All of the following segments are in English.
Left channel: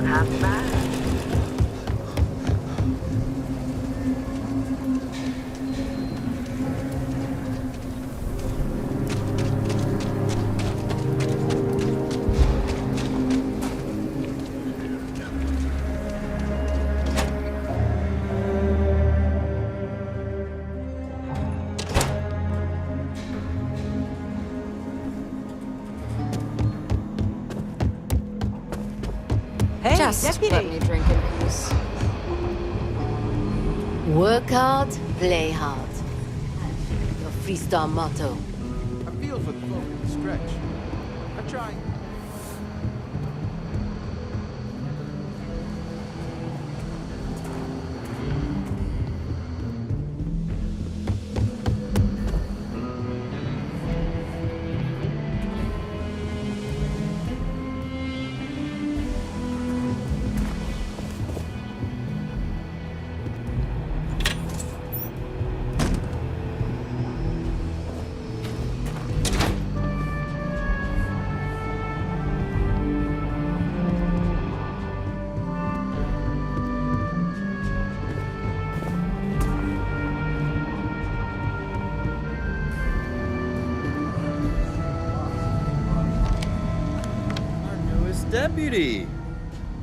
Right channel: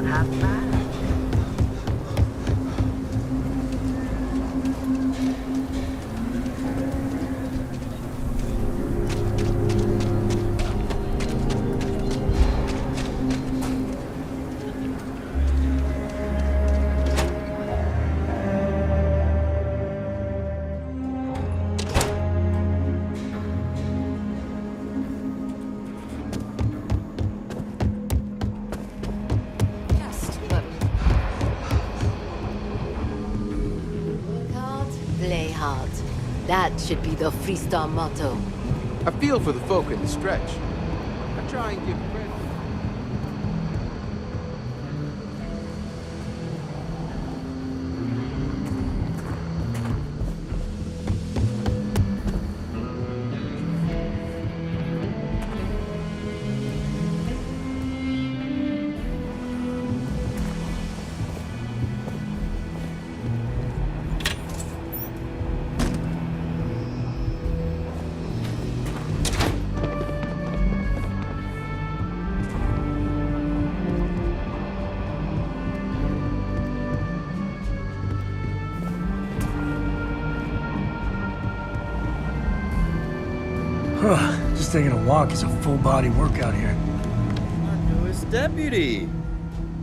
not half bad. Just let me drink this. Work hard, play hard. That should be the freestyle motto. I feel for the folk in the stretch. I try and give Just taking a walk is a full-body workout here. Our newest deputy.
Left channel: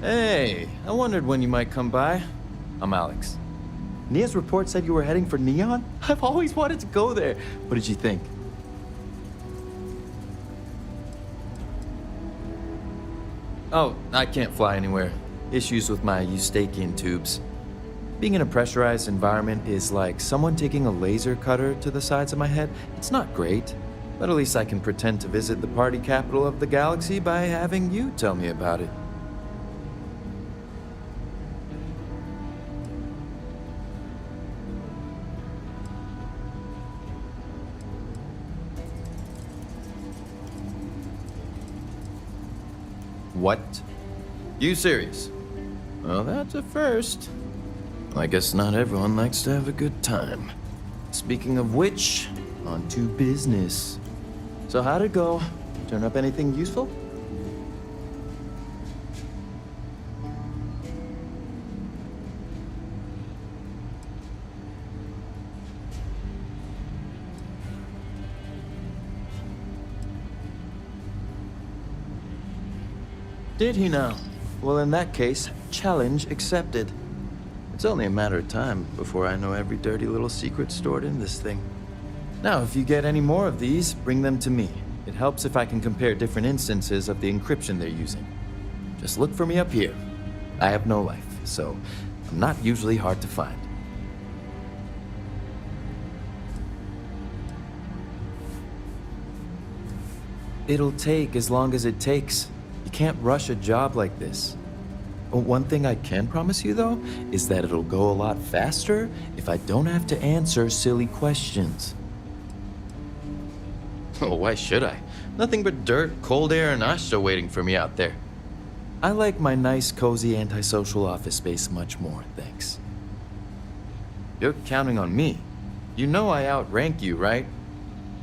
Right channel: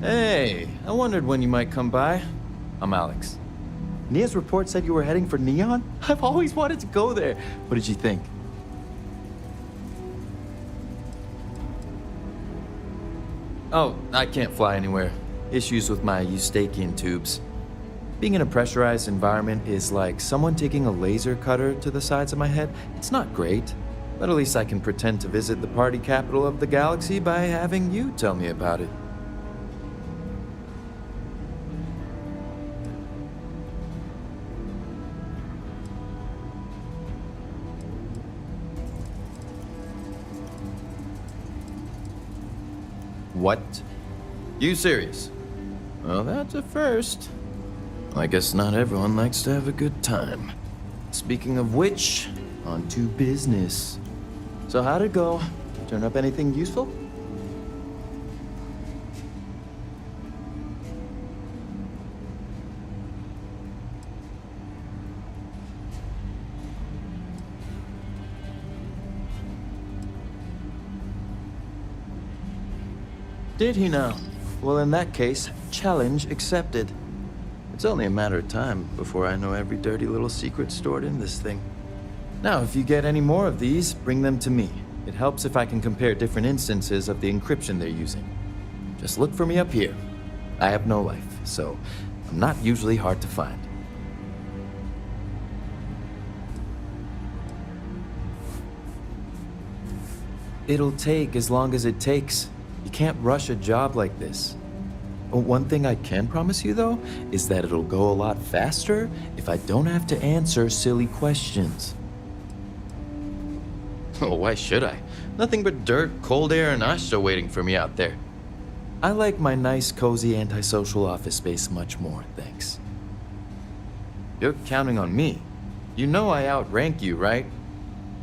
Hey, I wondered when you might come by. I'm Alex. Nia's report said you were heading for Neon? I've always wanted to go there. What did you think? Oh, I can't fly anywhere. Issues with my Eustachian tubes. Being in a pressurized environment is like someone taking a laser cutter to the sides of my head. It's not great, but at least I can pretend to visit the party capital of the galaxy by having you tell me about it. What? You serious? Well, that's a first. I guess not everyone likes to have a good time. Speaking of which, on to business. So how'd it go? Turn up anything useful? Did he now? Well, in that case, challenge accepted. It's only a matter of time before I know every dirty little secret stored in this thing. Now, if you get any more of these, bring them to me. It helps if I can compare different instances of the encryption they're using. Just look for me up here. I have no life, so I'm not usually hard to find. It'll take as long as it takes. You can't rush a job like this. One thing I can promise you, though, is that it'll go a lot faster if I don't have to answer silly questions. Oh, why should I? Nothing but dirt, cold air, and Asha waiting for me out there. I like my nice, cozy, antisocial office space much more, thanks. You're counting on me. You know I outrank you, right?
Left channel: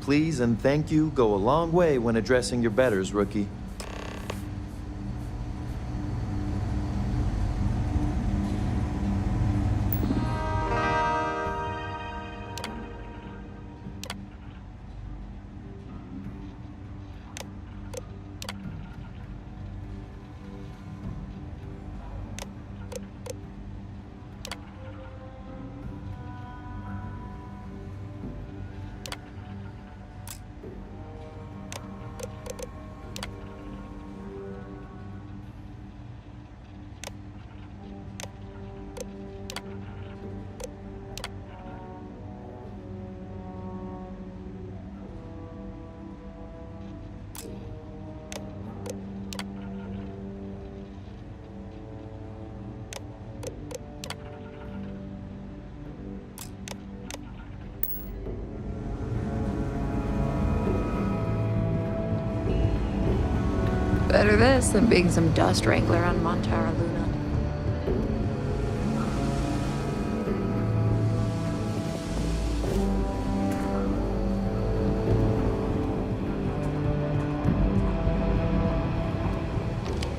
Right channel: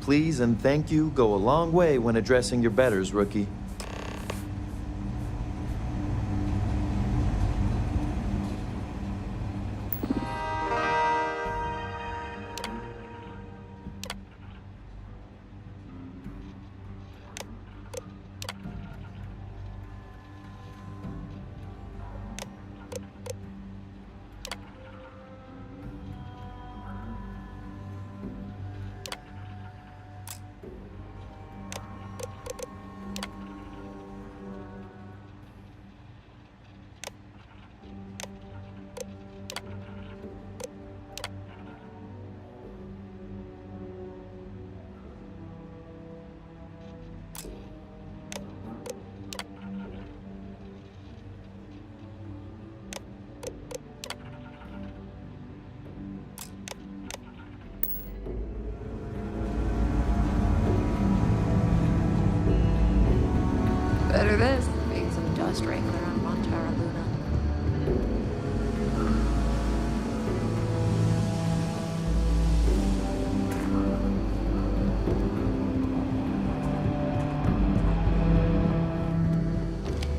Please and thank you go a long way when addressing your betters, rookie. Better this than being some dust wrangler on Montara Luna.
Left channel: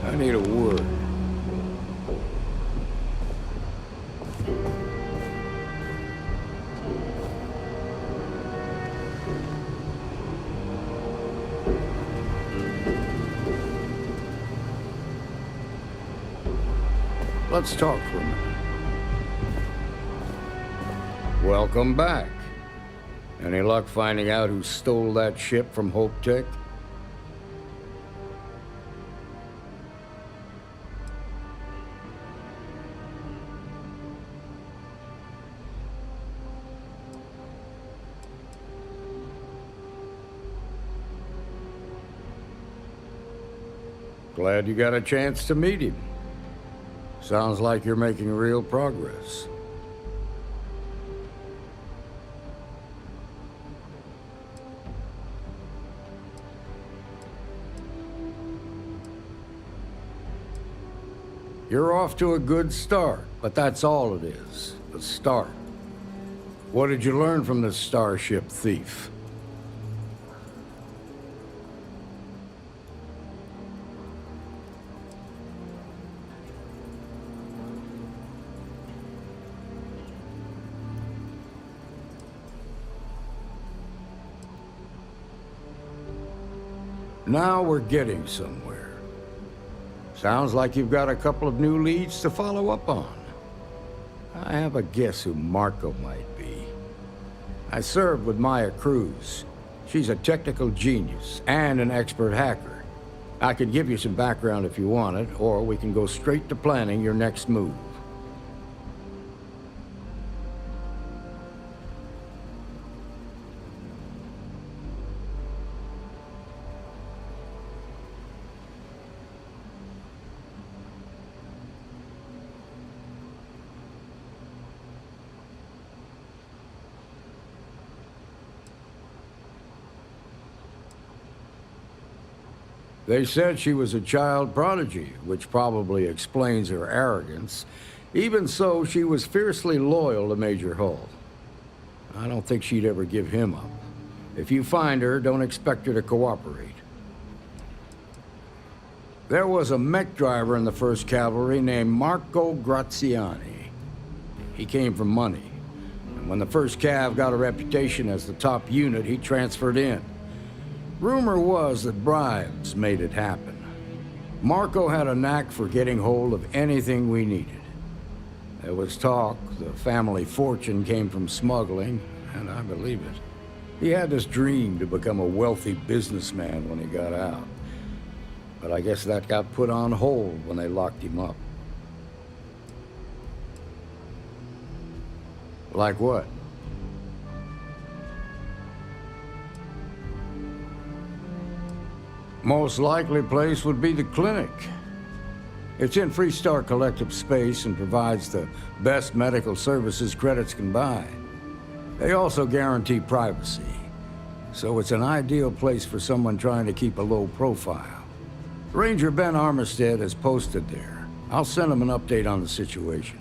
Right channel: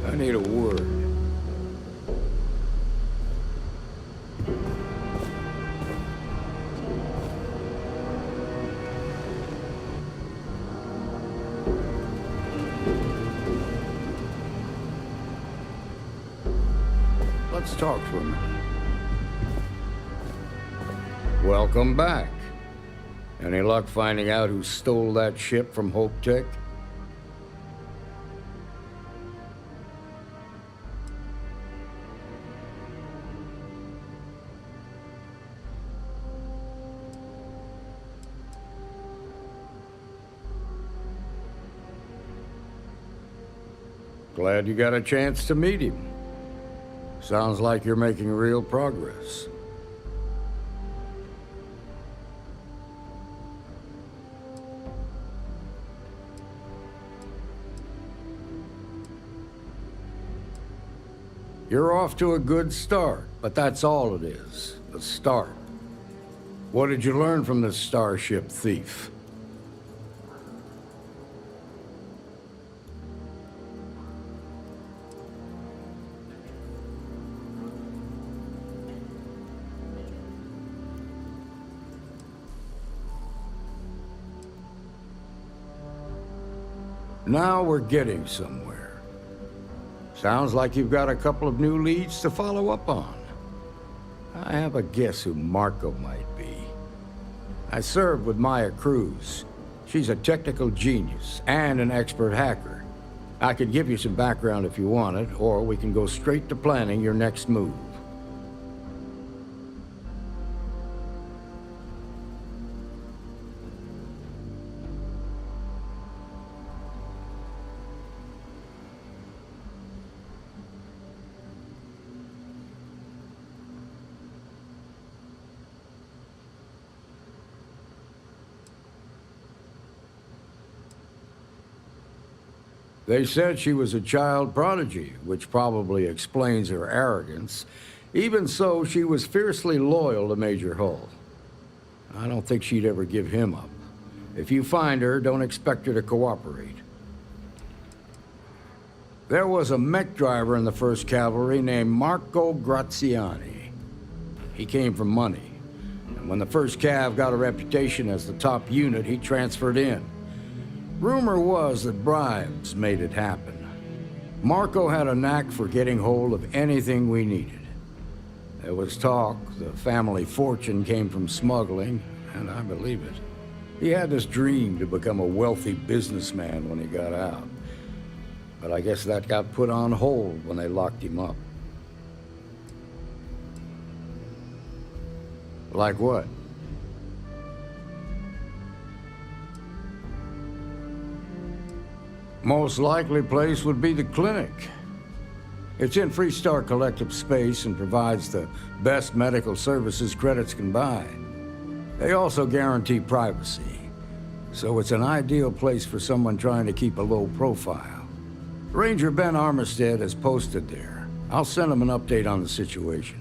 I need a word. let's talk for a minute. Welcome back. Any luck finding out who stole that ship from Hope Tech? Glad you got a chance to meet him. Sounds like you're making real progress. You're off to a good start, but that's all it is, the start. What did you learn from this starship thief? Now we're getting somewhere. Sounds like you've got a couple of new leads to follow up on. I have a guess who Marco might be. I served with Maya Cruz. She's a technical genius and an expert hacker. I could give you some background if you want it, or we can go straight to planning your next move. They said she was a child prodigy, which probably explains her arrogance. Even so, she was fiercely loyal to Major Hull. I don't think she'd ever give him up. If you find her, don't expect her to cooperate. There was a mech driver in the 1st Cavalry named Marco Graziani. He came from money, and when the 1st Cav got a reputation as the top unit, he transferred in. Rumor was that bribes made it happen. Marco had a knack for getting hold of anything we needed. There was talk the family fortune came from smuggling, and I believe it. He had this dream to become a wealthy businessman when he got out. But I guess that got put on hold when they locked him up. Like what? Most likely place would be the clinic. It's in Freestar Collective space and provides the best medical services credits can buy. They also guarantee privacy, so it's an ideal place for someone trying to keep a low profile. Ranger Ben Armistead is posted there. I'll send him an update on the situation.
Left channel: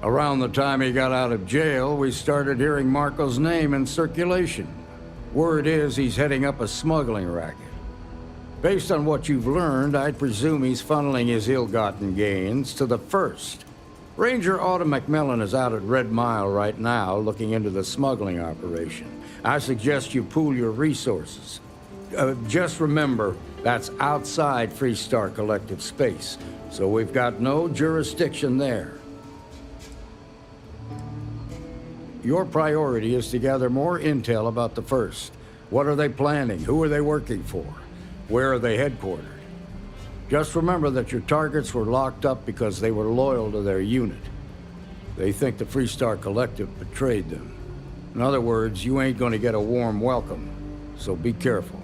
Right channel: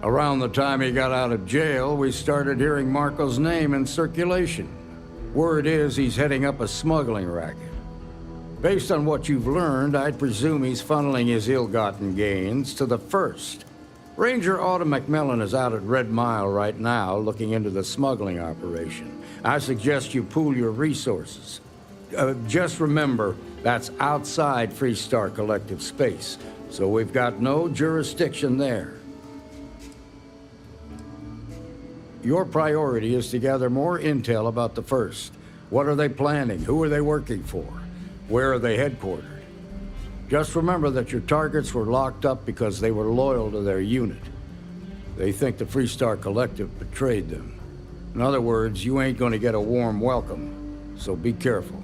Around the time he got out of jail, we started hearing Marco's name in circulation. Word is he's heading up a smuggling racket. Based on what you've learned, I'd presume he's funneling his ill-gotten gains to the 1st. Ranger Autumn McMillan is out at Red Mile right now looking into the smuggling operation. I suggest you pool your resources. Just remember, that's outside Freestar Collective space, so we've got no jurisdiction there. Your priority is to gather more intel about the 1st. What are they planning? Who are they working for? Where are they headquartered? Just remember that your targets were locked up because they were loyal to their unit. They think the Freestar Collective betrayed them. In other words, you ain't gonna get a warm welcome, so be careful.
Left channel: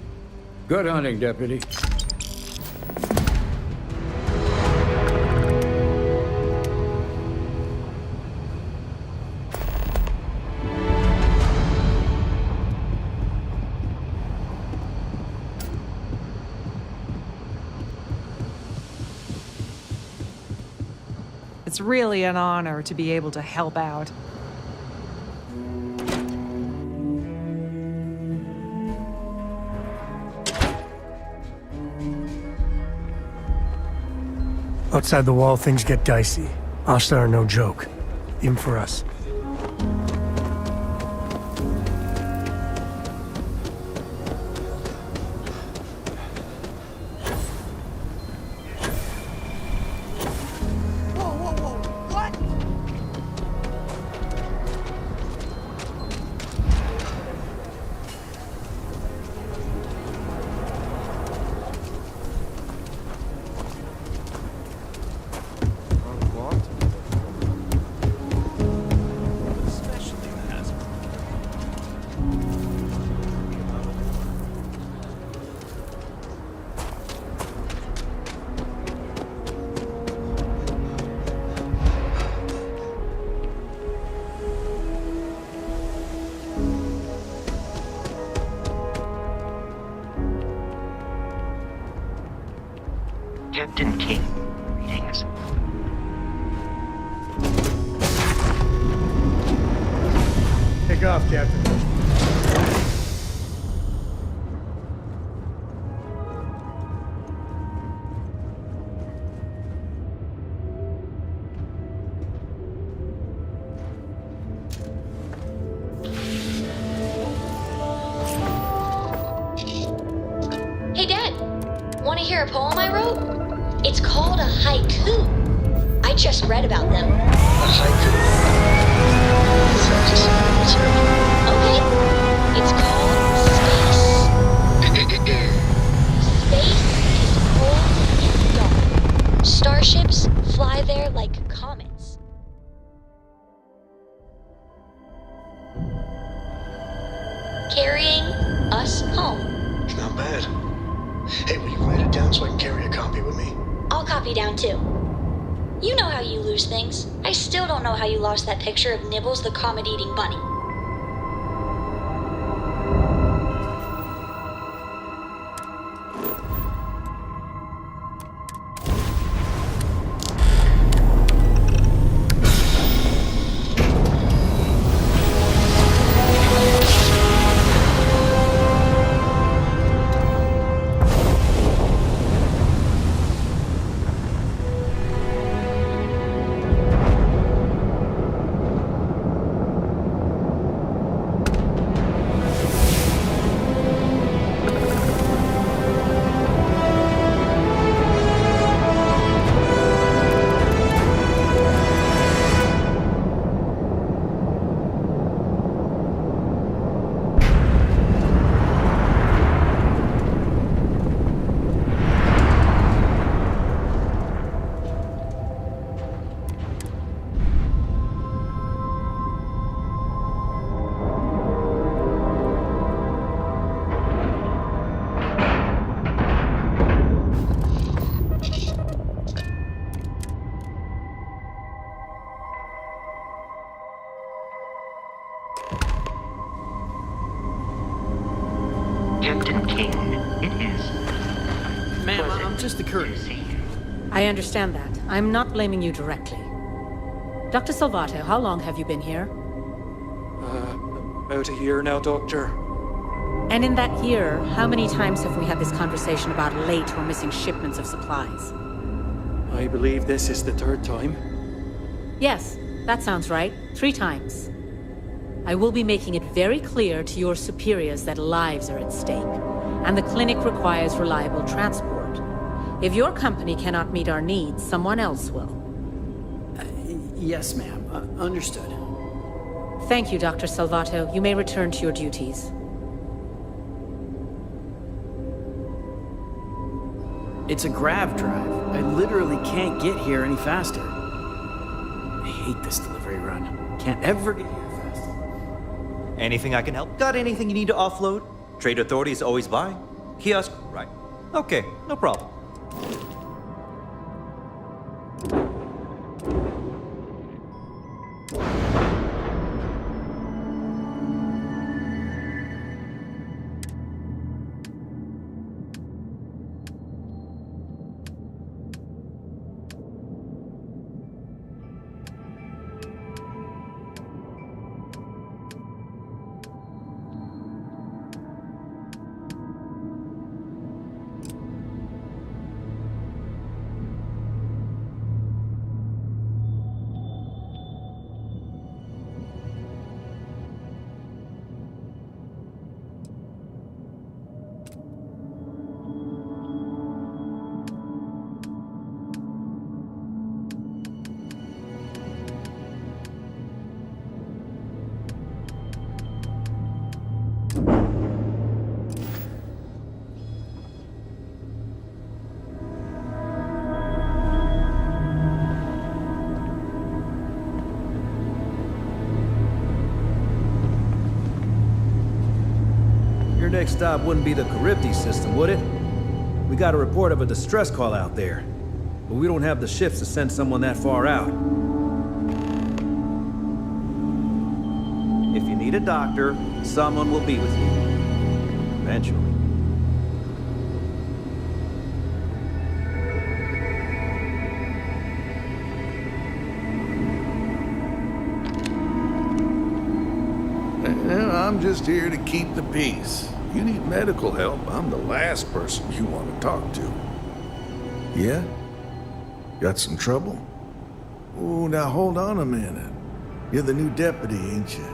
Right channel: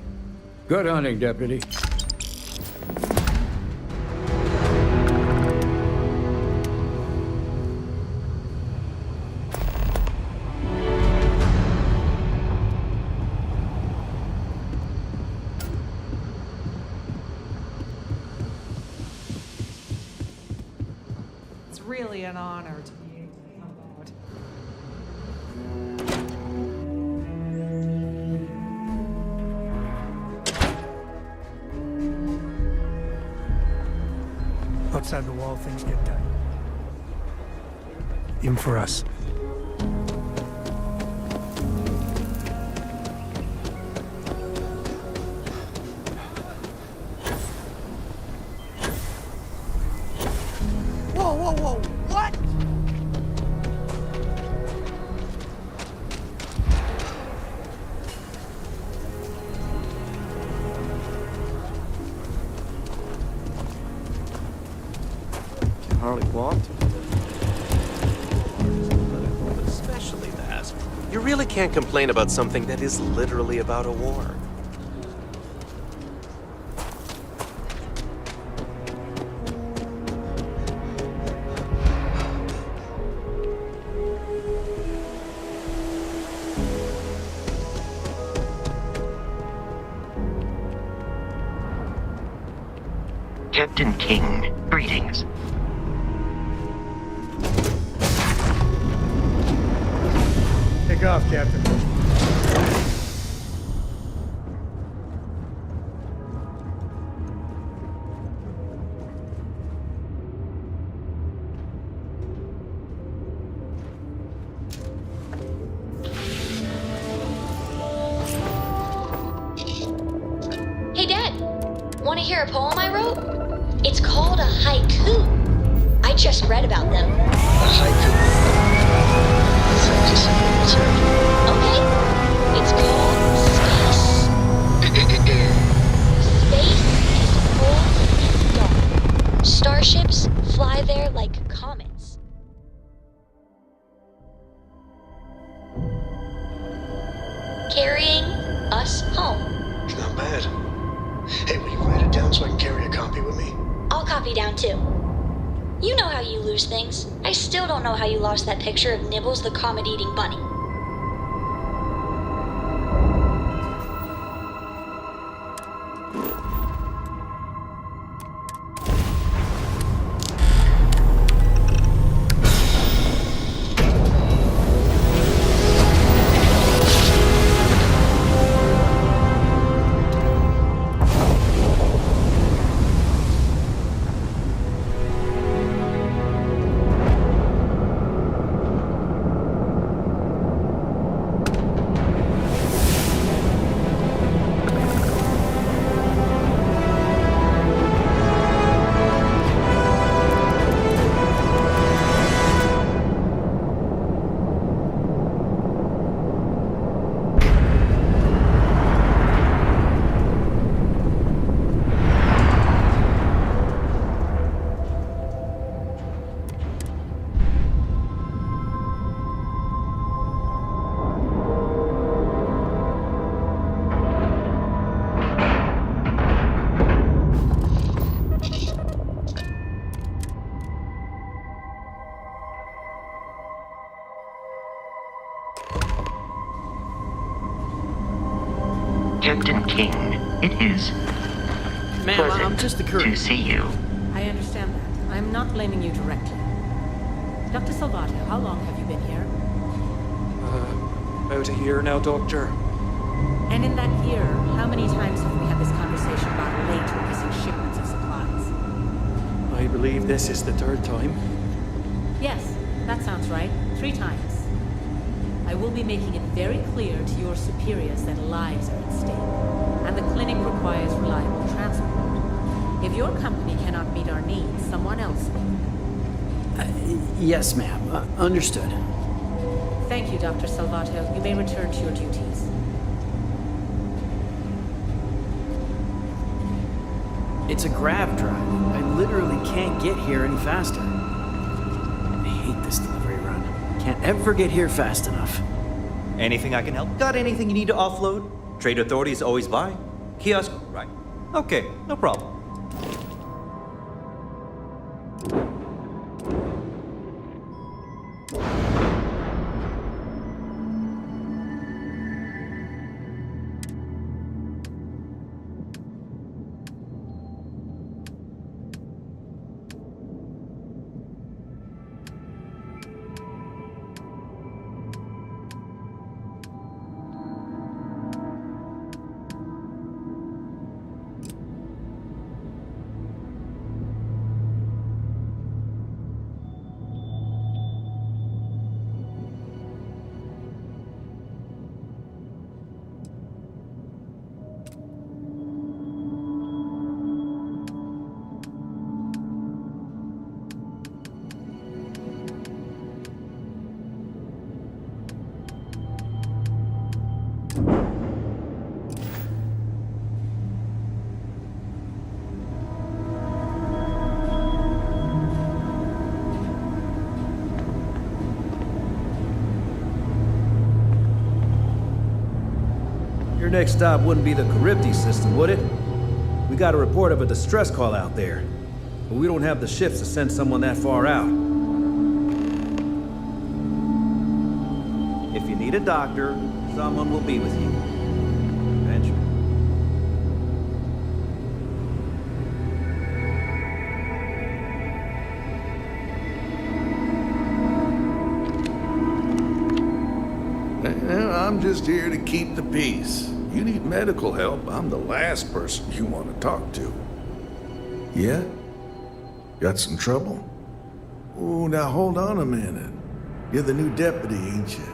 Good hunting, Deputy. It's really an honor to be able to help out. Outside the wall, things get dicey. Ashtar are no joke. Even for us. Whoa, whoa, whoa! What? Harley what? Especially that. You really can't complain about something that is literally about a war. Captain King, greetings. Take off, Captain. Hey, Dad. Want to hear a poem I wrote? It's called a haiku. I just read about them. A haiku. Sounds a simple concept. Okay. It's called space. Space is cold and dark. Starships fly there like comets. Carrying us home. It's not bad. Hey, will you write it down so I can carry a copy with me? I'll copy down too. You know how you lose things. I still don't know how you lost that picture of Nibbles the comet-eating bunny. Captain King, it is Ma'am, I'm just the to courier. see you. I understand that. I'm not blaming you directly. Dr. Salvato, how long have you been here? About a year now, Doctor. And in that year, how many times have we had this conversation about late or missing shipments of supplies? I believe this is the third time. Yes, that sounds right. 3 times. I will be making it very clear to your superiors that lives are at stake, and the clinic requires reliable transport. If your company cannot meet our needs, someone else will. Yes, ma'am. Understood. Thank you, Dr. Salvato. You may return to your duties. It's a grav drive. I literally can't get here any faster. I hate this delivery run. Can't ever get here fast enough. Anything I can help? Got anything you need to offload? Trade Authority is always by. Kiosk, right. Okay, no problem. Your next stop wouldn't be the Charybdis system, would it? We got a report of a distress call out there. But we don't have the ships to send someone that far out. If you need a doctor, someone will be with you. Eventually. I'm just here to keep the peace. You need medical help, I'm the last person you want to talk to. Yeah? Got some trouble? Oh, now hold on a minute. You're the new deputy, ain't you?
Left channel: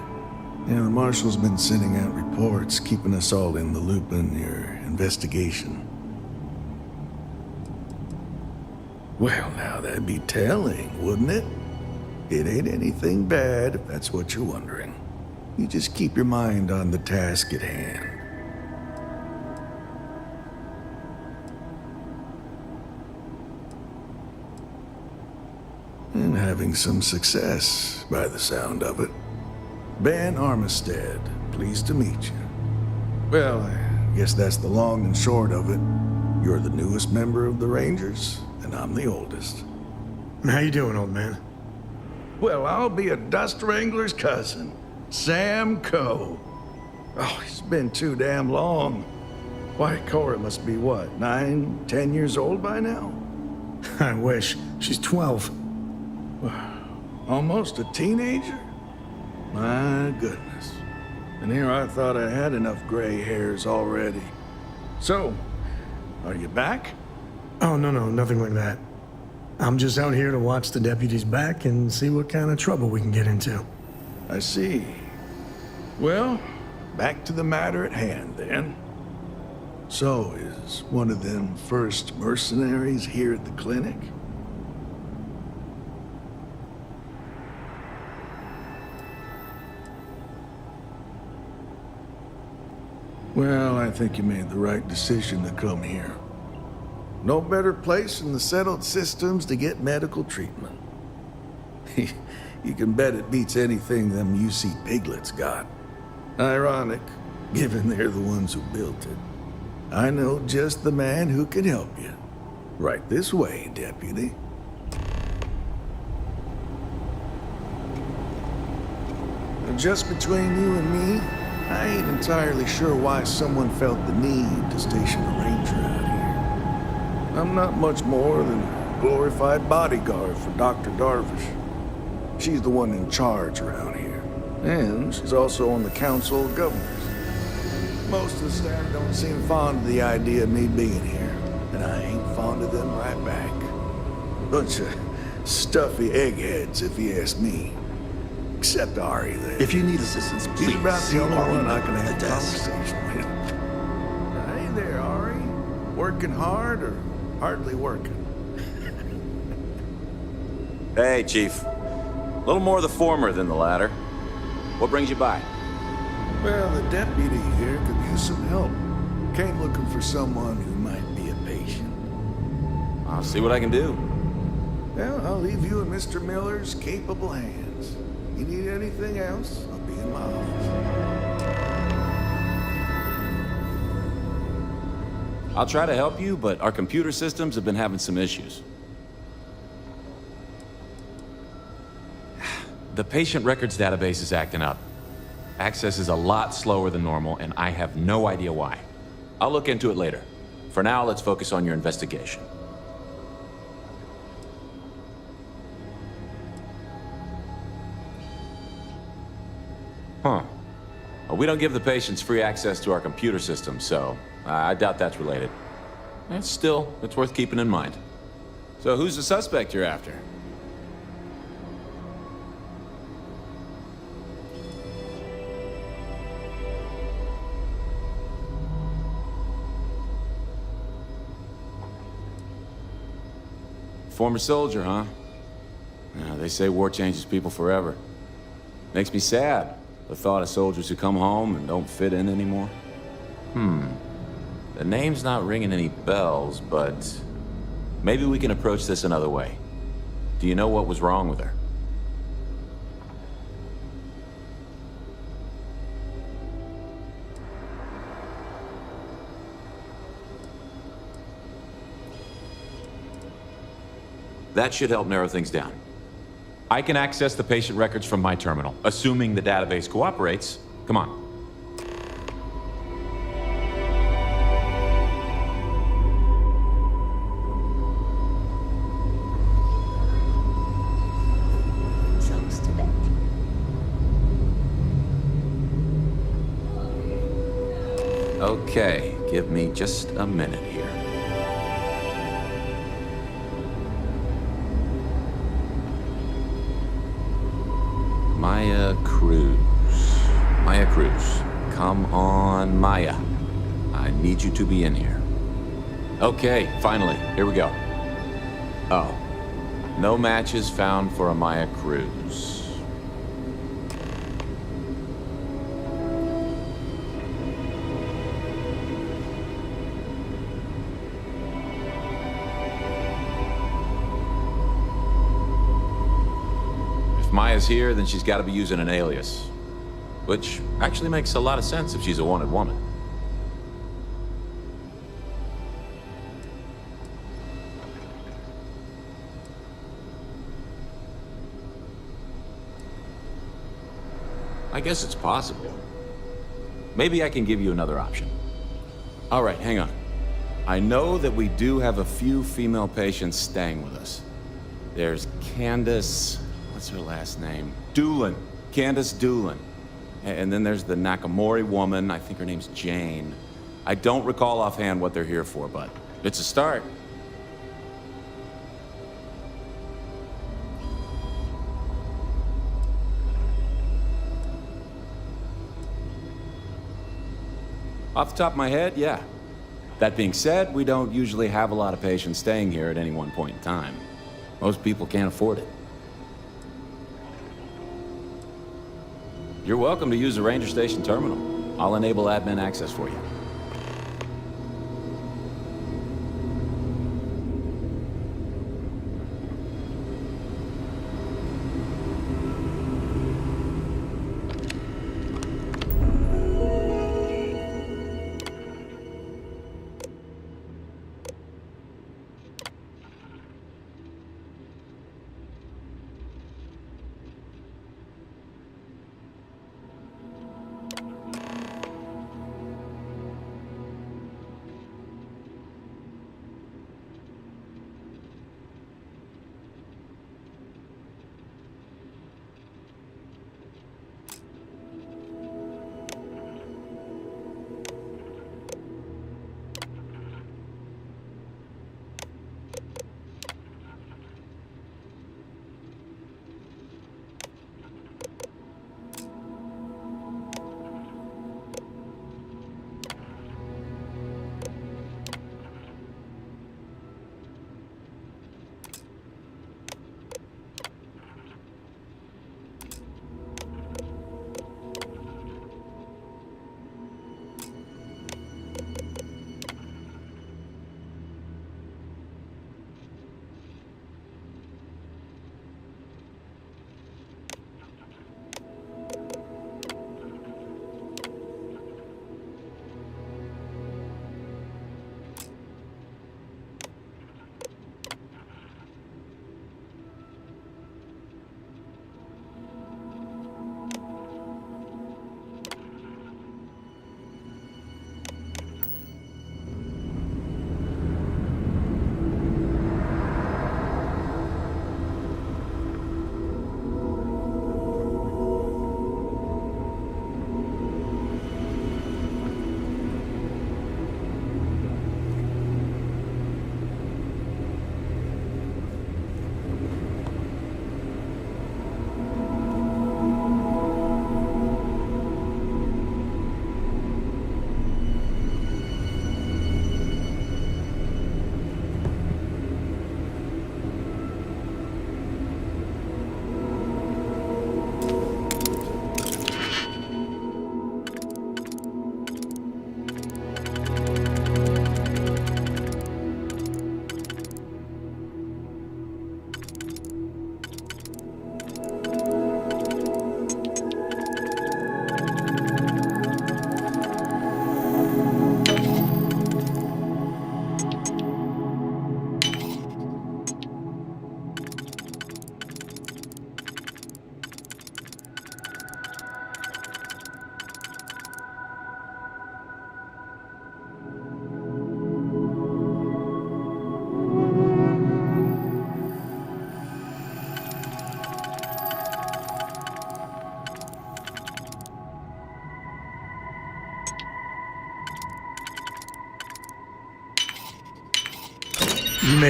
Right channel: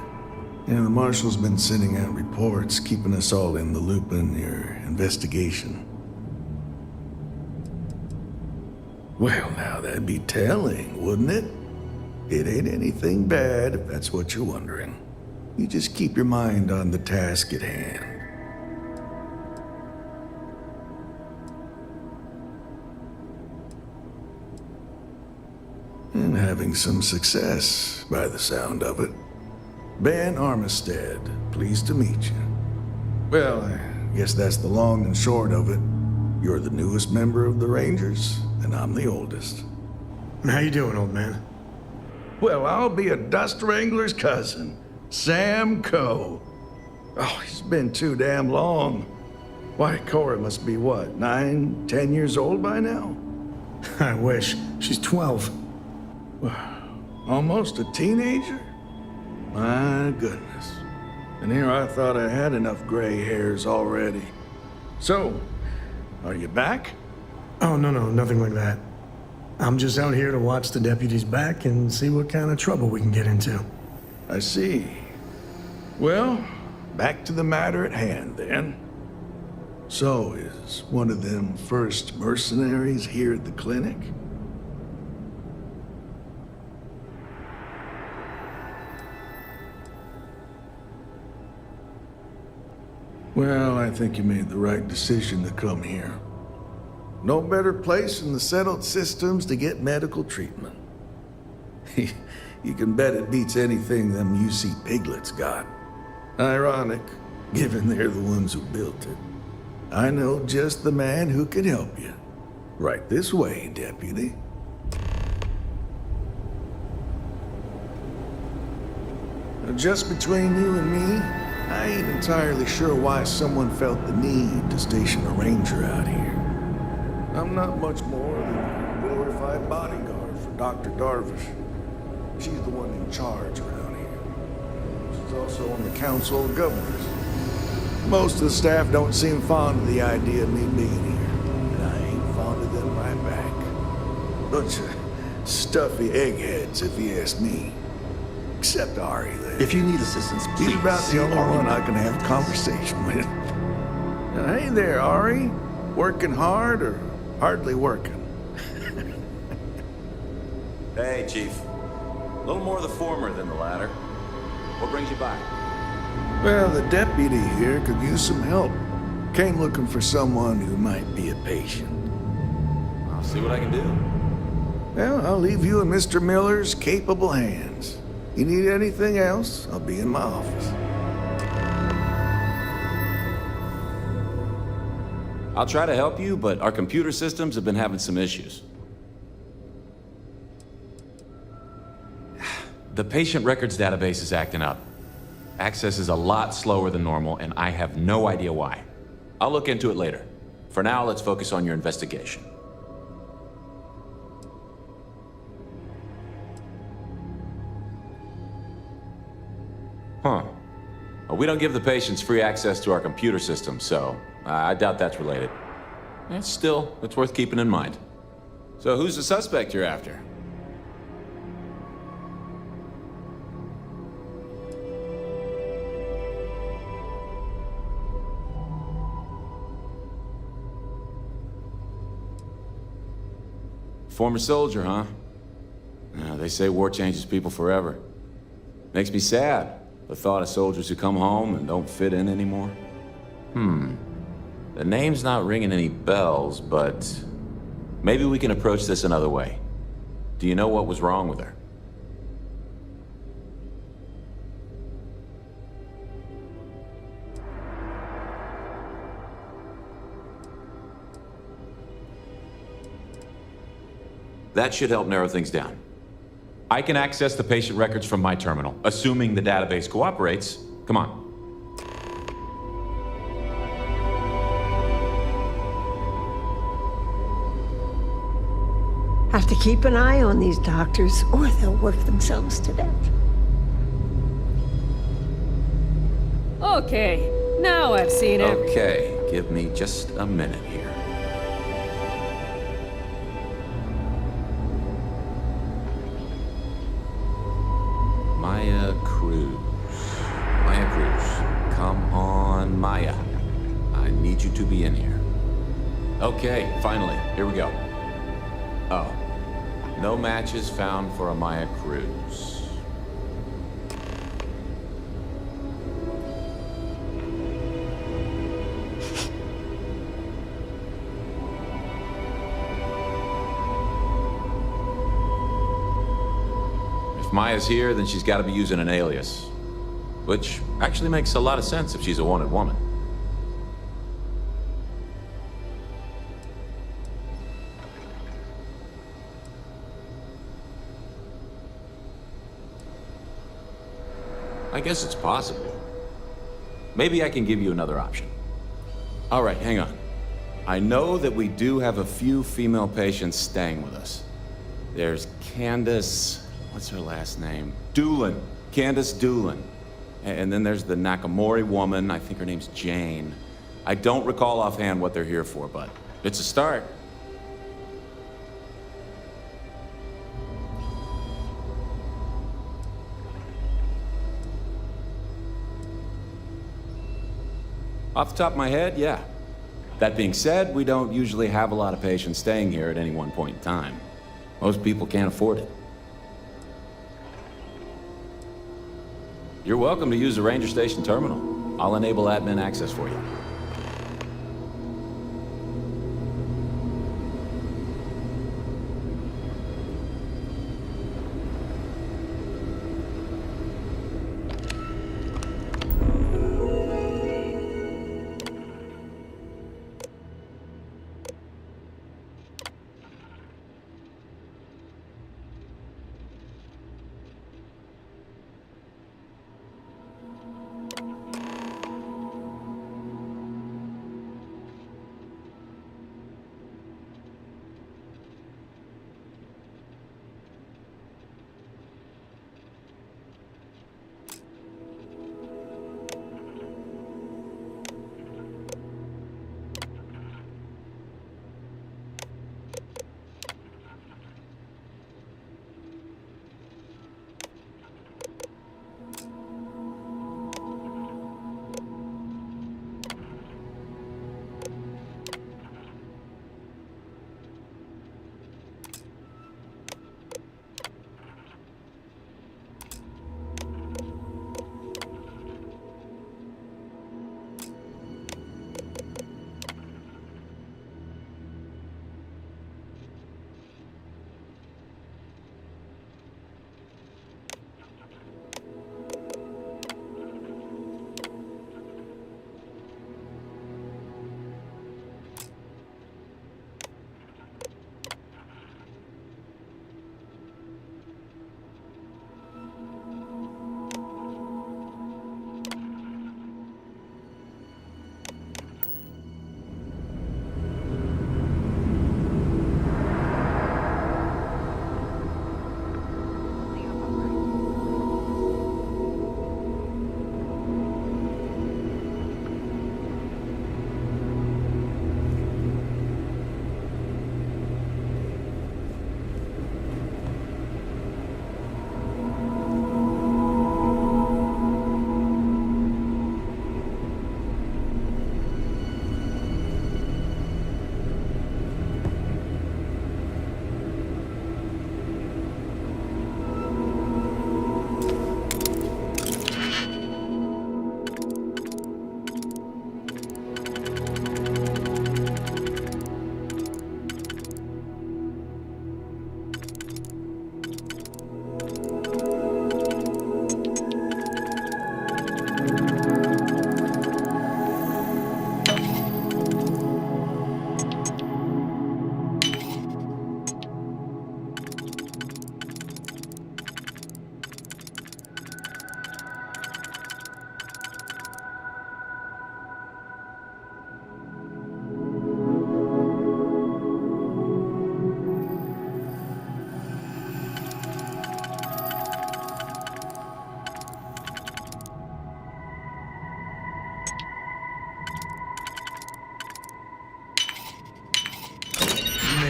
Yeah, the marshal's been sending out reports, keeping us all in the loop in your investigation. Well, now that'd be telling, wouldn't it? It ain't anything bad, if that's what you're wondering. You just keep your mind on the task at hand. And having some success, by the sound of it. Ben Armistead, pleased to meet you. Well, I guess that's the long and short of it. You're the newest member of the Rangers, and I'm the oldest. How you doing, old man? Well, I'll be a dust wrangler's cousin, Sam Coe. Oh, it's been too damn long. Why, Cora must be what, 9, 10 years old by now? I wish. She's 12. Almost a teenager? My goodness. And here I thought I had enough gray hairs already. So, are you back? Oh, no, nothing like that. I'm just out here to watch the deputies back and see what kind of trouble we can get into. I see. Well, back to the matter at hand, then. So, is one of them first mercenaries here at the clinic? Well, I think you made the right decision to come here. No better place in the settled systems to get medical treatment. You can bet it beats anything them UC piglets got. Ironic, given they're the ones who built it. I know just the man who can help you. Right this way, deputy. Just between you and me, I ain't entirely sure why someone felt the need to station a ranger out here. I'm not much more than a glorified bodyguard for Dr. Darvish. She's the one in charge around here. And she's also on the Council of Governors. Most of the staff don't seem fond of the idea of me being here, and I ain't fond of them right back. Bunch of stuffy eggheads, if you ask me. Except Ari, there. If you need assistance, please. He's about the only Ari one I can have a does. conversation with. Hey there, Ari. Working hard or hardly working? Hey, Chief. A little more the former than the latter. What brings you by? Well, the deputy here could use some help. Came looking for someone who might be a patient. I'll see what I can do. Well, I'll leave you in Mr. Miller's capable hands. You need anything else, I'll be in my office. I'll try to help you, but our computer systems have been having some issues. The patient records database is acting up. Access is a lot slower than normal, and I have no idea why. I'll look into it later. For now, let's focus on your investigation. Huh. Well, we don't give the patients free access to our computer system, so I doubt that's related. Still, it's worth keeping in mind. So who's the suspect you're after? Former soldier, huh? Yeah, they say war changes people forever. Makes me sad, the thought of soldiers who come home and don't fit in anymore. The name's not ringing any bells, but maybe we can approach this another way. Do you know what was wrong with her? That should help narrow things down. I can access the patient records from my terminal, assuming the database cooperates. Come on. Have to keep an eye on these doctors, or they'll work themselves to death. Okay, now I've seen it. Okay, give me just a minute here. Maya Cruz. Maya Cruz. Come on, Maya. I need you to be in here. Okay, finally. Here we go. Oh. No matches found for a Maya Cruz. If Maya's here, then she's got to be using an alias. Which actually makes a lot of sense if she's a wanted woman. I guess it's possible. Maybe I can give you another option. All right, hang on. I know that we do have a few female patients staying with us. There's Candace... what's her last name? Doolin. Candace Doolin. And then there's the Nakamori woman. I think her name's Jane. I don't recall offhand what they're here for, but it's a start. Off the top of my head, yeah. That being said, we don't usually have a lot of patients staying here at any one point in time. Most people can't afford it. You're welcome to use the Ranger Station terminal. I'll enable admin access for you.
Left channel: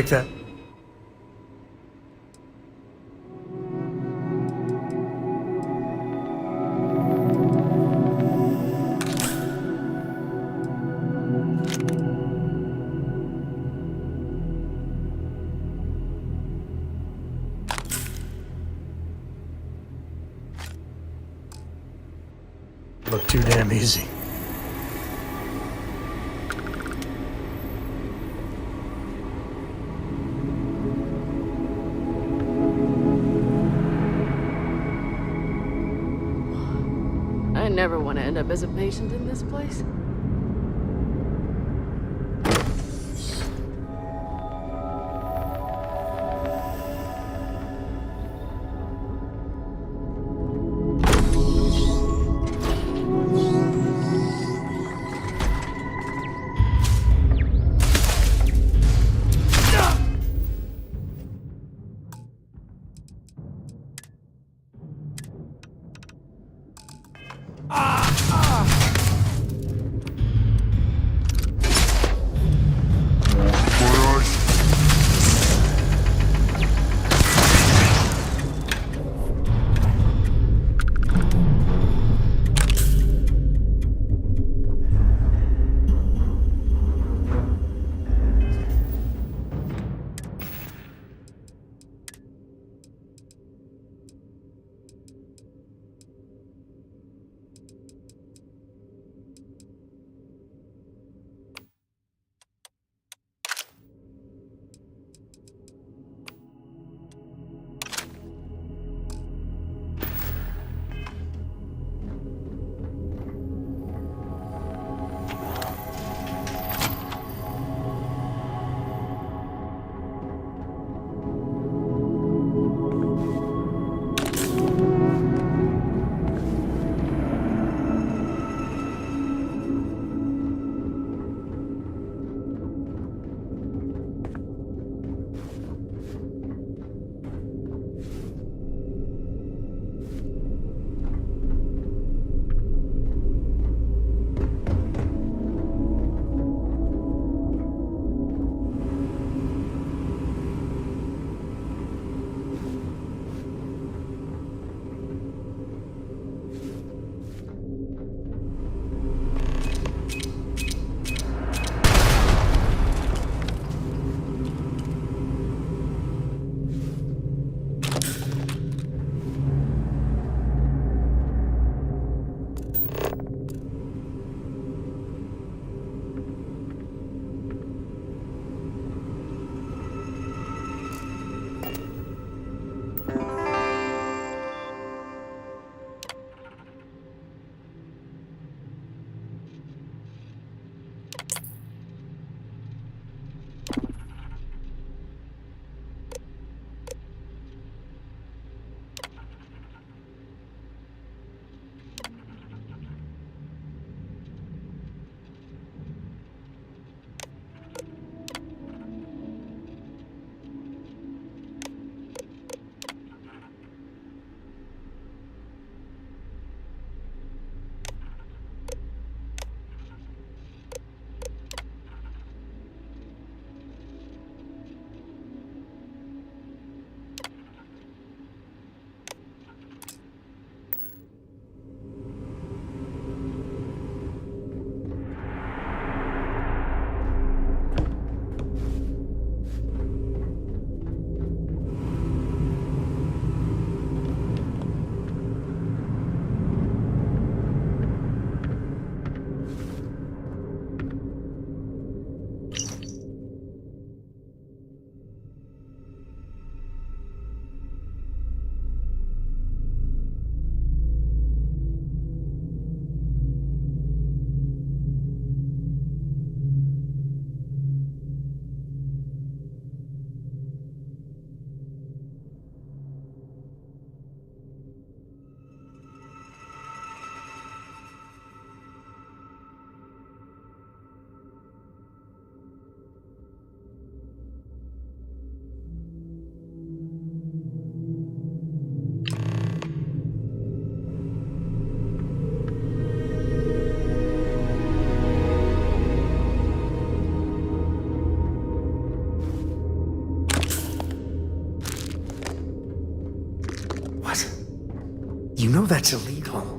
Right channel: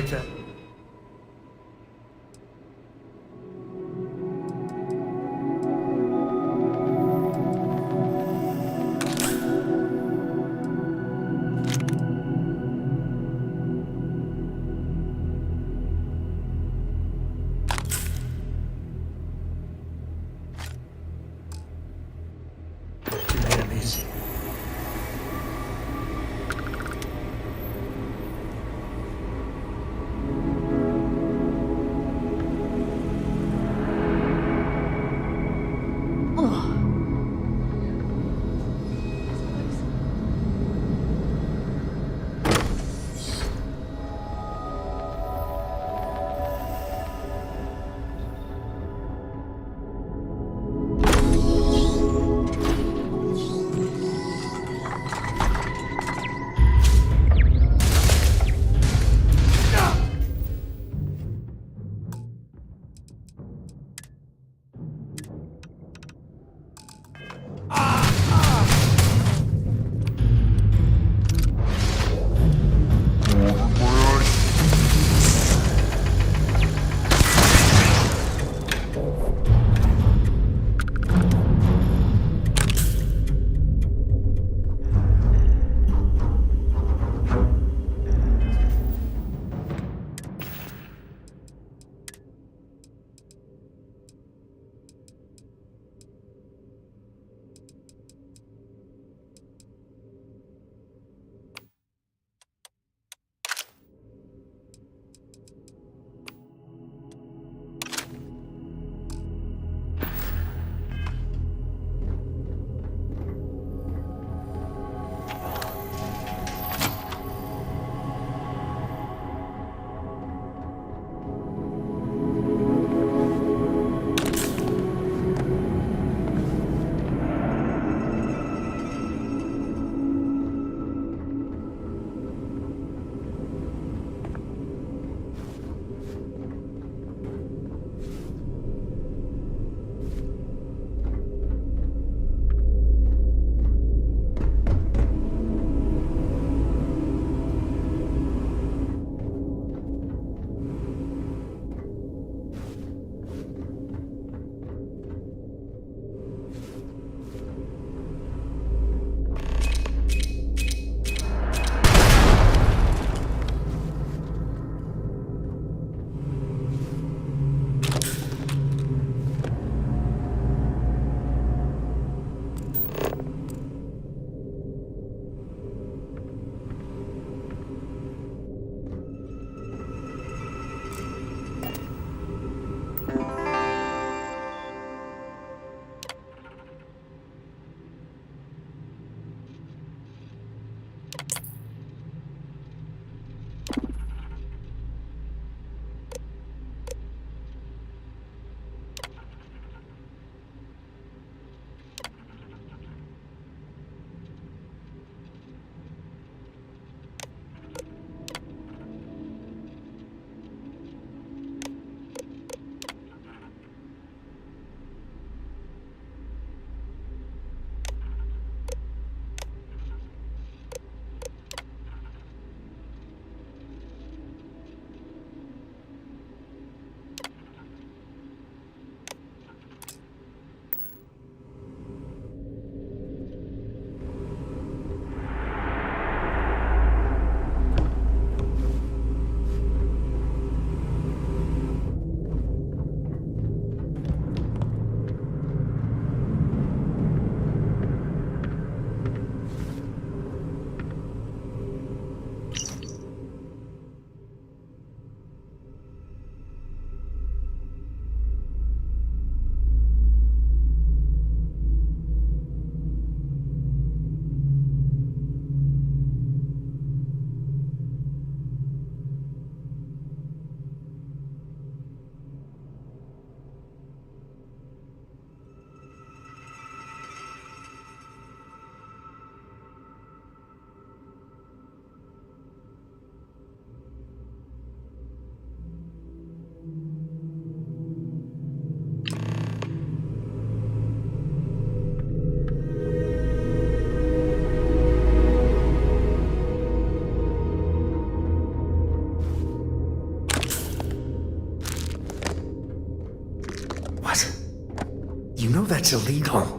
make that. Look too damn easy. I never want to end up as a patient in this place. What? You know that's illegal.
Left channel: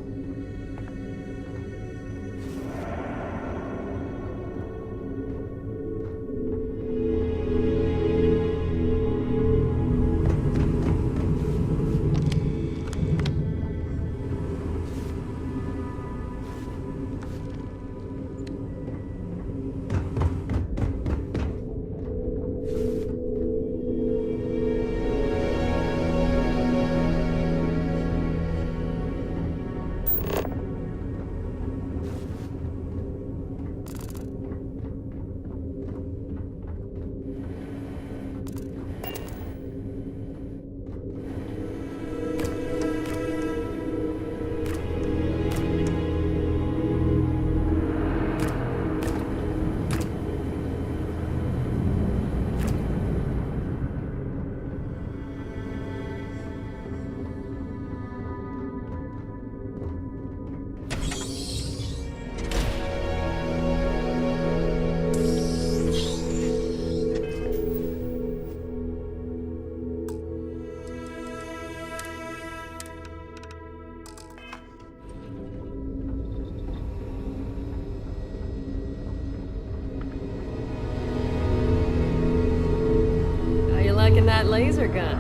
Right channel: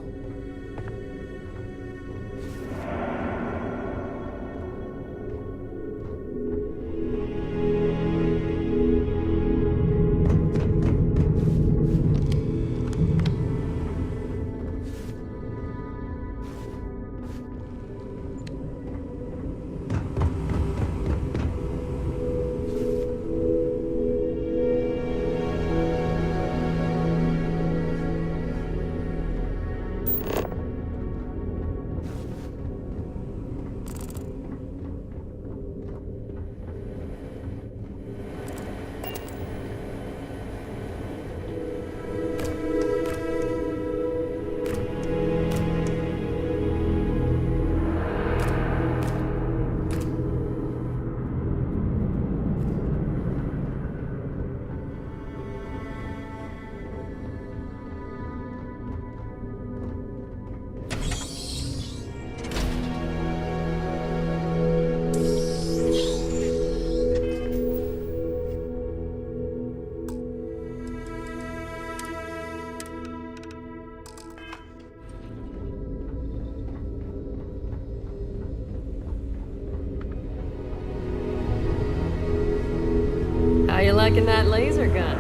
How you liking that laser gun?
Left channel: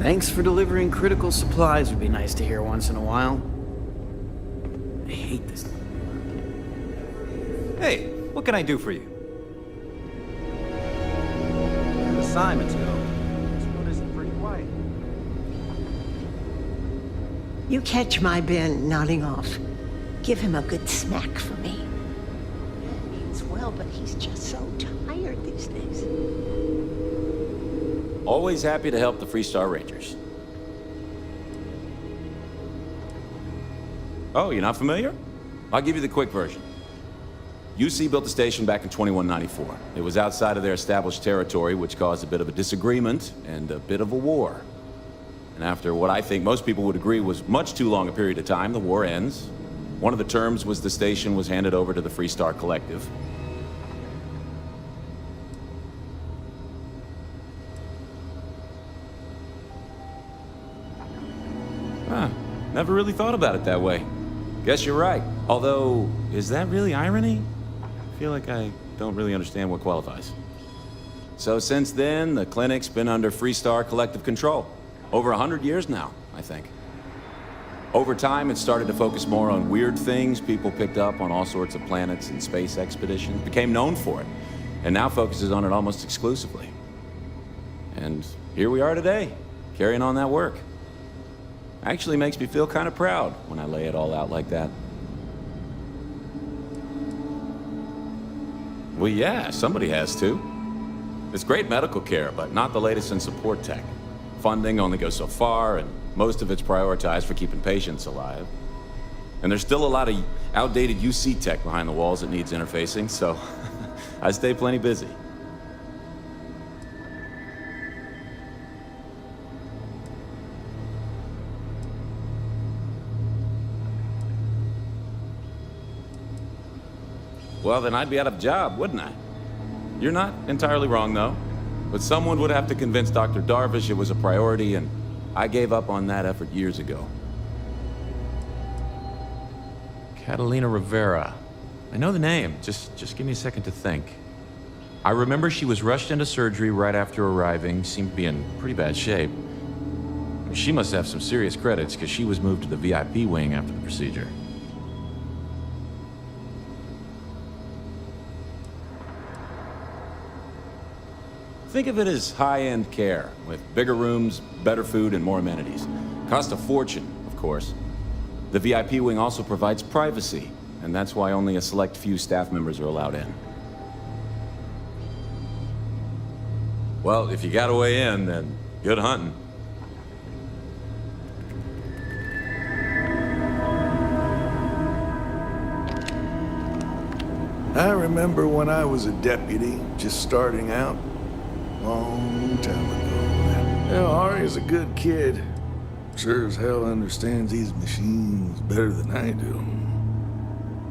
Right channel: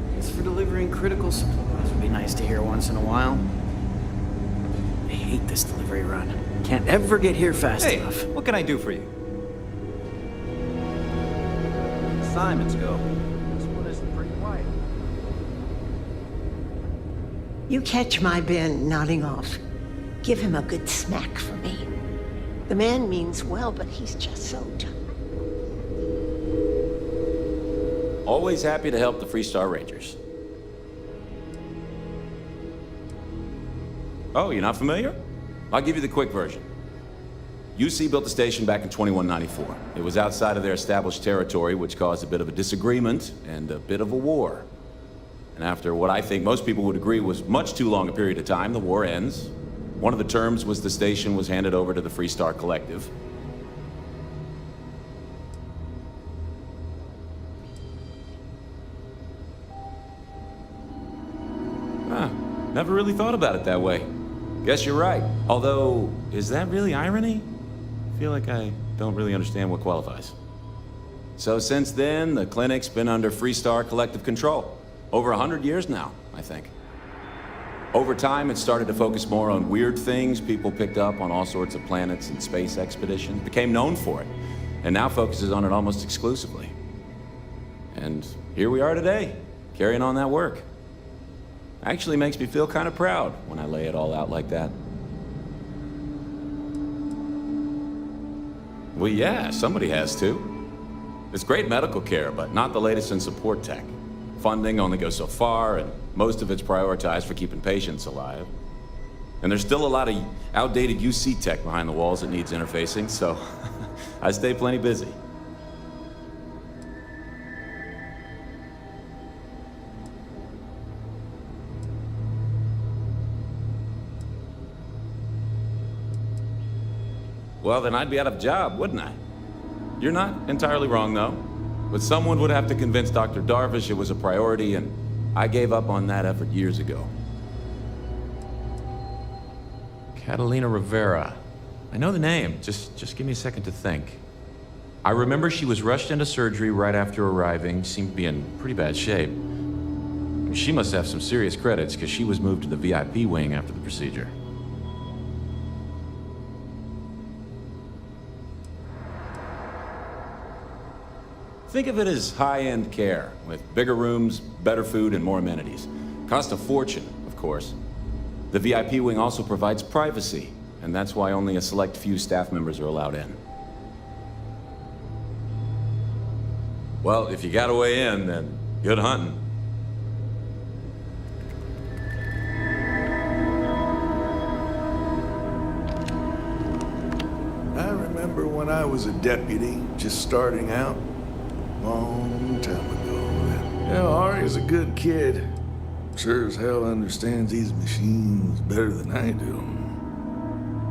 Thanks for delivering critical supplies would be nice to hear once in a while. I hate this delivery run. Can't ever get here fast enough. Hey, what can I do for you? Where the Simons go? This one is pretty quiet. You catch my Ben nodding off. Give him a good smack for me. The man means well, but he's just so tired these days. Always happy to help the Freestar Rangers. Oh, you're not familiar? I'll give you the quick version. UC built the station back in 2194. It was outside of their established territory, which caused a bit of a disagreement and a bit of a war. And after what I think most people would agree was much too long a period of time, the war ends. One of the terms was the station was handed over to the Freestar Collective. Huh. Never really thought about it that way. Guess you're right. Although, is that really irony? I feel like I don't really understand what qualifies. So since then, the clinic's been under Freestar Collective control. Over 100 years now, I think. Over time, it started to focus more on weird things people picked up on all sorts of planets and space expeditions, became known for it, and now focuses on it almost exclusively. And here we are today, carrying on that work. Actually makes me feel kind of proud when I lay it all out like that. Well, yeah, somebody has to. It's great medical care, but not the latest in support tech. Funding only goes so far, and most of it's prioritized for keeping patients alive. And there's still a lot of outdated UC tech behind the walls that needs interfacing, so I stay plenty busy. Well, then I'd be out of a job, wouldn't I? You're not entirely wrong, though. But someone would have to convince Dr. Darvish it was a priority, and I gave up on that effort years ago. Catalina Rivera. I know the name. Just give me a second to think. I remember she was rushed into surgery right after arriving, seemed to be in pretty bad shape. She must have some serious credits, because she was moved to the VIP wing after the procedure. Think of it as high-end care, with bigger rooms, better food, and more amenities. Cost a fortune, of course. The VIP wing also provides privacy, and that's why only a select few staff members are allowed in. Well, if you got a way in, then good hunting. I remember when I was a deputy, just starting out. Long time ago. Yeah, Ari's a good kid. Sure as hell understands these machines better than I do.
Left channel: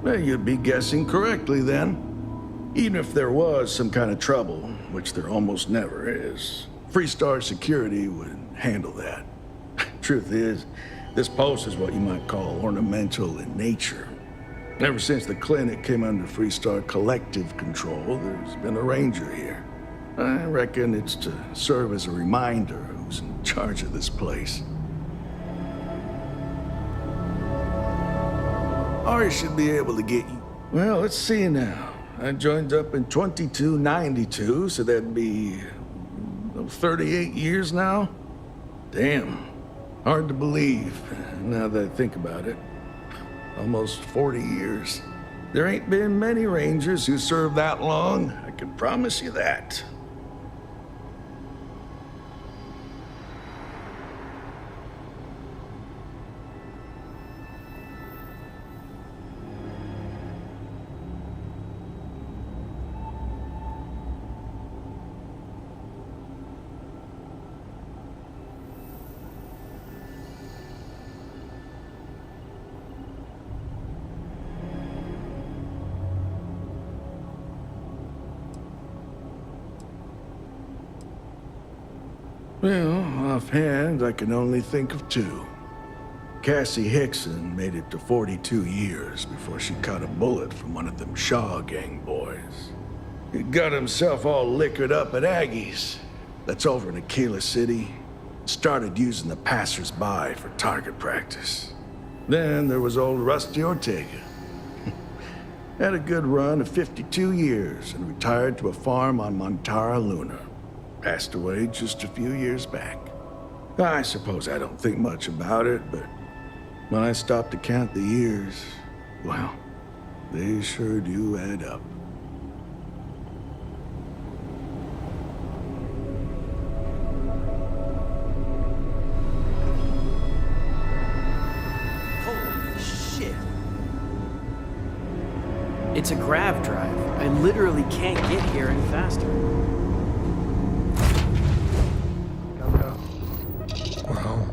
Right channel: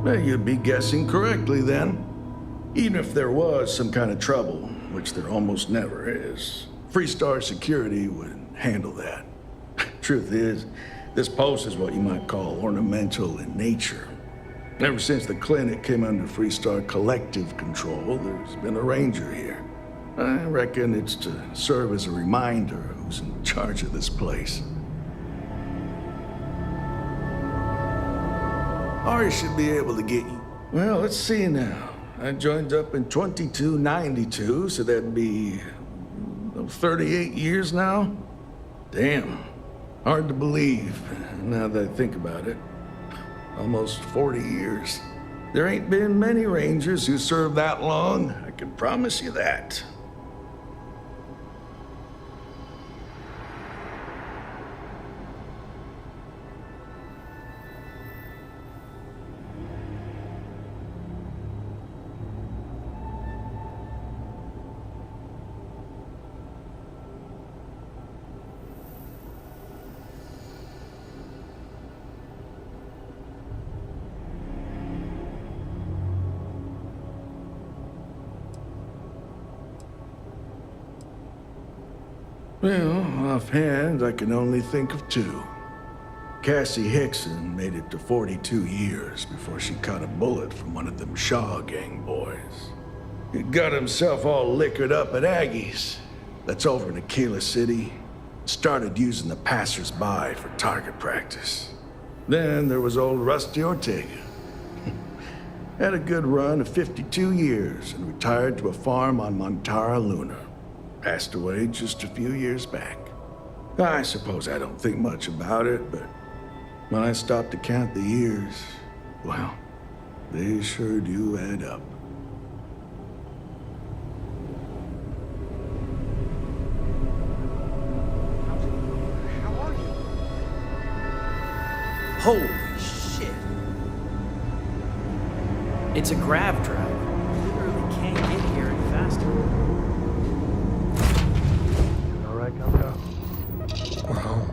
Well, you'd be guessing correctly then. Even if there was some kind of trouble, which there almost never is, Freestar Security would handle that. Truth is, this post is what you might call ornamental in nature. Ever since the clinic came under Freestar collective control, there's been a ranger here. I reckon it's to serve as a reminder who's in charge of this place. Or should be able to get you. Well, let's see now. I joined up in 2292, so that'd be 38 years now? Damn. Hard to believe, now that I think about it. Almost 40 years. There ain't been many Rangers who served that long, I can promise you that. Well, offhand, I can only think of two. Cassie Hickson made it to 42 years before she caught a bullet from one of them Shaw gang boys. He got himself all liquored up at Aggie's. That's over in Aquila City. Started using the passers-by for target practice. Then there was old Rusty Ortega. Had a good run of 52 years and retired to a farm on Montara Luna. Passed away just a few years back. I suppose I don't think much about it, but when I stop to count the years, well, they sure do add up. Holy shit. It's a grav drive. I literally can't get here any faster. We're home.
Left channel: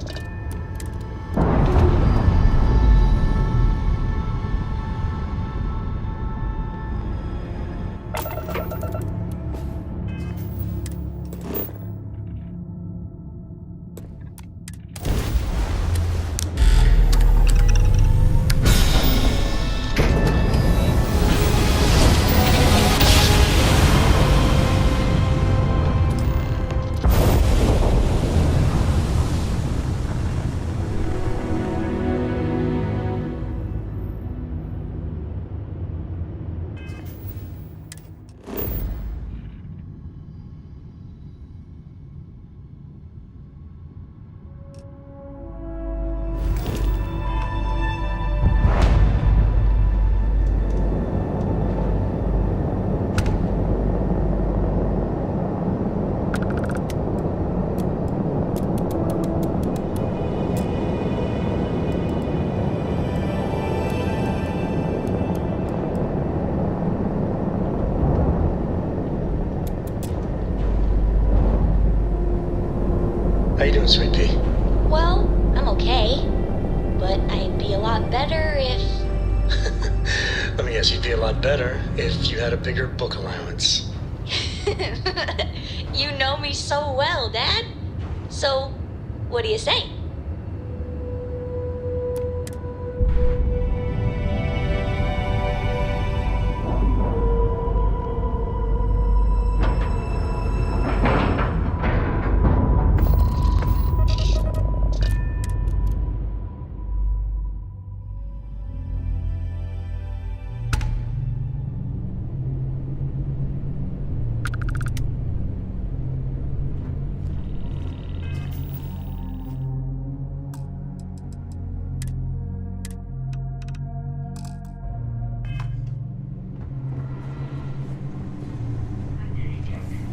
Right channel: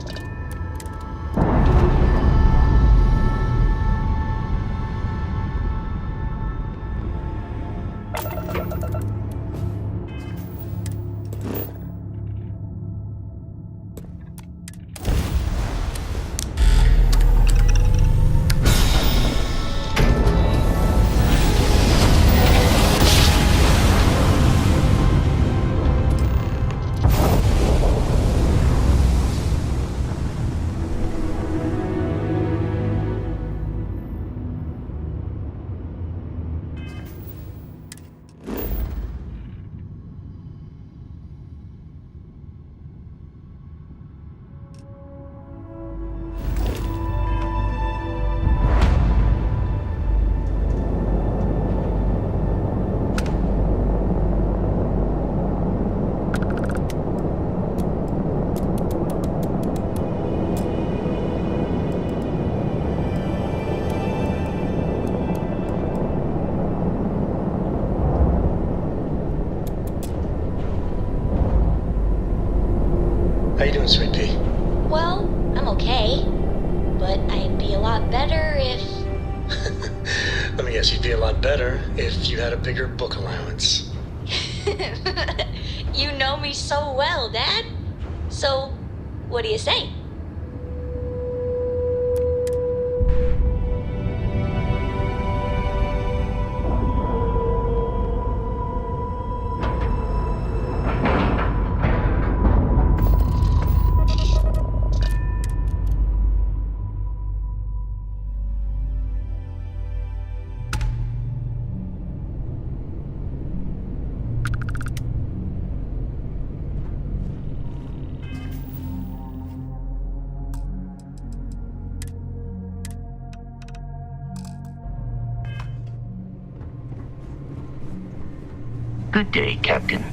How you doing, Sweet Pea? Well, I'm okay. But I'd be a lot better if... Let me guess, you'd be a lot better if you had a bigger book allowance. You know me so well, Dad. So, what do you say? Good day, Captain.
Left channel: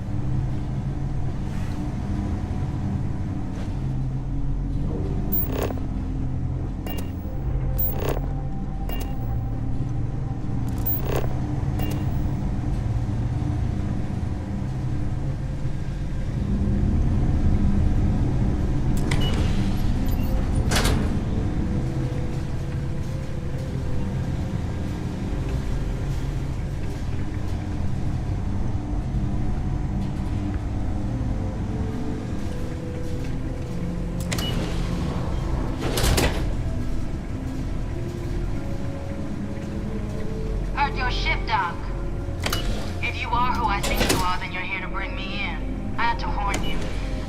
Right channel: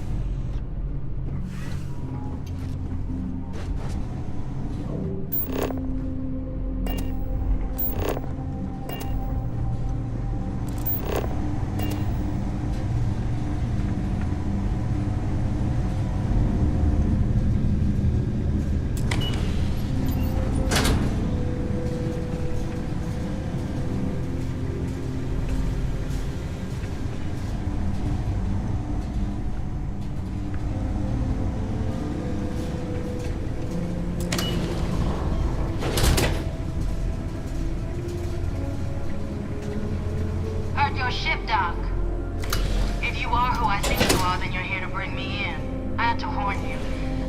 I think you are, then you're here to bring me in. I had to warn you.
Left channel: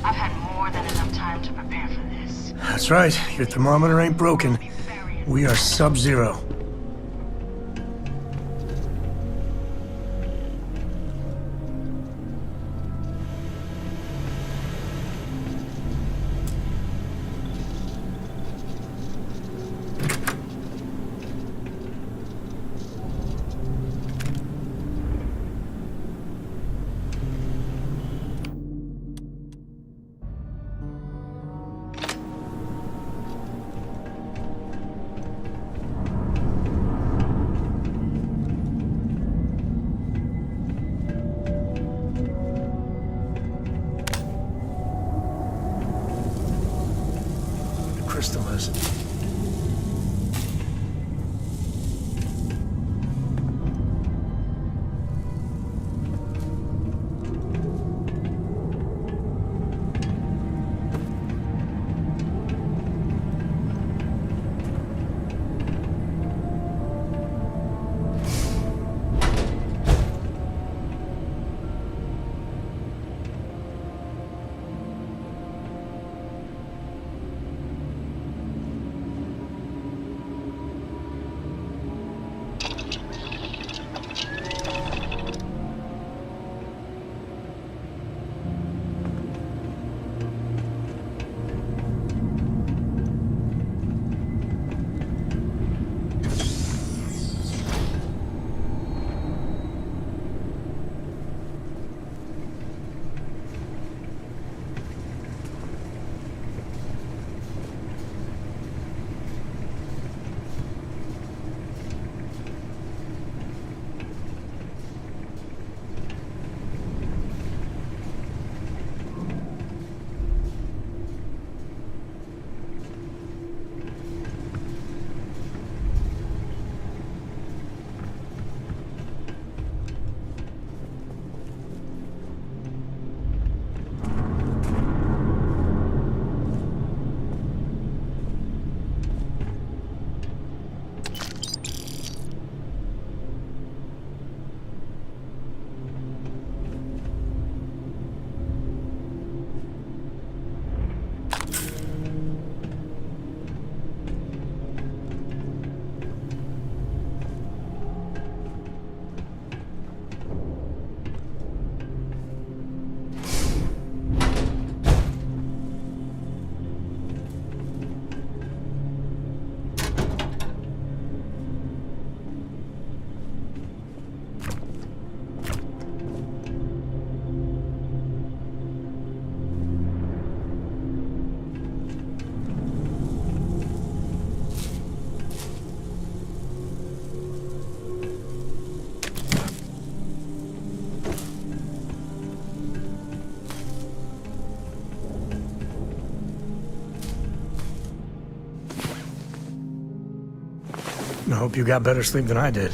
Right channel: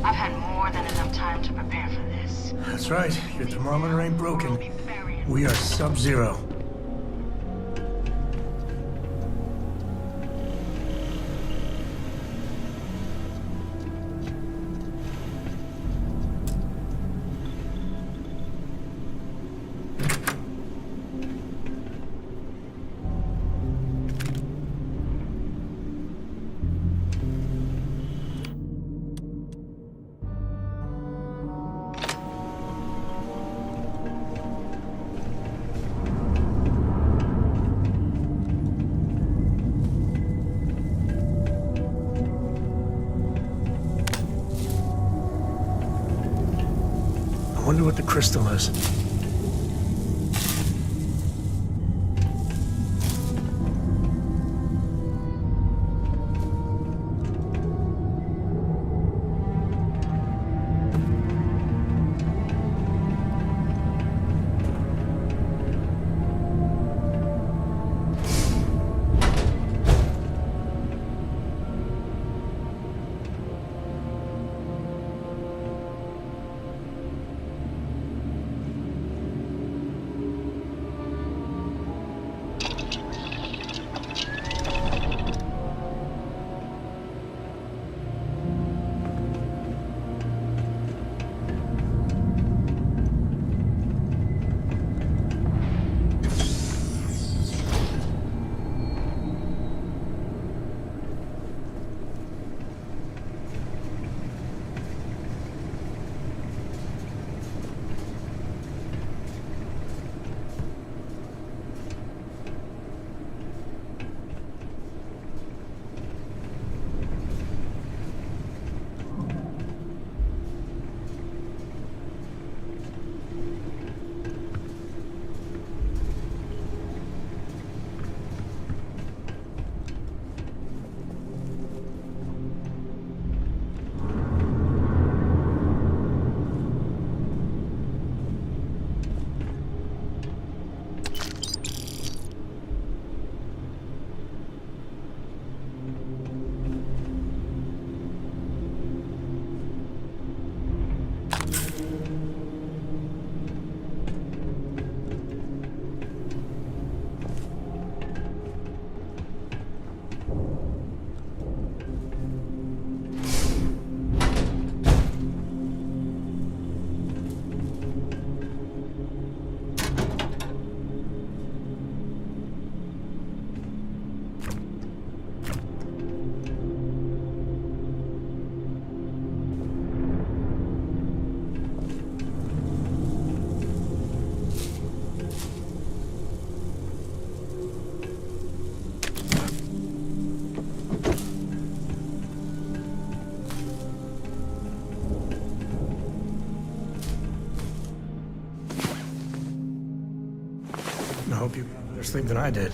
I've had more than enough time to prepare for this. That's right. Your thermometer ain't broken. We are sub-zero. I wonder what the crystal is. I hope you got better sleep than I did.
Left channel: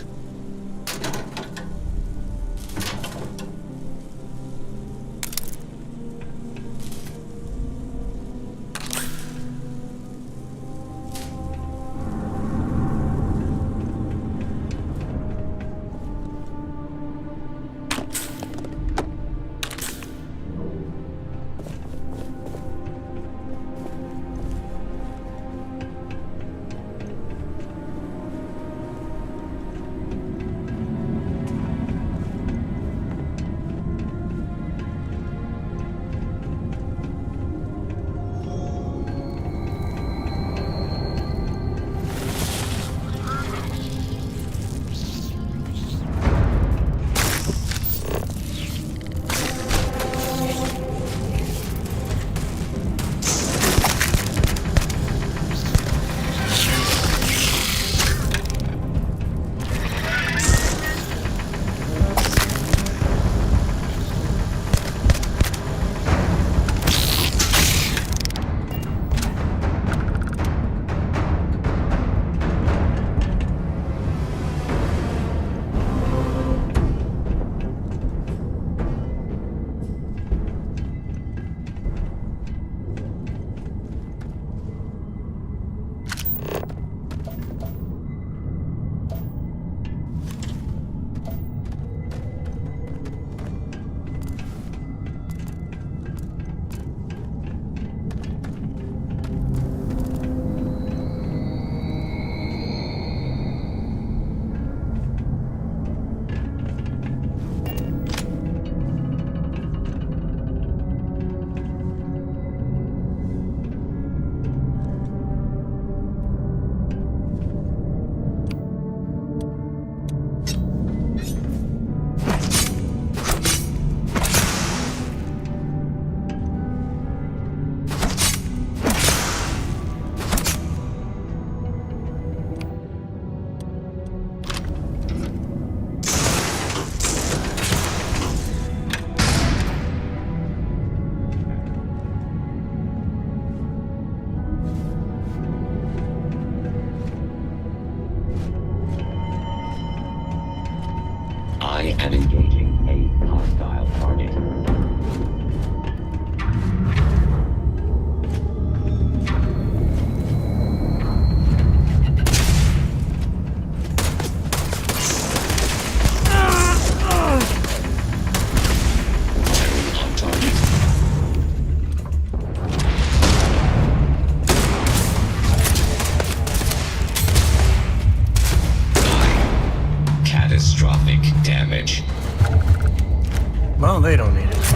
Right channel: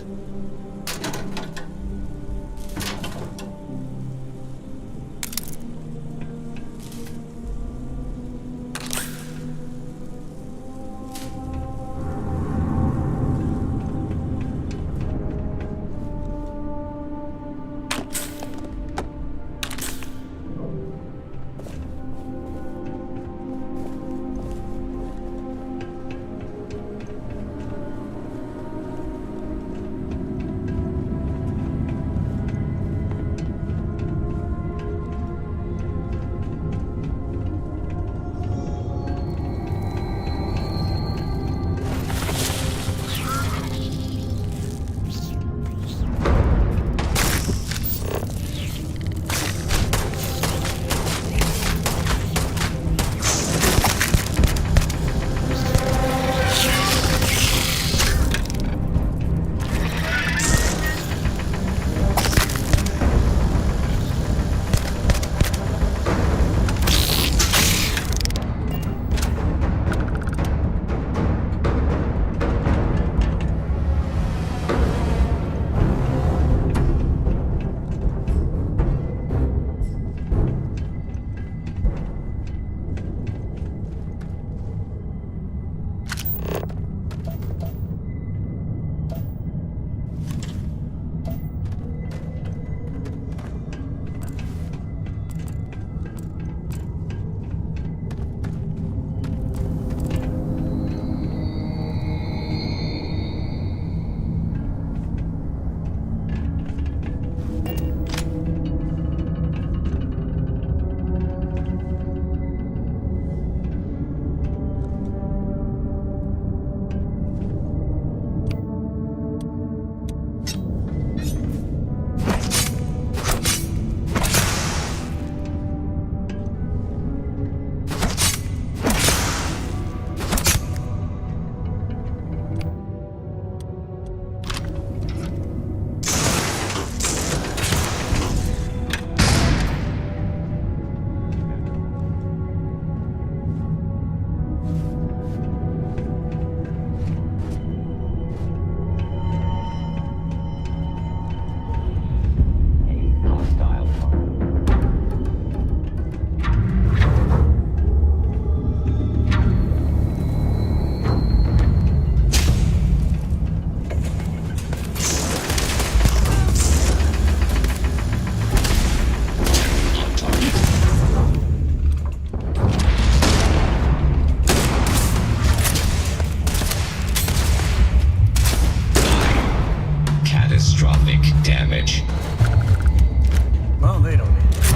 they don't need it.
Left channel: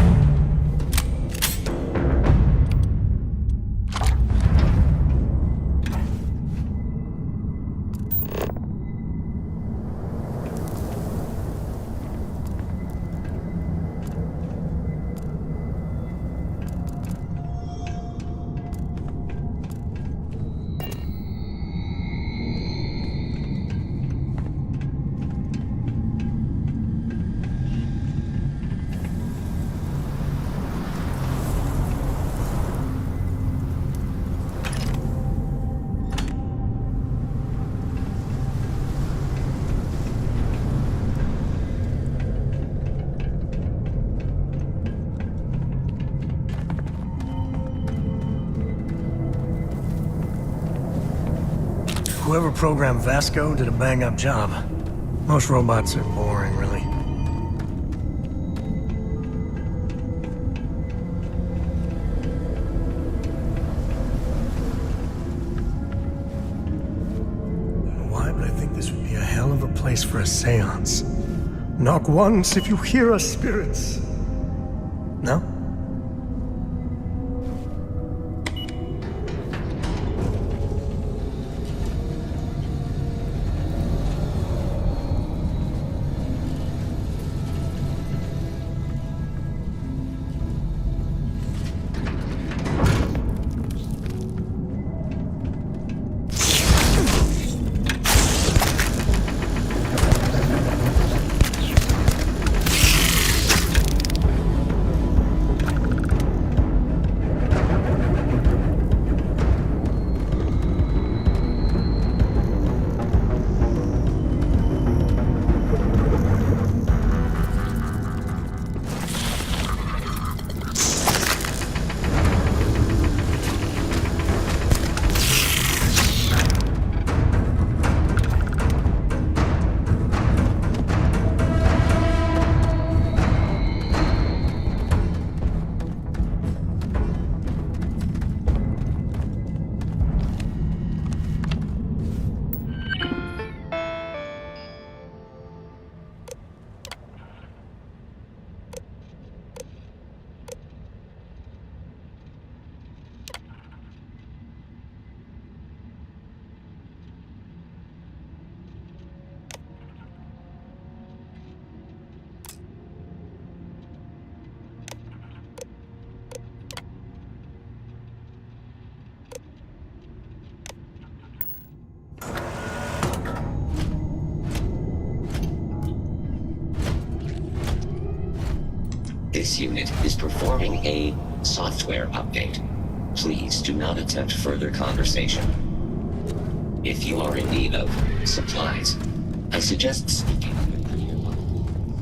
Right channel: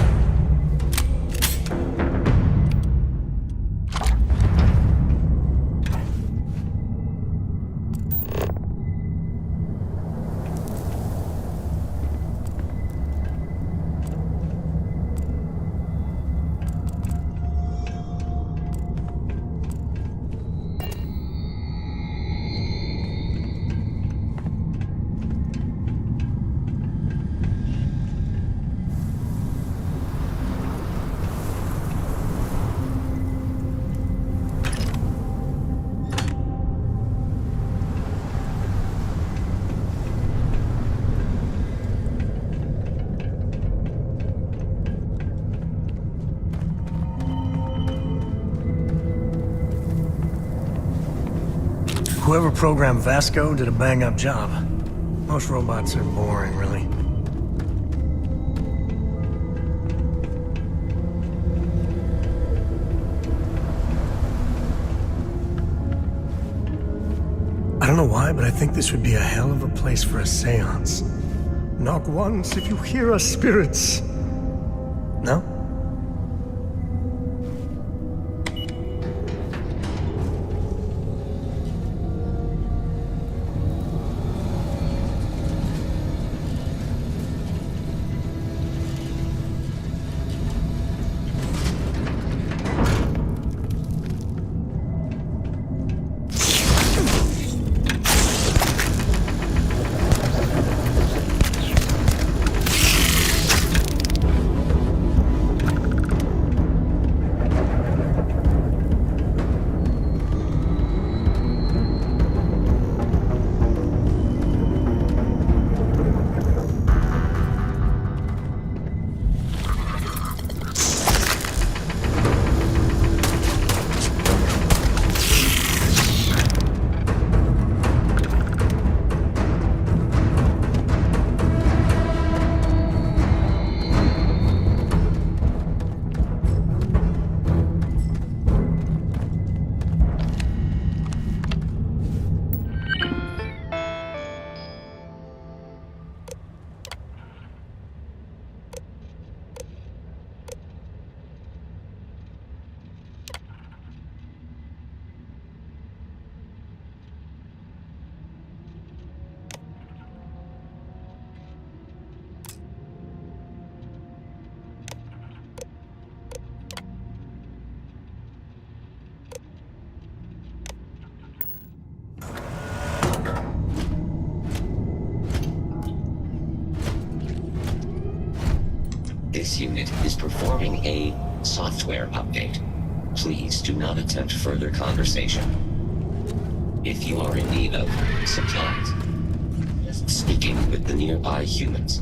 Whoever programmed Vasco did a bang-up job. Most robots are boring, really. I don't know why, but I think this would be a hell of a place for a seance. Knock once if you hear us, spirits. No? This unit is performing a software update. Please do not attempt further conversation. If you are in need of supplies, I suggest speaking with the nearby humans.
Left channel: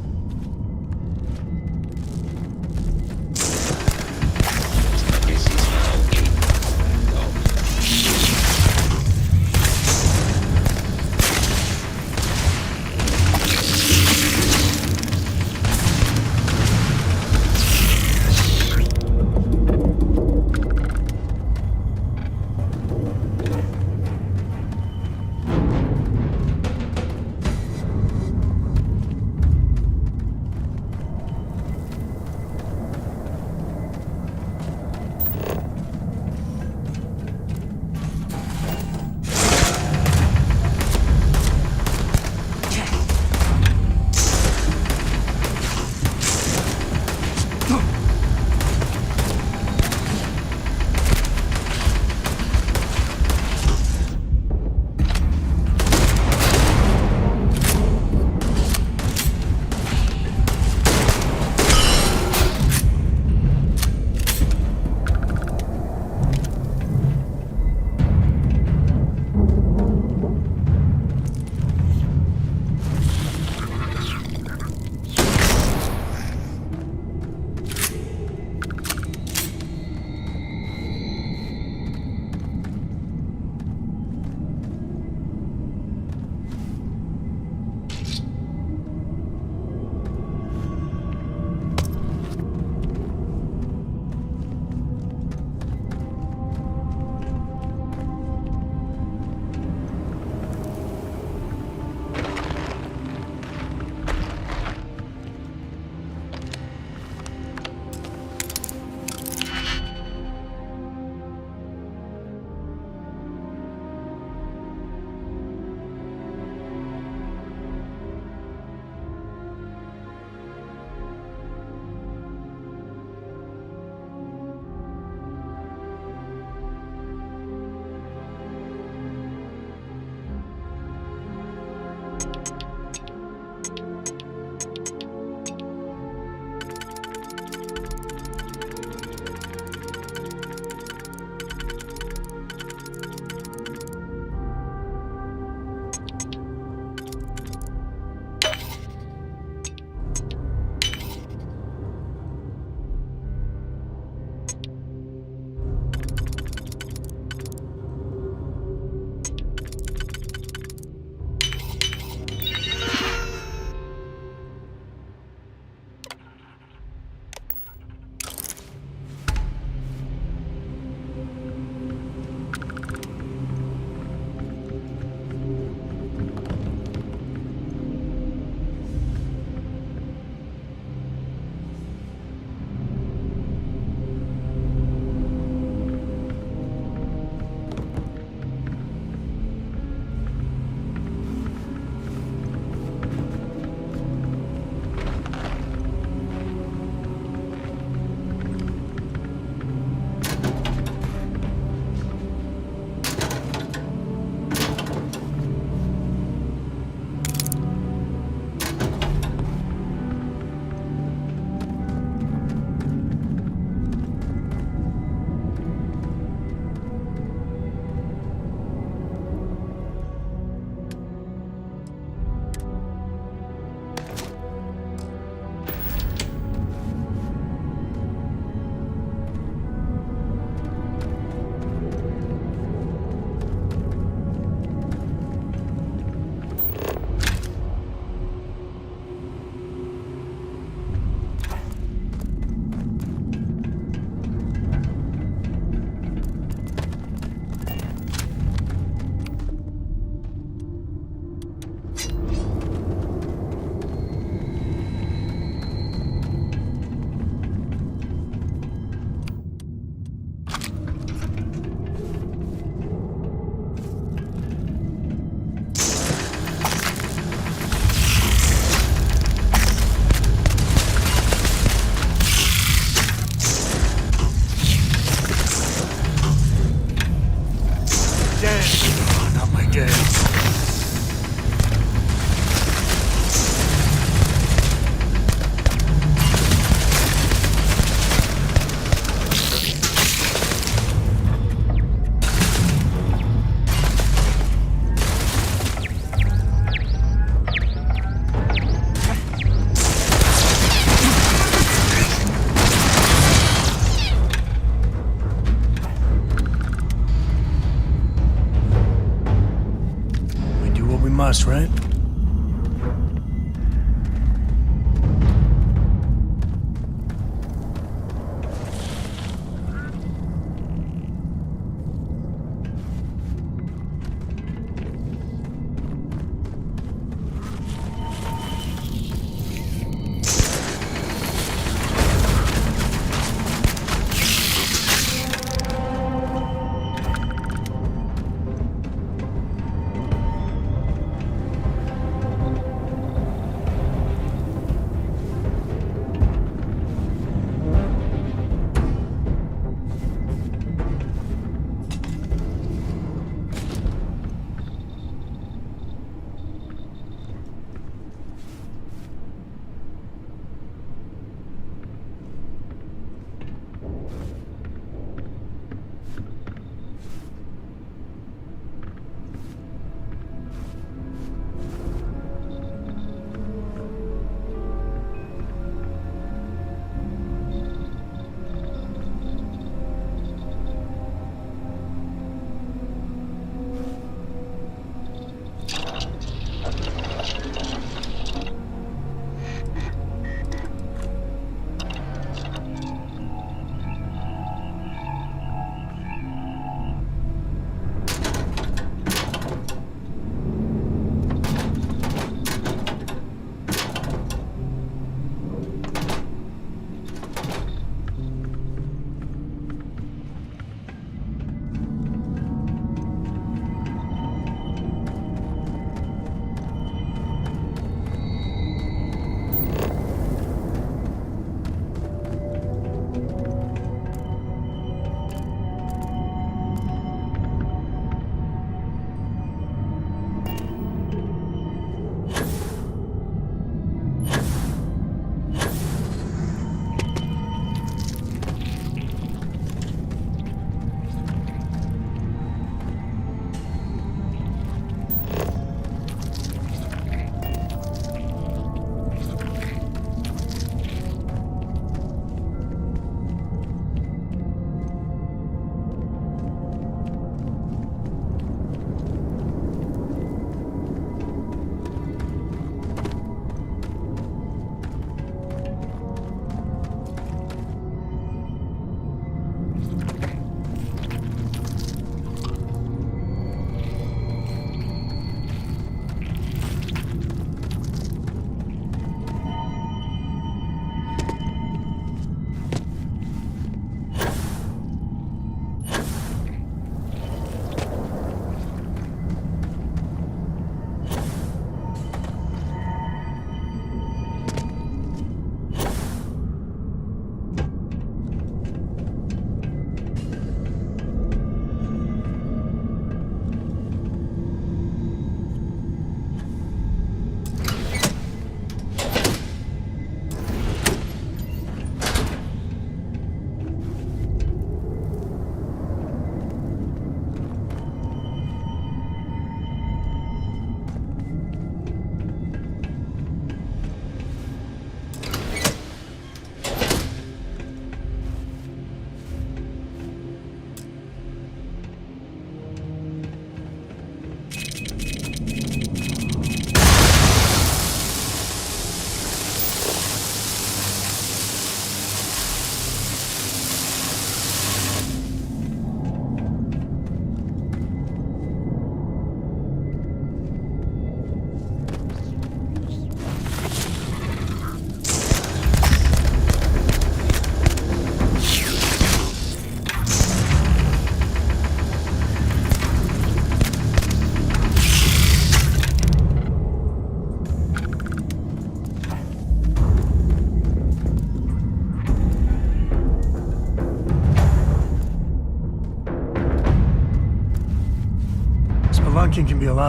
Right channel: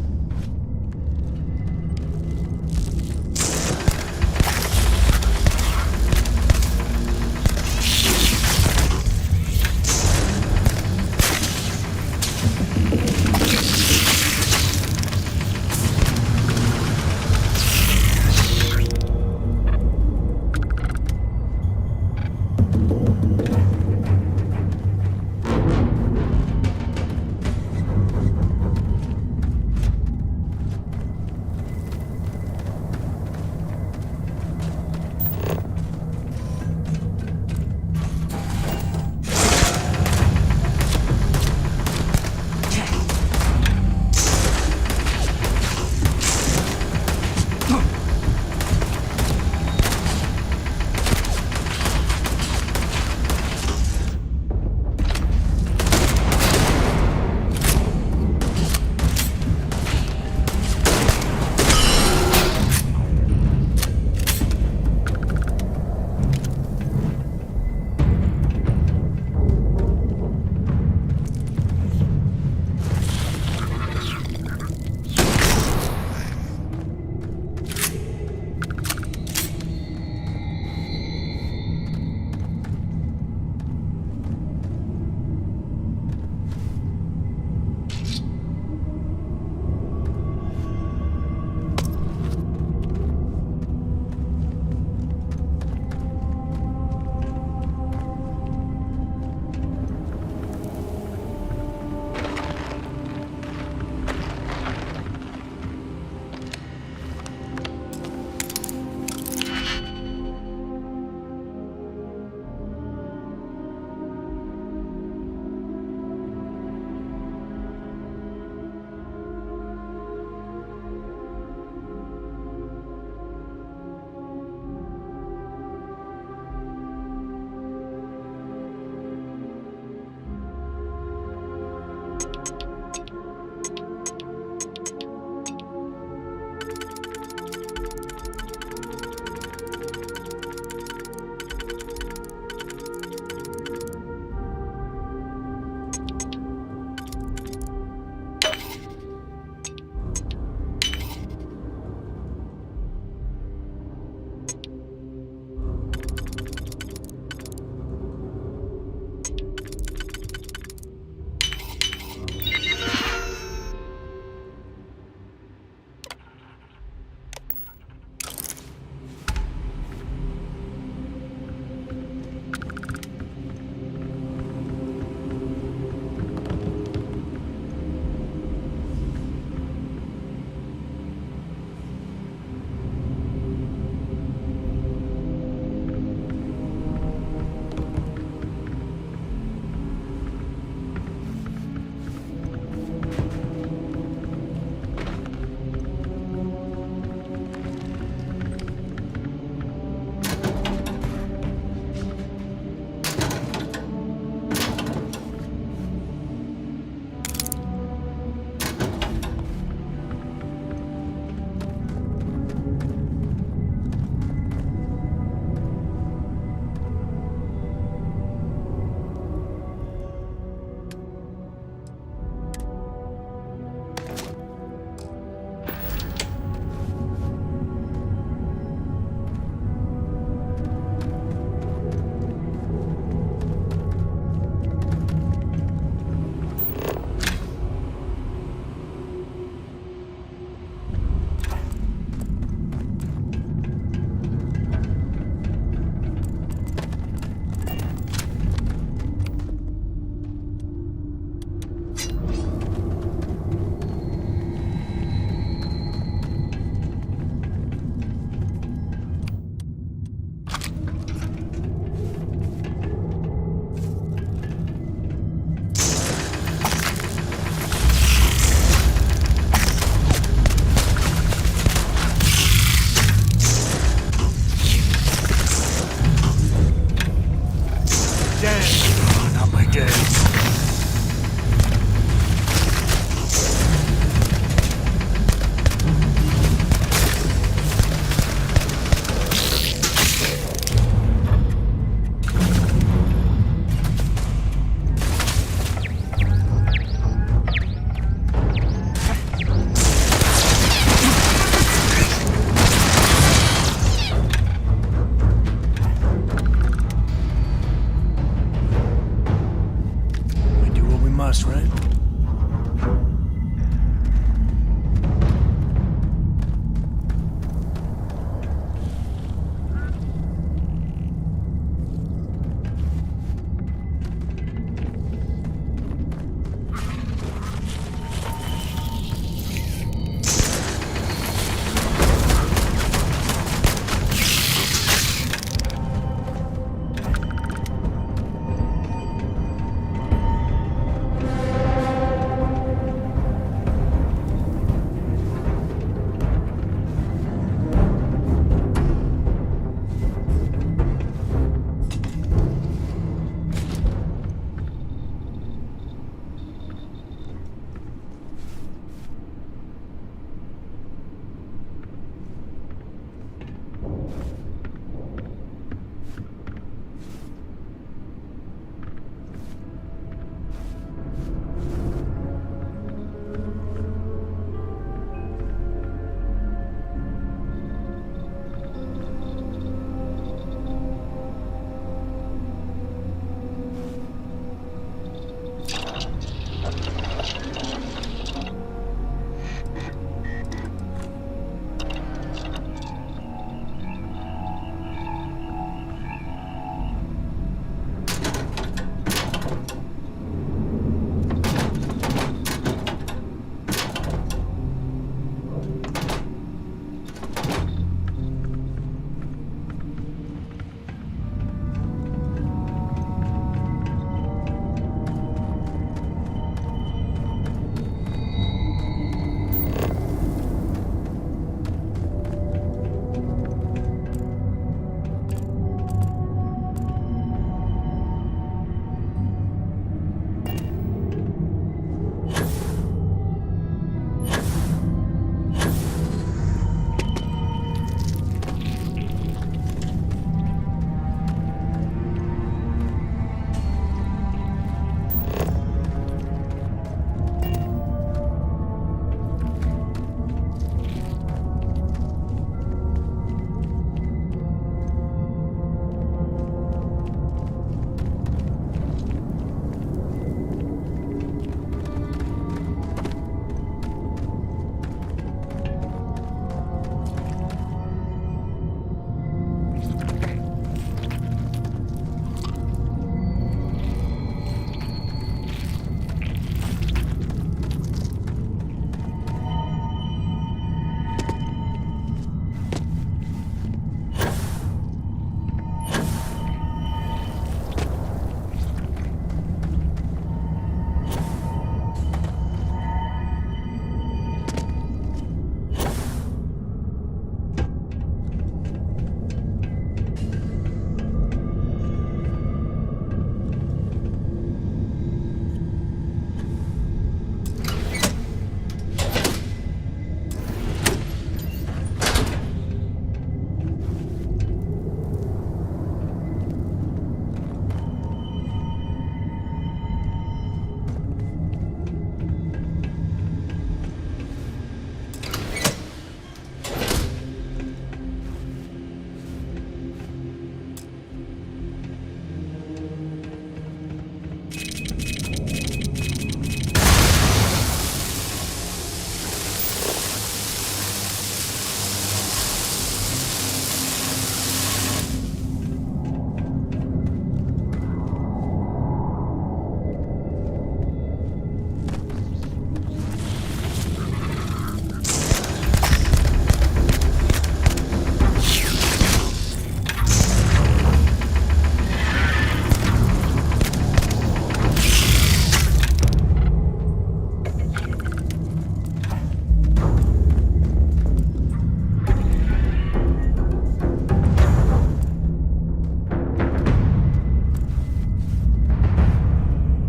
Us, right?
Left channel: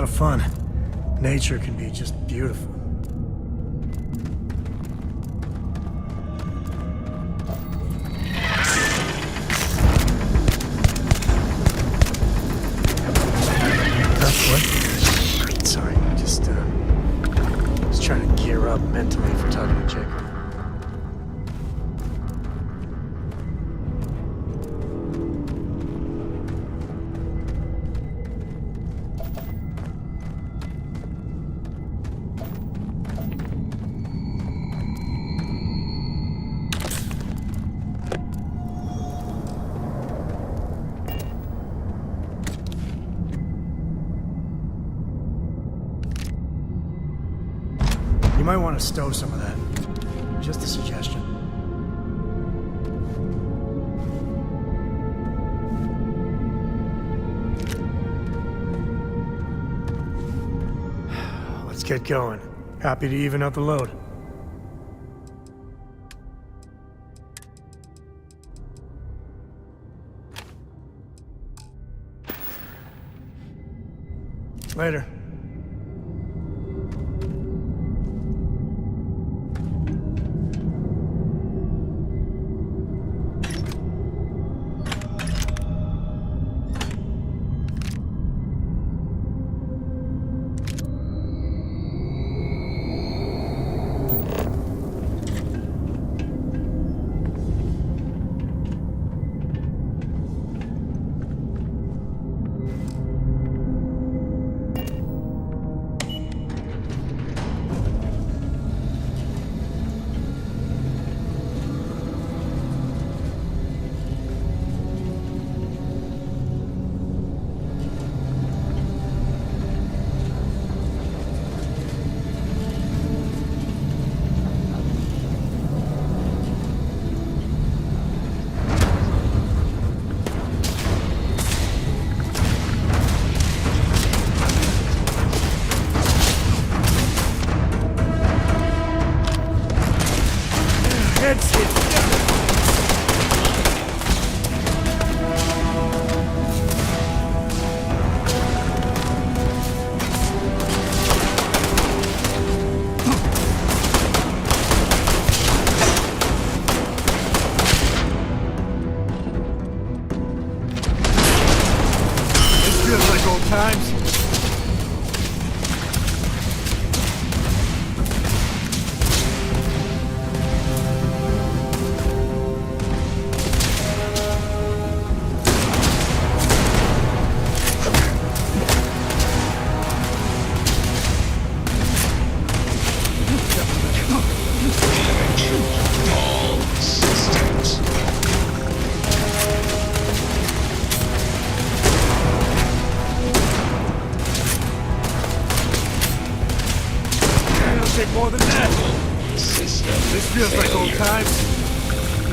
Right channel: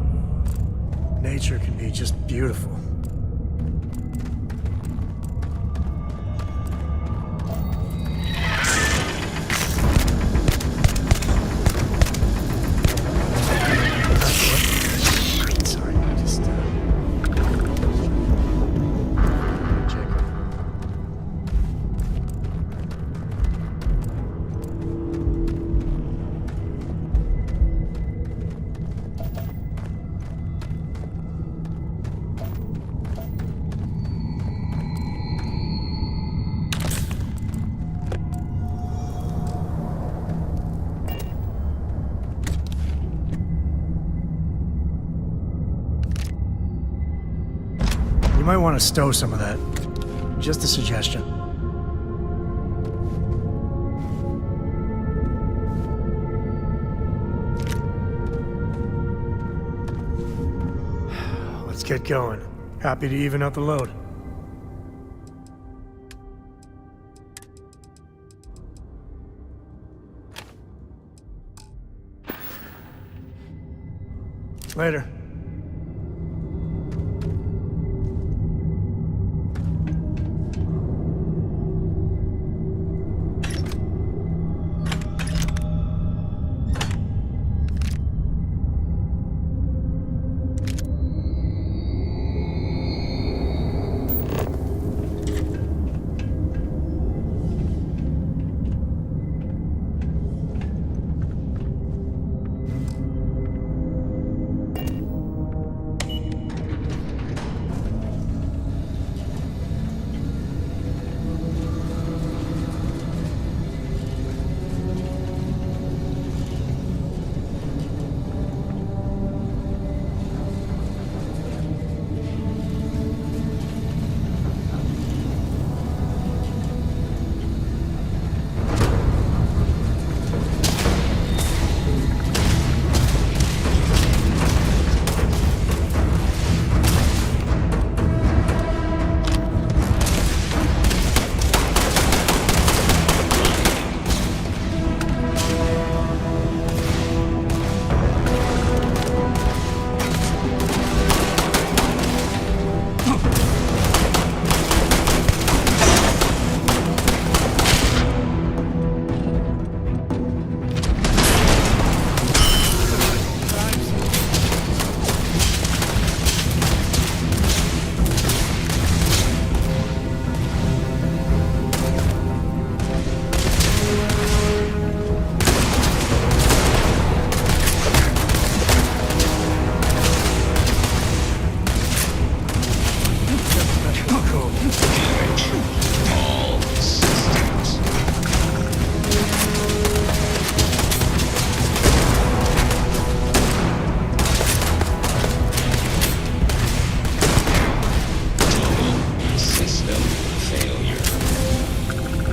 lot of fun. Nature can be just beautiful. Sorry, just trying to gear up mentally for talking to Jacob. You might want to stow some of that. Just a suggestion. Let's get going. Happy to even out the load. Later.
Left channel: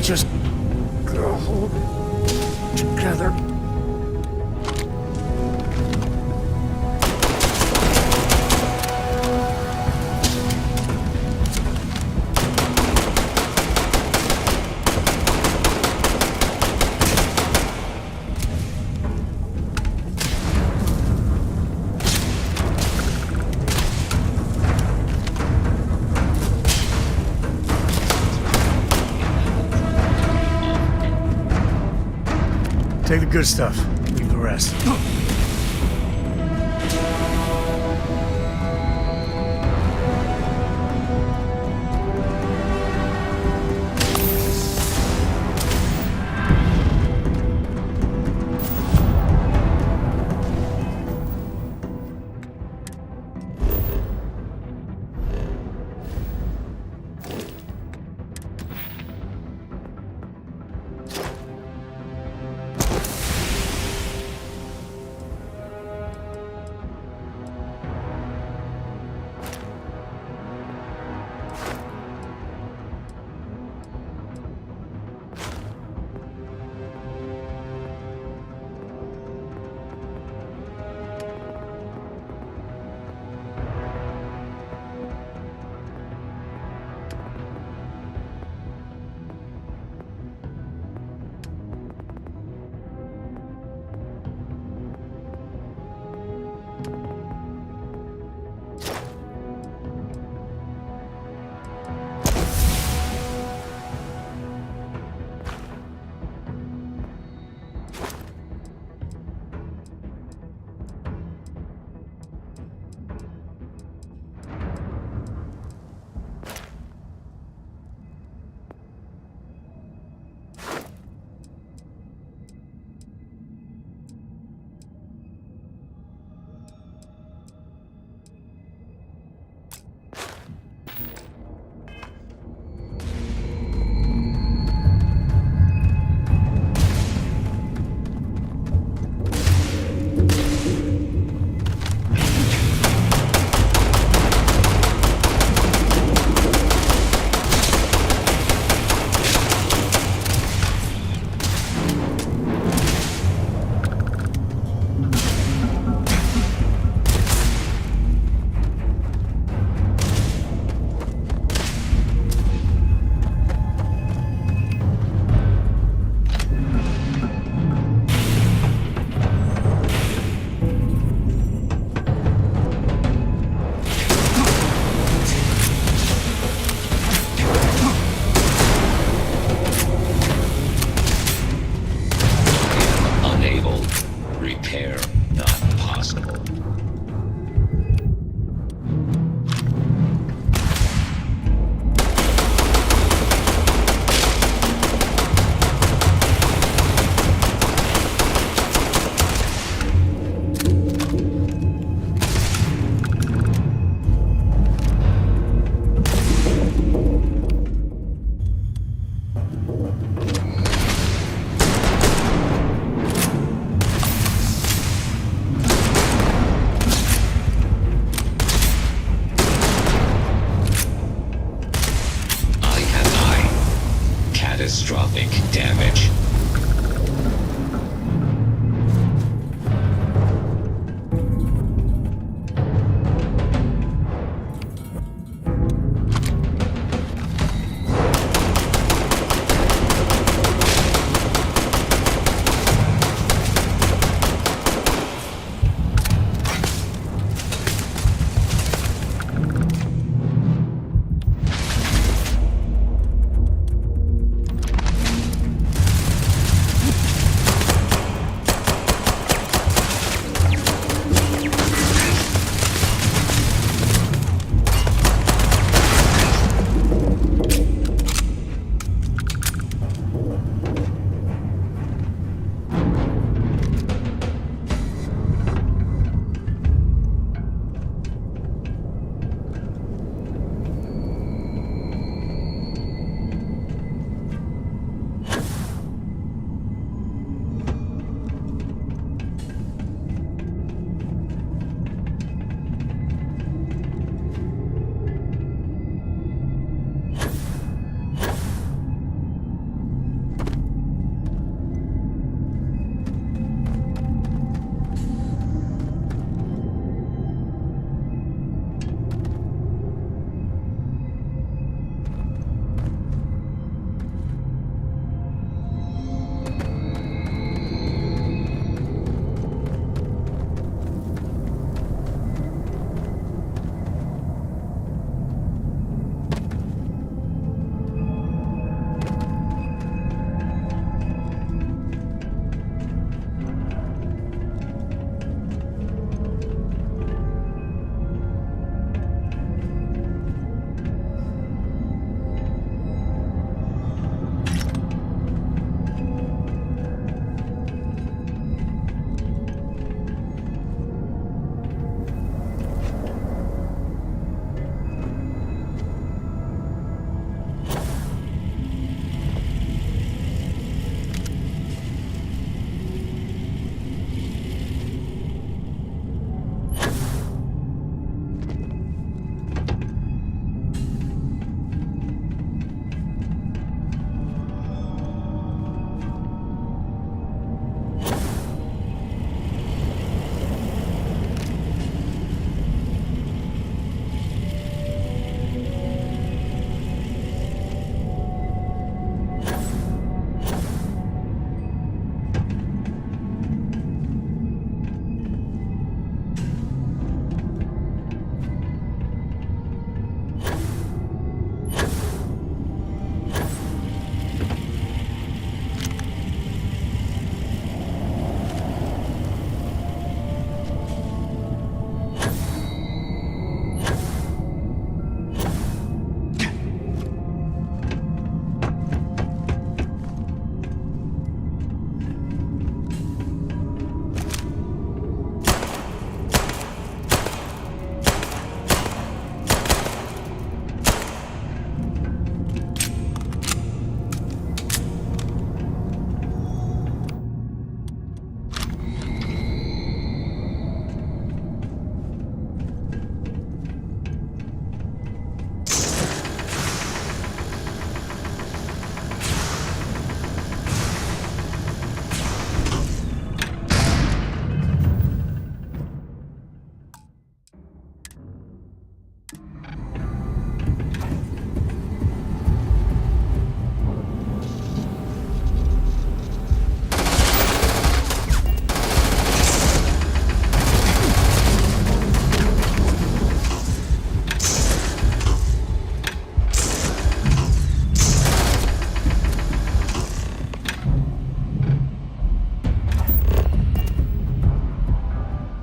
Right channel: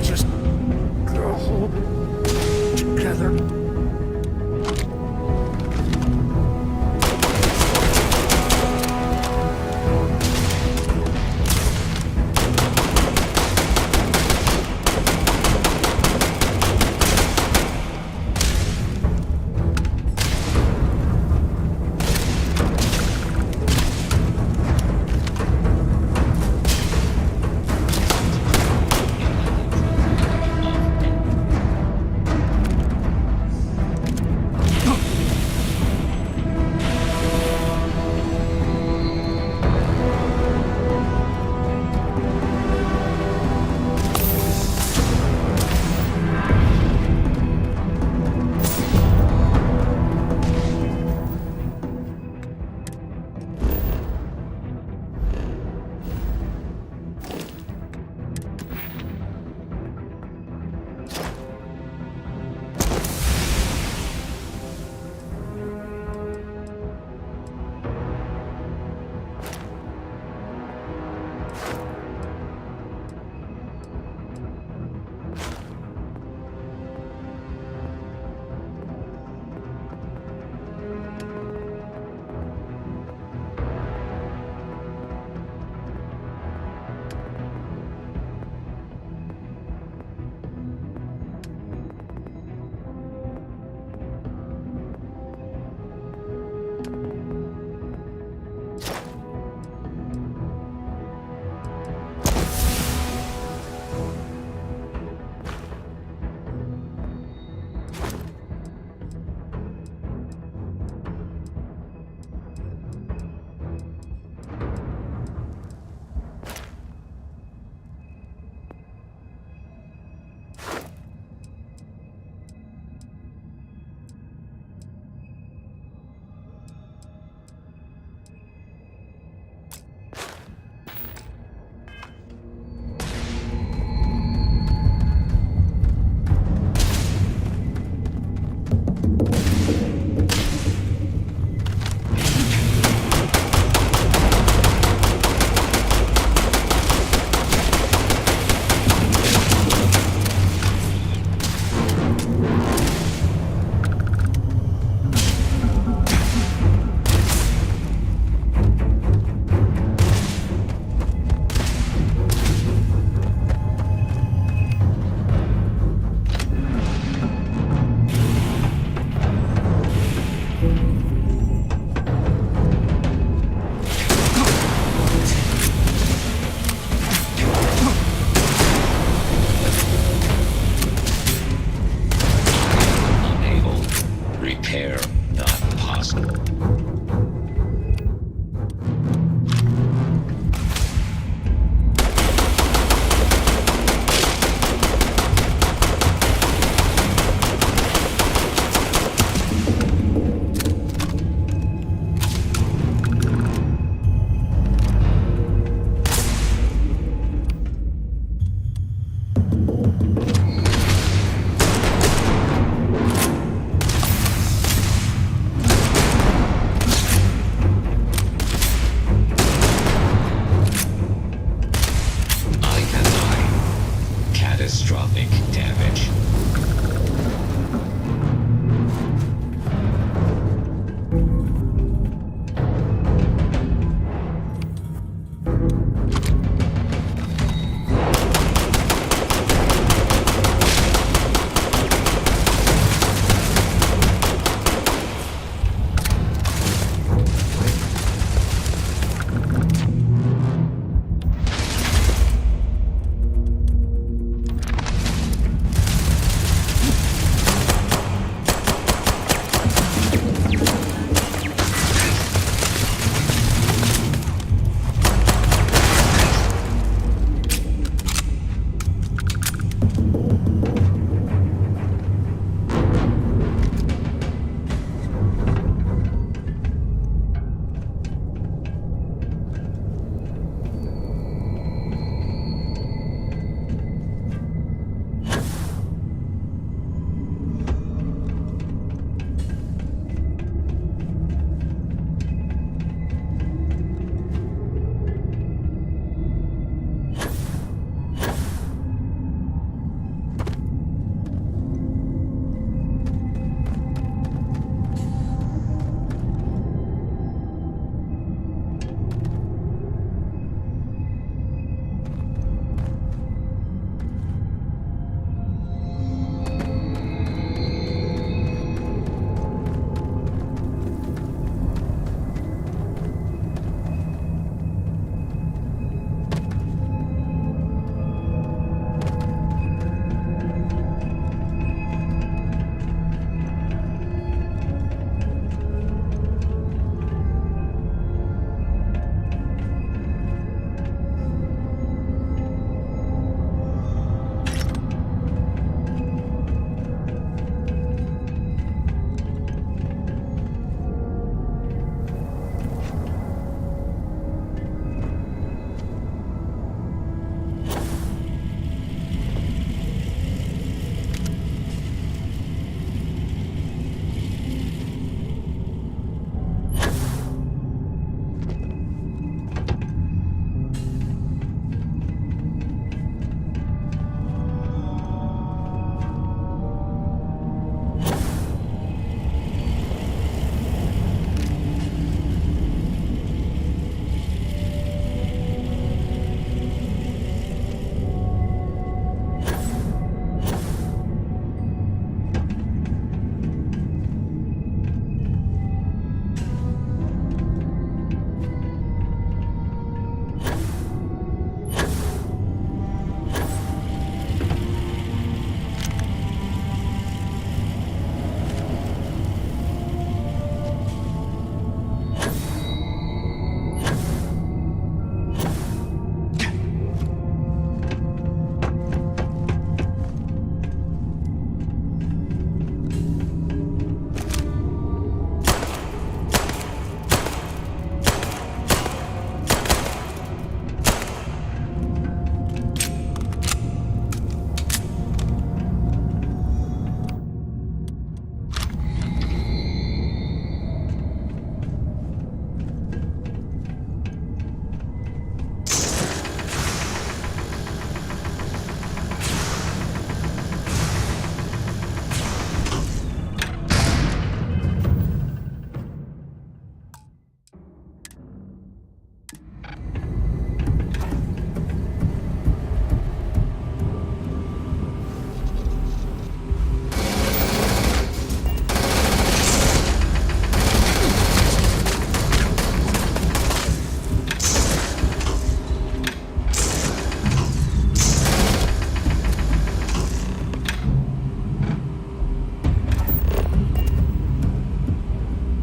Just hold it together. Take the good stuff, leave the rest. seismic damage.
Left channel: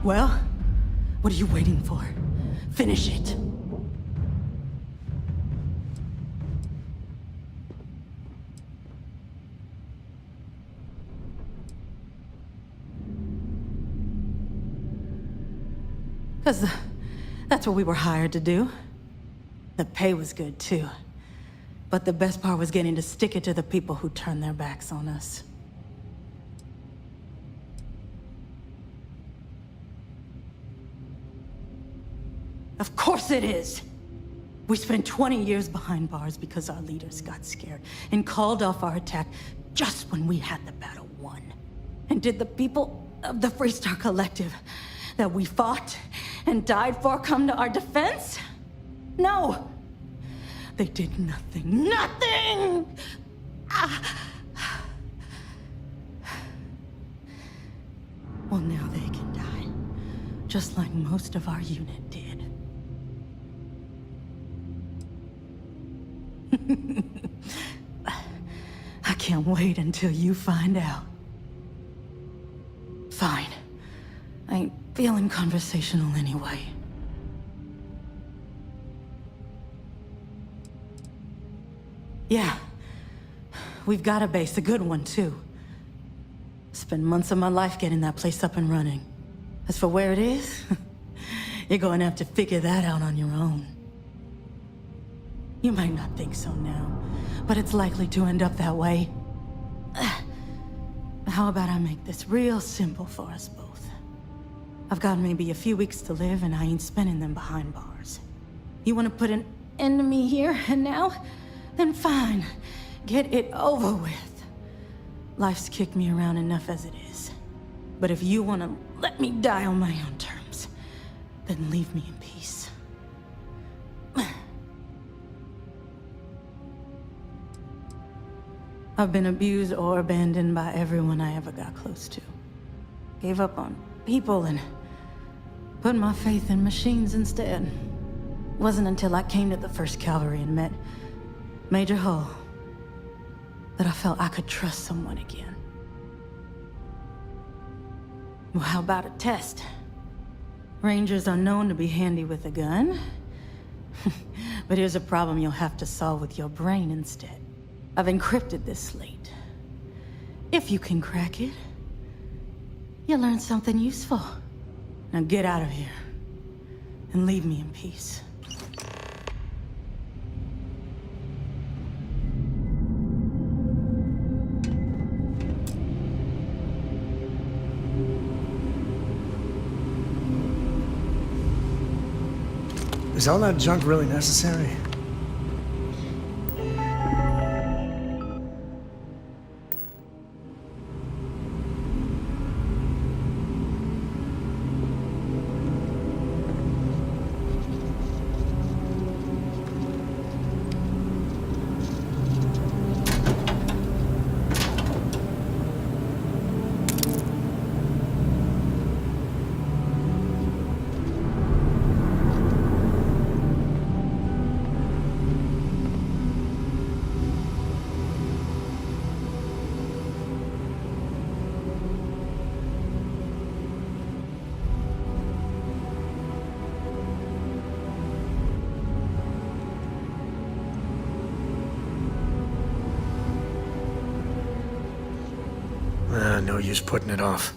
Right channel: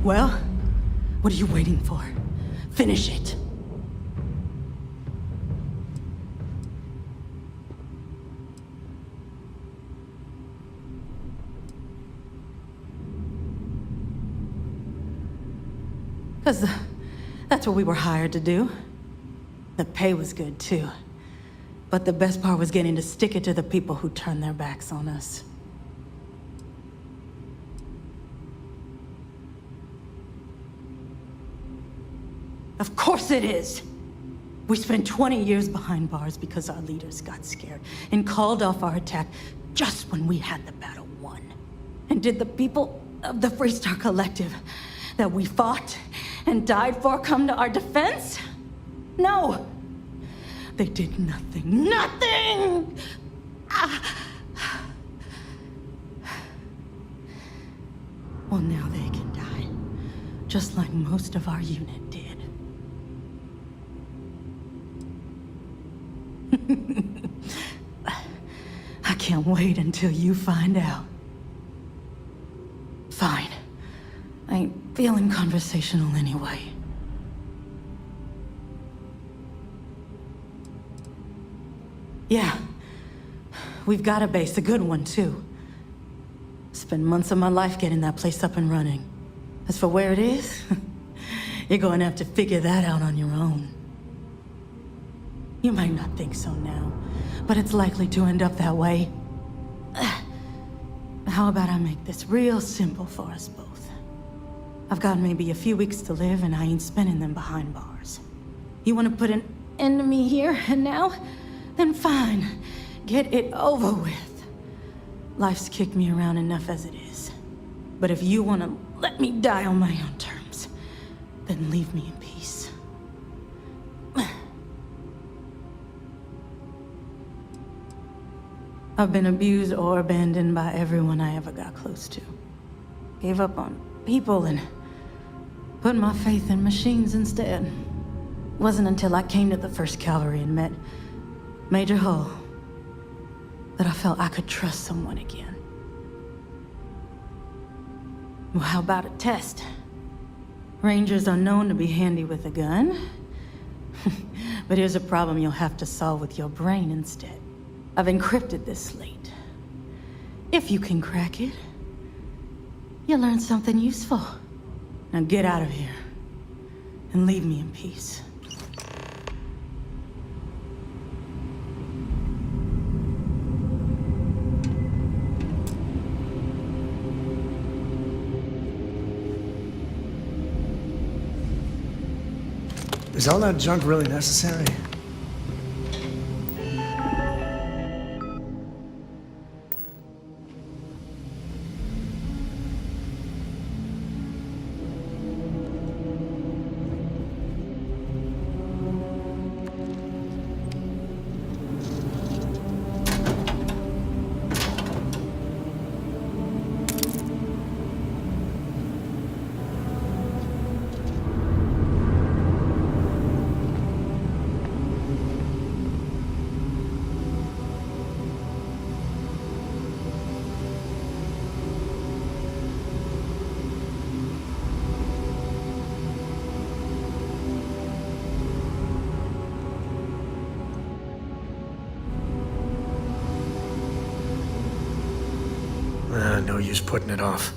Well, what are you waiting for? Finish it. Because that's what we were hired to do. The pay was good, too. But the best part was getting to stick it to the people who turned their backs on us. Of course it is! We spent 20 years behind bars because our leaders got scared and called off our attack just when we had the battle won. And did the people of the Freestar Collective that we fought and died for come to our defense? No! They did nothing. Nothing! Well, now they can die. Just like most of our unit did. I can't wait until you find out. Fine. I ain't feeling conversational anyway. Yeah. We've got a base, a good one, too. Spent months of my life getting that place up and running. As for where it is, you're going to have to figure that out on your own. You might not think so now, but it's likely to end up that way. How about I make this real simple for us both? I've got maybe a few weeks to live, and I ain't spending them behind bars. You want to put an end to me here and now? Then fine. Get it over with. Life's kicked me around enough as it is. But if you want to let me die on my own terms, then leave me in peace. I've been abused or abandoned by everyone I ever got close to. Gave up on people and put my faith in machines instead. Wasn't until I came to the 1st Cavalry and met Major Hull that I felt I could trust someone again. Well, how about a test? Rangers are known to be handy with a gun. But here's a problem you'll have to solve with your brain instead. I've encrypted this slate. If you can crack it, you'll learn something useful. Now get out of here and leave me in peace. Is all that junk really necessary? No use putting it off.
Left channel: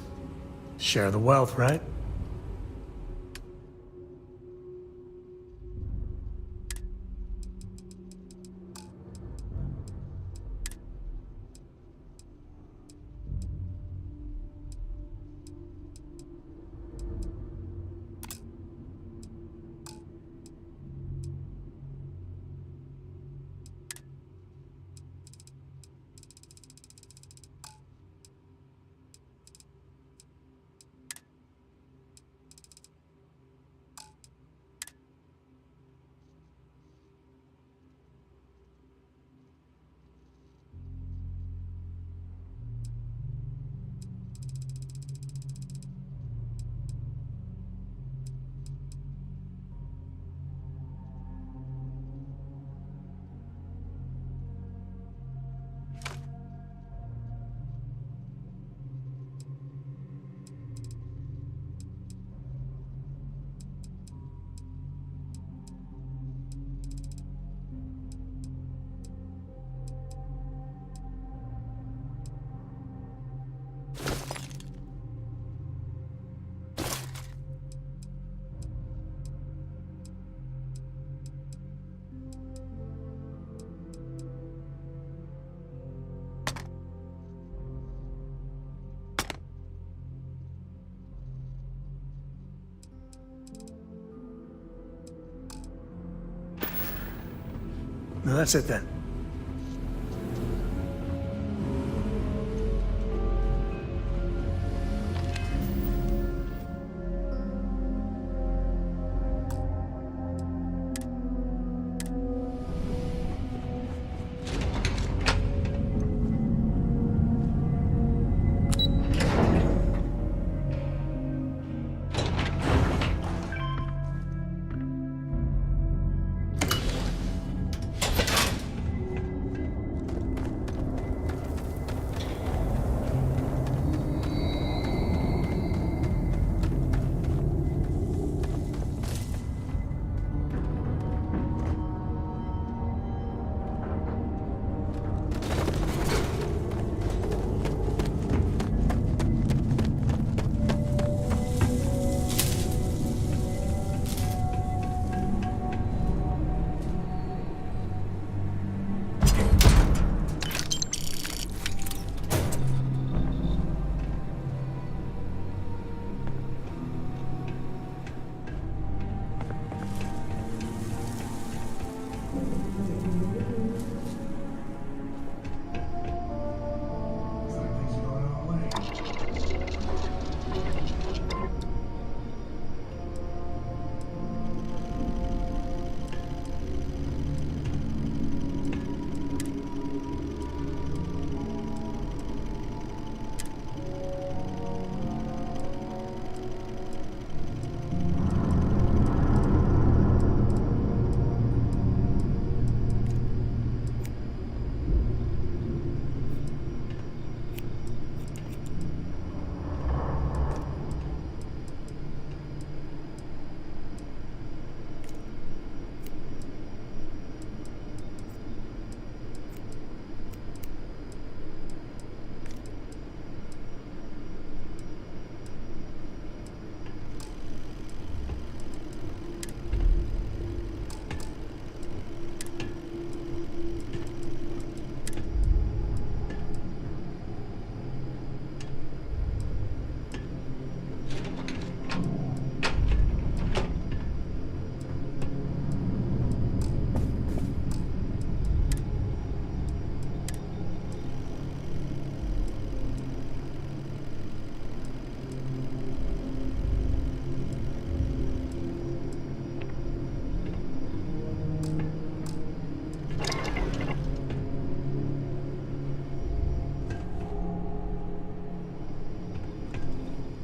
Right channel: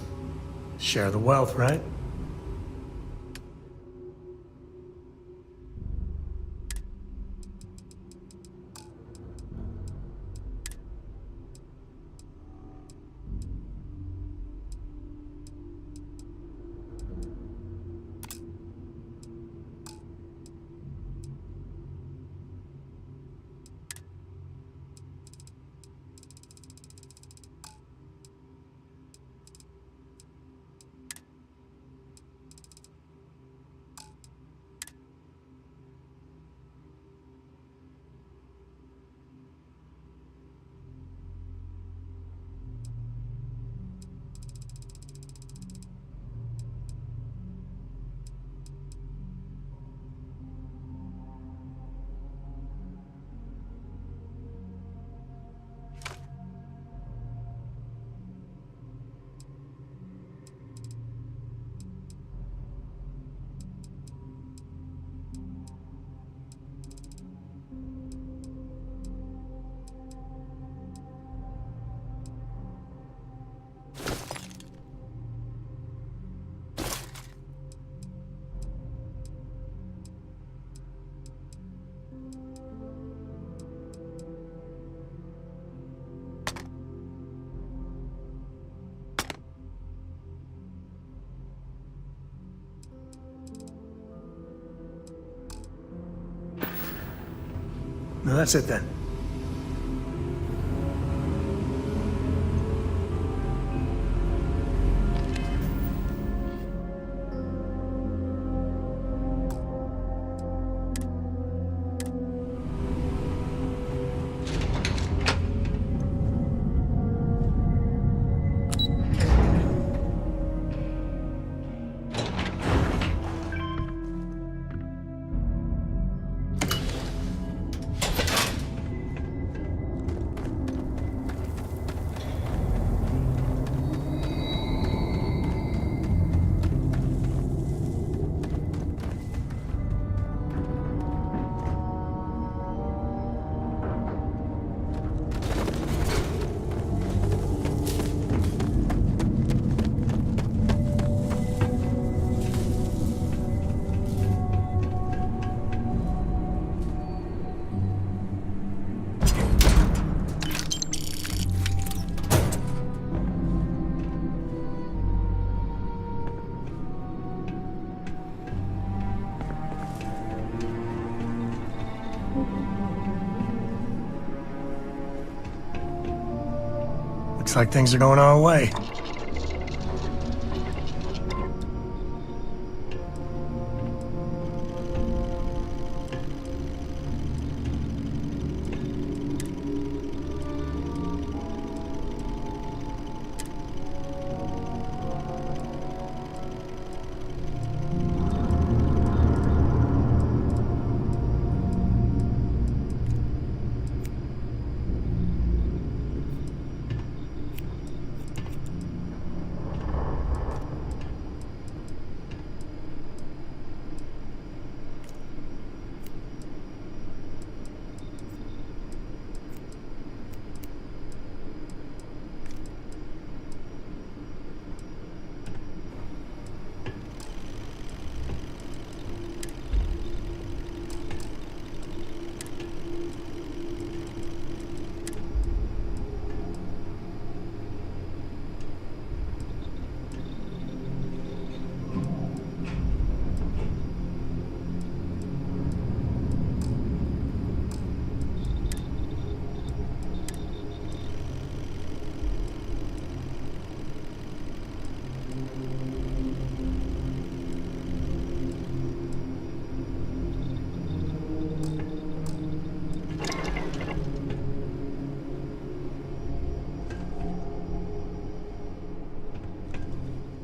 Share the wealth, right? that's it then. Looks like things are going our way.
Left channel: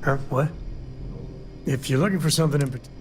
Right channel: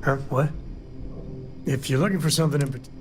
Huh? What? If you're looking for something in particular...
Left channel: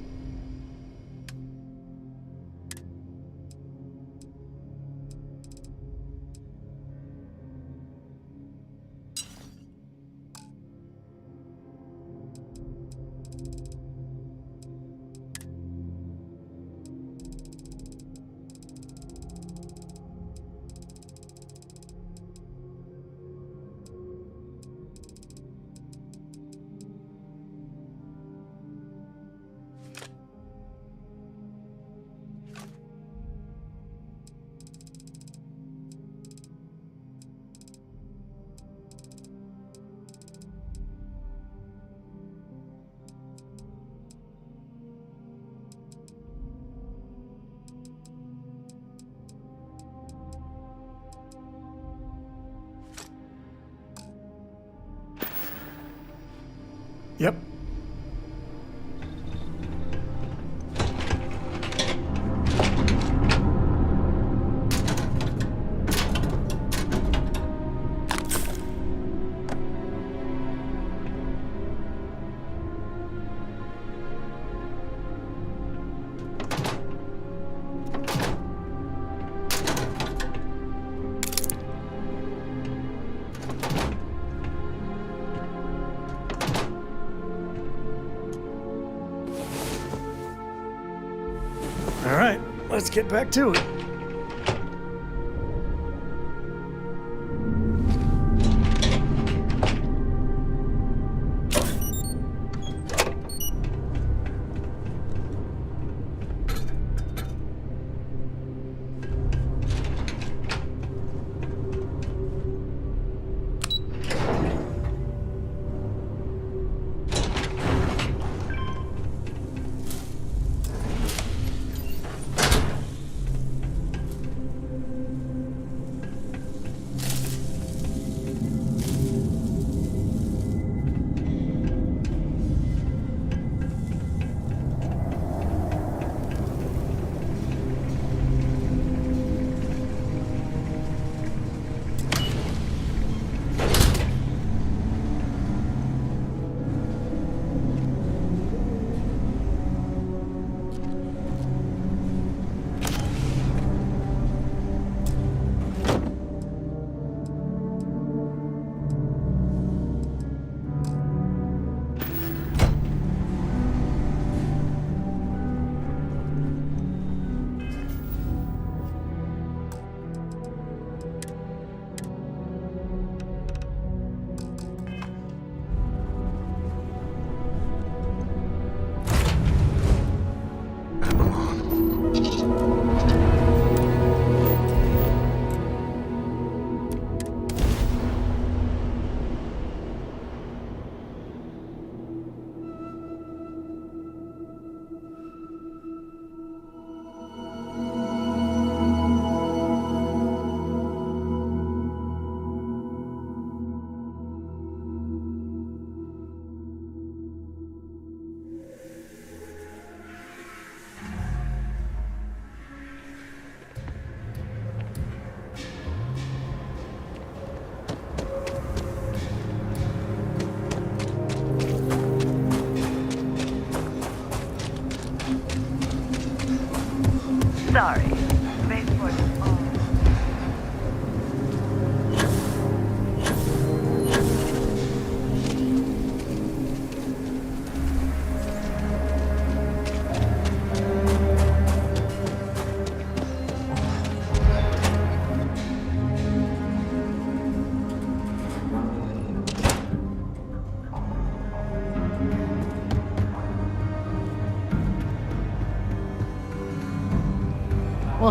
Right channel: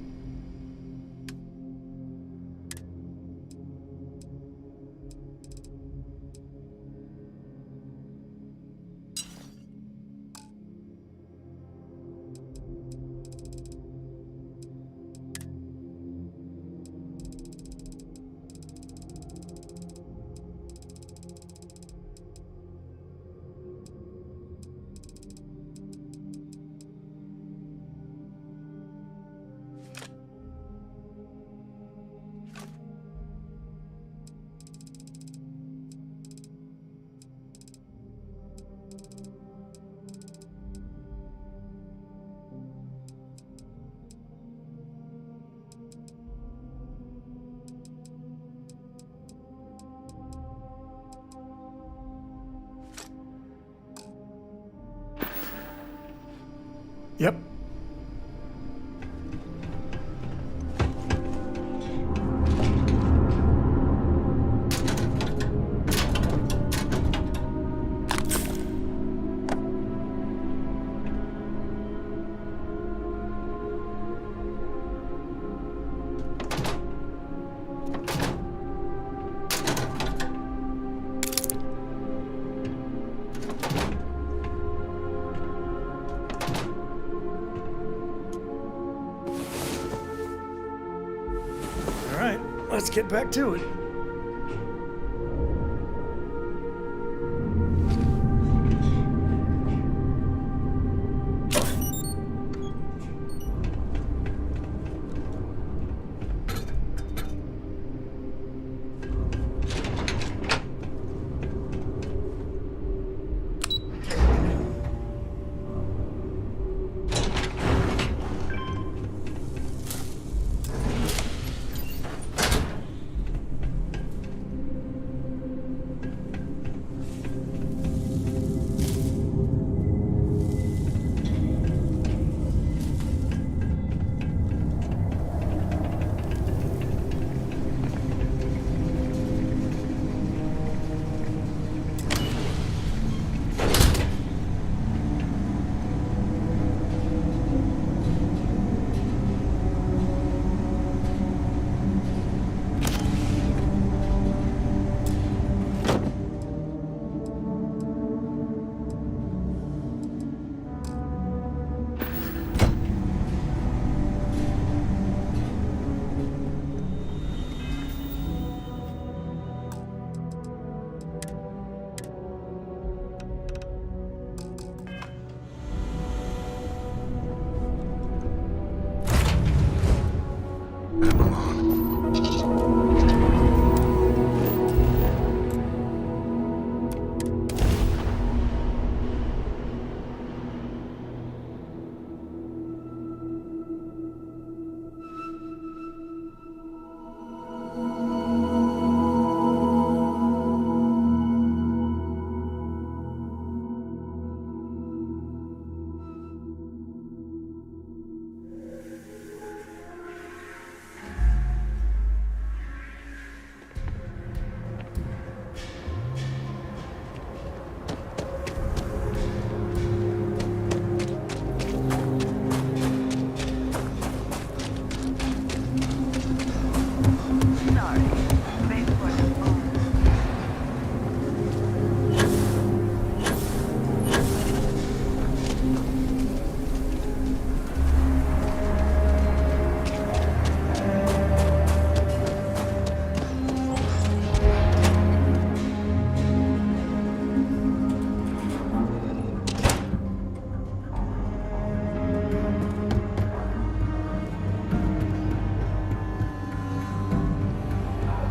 Yep. All right, let's get back to it.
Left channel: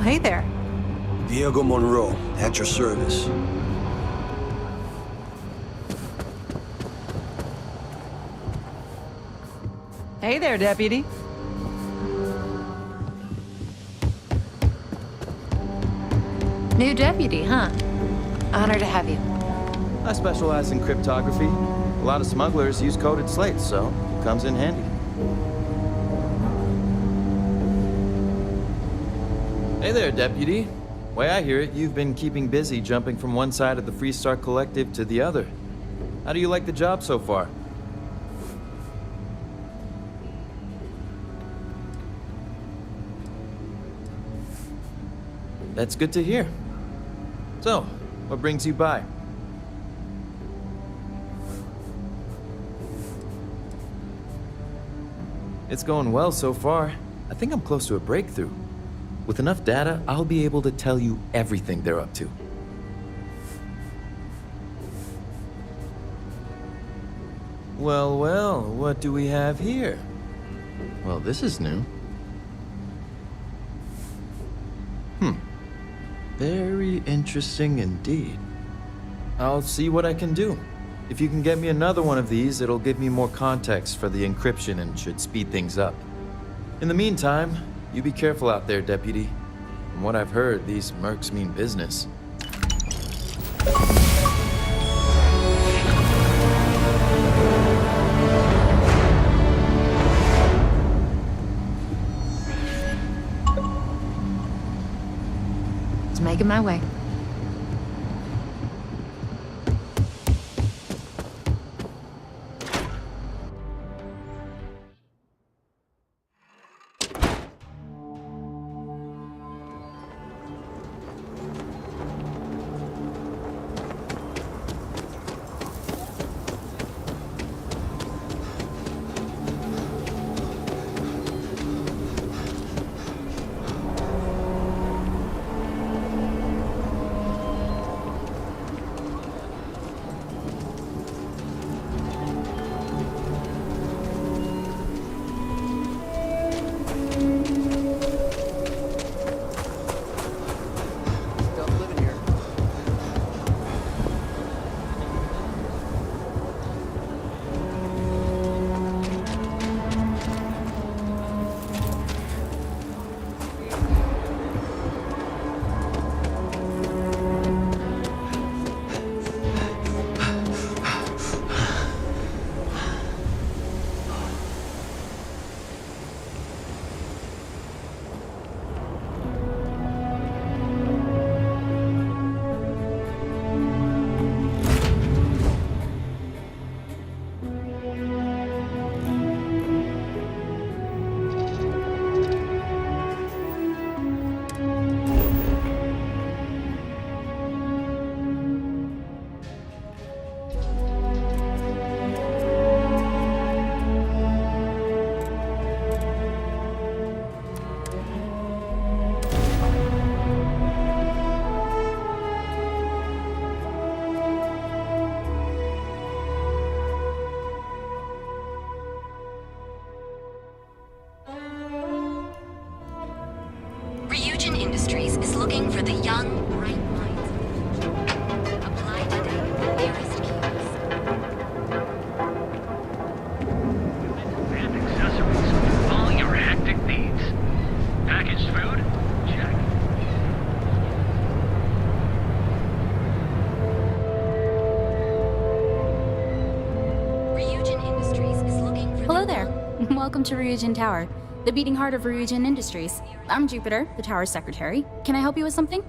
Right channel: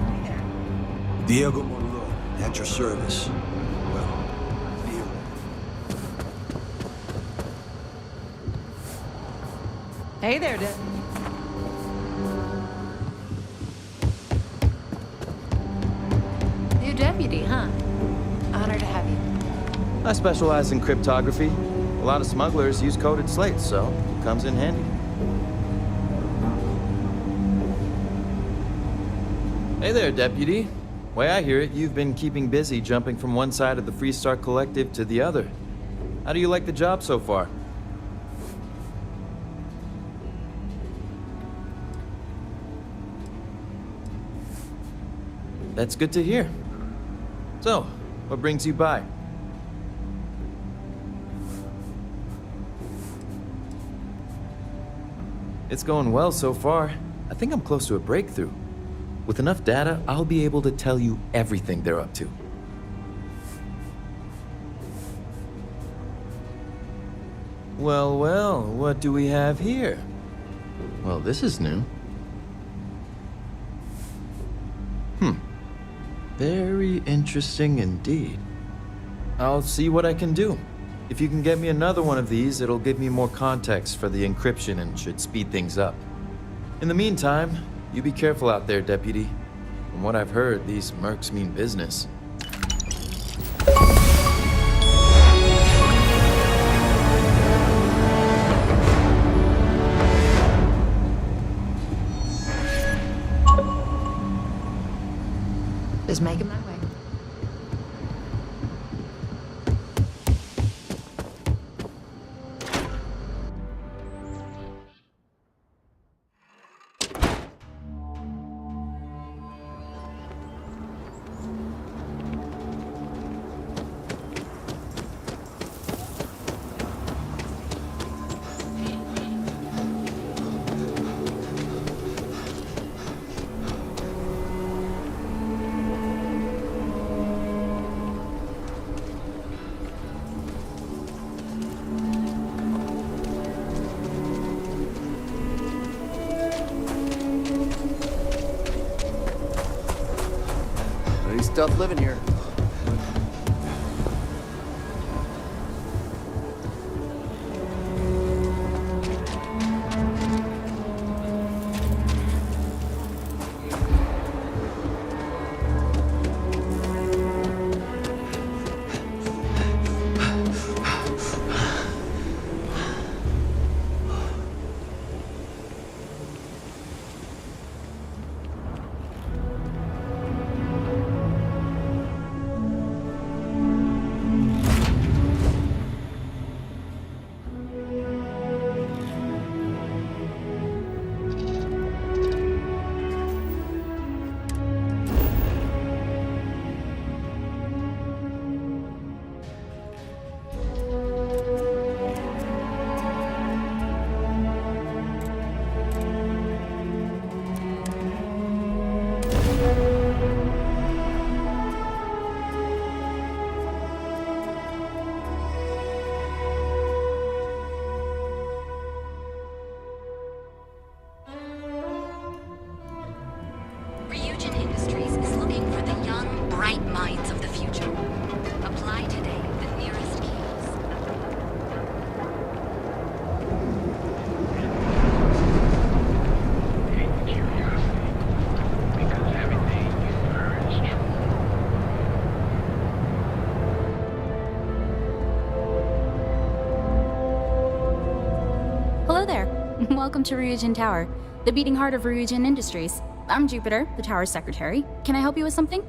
Well, hey there. Diego Monroe, at your service. Hey there, Deputy. New deputy, huh? Honor to have you. I specialize in cryptography. A lot of smugglers use coded slates, so it comes in handy. Hey there, Deputy. Way I hear it, you've been keeping busy jumping from one side of the Freestar Collective to the other. How do you like the job so far? That's good to hear. So, what brings you by? It's going well so far. I think I'm close to a breakthrough. With enough data, I'll be able to tell you everything they're up to. Well, well, what do we have here? Well, this is new. Very interesting indeed. I'll see what I can do. If you can get me another one of these, it'll give me more context for the encryption and should speed things up. In the meantime, you be careful out there, Deputy. From what I've heard, these mercs mean business. Just making my way. Tough living here. Ryujin Industries is looking for the young, bright minds of the future. Apply today at the nearest kiosk. All your hectic needs. Packaged food, cherry Ryujin Industries is looking for... Hello there. Welcome to Ryujin Tower, the beating heart of Ryujin Industries. I'm Jupiter, the tower's secretary. Can I help you with something?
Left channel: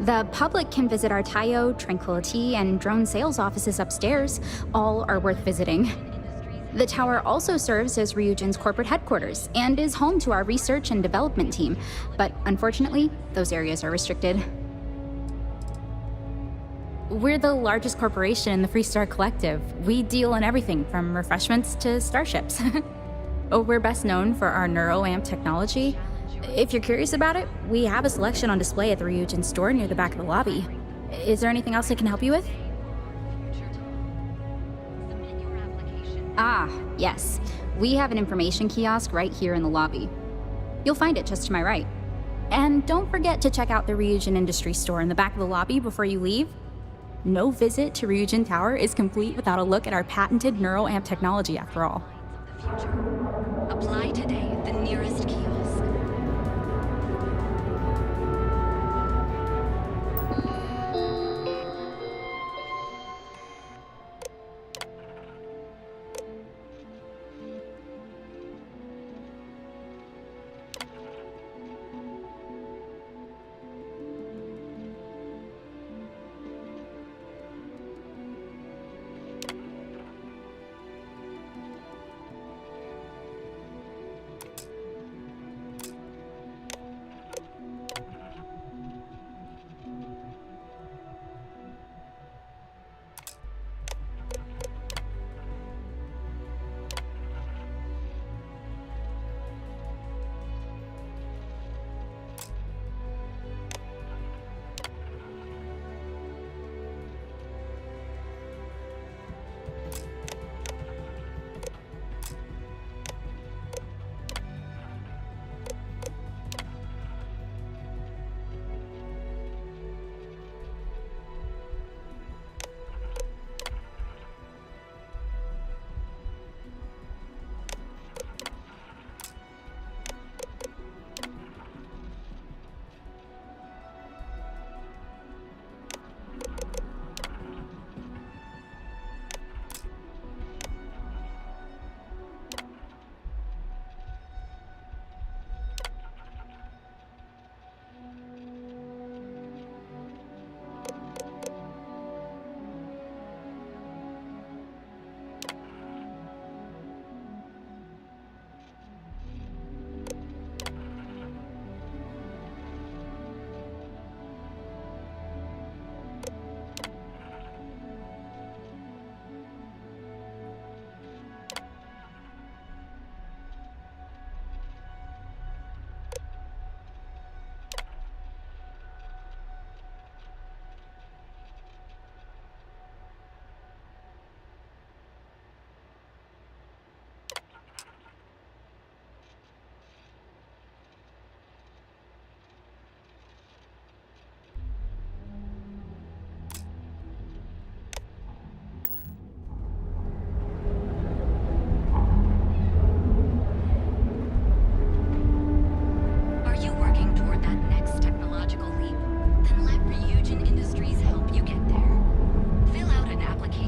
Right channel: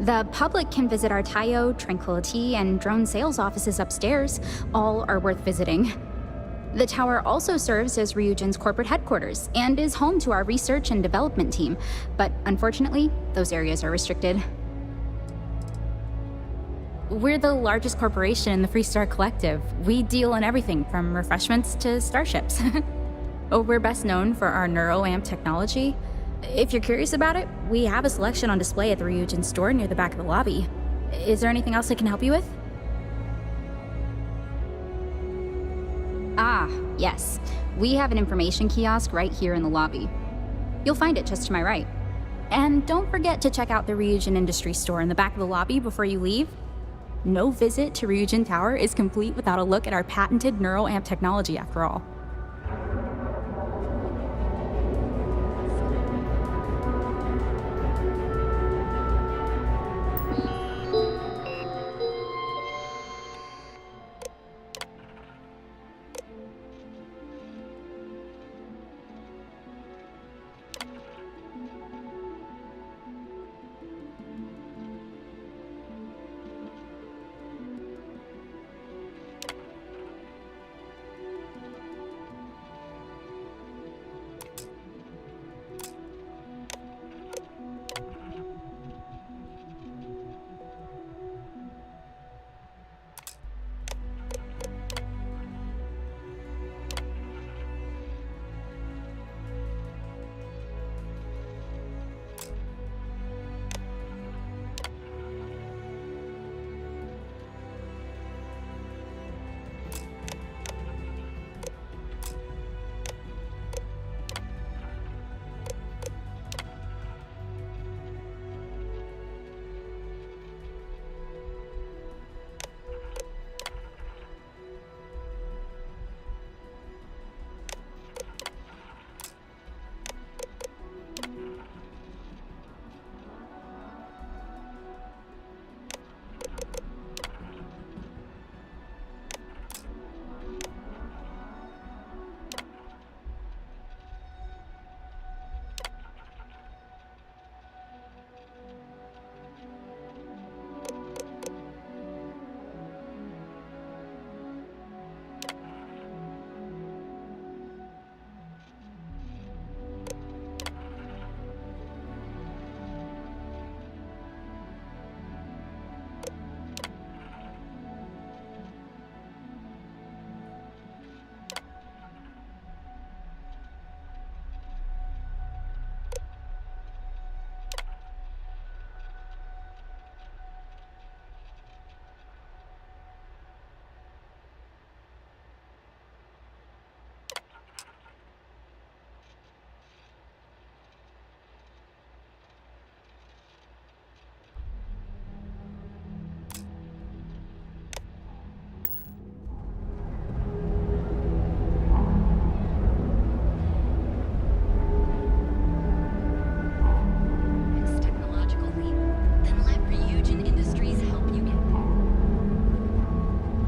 The public can visit our Tayo, Tranquility, and drone sales offices upstairs. All are worth visiting. The tower also serves as Ryujin's corporate headquarters and is home to our research and development team. But unfortunately, those areas are restricted. We're the largest corporation in the Freestar Collective. We deal in everything from refreshments to starships. We're best known for our NeuroAmp technology. If you're curious about it, we have a selection on display at the Ryujin store near the back of the lobby. Is there anything else I can help you with? Ah, yes. We have an information kiosk right here in the lobby. You'll find it just to my right. And don't forget to check out the Ryujin Industries store in the back of the lobby before you leave. No visit to Ryujin Tower is complete without a look at our patented neuroamp technology, after all. Apply today at the nearest kiosk.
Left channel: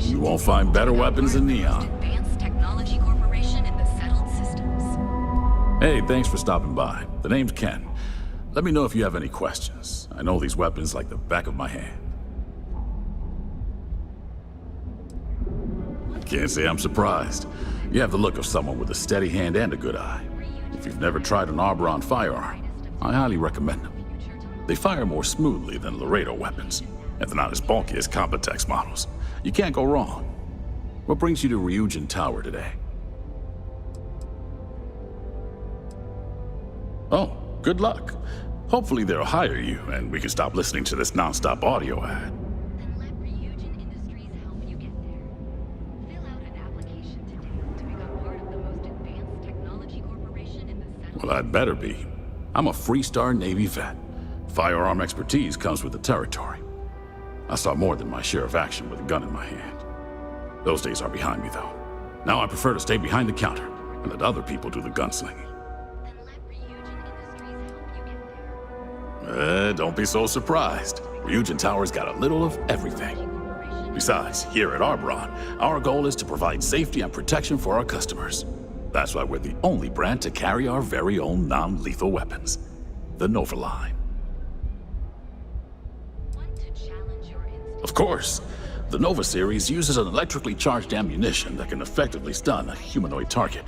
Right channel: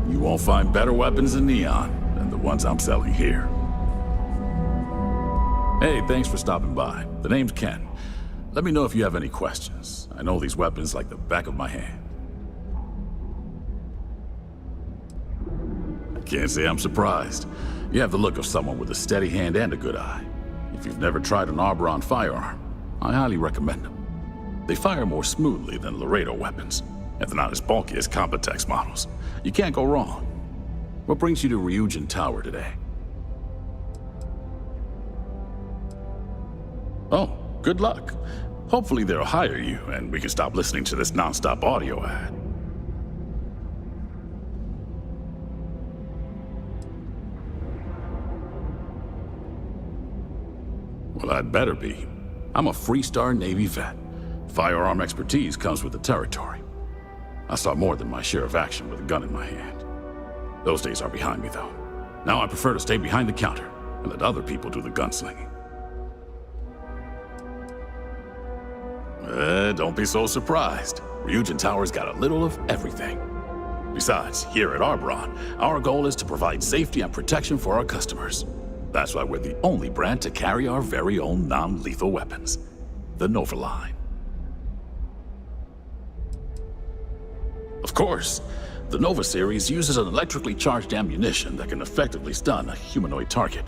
You won't find better weapons than Neon, the ones I'm selling here. Hey, thanks for stopping by. The name's Ken. Let me know if you have any questions. I know these weapons like the back of my hand. I can't say I'm surprised. You have the look of someone with a steady hand and a good eye. If you've never tried an Arboron firearm, I highly recommend them. They fire more smoothly than Laredo weapons, and they're not as bulky as Combatex models. You can't go wrong. What brings you to Ryujin Tower today? Oh, good luck. Hopefully they'll hire you, and we can stop listening to this non-stop audio ad. Well, I'd better be. I'm a Freestar Navy vet. Firearm expertise comes with the territory. I saw more than my share of action with a gun in my hand. Those days are behind me, though. Now I prefer to stay behind the counter and let other people do the gunslinging. Don't be so surprised. Ryujin Tower's got a little of everything. Besides, here at Arboron, our goal is to provide safety and protection for our customers. That's why we're the only brand to carry our very own non-lethal weapons, the Nova line. Of course, the Nova series uses an electrically charged ammunition that can effectively stun a humanoid target.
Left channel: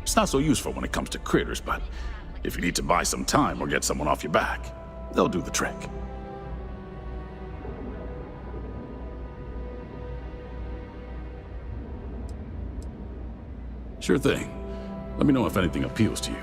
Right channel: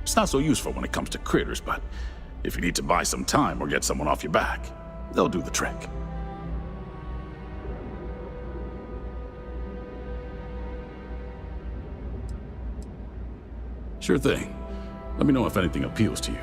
It's not so useful when it comes to critters, but if you need to buy some time or get someone off your back, they'll do the trick. Sure thing. Let me know if anything appeals to you.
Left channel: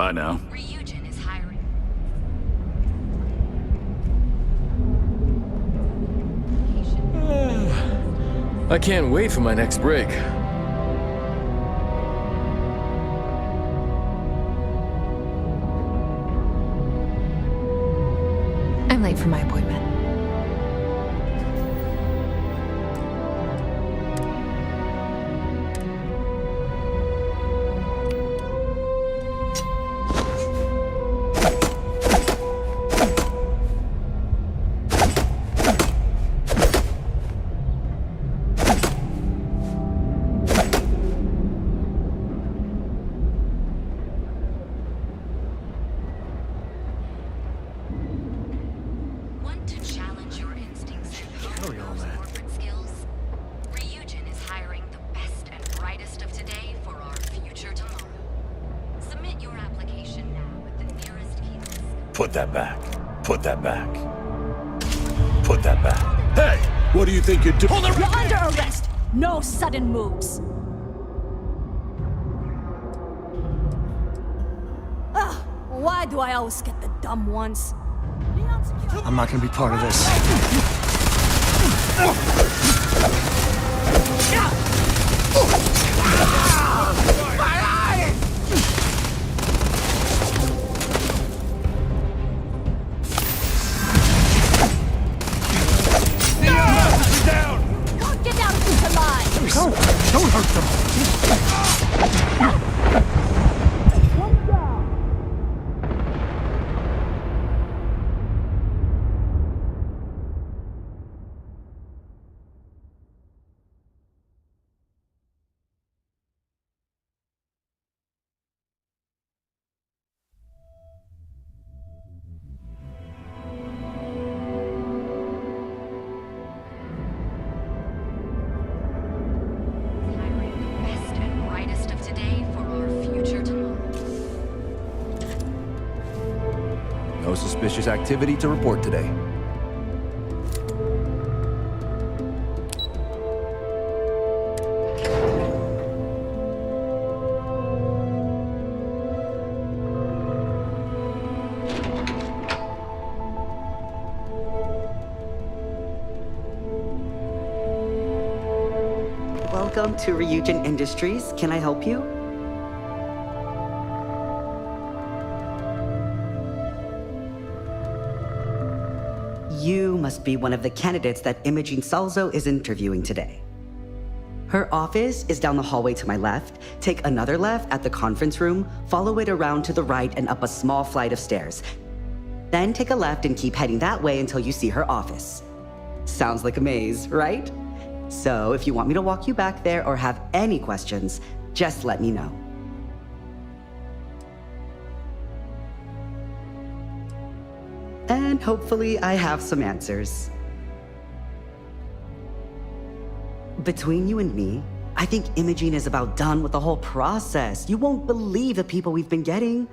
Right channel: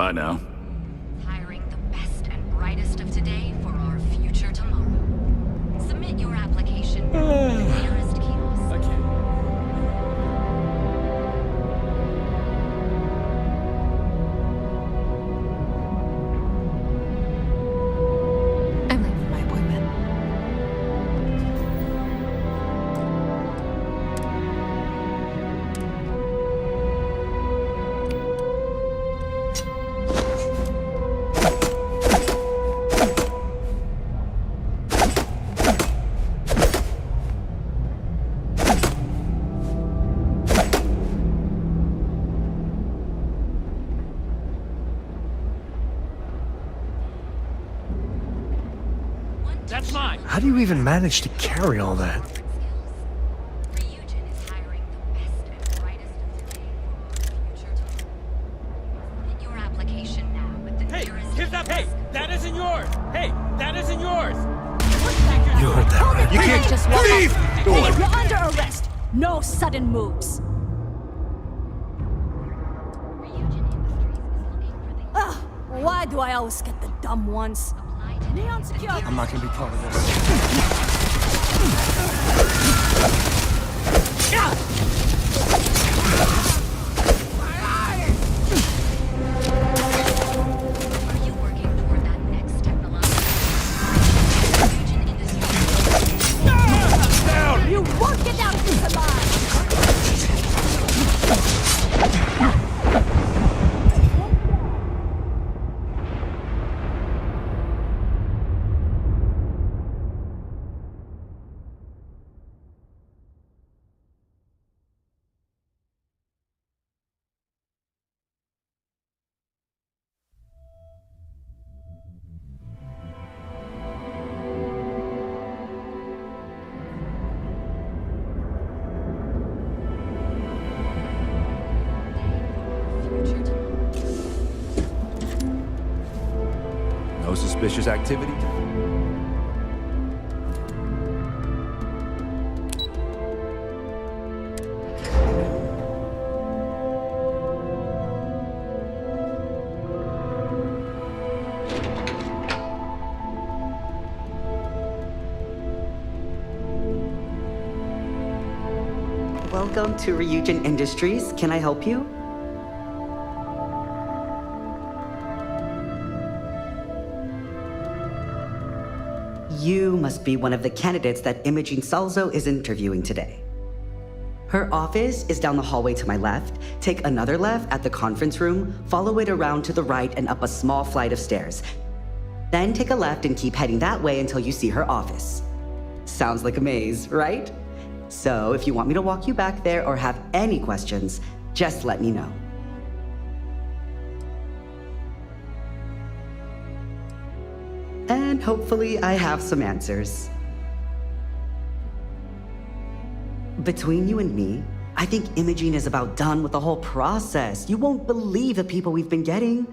Bye now. Ryujin is hiring the best and brightest of today for our future tomorrow. Submit your application. I can't wait for my next break. I'm late for my appointment. How do you even manage to carry all that? Ryujin is hiring the best and brightest of today for our future tomorrow. Submit your application now with the nearest kiosk. Put that back. Put that back. isn't yours. Put that back. You can't just what do you think you're doing? You're under arrest. No sudden moves. Ugh, why do I always get the dumb ones? I'm not gonna be part of this. You won't get out of this alive! Don't hurt them. No suspicious activity to report today. Welcome to Ryujin Industries. Can I help you? You must be one of the candidates that Imogene Salzo is interviewing today. Her office is down the hallway to my left. Take another left at the conference room, follow it around to the right and up a small flight of stairs. Then take a left and keep heading that way until you see her office. Sounds like a maze, right? So if you want me to walk you back there or have any questions, just let me know. And hopefully I have some answers. Between you and me, I think Imogene is about done with the whole process. You won't believe the people we've been getting.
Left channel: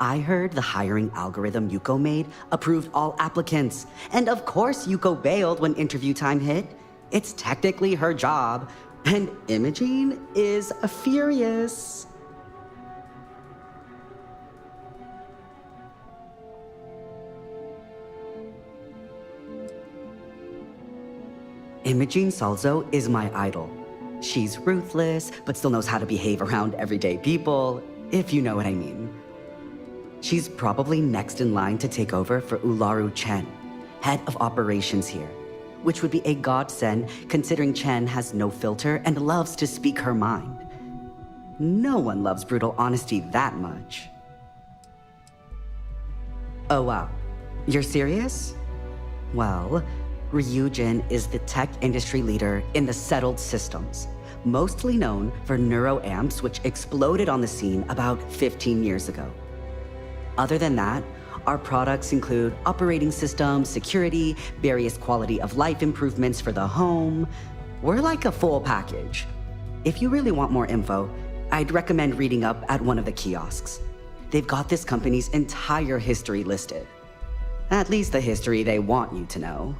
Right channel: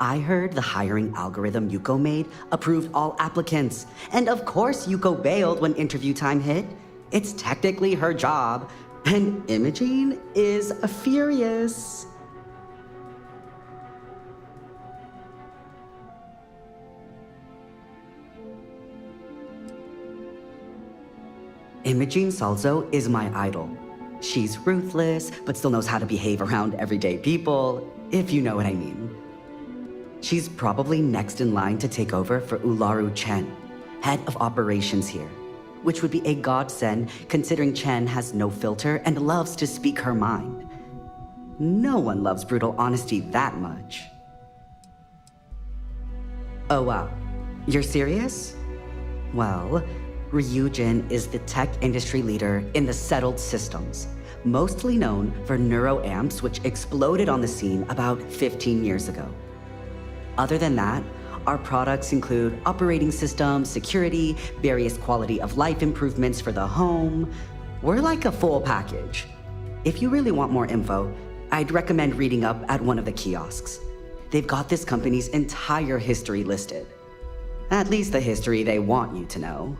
I heard the hiring algorithm Yuko made approved all applicants. And of course Yuko bailed when interview time hit. It's technically her job. And Imogene is furious. Imogene Salzo is my idol. She's ruthless, but still knows how to behave around everyday people, if you know what I mean. She's probably next in line to take over for Ularu Chen, head of operations here, which would be a godsend considering Chen has no filter and loves to speak her mind. No one loves brutal honesty that much. Oh wow, you're serious? Well, Ryujin is the tech industry leader in the settled systems, mostly known for neuroamps, which exploded on the scene about 15 years ago. Other than that, our products include operating systems, security, various quality of life improvements for the home. We're like a full package. If you really want more info, I'd recommend reading up at one of the kiosks. They've got this company's entire history listed. At least the history they want you to know.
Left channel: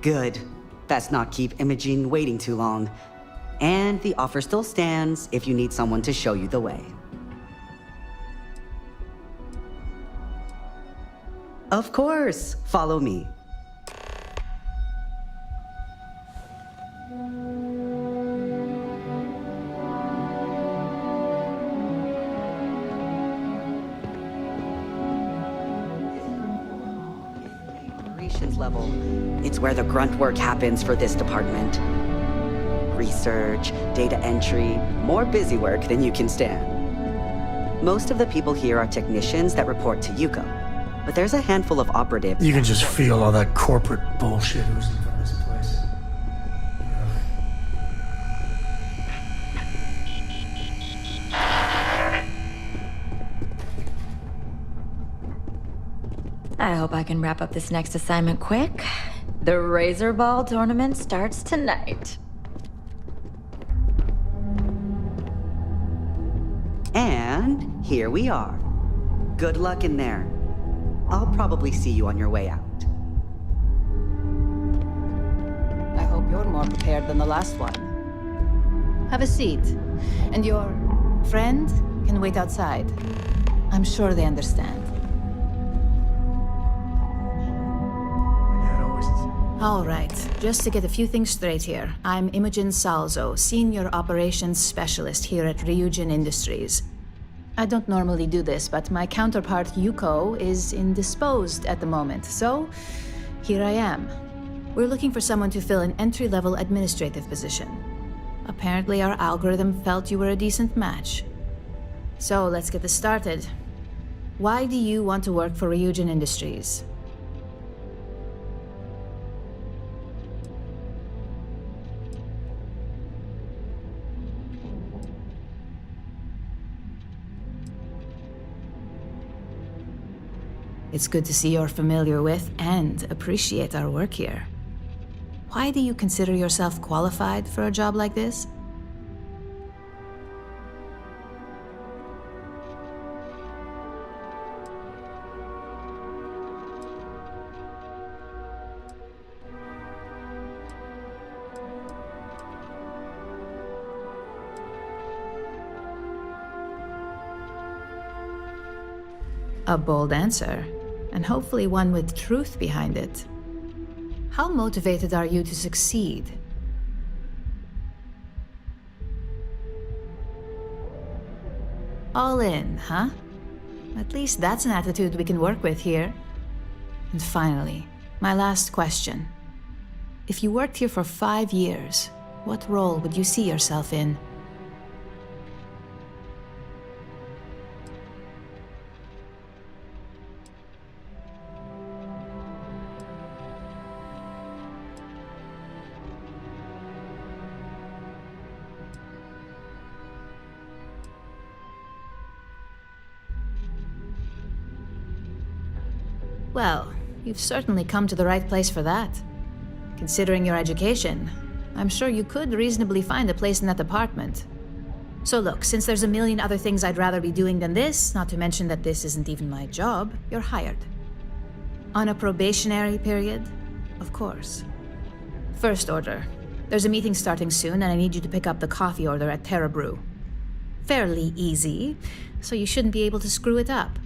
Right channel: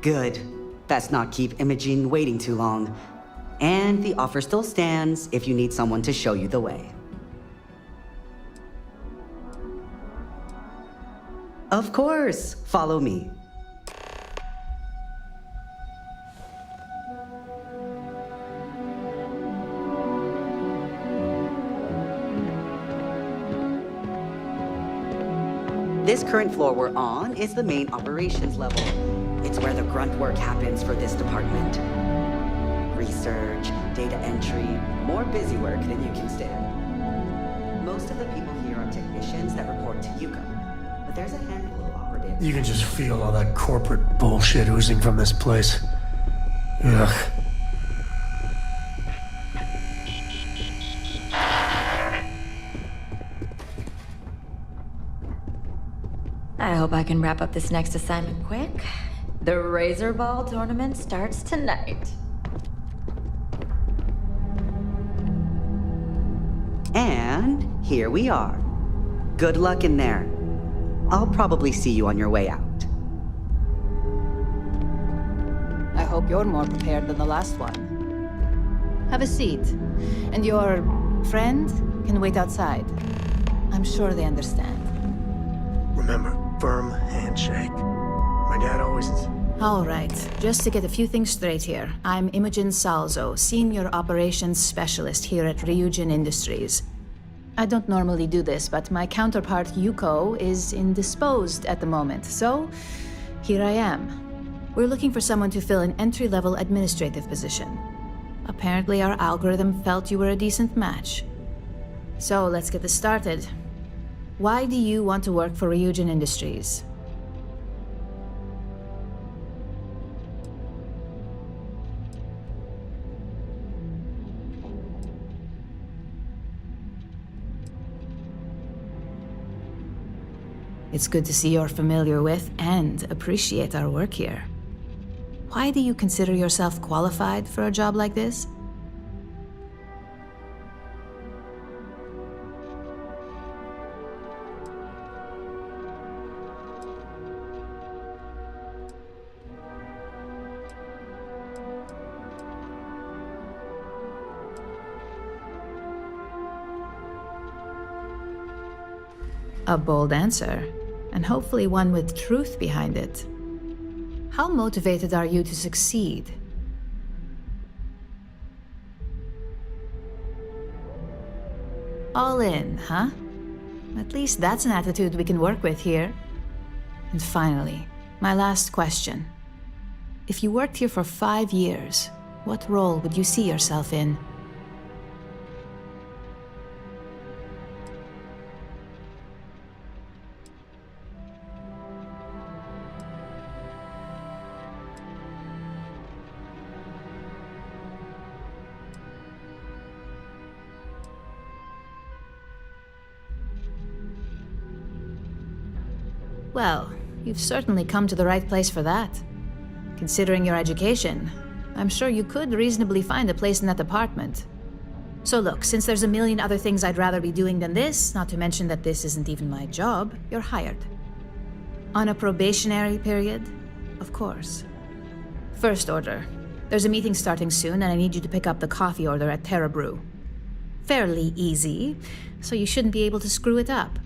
Good. Let's not keep Imogene waiting too long. And the offer still stands if you need someone to show you the way. Of course, follow me. This current floor we're on is the main operations level. It's where the grunt work happens for this department. Research, data entry, more busy work than you can stand. Most of the people here are technicians that report to Yuko, but there's a handful of operatives. You can just feel all that corporate bullshit oozing from this place. Ugh. I hope I can wrap up this next assignment quick. The Razor Ball tournament starts tonight. And here we are. Good luck in there. I'll probably see you on your way out. I hope you're more prepared than the last one. Have a seat. And your friend can wait outside. I'm sure they understand. Remember, firm handshake. My dad always... All right, just to get a few things straight here. I'm Imogen Salzo, Senior Operations Specialist here at Ryujin Industries. I don't normally do this, but my counterpart Yuko is indisposed at the moment, so here I am. We're looking for someone to fill an entry-level administrative position. Apparently our algorithm felt you were a decent match. So let's get this started. Why do you want to work for Ryujin Industries? It's good to see you're familiar with and appreciate our work here. Why do you consider yourself qualified for a job like this? A bold answer, and hopefully one with truth behind it. How motivated are you to succeed? All in, huh? At least that's an attitude we can work with here. And finally, my last question. If you worked here for 5 years, what role would you see yourself in? Well, you've certainly come to the right place for that. Considering your education, I'm sure you could reasonably find a place in that department. So look, since there's a million other things I'd rather be doing than this, not to mention that this isn't even my job, you're hired. On a probationary period, of course. First order. There's a meeting starting soon, and I need you to pick up the coffee order at Terra Brew. Fairly easy, so you shouldn't be able to screw it up.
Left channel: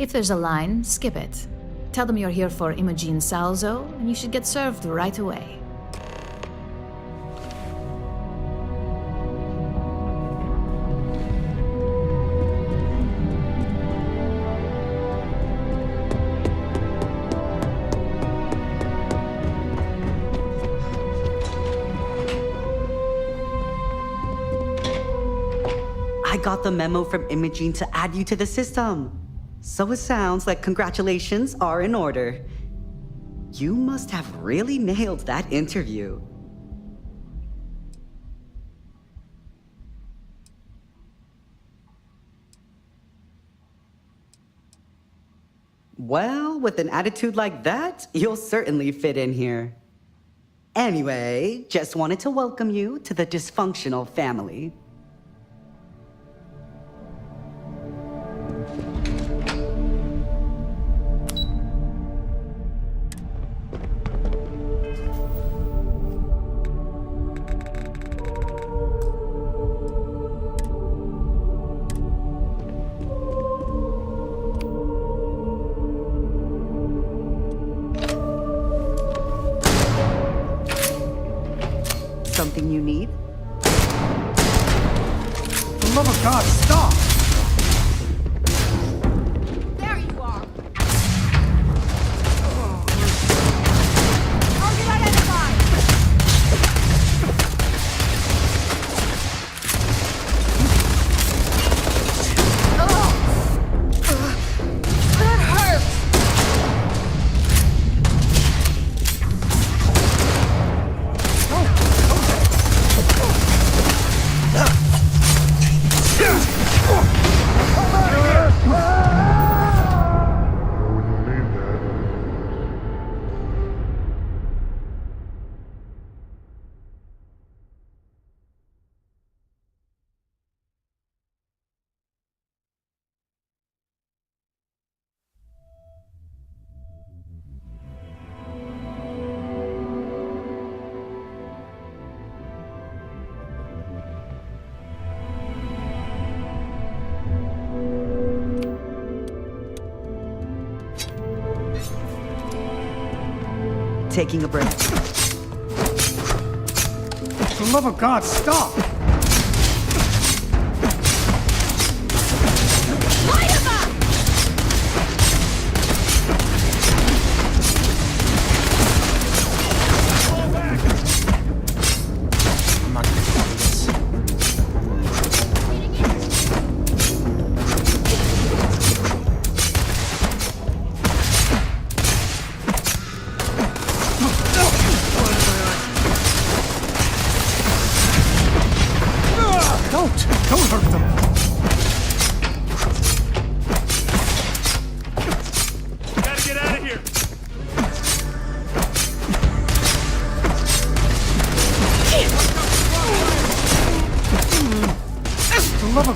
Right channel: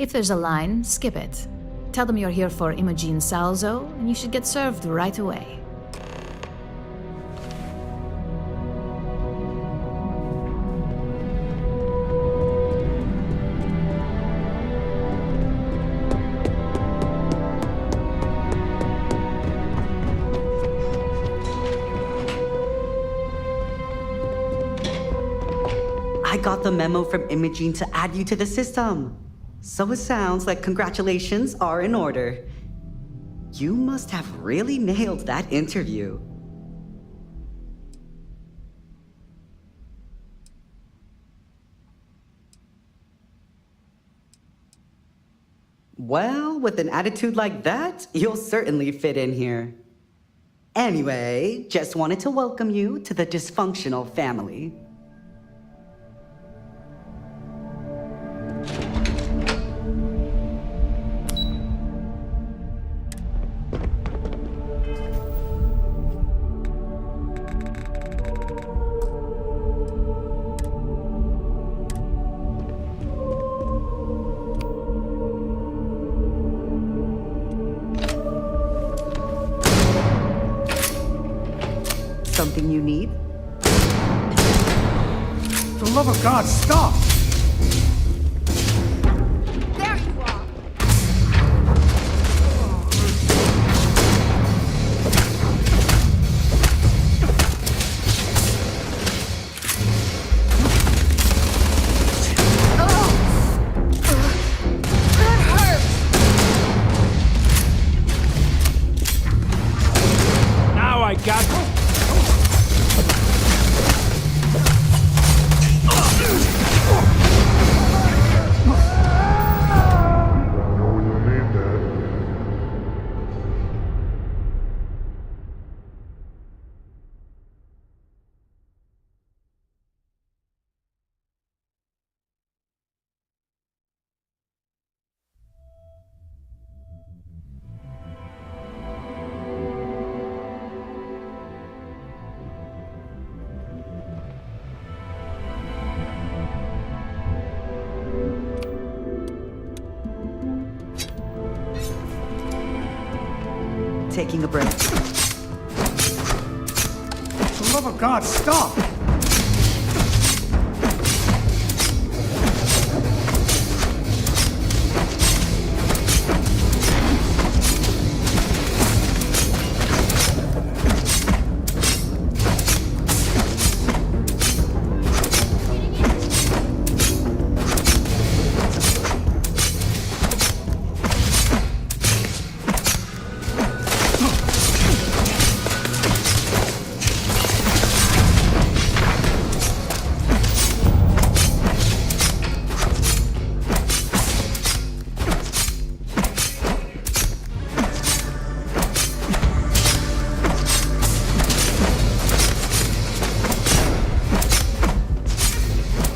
If there's a line, skip it. Tell them you're here for Imogen Salzo, and you should get served right away. I got the memo from Imogen to add you to the system. So it sounds like congratulations are in order. You must have really nailed that interview. Well, with an attitude like that, you'll certainly fit in here. Anyway, just wanted to welcome you to the dysfunctional family. something you need? For the love of God, stop! There you are! Taking a break. For the love of God, stop!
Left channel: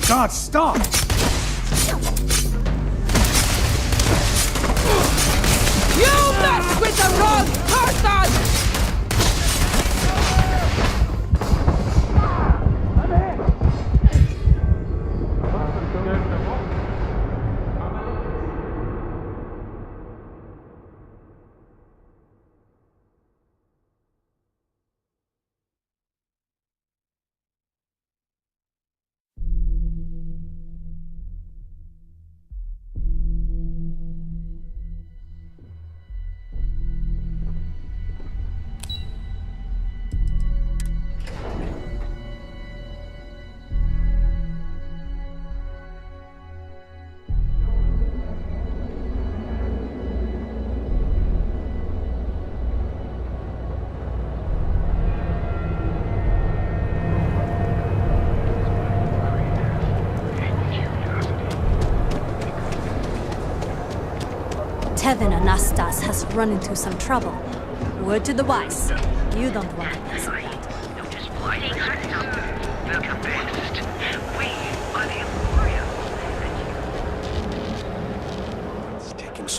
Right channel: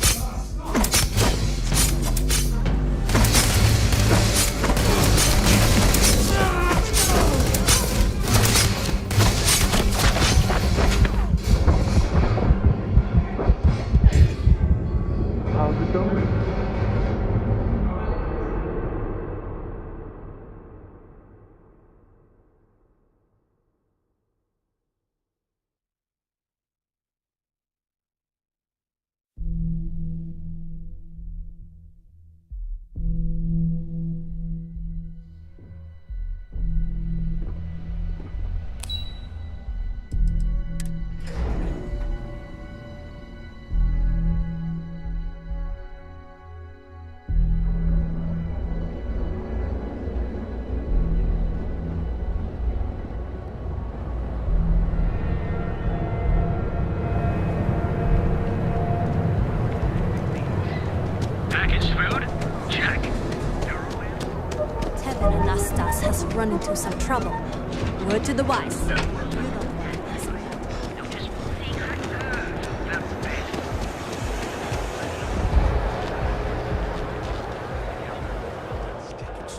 God, stop! You mess with the wrong person! How's it going? Tevin Anastas has run into some trouble. Word to the wise. You don't want to mess with that.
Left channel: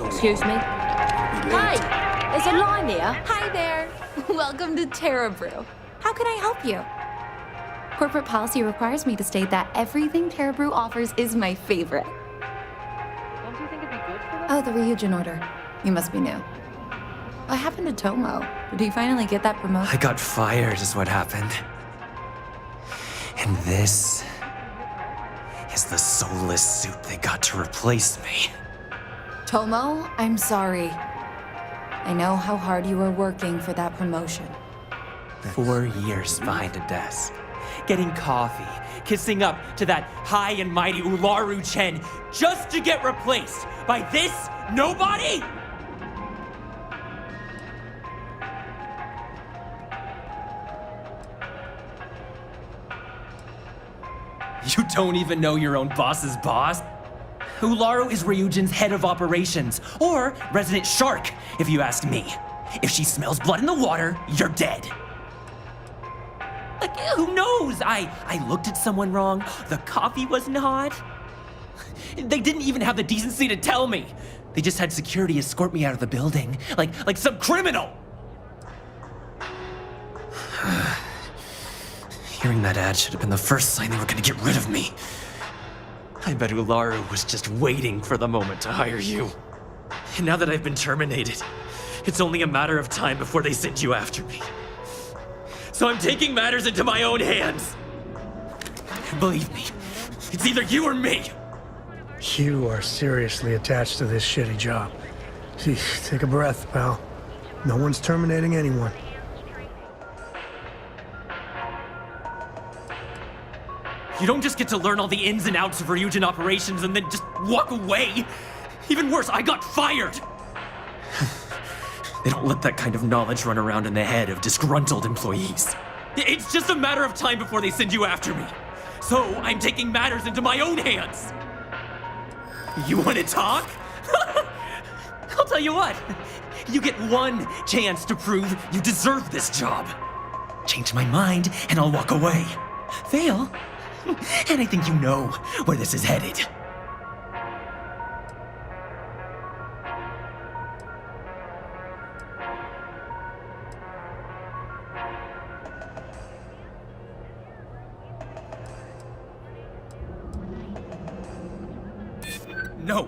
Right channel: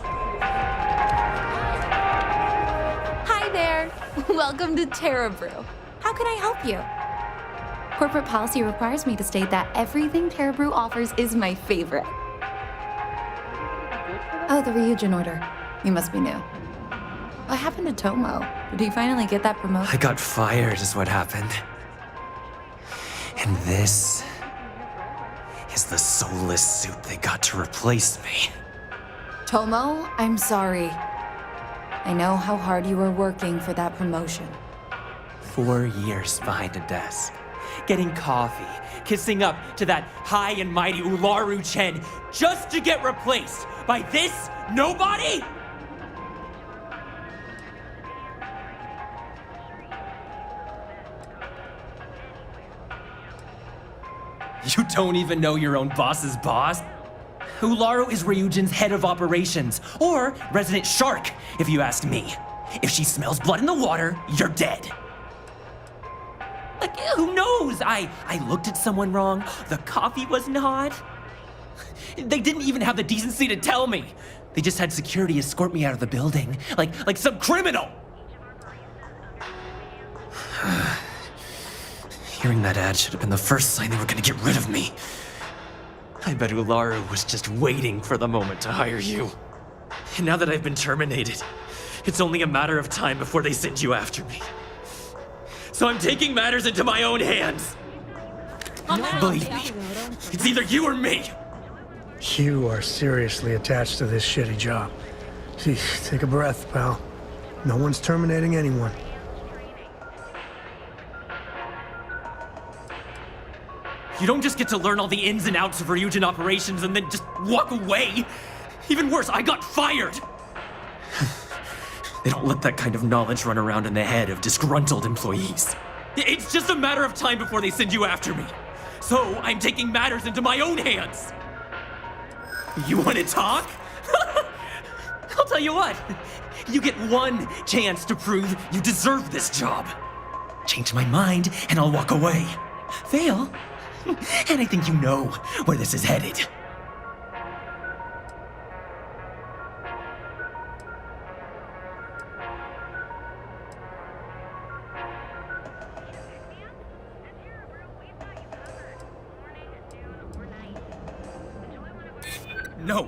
Excuse me? Hi! Is it Lamia? Hi there. Welcome to Terra Brew. How can I help you? Corporate policy requires me to state that everything Terra Brew offers is my favorite. Oh, the Ryujin order. You must be new. What happened to Tomo? Did he finally get that promotion? I got fired is what happened. And this is the soulless suit they got to replace me. Tomo, I'm sorry. I know how hard you were working for that promotion. 4 years behind a desk, getting coffee, kissing up to that high and mighty Ularu Chen just to get replaced by this nobody? You don't even know your own boss's boss? Ularu is Ryujin's head of operations, or resident shark, if you ask me. If she smells blood in the water, you're dead. Like, who knows? I looked at someone wrong. The coffee wasn't hot. They didn't even have the decency to tell me. They just had security escort me out of the building, like some criminal. Hearing that ad should have been the first sign they were gonna get rid of me. I bet Ularu was just waiting for the moment to hire you. And now that I've been terminated, it's only a matter of time before they send you after me. So I'm taking matters into my own hands. Believe me, it's either you or me. You are seriously attached to this shitty job. Gee, take a breath, pal. No one's terminating anyone. You don't just get to learn all the ins and outs of Ryujin operations and then just walk away. Even worse, I got fired. They don't let that kind of knowledge run around in the head of disgruntled employees. It's just a matter of time before they send you after me. So I'm taking matters into my own hands. You want to talk? I'll tell you what. You get one chance to prove you deserve this job. Change my mind and I'll walk away. Fail? And I think you know where this is headed.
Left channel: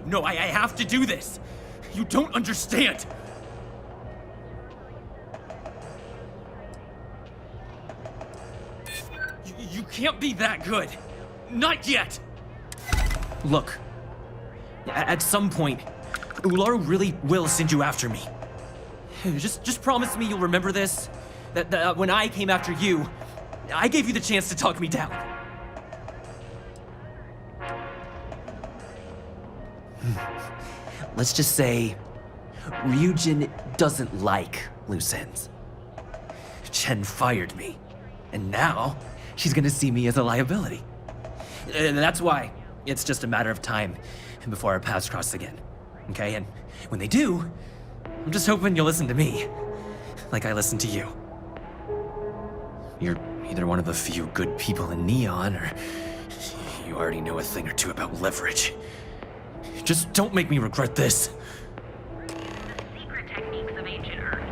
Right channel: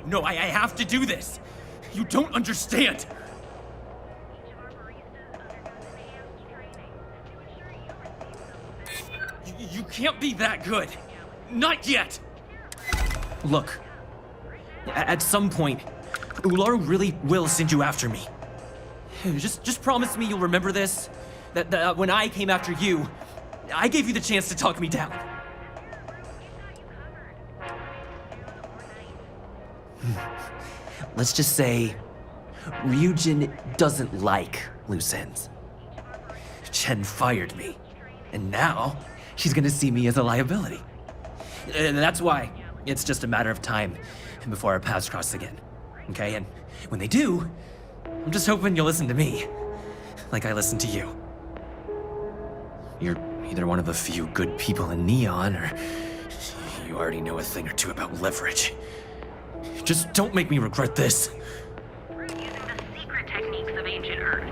No, I have to do this. You don't understand. You can't be that good. Not yet. Look, at some point, Ularu really will send you after me. Just promise me you'll remember this. That when I came after you, I gave you the chance to talk me down. Let's just say Ryujin doesn't like loose ends. Chen fired me, and now she's gonna see me as a liability. And that's why it's just a matter of time before our paths cross again. Okay? And when they do, I'm just hoping you'll listen to me, like I listened to you. You're either one of the few good people in Neon, or you already know a thing or two about leverage. Just don't make me regret this. We're using the secret techniques of ancient Earth.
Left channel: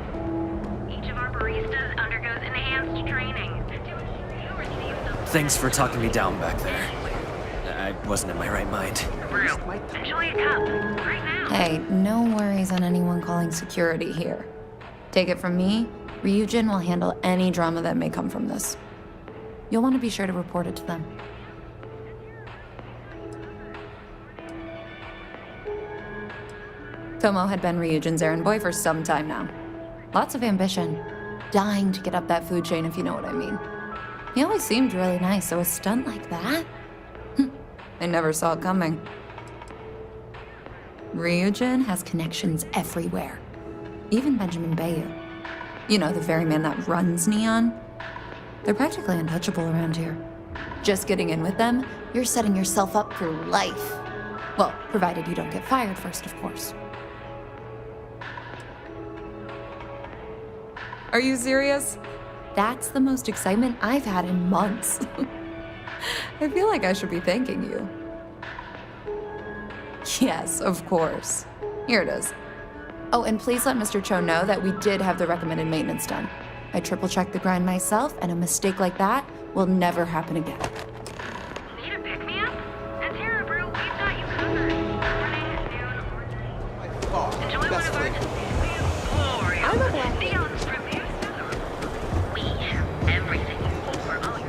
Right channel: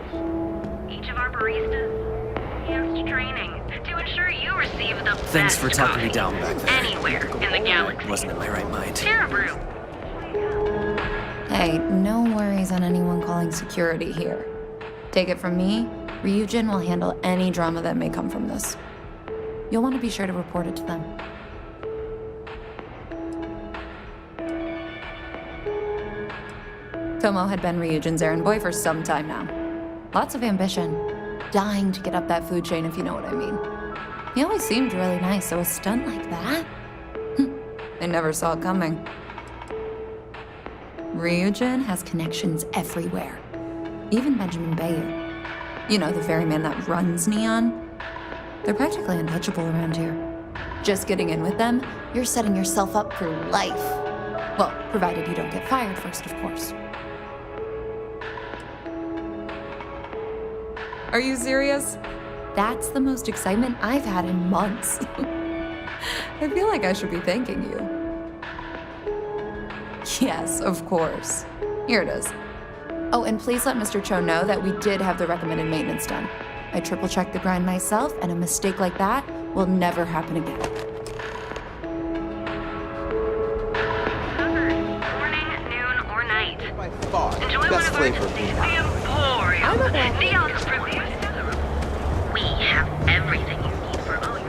Each of our baristas undergoes enhanced training to ensure you receive the Thanks best for talking me coffee down back there. anywhere in the galaxy. I wasn't in my right mind. Terra Brew. Enjoy a cup. Hey, no worries on anyone calling security here. Take it from me, Ryujin will handle any drama that may come from this. You'll want to be sure to report it to them. Tomo had been Ryujin's errand boy for some time now. Lots of ambition. Dying to get up that food chain, if you know what I mean. He always seemed really nice, so a stunt like that? I never saw it coming. Ryujin has connections everywhere. Even Benjamin Bayu. You know, the very man that runs Neon. They're practically untouchable around here. Just getting in with them, you're setting yourself up for life. Well, provided you don't get fired first, of course. Are you serious? That's the most excitement I've had in months. I feel like I should be thanking you. Yes, of course. Here it is. Oh, and please let Mr. Cho know that we did have the recommended maintenance done. I triple-checked the grind myself, and a mistake like that will never happen again. Need a pick-me-up? At Terra Brew, we've got you covered. Morning, noon, or night. By far, Enjoy best one of flavor. our Emporium. Neon's reviews. We have everything you need for all your...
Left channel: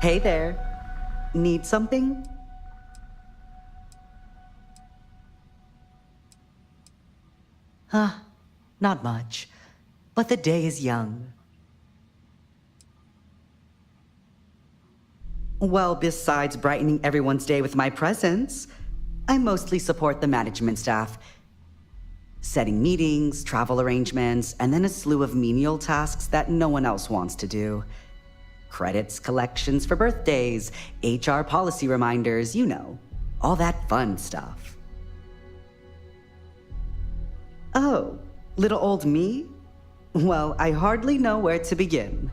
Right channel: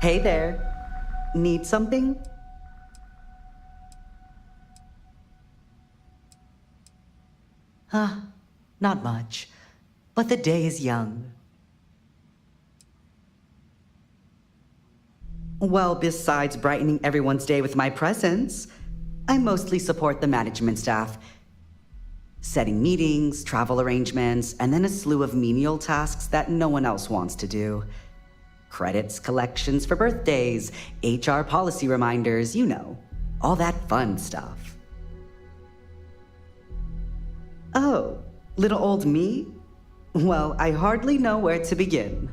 Hey there. Need something? Not much. But the day is young. Well, besides brightening everyone's day with my presence, I mostly support the management staff. Setting meetings, travel arrangements, and then a slew of menial tasks that no one else wants to do. Credits collections for birthdays, HR policy reminders, you know, all that fun stuff. Oh, little old me? Well, I hardly know where to begin.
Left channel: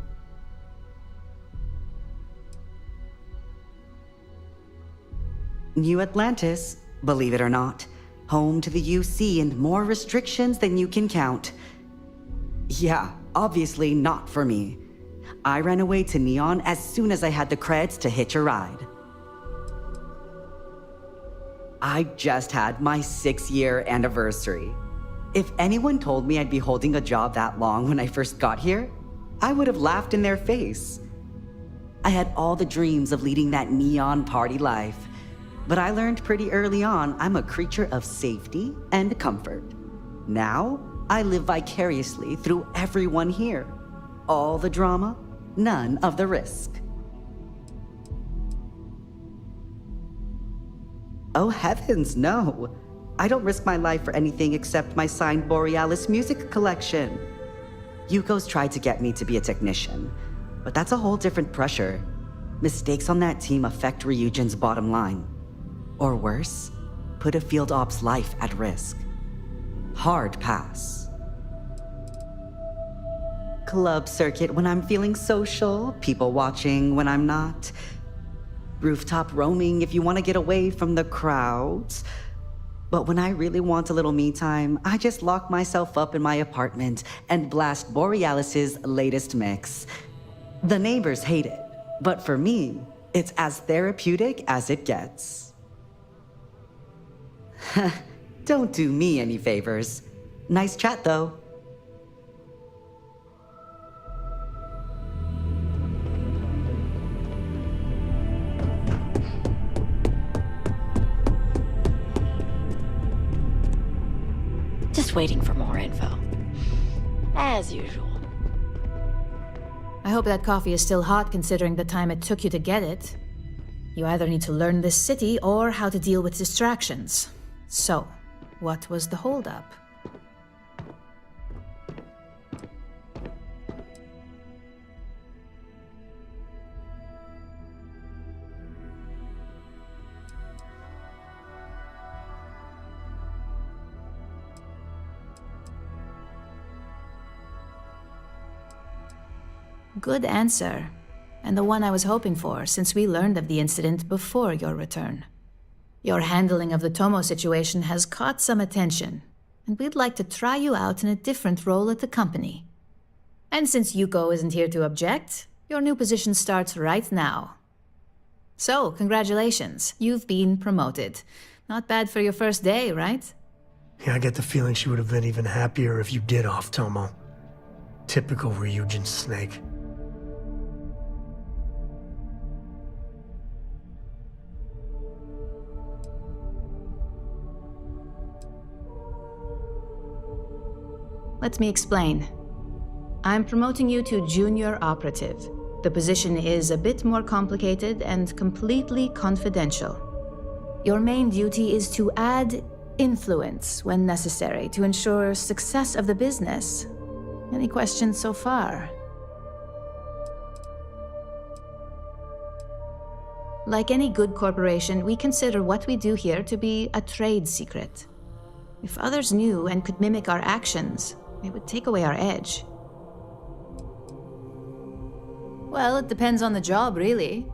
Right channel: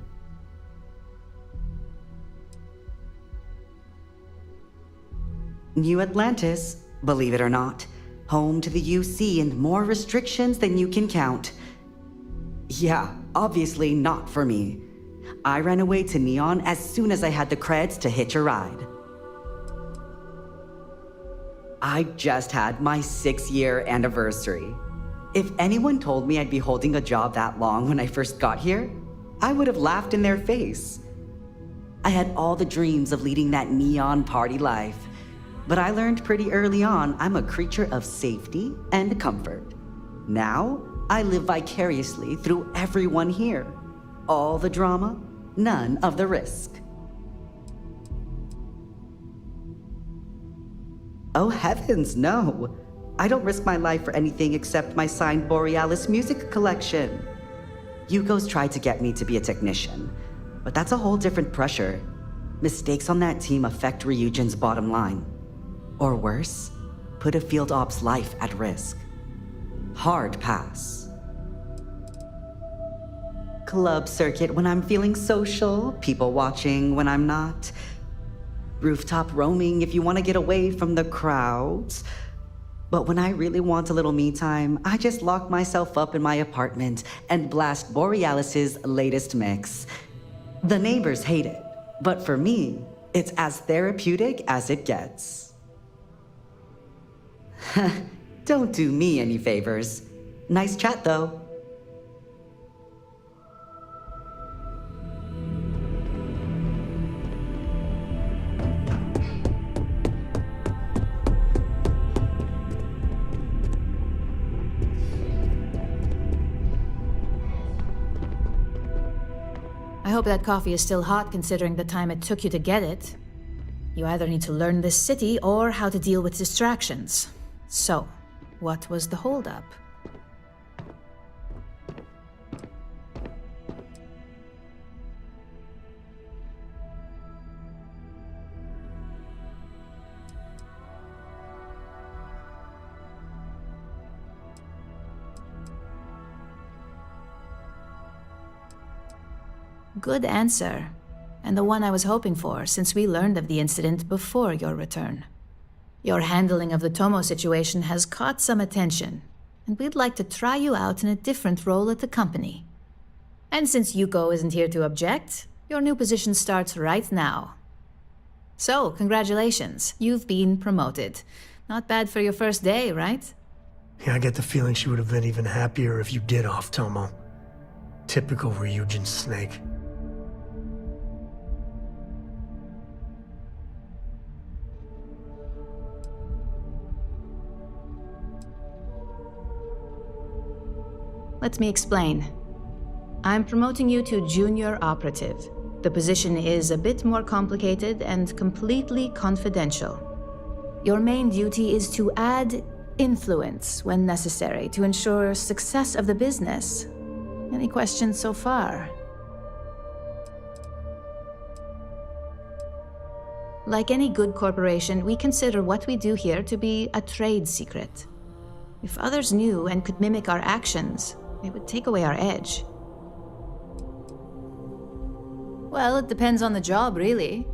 New Atlantis, believe it or not, home to the UC and more restrictions than you can count. Yeah, obviously not for me. I ran away to Neon as soon as I had the creds to hitch a ride. I just had my 6-year anniversary. If anyone told me I'd be holding a job that long when I first got here, I would have laughed in their face. I had all the dreams of leading that Neon party life, but I learned pretty early on I'm a creature of safety and comfort. Now, I live vicariously through everyone here. All the drama, none of the risk. Oh heavens, no. I don't risk my life for anything except my signed Borealis music collection. Yuko's tried to get me to be a technician, but that's a whole different pressure. Mistakes on that team affect Ryujin's bottom line. Or worse, put a field op's life at risk. Hard pass. Club circuit when I'm feeling social, people watching when I'm not. Rooftop roaming if you want to get away from the crowds. But when I really want a little me time, I just lock myself up in my apartment and blast Borealis's latest mix. The neighbors hate it, but for me, it's as therapeutic as it gets. Don't do me any favors. Nice chat, though. Just waiting for more info. As usual. I hope that coffee is still hot considering the time it took you to get it. You either need to learn this city or how to deal with distractions. So, what was the holdup? Good answer, and the one I was hoping for since we learned of the incident before your return. Your handling of the Tomo situation has caught some attention, and we'd like to try you out in a different role at the company. And since Yuko isn't here to object, your new position starts right now. So, congratulations, you've been promoted. Not bad for your first day, right? Yeah, I get the feeling she would have been even happier if you did off Tomo. Typical Ryujin snake. Let me explain. I'm promoting you to junior operative. The position is a bit more complicated and completely confidential. Your main duty is to add influence when necessary to ensure success of the business. Any questions so far? Like any good corporation, we consider what we do here to be a trade secret. If others knew and could mimic our actions, it would take away our edge. Well, it depends on the job, really.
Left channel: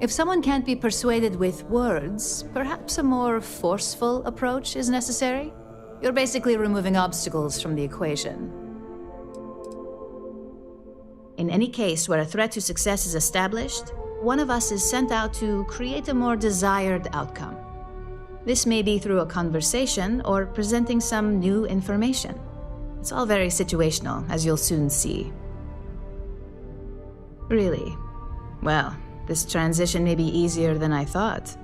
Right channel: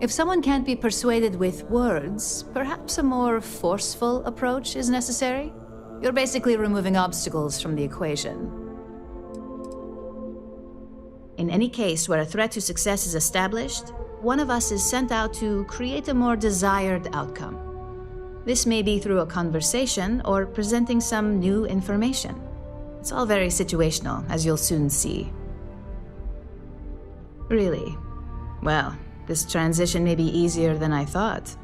If someone can't be persuaded with words, perhaps a more forceful approach is necessary. You're basically removing obstacles from the equation. In any case where a threat to success is established, one of us is sent out to create a more desired outcome. This may be through a conversation or presenting some new information. It's all very situational, as you'll soon see. Really? Well, this transition may be easier than I thought.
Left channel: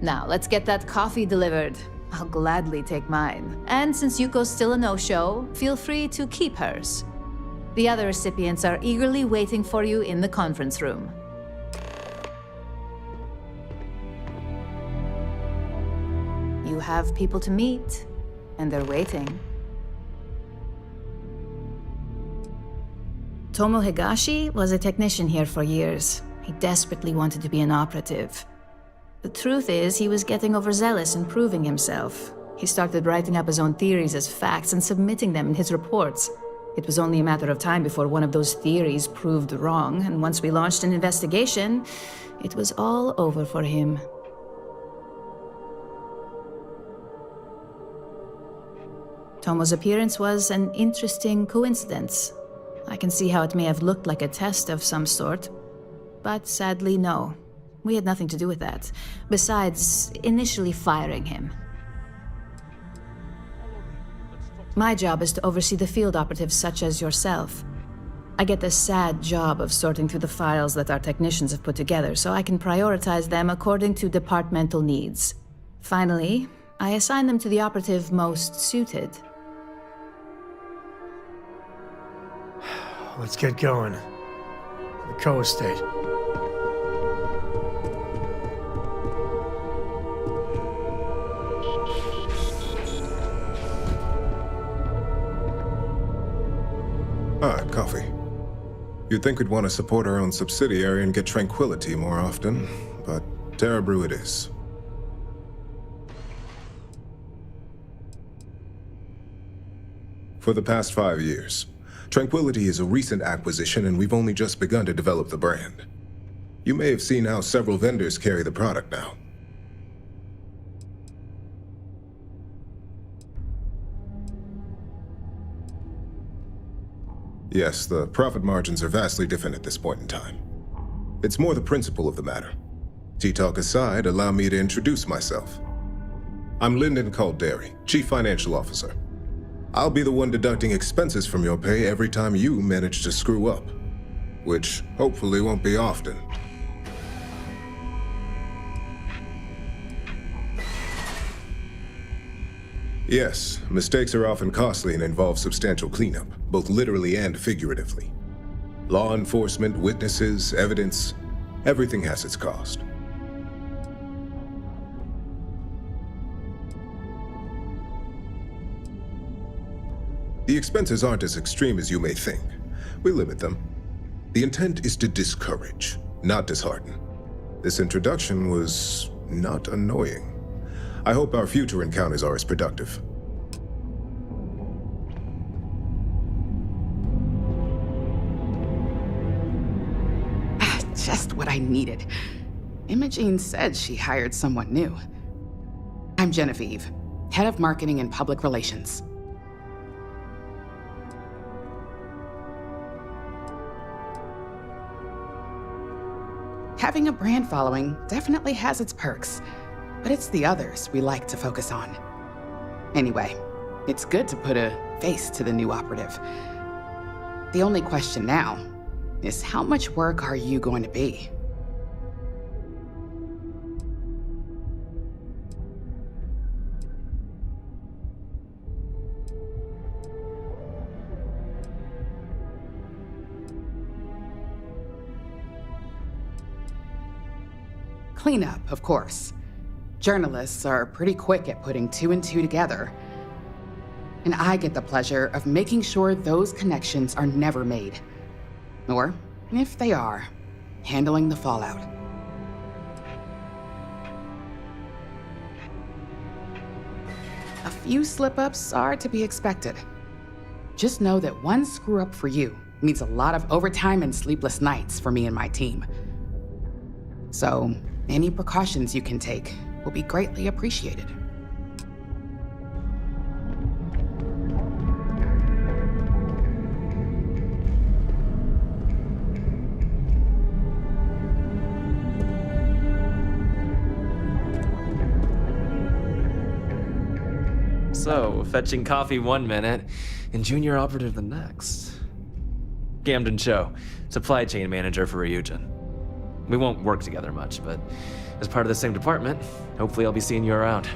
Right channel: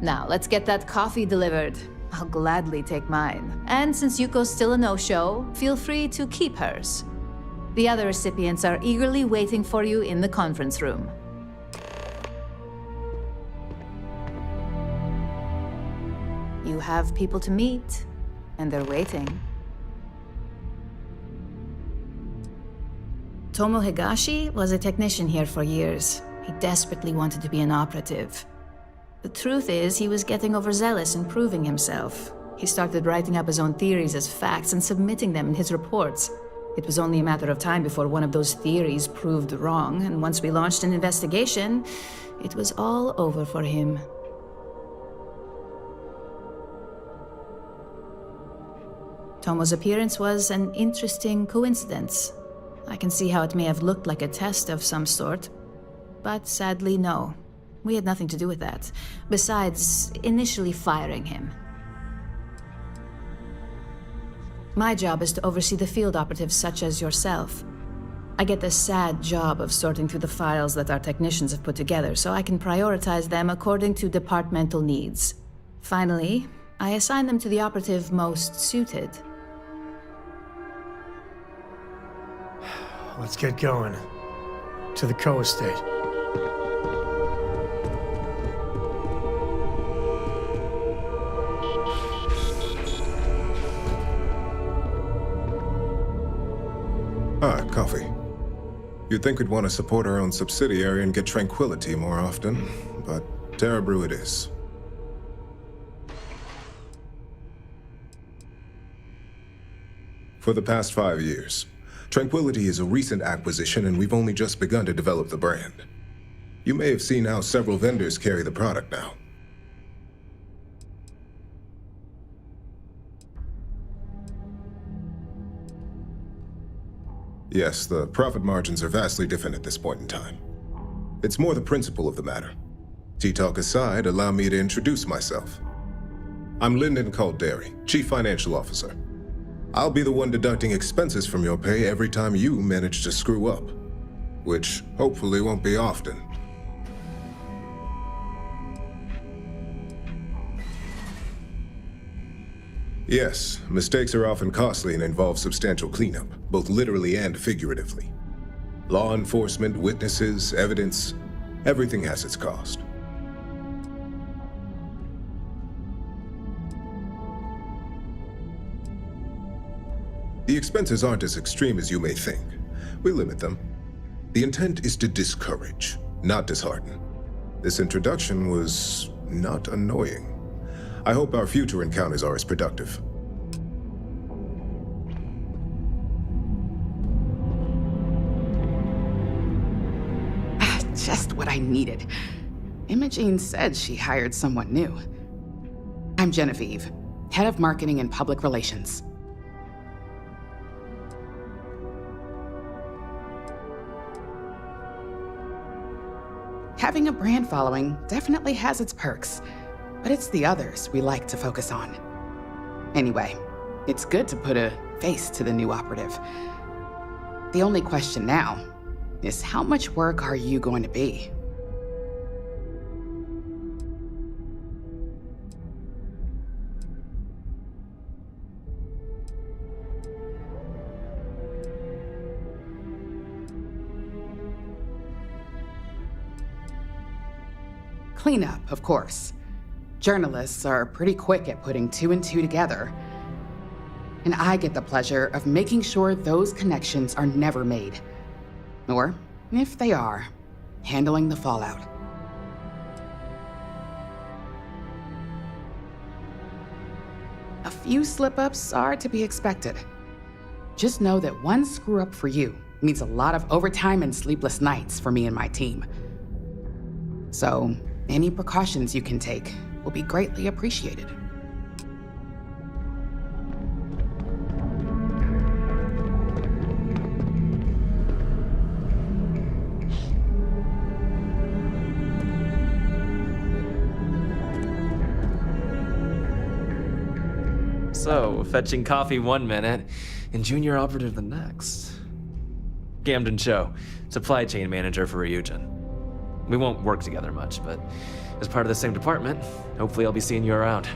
Now, let's get that coffee delivered. I'll gladly take mine. And since Yuko's still a no-show, feel free to keep hers. The other recipients are eagerly waiting for you in the conference room. You have people to meet, And they're waiting. Tomo Higashi was a technician here for years. He desperately wanted to be an operative. The truth is, he was getting overzealous in proving himself. He started writing up his own theories as facts and submitting them in his reports. It was only a matter of time before one of those theories proved wrong, and once we launched an investigation, it was all over for him. Tomo's appearance was an interesting coincidence. I can see how it may have looked like a test of some sort, but sadly, no. We had nothing to do with that, besides initially firing him. My job is to oversee the field operatives such as yourself. I get the sad job of sorting through the files that our technicians have put together, so I can prioritize them according to departmental needs. Finally, I assign them to the operative most suited. Let's get going. To the co-estate. Ah, coffee. You'd think we'd want to support our own subsidiary and get tranquility more often, but Terra Brew it is. For the past 5 years, Tranquility is a recent acquisition and we've only just begun to develop the brand. You may have seen how several vendors carry the product now. Yes, the profit margins are vastly different at this point in time. It's more the principle of the matter. Tea-talk aside, allow me to introduce myself. I'm Lyndon Calderi, Chief Financial Officer. I'll be the one deducting expenses from your pay every time you manage to screw up. Which hopefully won't be often. Yes, mistakes are often costly and involve substantial cleanup, both literally and figuratively. Law enforcement, witnesses, evidence, everything has its cost. The expenses aren't as extreme as you may think. We limit them. The intent is to discourage, not dishearten. This introduction was not annoying. I hope our future encounters are as productive. Just what I needed. Imogene said she hired someone new. I'm Genevieve, Head of Marketing and Public Relations. Having a brand following definitely has its perks, but it's the others we like to focus on. Anyway, it's good to put a face to the new operative. The only question now is how much work are you going to be? Cleanup, of course. Journalists are pretty quick at putting 2 and 2 together. And I get the pleasure of making sure those connections are never made. Or, if they are, handling the fallout. A few slip-ups are to be expected. Just know that one screw-up for you means a lot of overtime and sleepless nights for me and my team. So, any precautions you can take will be greatly appreciated. So, fetching coffee 1 minute and junior operative the next. Gamden Cho, supply chain manager for Ryujin. We won't work together much, but as part of the same department, hopefully I'll be seeing you around.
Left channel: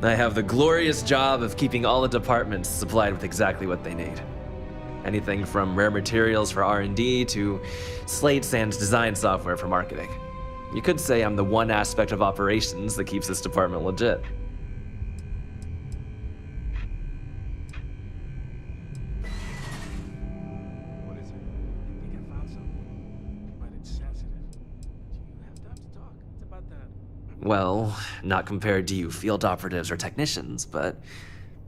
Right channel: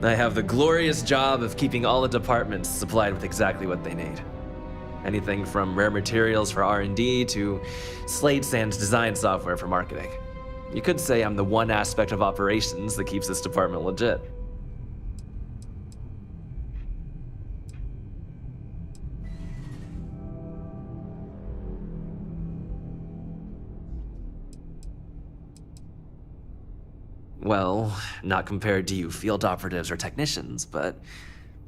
I have the glorious job of keeping all the departments supplied with exactly what they need. Anything from rare materials for R&D to slate and design software for marketing. You could say I'm the one aspect of operations that keeps this department legit. Well, not compared to you field operatives or technicians, but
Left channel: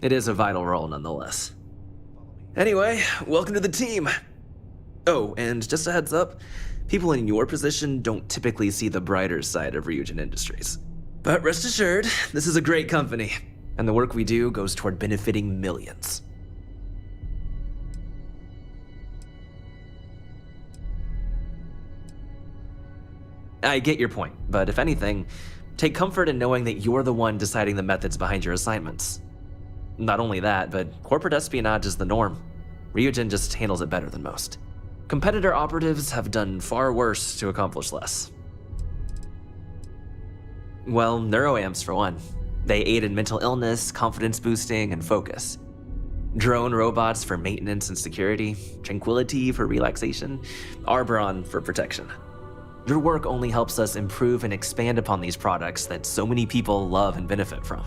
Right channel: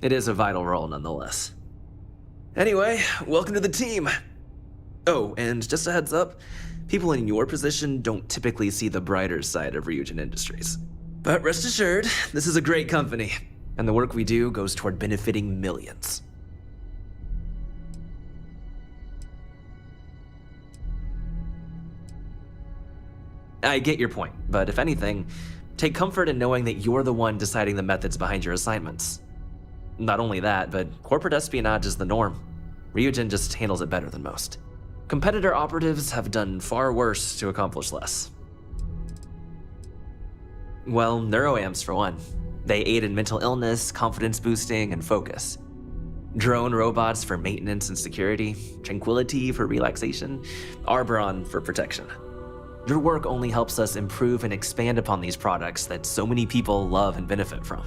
it is a vital role nonetheless. Anyway, welcome to the team. Oh, and just a heads up, people in your position don't typically see the brighter side of Ryujin Industries. But rest assured, this is a great company, and the work we do goes toward benefiting millions. I get your point, but if anything, take comfort in knowing that you're the one deciding the methods behind your assignments. Not only that, but corporate espionage is the norm. Ryujin just handles it better than most. Competitor operatives have done far worse to accomplish less. Well, neuroamps for one. They aid in mental illness, confidence boosting, and focus. Drone robots for maintenance and security, tranquility for relaxation, Arbron for protection. Your work only helps us improve and expand upon these products that so many people love and benefit from.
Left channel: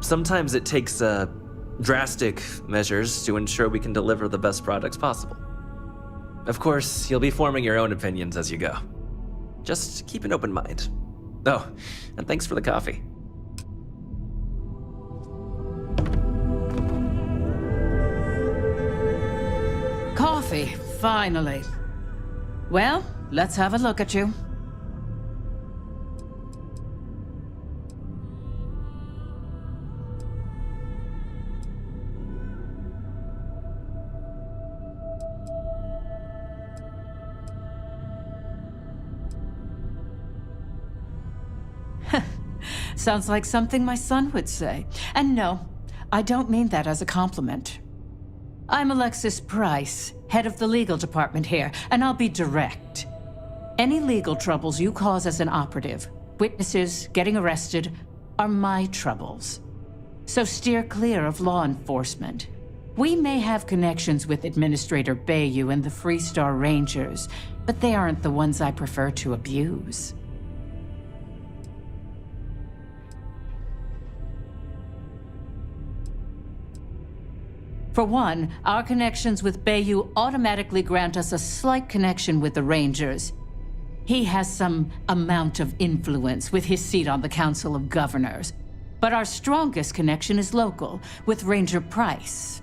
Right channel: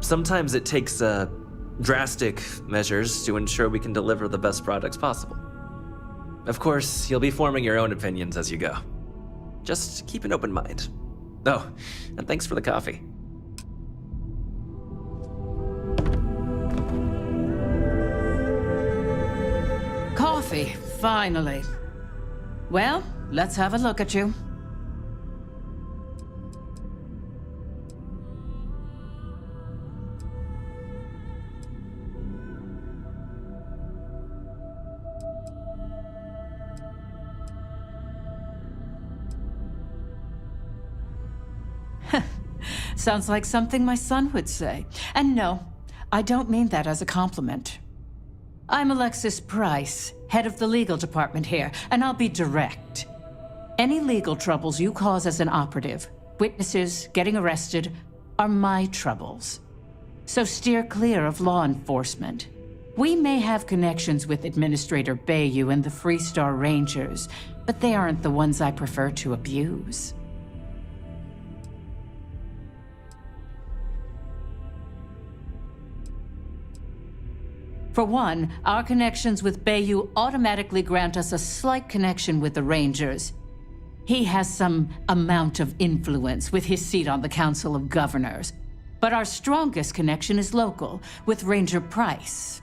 Sometimes it takes drastic measures to ensure we can deliver the best products possible. Of course, you'll be forming your own opinions as you go. Just keep an open mind. Oh, and thanks for the coffee. Coffee, finally. Well, let's have a look at you. Sounds like something my son would say. And no, I don't mean that as a compliment. I'm Alexis Price, head of the legal department here, and I'll be direct. Any legal troubles you cause as an operative, witnesses, getting arrested, are my troubles. So steer clear of law enforcement. We may have connections with Administrator Bayou and the Freestar Rangers, but they aren't the ones I prefer to abuse. For one, our connections with Bayou automatically grant us a slight connection with the Rangers. He has some amount of influence with his seat on the Council of Governors. But our strongest connection is local, with Ranger Price.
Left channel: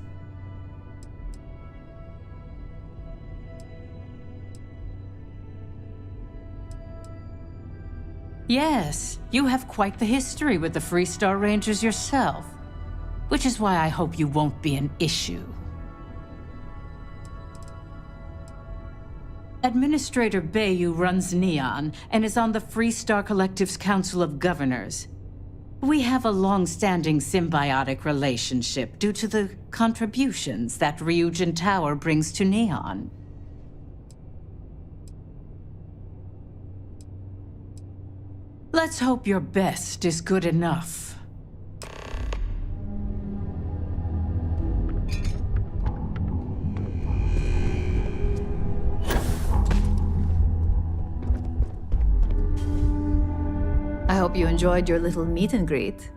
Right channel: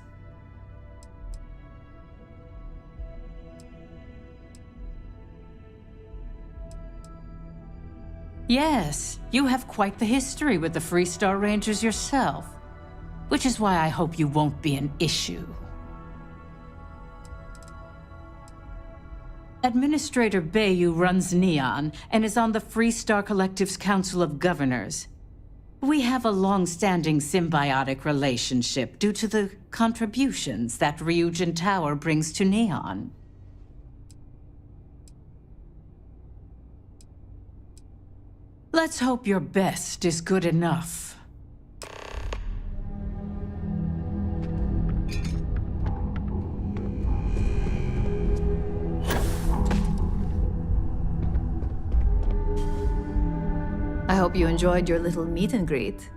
Yes, you have quite the history with the Freestar Rangers yourself. Which is why I hope you won't be an issue. Administrator Bayou runs Neon and is on the Freestar Collective's Council of Governors. We have a long-standing symbiotic relationship due to the contributions that Ryujin Tower brings to Neon. Let's hope your best is good enough. I hope you enjoyed your little meet and greet.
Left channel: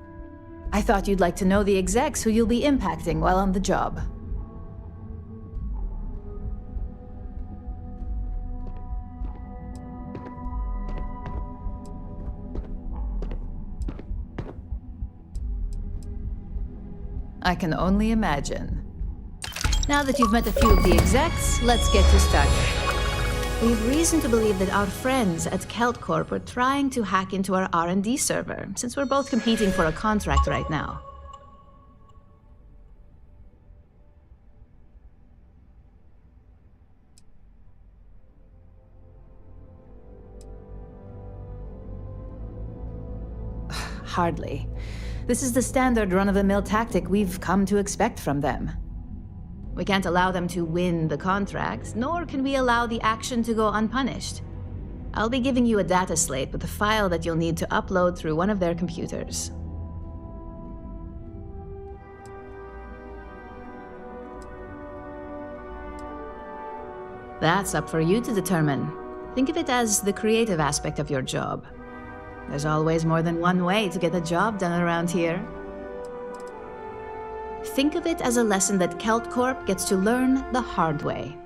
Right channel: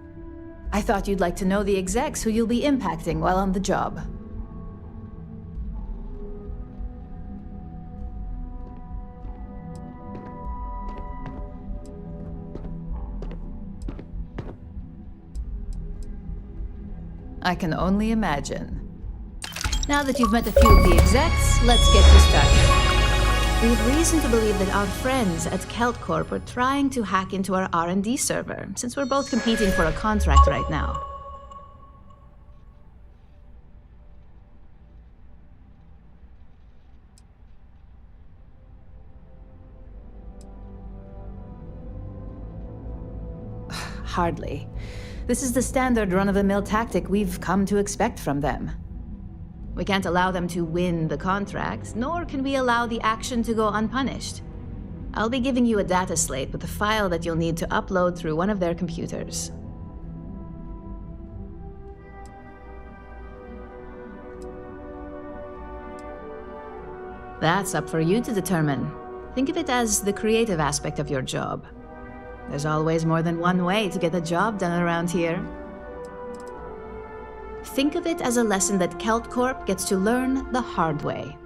I thought you'd like to know the execs who you'll be impacting while on the job. I can only imagine. Now that you've met a few of the execs, let's get you started. We have reason to believe that our friends at Kelt Corp are trying to hack into our R&D server, since we're both competing for a contract right now. Hardly. This is the standard run-of-the-mill tactic we've come to expect from them. We can't allow them to win the contract, nor can we allow the action to go unpunished. I'll be giving you a data slate with a file that you'll need to upload through one of their computers. That's up for you to determine. Think of it as the creative aspect of your job. There's always more than one way to get the job done around here. Think of it as a lesson that Kelt Corp gets to learn the hard way.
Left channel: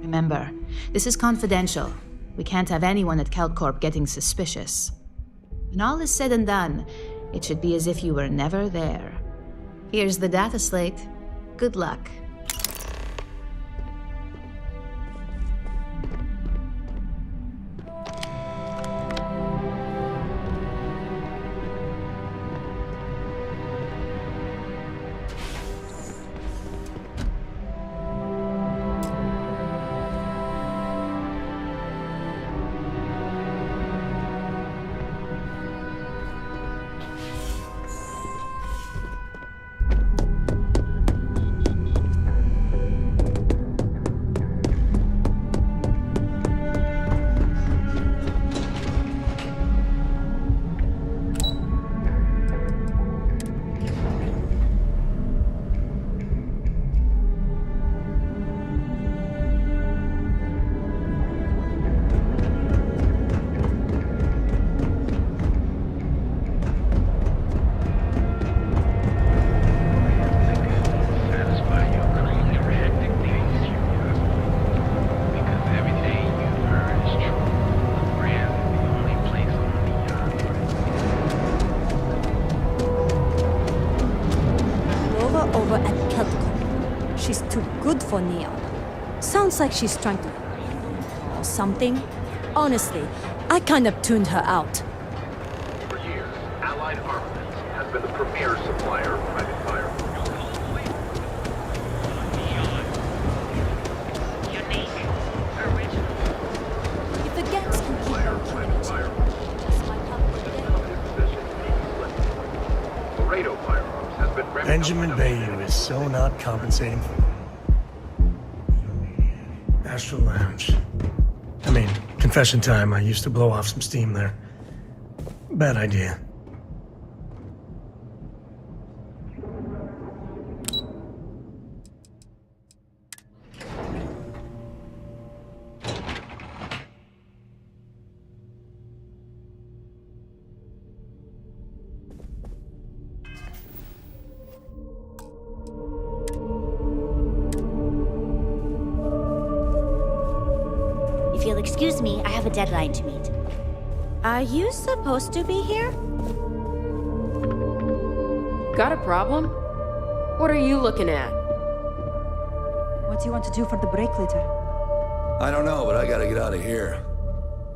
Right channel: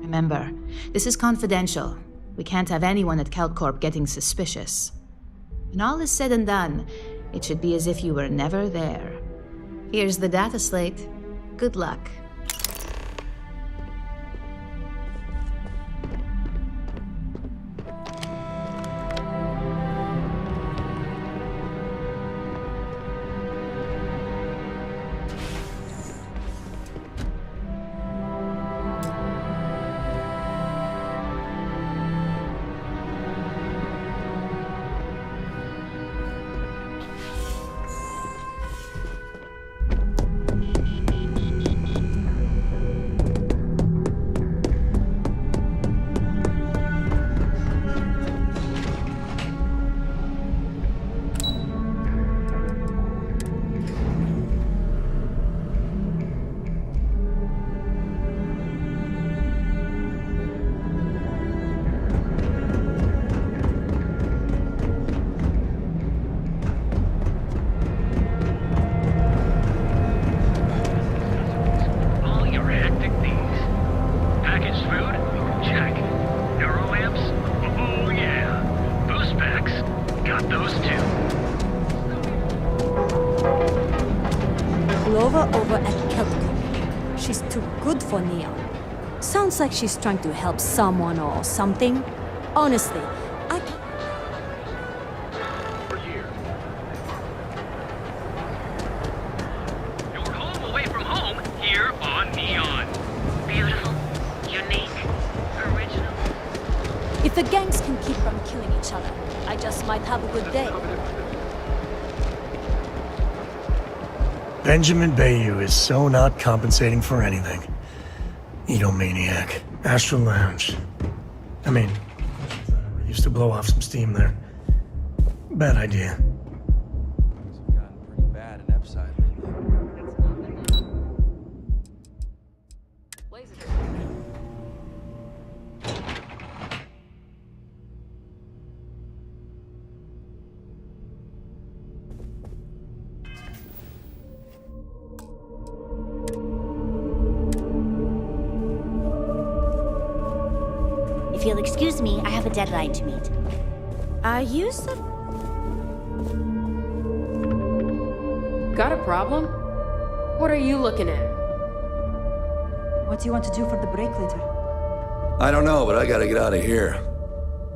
Remember, this is confidential. We can't have anyone at Kelt Corp getting suspicious. When all is said and done, it should be as if you were never there. Here's the data slate. Good luck. Over at Keltco. She's too good for Neon. Sounds like she's trying to help someone or something. Honestly, I kind of tuned her out. For years, Allied Armament has been the premier supplier of Red Fire. Your home away from home, here on Neon. Beautiful, unique, original. If the gangs can keep on killing each other, I just might have a good day. Benjamin Bayou is so not compensating for anything. Egomaniac. Astral Lounge. I mean, confession time, I used to blow off some steam there. Bad idea. If you'll excuse me, I have a deadline to meet. Are you supposed to be here? Got a problem? What are you looking at? What do you want to do for the break later? I don't know, but I gotta get out of here.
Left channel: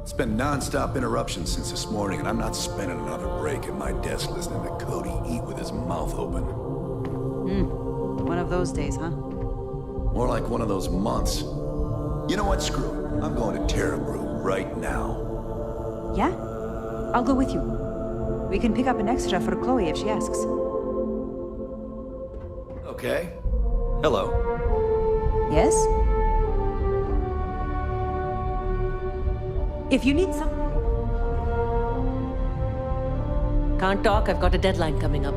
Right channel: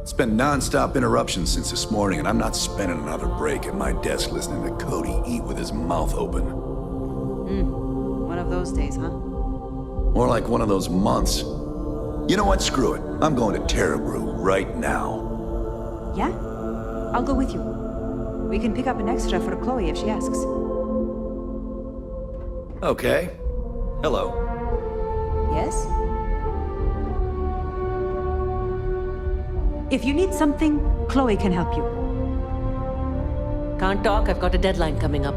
It's been non-stop interruptions since this morning, and I'm not spending another break at my desk listening to Cody eat with his mouth open. One of those days, huh? More like one of those months. You know what? Screw it. I'm going to Terrabrew right now. Yeah? I'll go with you. We can pick up an extra for Chloe if she asks. Okay. Hello. Yes? If you need something, Chloe can help you. Can't talk, I've got a deadline coming up.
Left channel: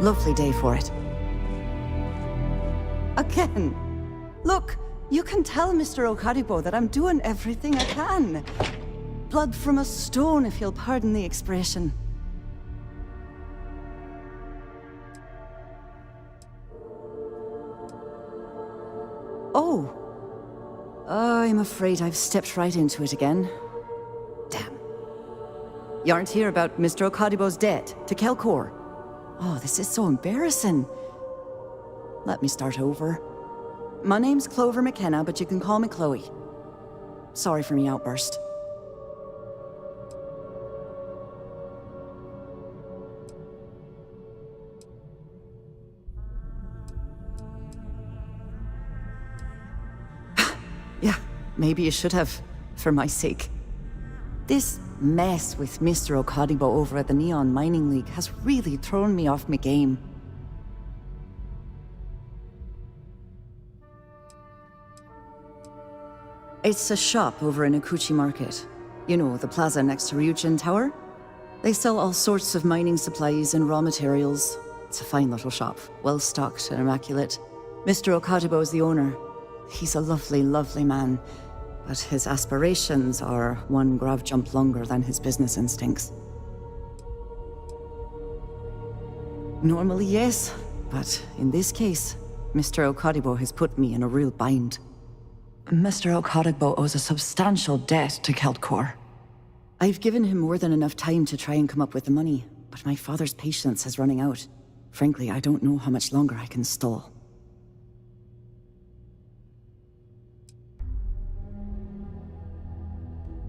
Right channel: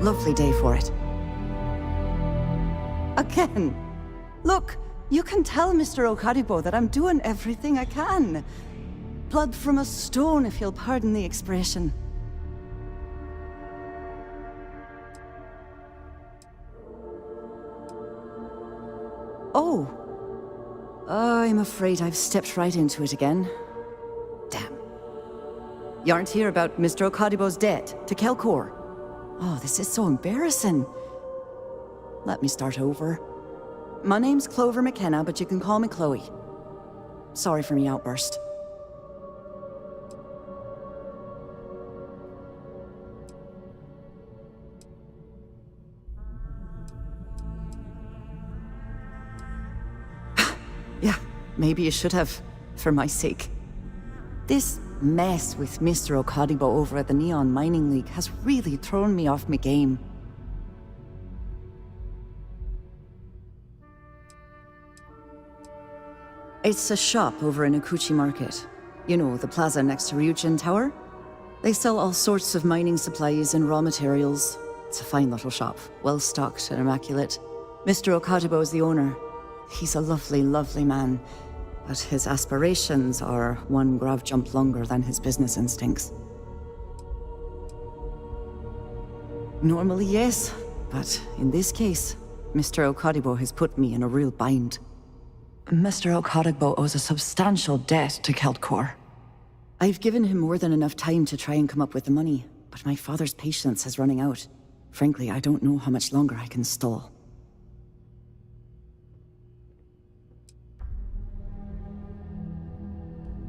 Lovely day for it. Again. Look, you can tell Mr. Okaribo that I'm doing everything I can. Blood from a stone, if you'll pardon the expression. Oh. I'm afraid I've stepped right into it again. Damn. You aren't here about Mr. Okaribo's debt to Kelkor. Oh, this is so embarrassing. Let me start over. My name's Clover McKenna, but you can call me Chloe. Sorry for me outburst. maybe you should have, for my sake. This mess with Mr. Okadibo over at the Neon Mining League has really thrown me off my game. It's a shop over in Akuchi Market. You know, the plaza next to Ryujin Tower? They sell all sorts of mining supplies and raw materials. It's a fine little shop, well-stocked and immaculate. Mr. Okadibo is the owner. He's a lovely, lovely man, but his aspirations are one grav jump longer than his business instincts. Normally, yes, but in this case, Mr. Okadibo has put me in a real bind. Mr. Okadibo owes a substantial debt to Keltcor. I've given him more than enough time to try and come up with the money, but my father's patience is running out. Frankly, I don't know how much longer I can stall.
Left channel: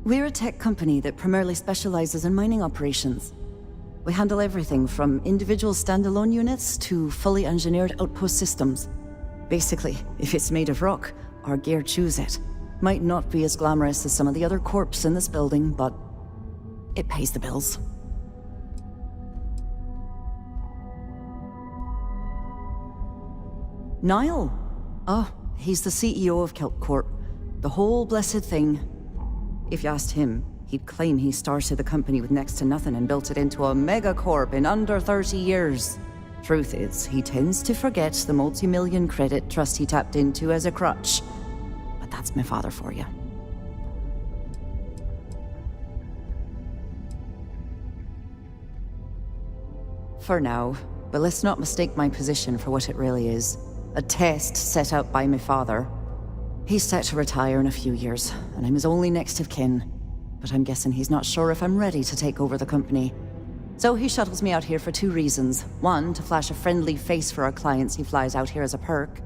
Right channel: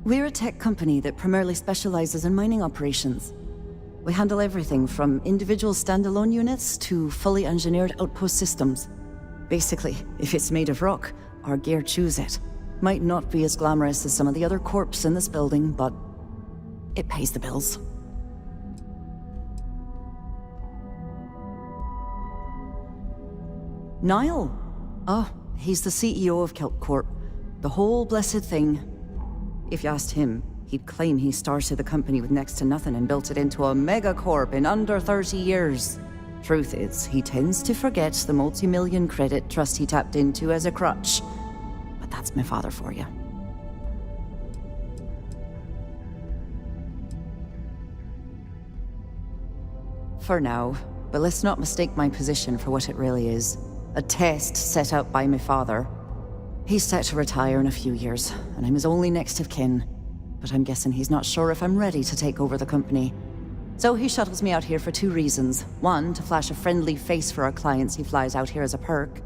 We're a tech company that primarily specializes in mining operations. We handle everything from individual standalone units to fully engineered outpost systems. Basically, if it's made of rock, our gear chews it. Might not be as glamorous as some of the other corps in this building, but it pays the bills. Niall? Oh, he's the CEO of Keltcorp. The whole blessed thing. If you asked him, he'd claim he started the company with next to nothing and built it into a megacorp in under 30 years. Truth is, he tends to forget the multi-million credit trust he tapped into as a crutch. But that's my father for you. For now, but let's not mistake my position for what it really is. A test set out by my father. He's set to retire in a few years, and I'm his only next of kin. But I'm guessing he's not sure if I'm ready to take over the company. So he shuttles me out here for two reasons. One, to flash a friendly face for our clients he flies out here as a perk.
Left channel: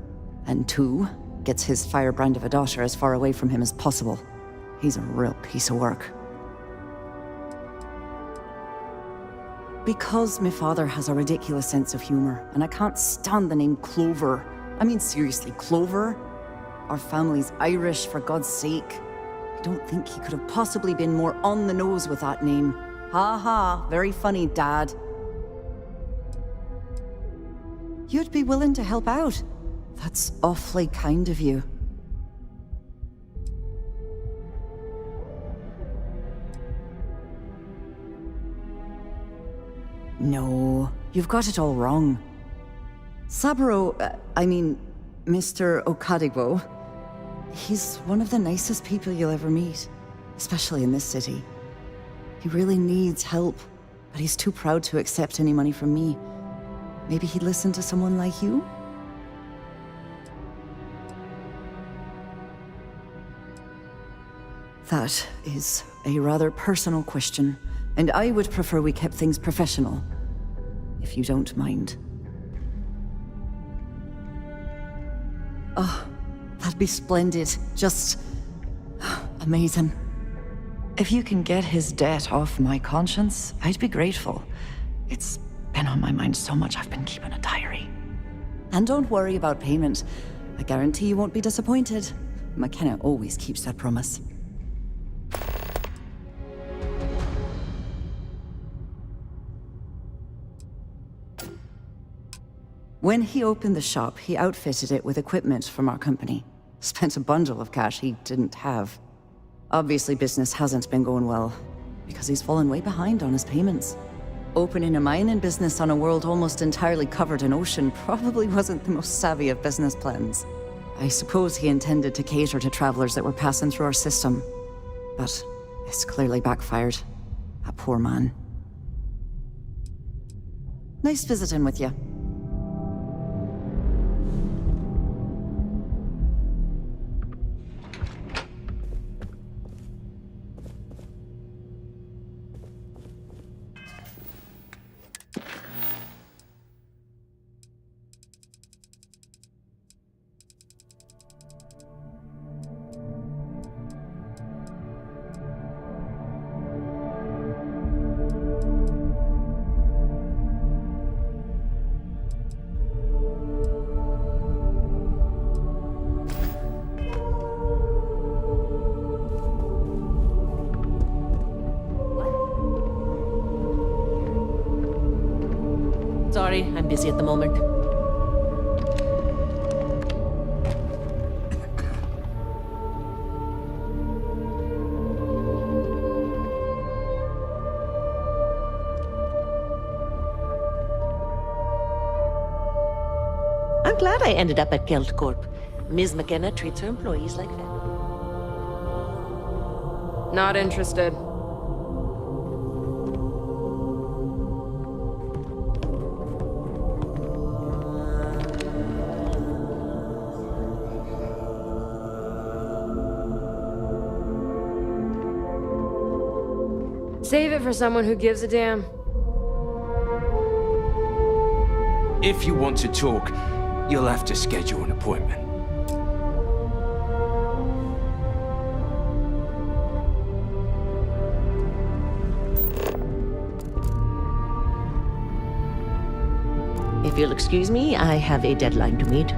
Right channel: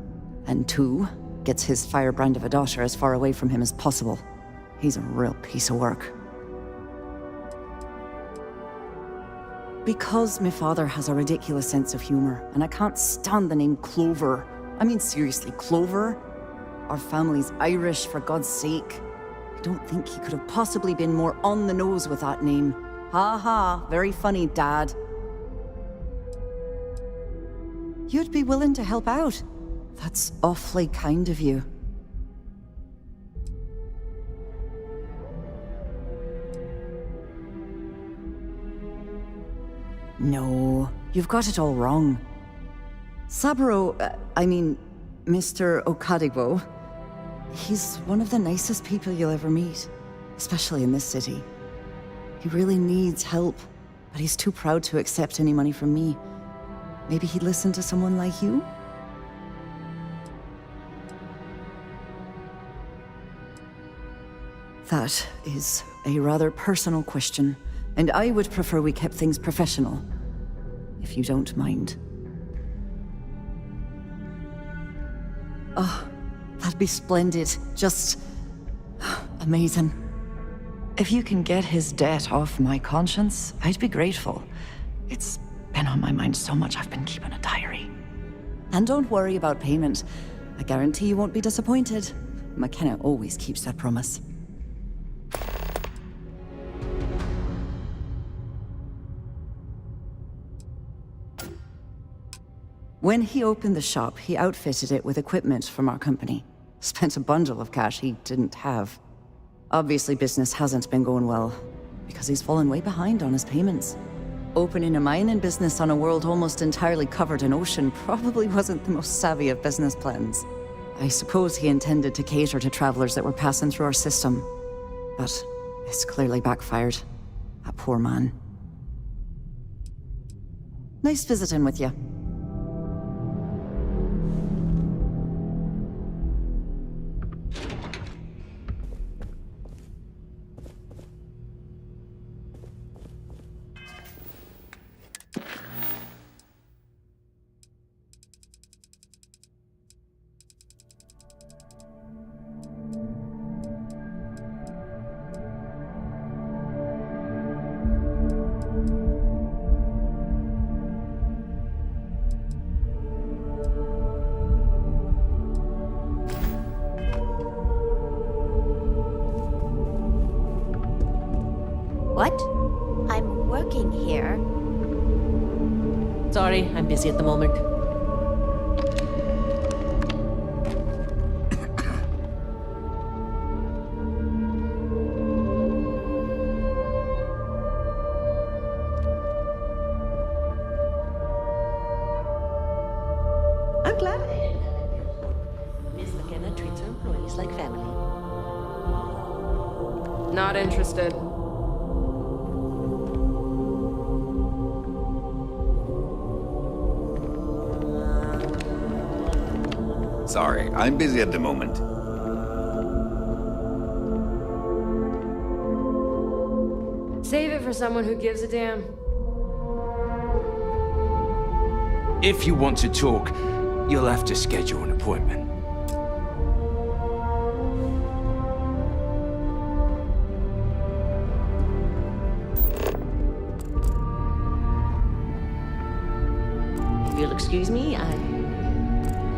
And two, gets his firebrand of a daughter as far away from him as possible. He's a real piece of work. Because my father has a ridiculous sense of humor, and I can't stand the name Clover. I mean, seriously, Clover? Our family's Irish, for God's sake. I don't think he could have possibly been more on the nose with that name. Ha ha, very funny, Dad. You'd be willing to help out. That's awfully kind of you. No, you've got it all wrong. Saburo, Mr. Okadibo, he's one of the nicest people you'll ever meet, especially in this city. He really needs help, but he's too proud to accept any money from me. Maybe he'd listen to someone like you? That is a rather personal question, and I would prefer we kept things professional, if you don't mind. Oh, that'd be splendid. Just amazing. If you can get his debt off my conscience, I'd be grateful. It's been on my mind so much I've been keeping a diary. And don't worry about payment. I guarantee you won't be disappointed. McKenna always keeps that promise. When he opened the shop, he outfitted it with equipment from our company. Spent a bundle of cash he didn't have. Obviously, business hasn't been going well, because he's fallen way behind on his payments. Opening a mining business on a world almost entirely covered in ocean probably wasn't the most savvy of business plans. I suppose he intended to cater to travelers that were passing through our system. But it's clearly backfired. That poor man. Nice visiting with you. working here. Sorry, I'm busy at the moment. I'm glad I ended up at Geld Corp. Ms. McKenna treats her employees like family. Not interested. Sorry, I'm busy at the moment. Save it for someone who gives a damn. If you want to talk, you'll have to schedule an appointment. If you'll excuse me, I have a deadline to meet.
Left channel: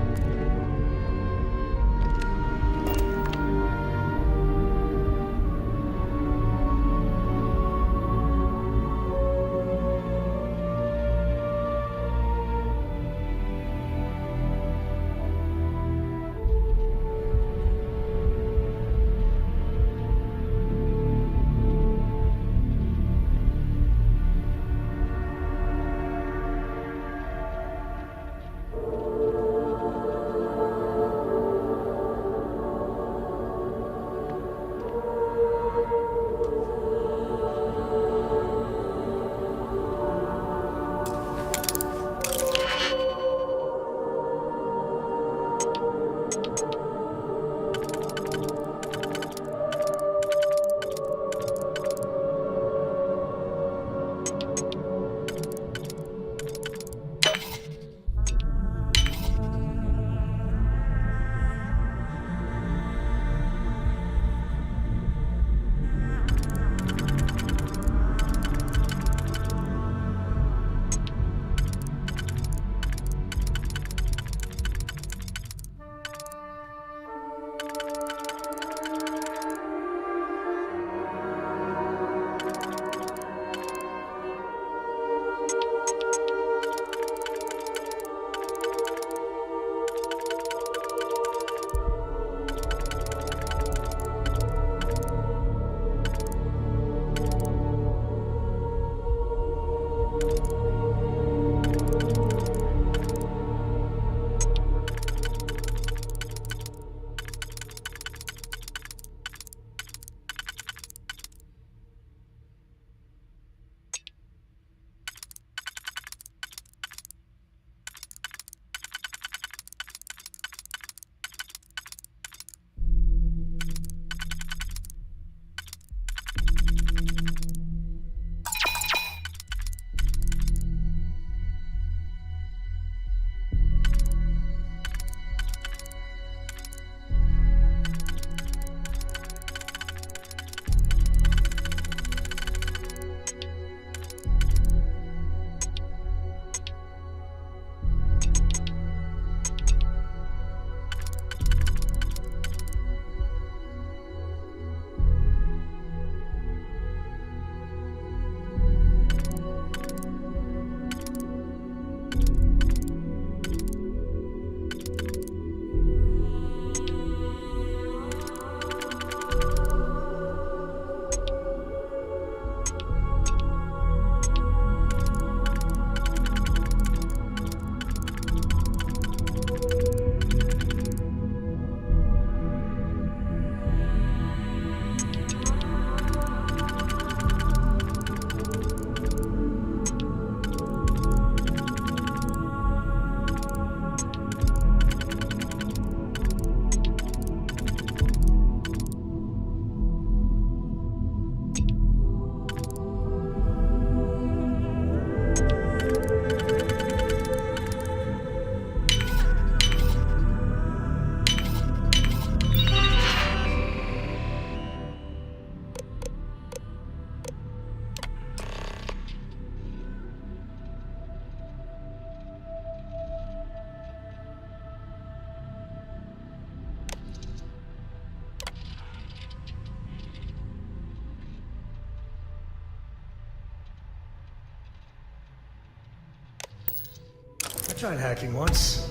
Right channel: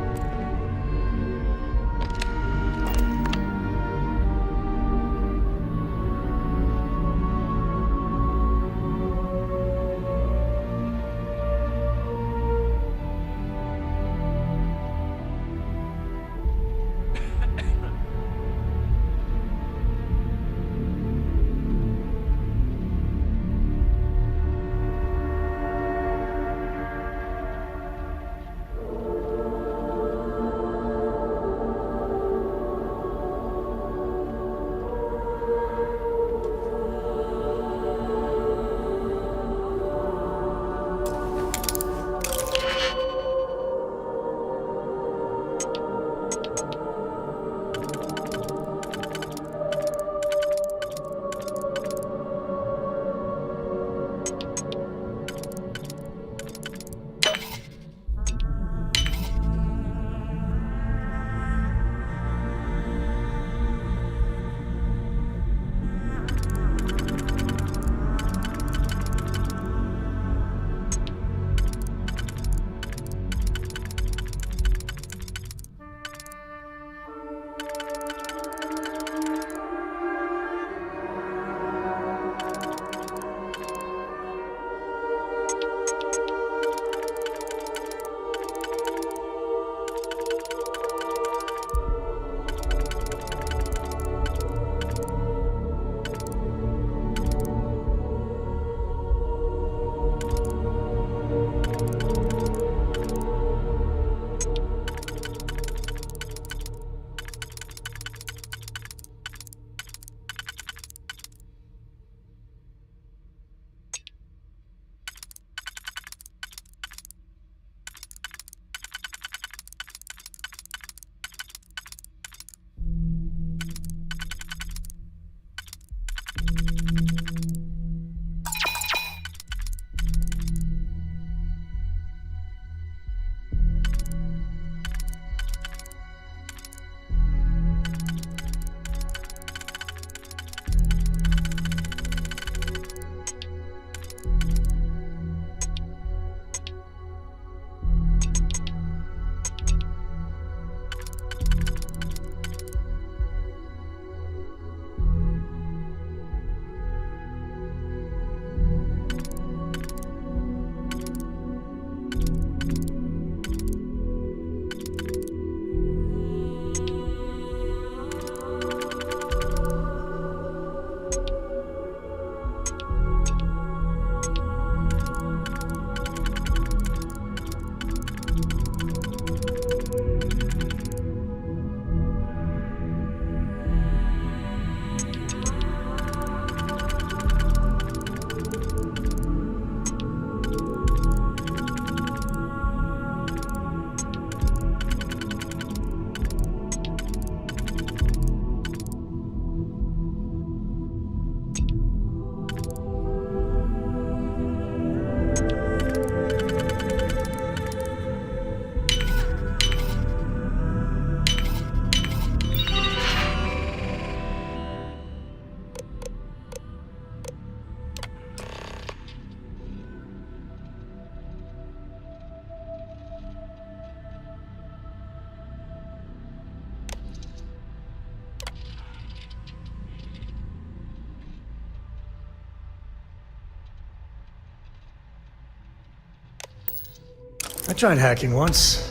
I tried hacking once.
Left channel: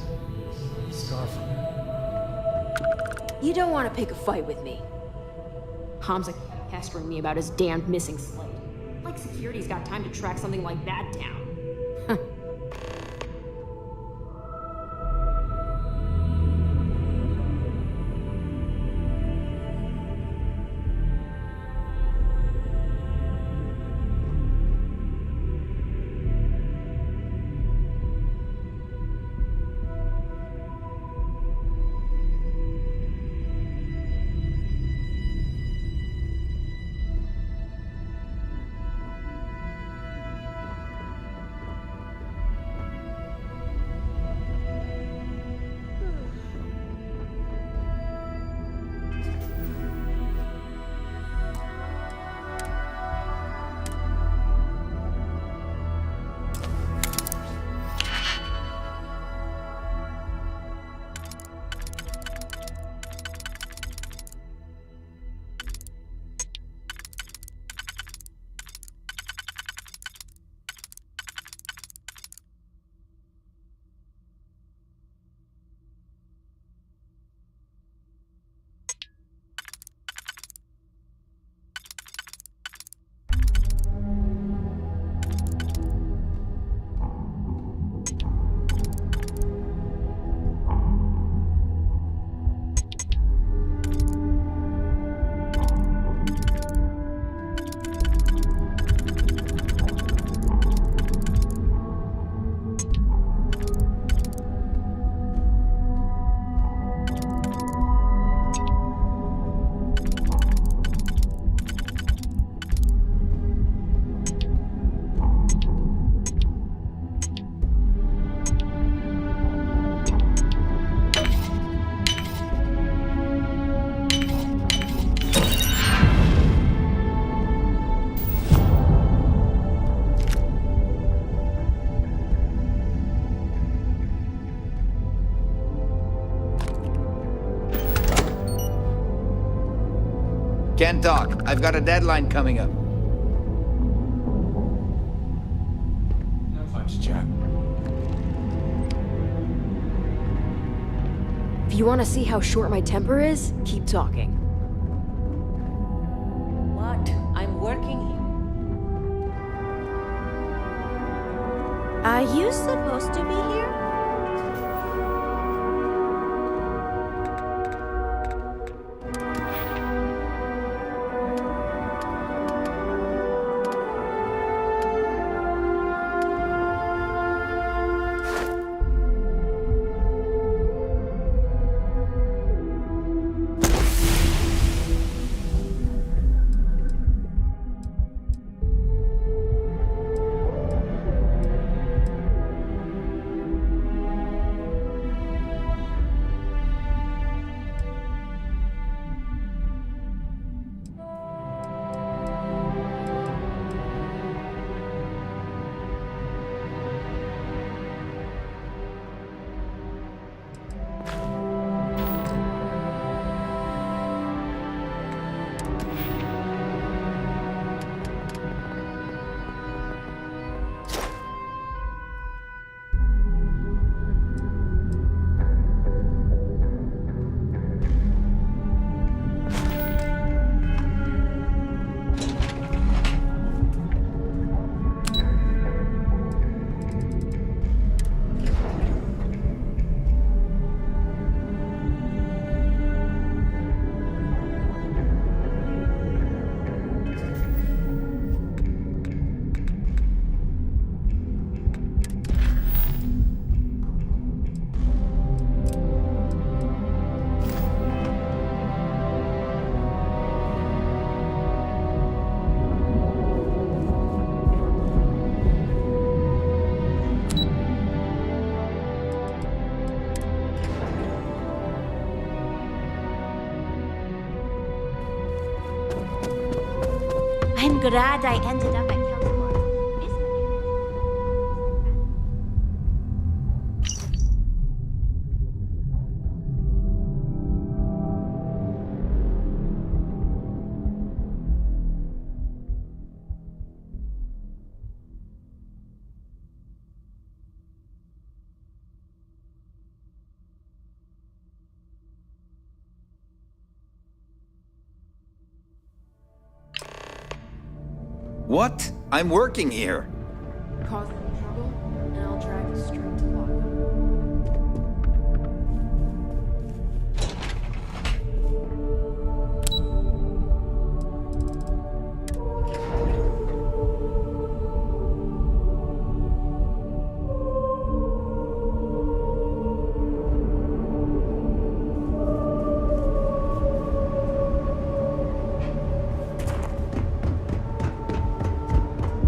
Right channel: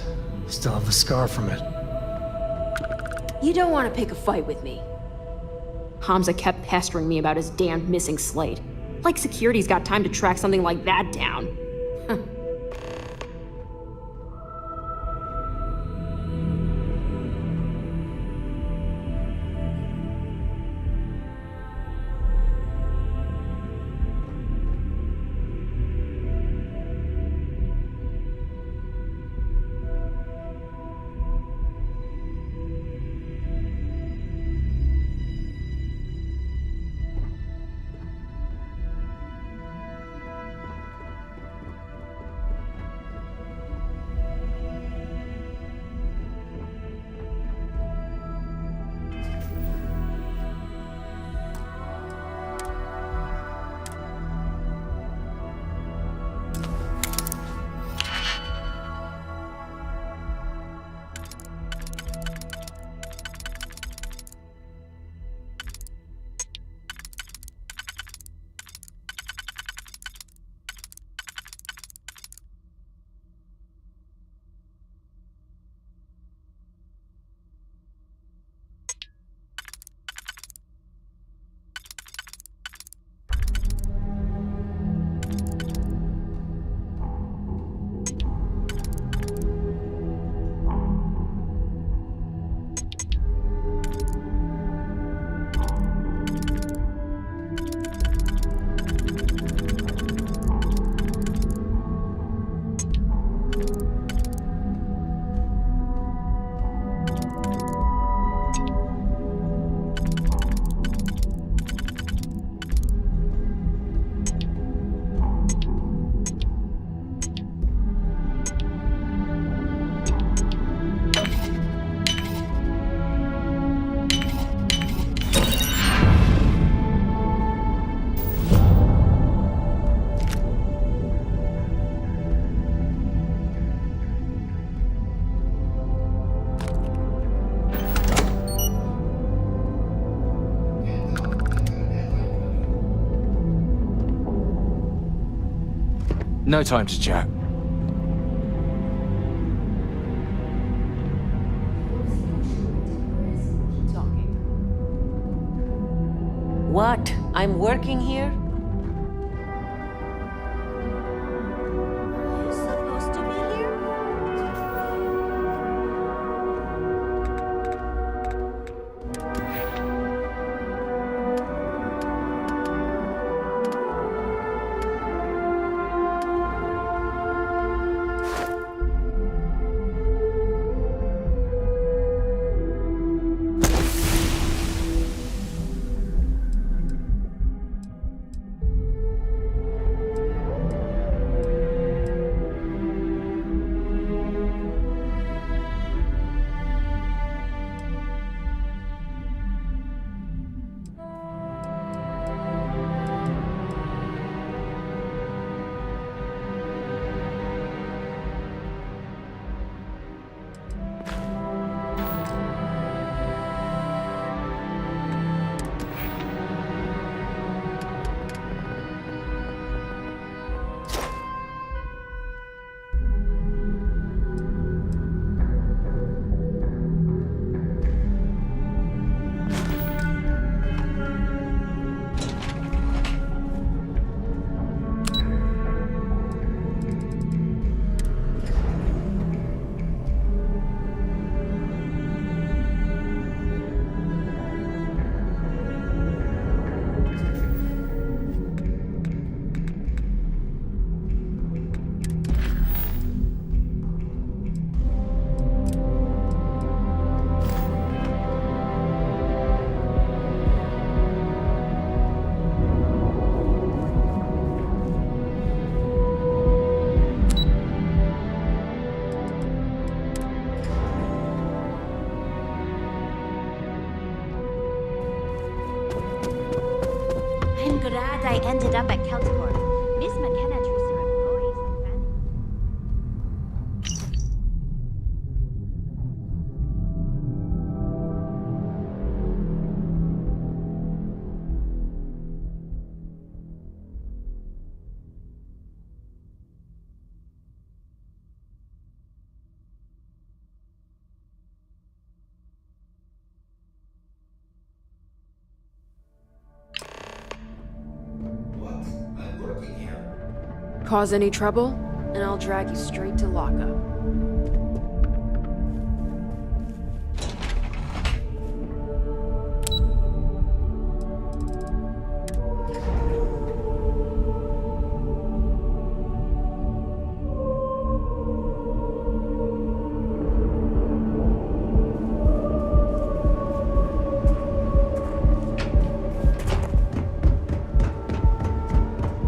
Still have a scar from it. You don't want to pick a fight with me. Hamza kept pestering me about his damned missing slate. Like security's got time to track something like that down. Can't talk. I've got a deadline coming up. No time to chat. If you want to see how short my temper is, keep talking. What? I'm working here? Are you supposed to be here? I'm glad I ended up at Keltcorp. Miss McKenna treats her employees like family. What? I'm working here. Cause any trouble, and I'll drag you straight to lockup.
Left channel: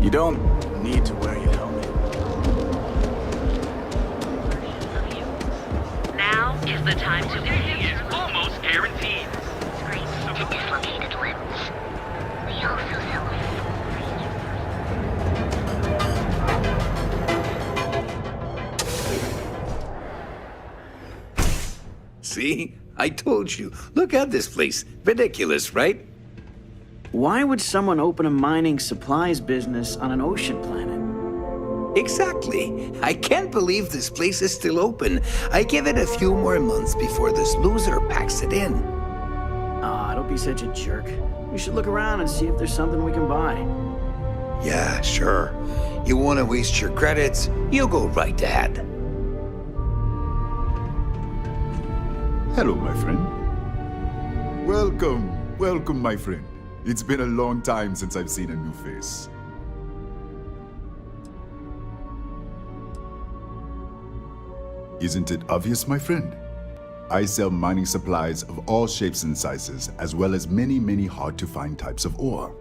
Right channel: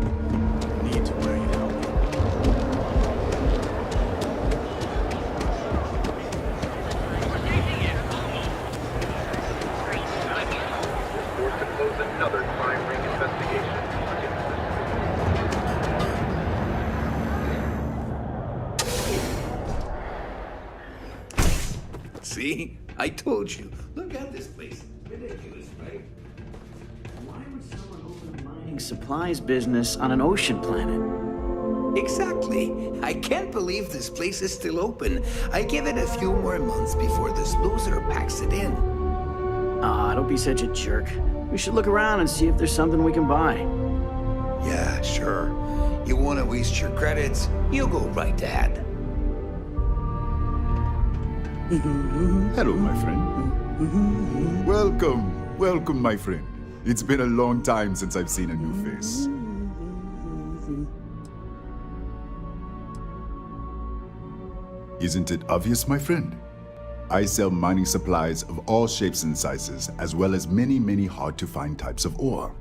You don't need to wear your helmet. Now is the time to Safety is almost guaranteed. See? I told you. Look at this place. Ridiculous, right? Why would someone open a mining supplies business on an ocean planet? Exactly. I can't believe this place is still open. I give it a few more months before this loser packs it in. Ah, don't be such a jerk. We should look around and see if there's something we can buy. Yeah, sure. You want to waste your credits? You go right ahead. Hello, my friend. Welcome, my friend. It's been a long time since I've seen a new face. Isn't it obvious, my friend? I sell mining supplies of all shapes and sizes, as well as many hard-to-find types of ore.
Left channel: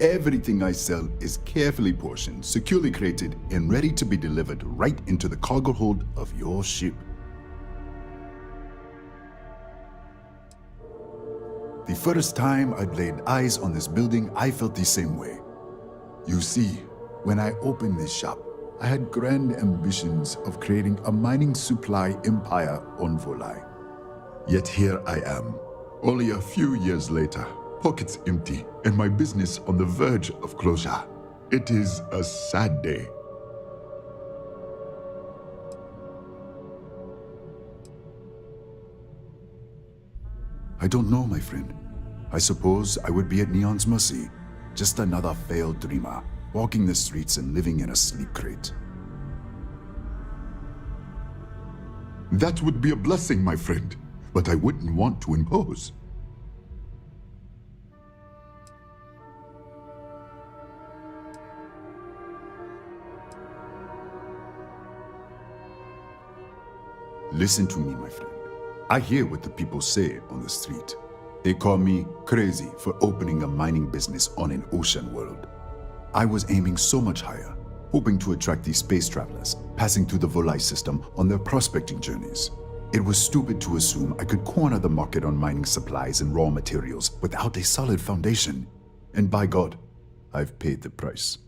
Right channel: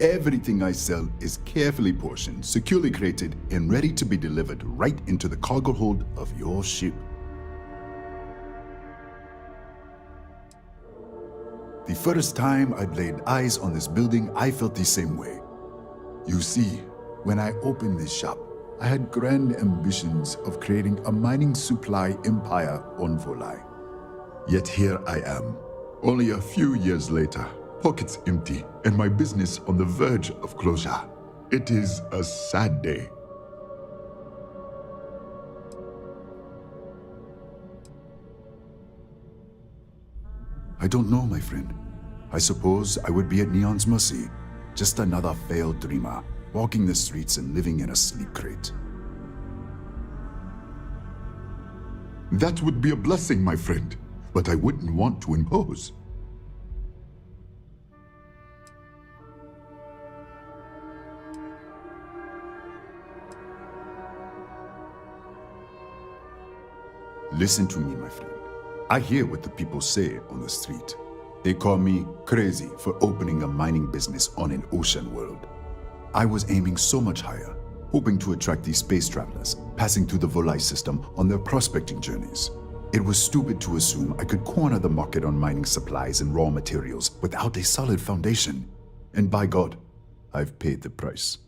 Everything I sell is carefully portioned, securely crated, and ready to be delivered right into the cargo hold of your ship. The first time I'd laid eyes on this building, I felt the same way. You see, when I opened this shop, I had grand ambitions of creating a mining supply empire on Volai. Yet here I am, only a few years later, pockets empty, and my business on the verge of closure. It is a sad day. I don't know, my friend. I suppose I would be at Neon's mercy. Just another failed dreamer, walking the streets and living in a sleep crate. That would be a blessing, my friend, but I wouldn't want to impose. Listen to me, my friend. I hear what the people say on the street. They call me crazy for opening a mining business on an ocean world. I was aiming so much higher, hoping to attract these space travelers, passing through the Volai system on their prospecting journeys. It was stupid to assume I could corner the market on mining supplies and raw materials without a solid foundation. And by God, I've paid the price.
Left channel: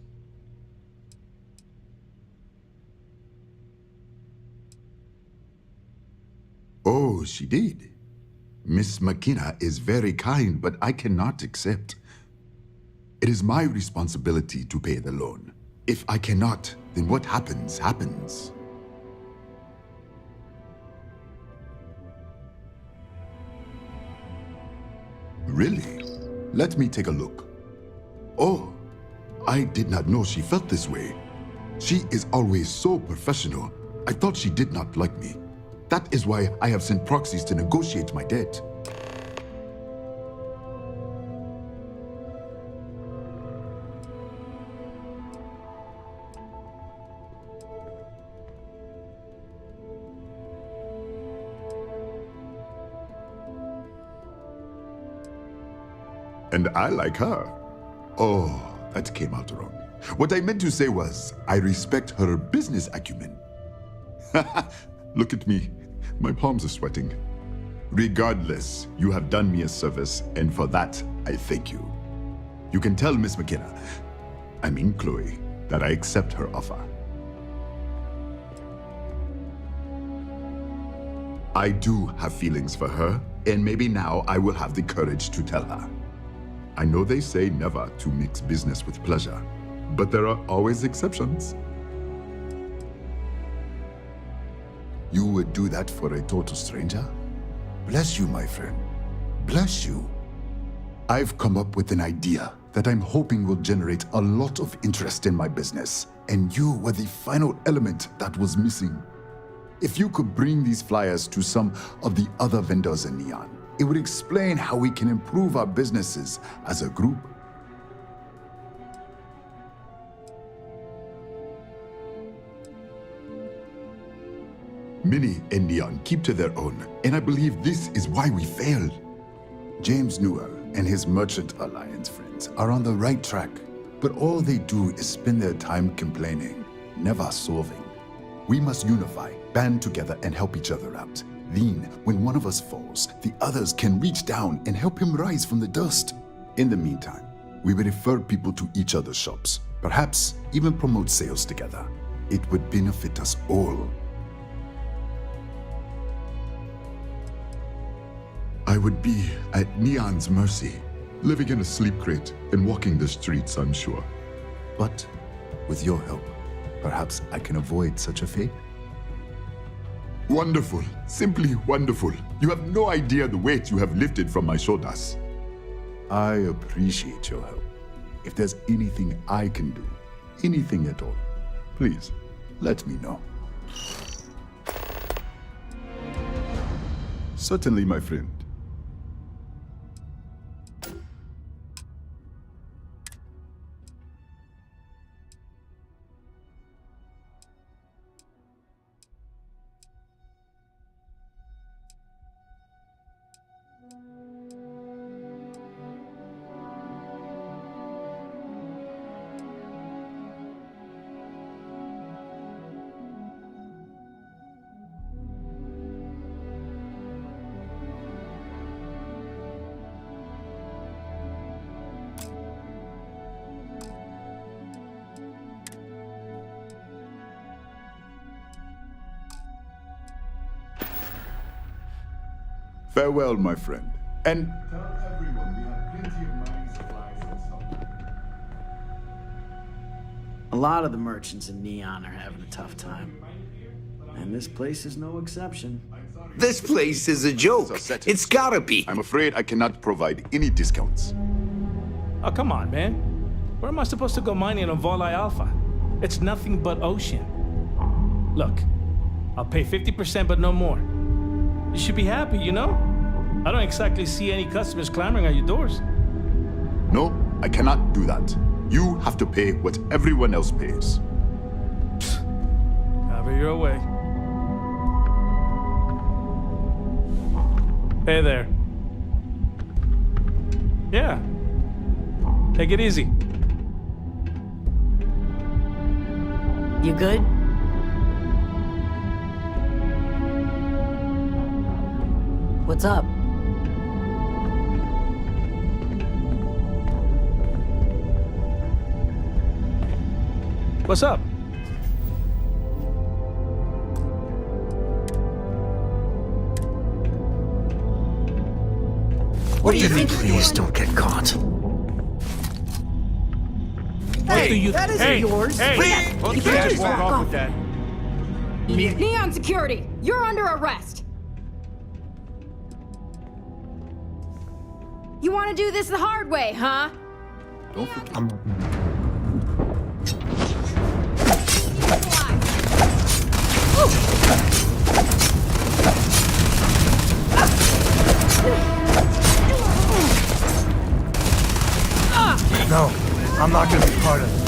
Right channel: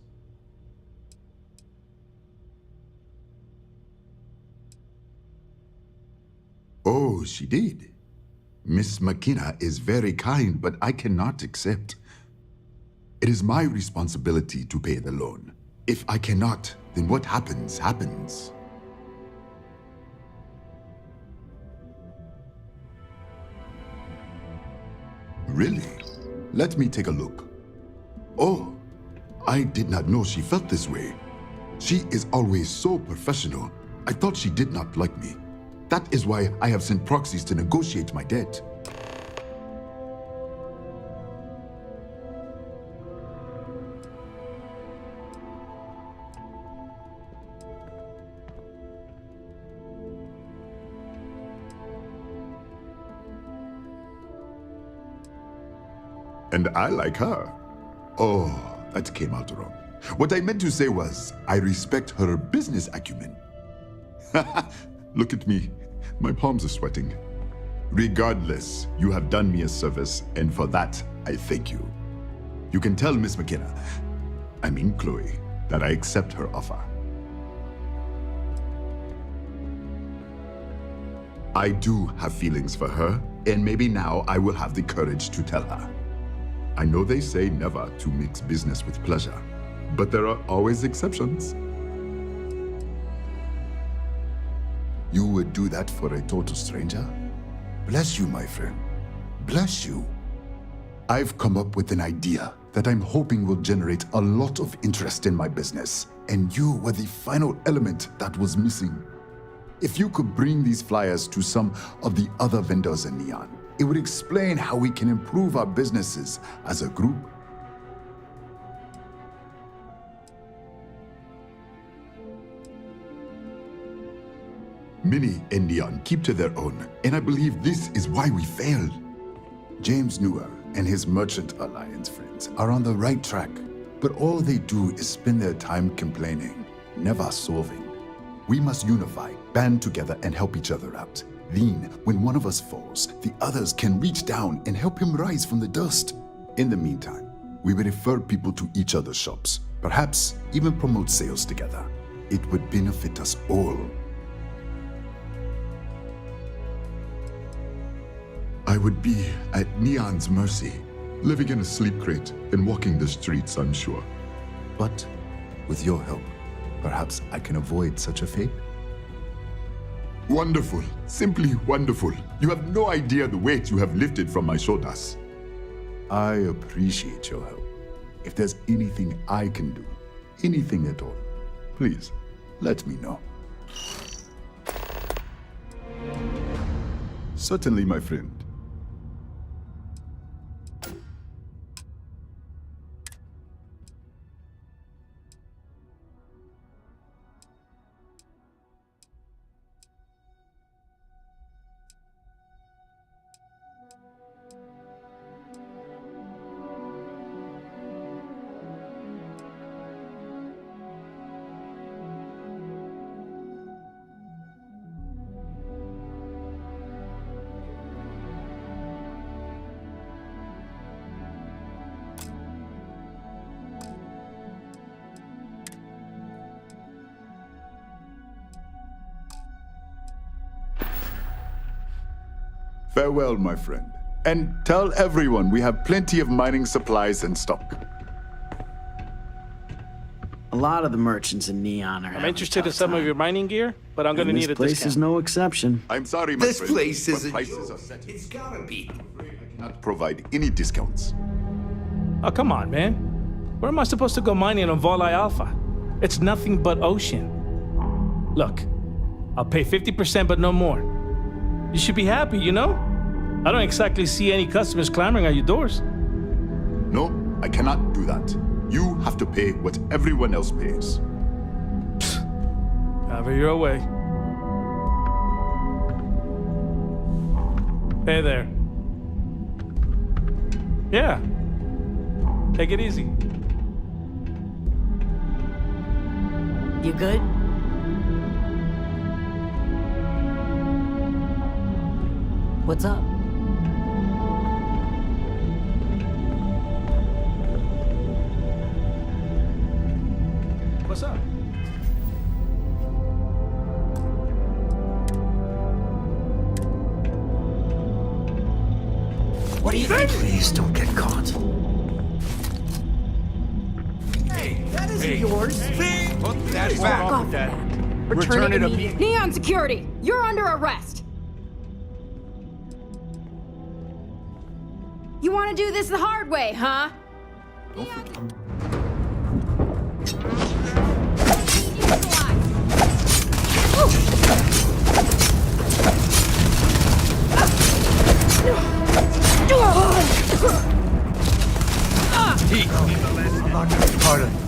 Oh, she did. Miss McKenna is very kind, but I cannot accept. It is my responsibility to pay the loan. If I cannot, then what happens, happens. Really? Let me take a look. Oh, I did not know she felt this way. She is always so professional. I thought she did not like me. That is why I have sent proxies to negotiate my debt. And I like her. Oh, that came out wrong. What I meant to say was, I respect her business acumen. Look at me. My palms are sweating. Regardless, you have done me a service, and for that, I thank you. You can tell Miss McKenna, I mean Chloe, that I accept her offer. I do have feelings for her, and maybe now I will have the courage to tell her. I know they say never to mix business with pleasure, but there are always exceptions. You would do that for a total stranger? Bless you, my friend. Bless you. I've come up with an idea that I'm hoping will generate a lot of interest in my business, and you were the final element that was missing. If you could bring these flyers to some of the other vendors in Neon, it would explain how we can improve our businesses as a group. Many in Neon keep to their own, and I believe this is why we failed. James Newell and his Merchant Alliance friends are on the right track, but all they do is spend their time complaining, never solving. We must unify, band together, and help each other out. Then, when one of us falls, the others can reach down and help him rise from the dust. In the meantime, we will refer people to each other's shops, perhaps even promote sales together. It would benefit us all. I would be at Neon's mercy, living in a sleep crate and walking the streets, I'm sure. But with your help, perhaps I can avoid such a fate? Wonderful, simply wonderful. You have no idea the weight you have lifted from my shoulders. I appreciate your help. If there's anything I can do, anything at all, please let me know. Certainly, my friend. Farewell, my friend. And tell everyone we have plenty of mining supplies in stock. A lot of the merchants in Neon are having I'm interested a in tough some time. of your mining gear, but I'm going to need a This place discount. is no exception. I'm sorry, my This friend, place is but a prices joke. are set. It's gotta be. I'm afraid I cannot provide any discounts. Oh, come on, man. Where am I supposed to go mining on Volai Alpha? It's nothing but ocean. Look, I'll pay 50%, but no more. You should be happy, you know? I don't exactly see any customers clamoring at your doors. No, I cannot do that. You have to pay what everyone else pays. Have it your way. Hey there. Yeah. Take it easy. You good? What's up? What's up? What do you mean? Please don't get caught. Hey, that isn't hey, yours. Hey, Put that back. Return it immediately. Neon Security, you're under arrest. You want to do this the hard way, huh? Don't forget. No, I'm not gonna be part of this.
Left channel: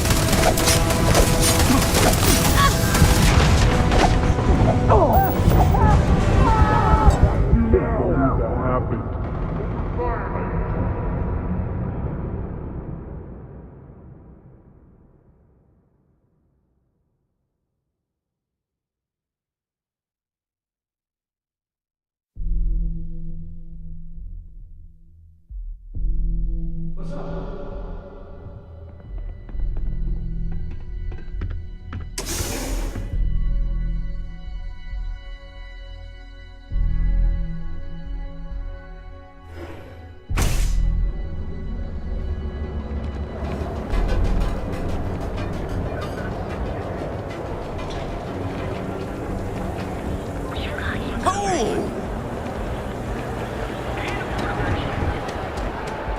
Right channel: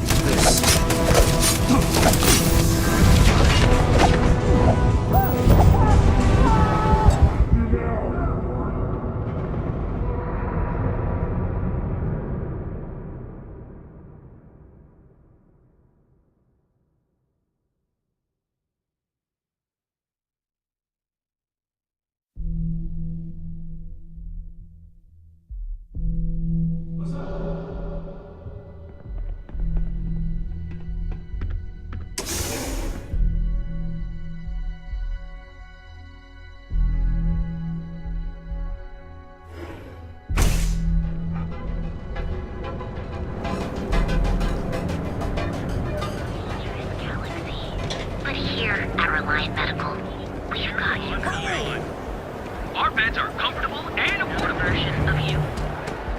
Our beds are comfortable and affordable versions of you.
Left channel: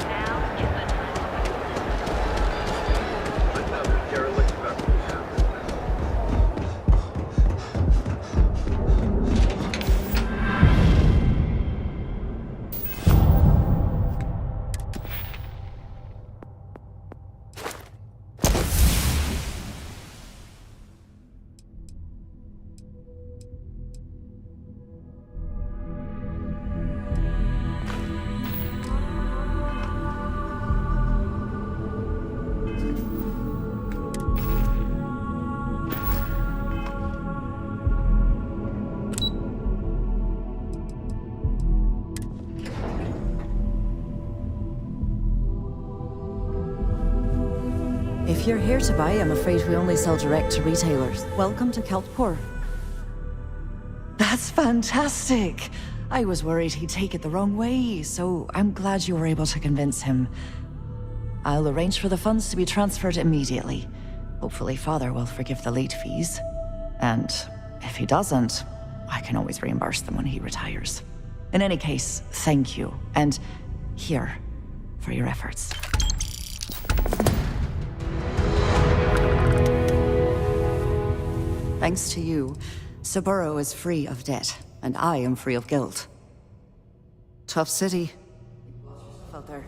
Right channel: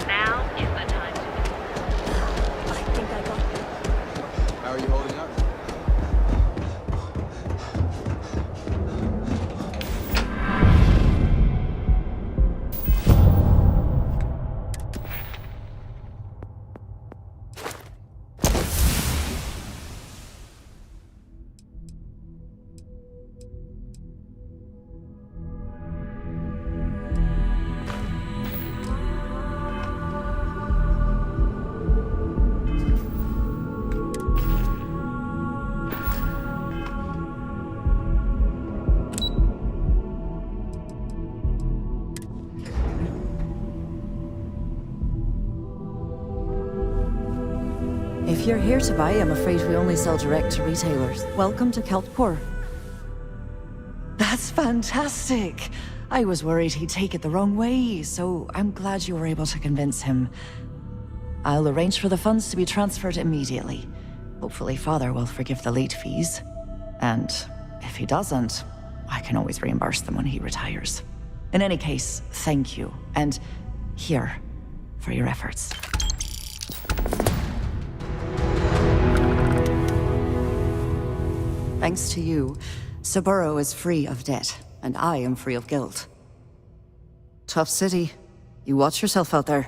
Now is the time to If you're here to buy, I'm afraid we only sell direct to retailers. Welcome to Keltport. That's fantastic! I was worried he'd take it the wrong way, so I'm glad you were able to convince him. I'll arrange for the funds to be transferred immediately. Hopefully Father will forgive the late fees. And if he doesn't, I can always reimburse them when he retires. In any case, thank you, and here, for your efforts. Thanks to you, Saburo is free of debt, and I am free of guilt. Tough city. You watch yourself out there.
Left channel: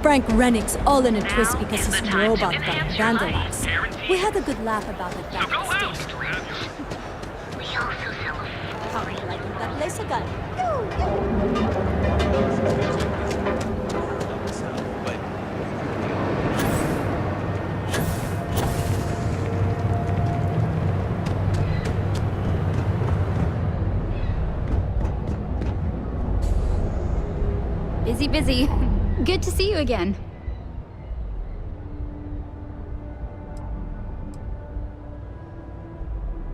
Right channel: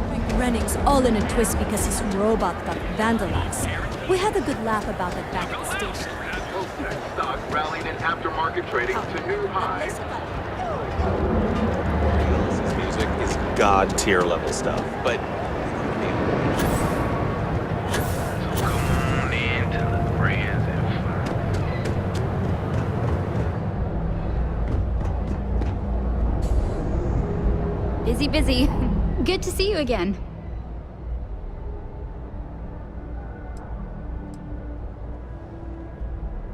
Frank Renning's all in a twist because his robot got vandalized. We had a good laugh about it back at the station. That place again. This music is god tier level stuff, but Busy. Good to see you again.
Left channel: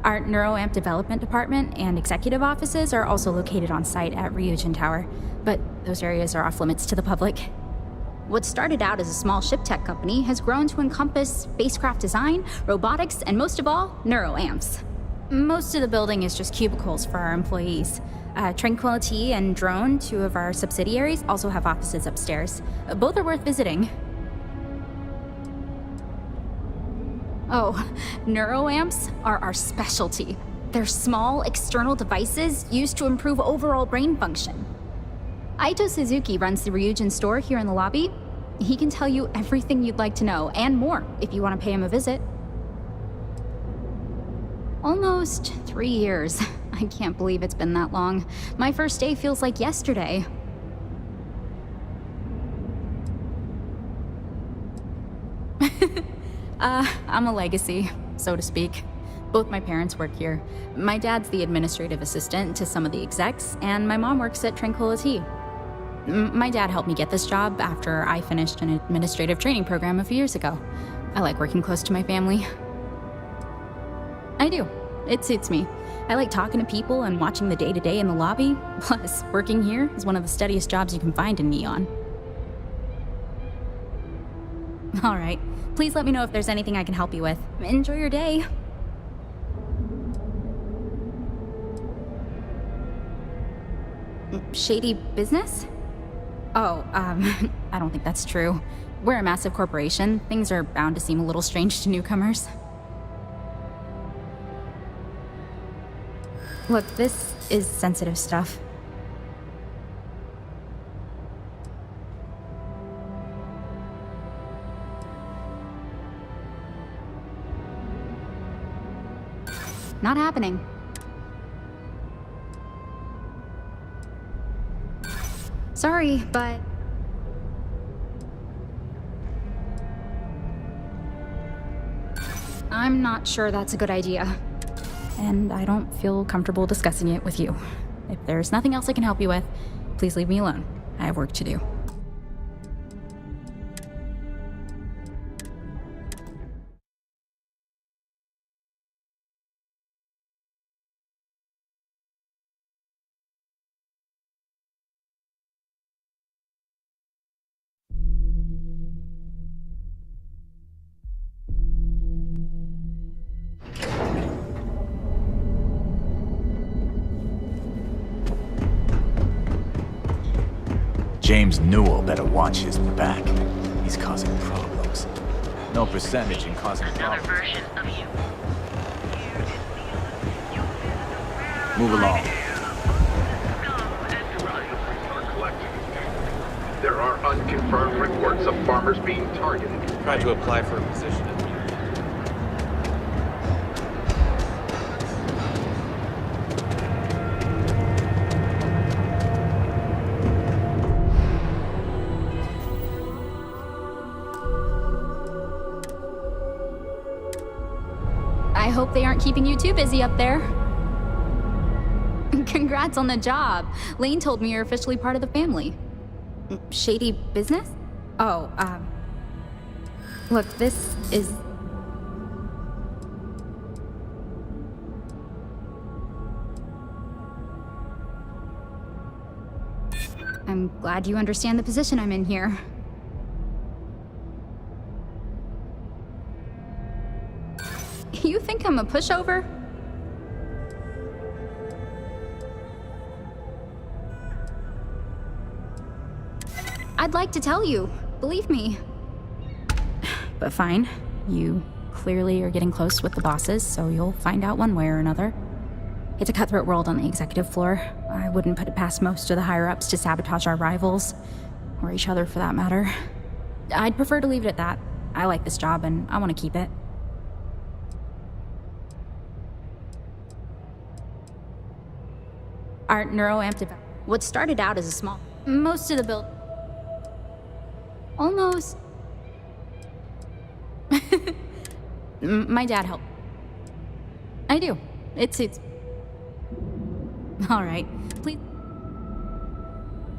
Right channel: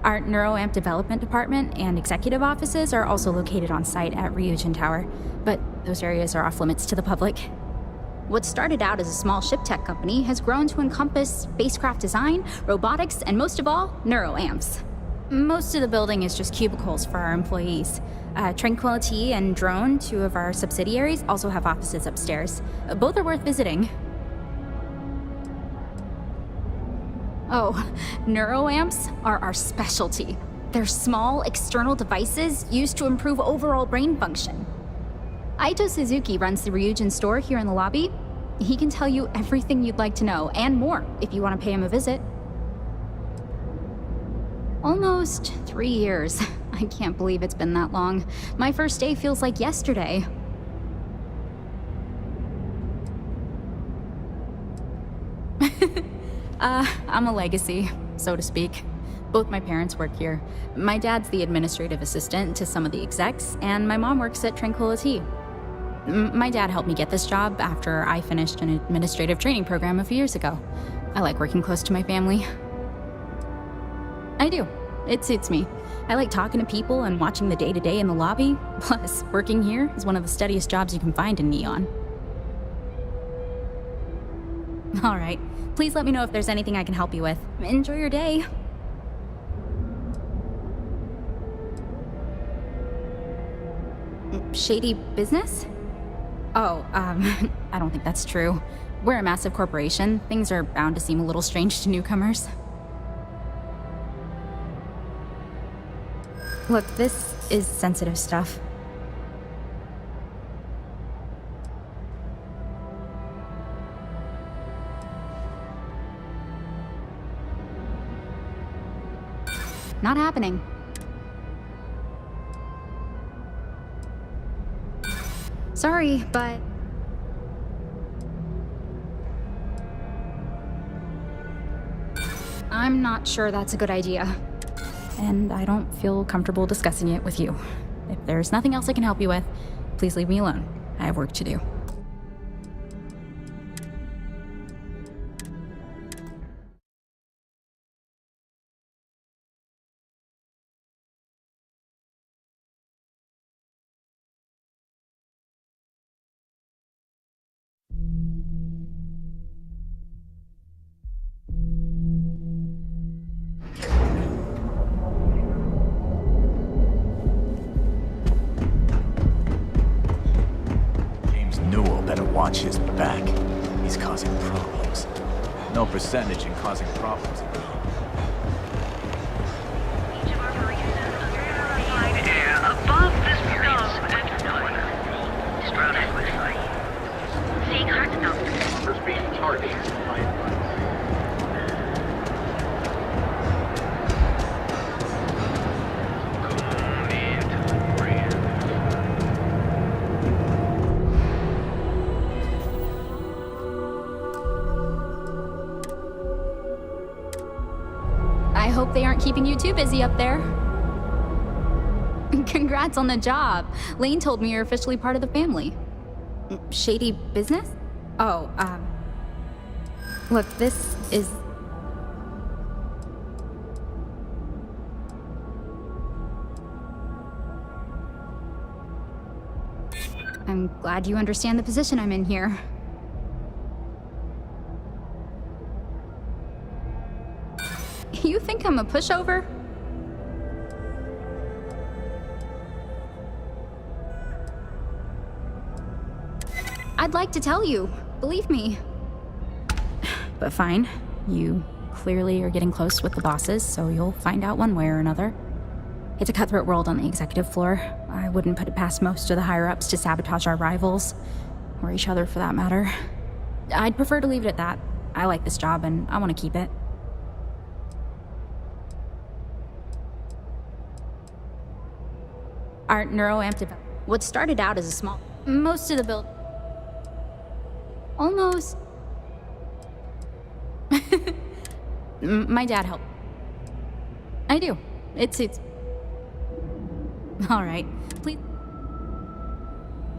Our NeuroAmp development department and executive offices are also located on site at Ryujin Tower, but those areas are off limits to the public. What started out as a small ship tech company has grown to encompass spacecraft design, robotics, and most of all, NeuroAmps. Most of the building is just cubicles for our employees. Tranquility and Drone, two of our subsidiaries, also have offices upstairs. Both are worth visiting. Oh, NeuroAmps are our specialty. They're small, external devices used to improve overall brain function. Aito Suzuki runs the Ryujin store here in the lobby. He can tell you everything you'd like to know, and more, if you want to pay him a visit. Almost 3 years. I can't believe it's been that long. My first day feels like yesterday. I'm a legacy, so to speak. Both my parents work here. My dad's the administrative assistant to some of the execs, and my mom works at Tranquility. My dad helped me get this job after I finished an administrative training program a few years ago. I like working close to my family. I do. It suits me. I like talking to people and watching the day-to-day in the lobby. Plus, working here is one of the steadiest jobs you can find in Neon. All right. Please let me know if there's anything I can help you with. Enjoy your day. Shady business? Oh, I don't think that's true. We're a massive corporation. Things are bound to seem a little strange to newcomers. Look, this is sensitive stuff. Not happening. Sorry, but... I'm not sure that's a good idea. And I don't feel comfortable discussing it with you. If there's nothing else I can help you with, please leave me alone. I have work to do. James Newell better watch his back. He's causing problems. No percentage in causing problems. Move along. There are unconfirmed reports of farmers being targeted. Try to apply for a position. I hope they aren't keeping you too busy up there. Congrats on the job. Lane told me you're officially part of the family. Shady business? Oh, look, this is... I'm glad you understand the position I'm in here. You think I'm a pushover? I'd like to tell you, believe me. But fine, you clearly are getting close with the bosses, so you'll find out one way or another. It's a cutthroat world on the executive floor. I wouldn't put it past most of the higher-ups to sabotage our rivals, or each other for that matter. I'd prefer to leave it at that. I like this job and I want to keep it. Our neuroamp development. What started out as a small... Most of the build... Almost... My dad helped. I do. It suits. Alright, please...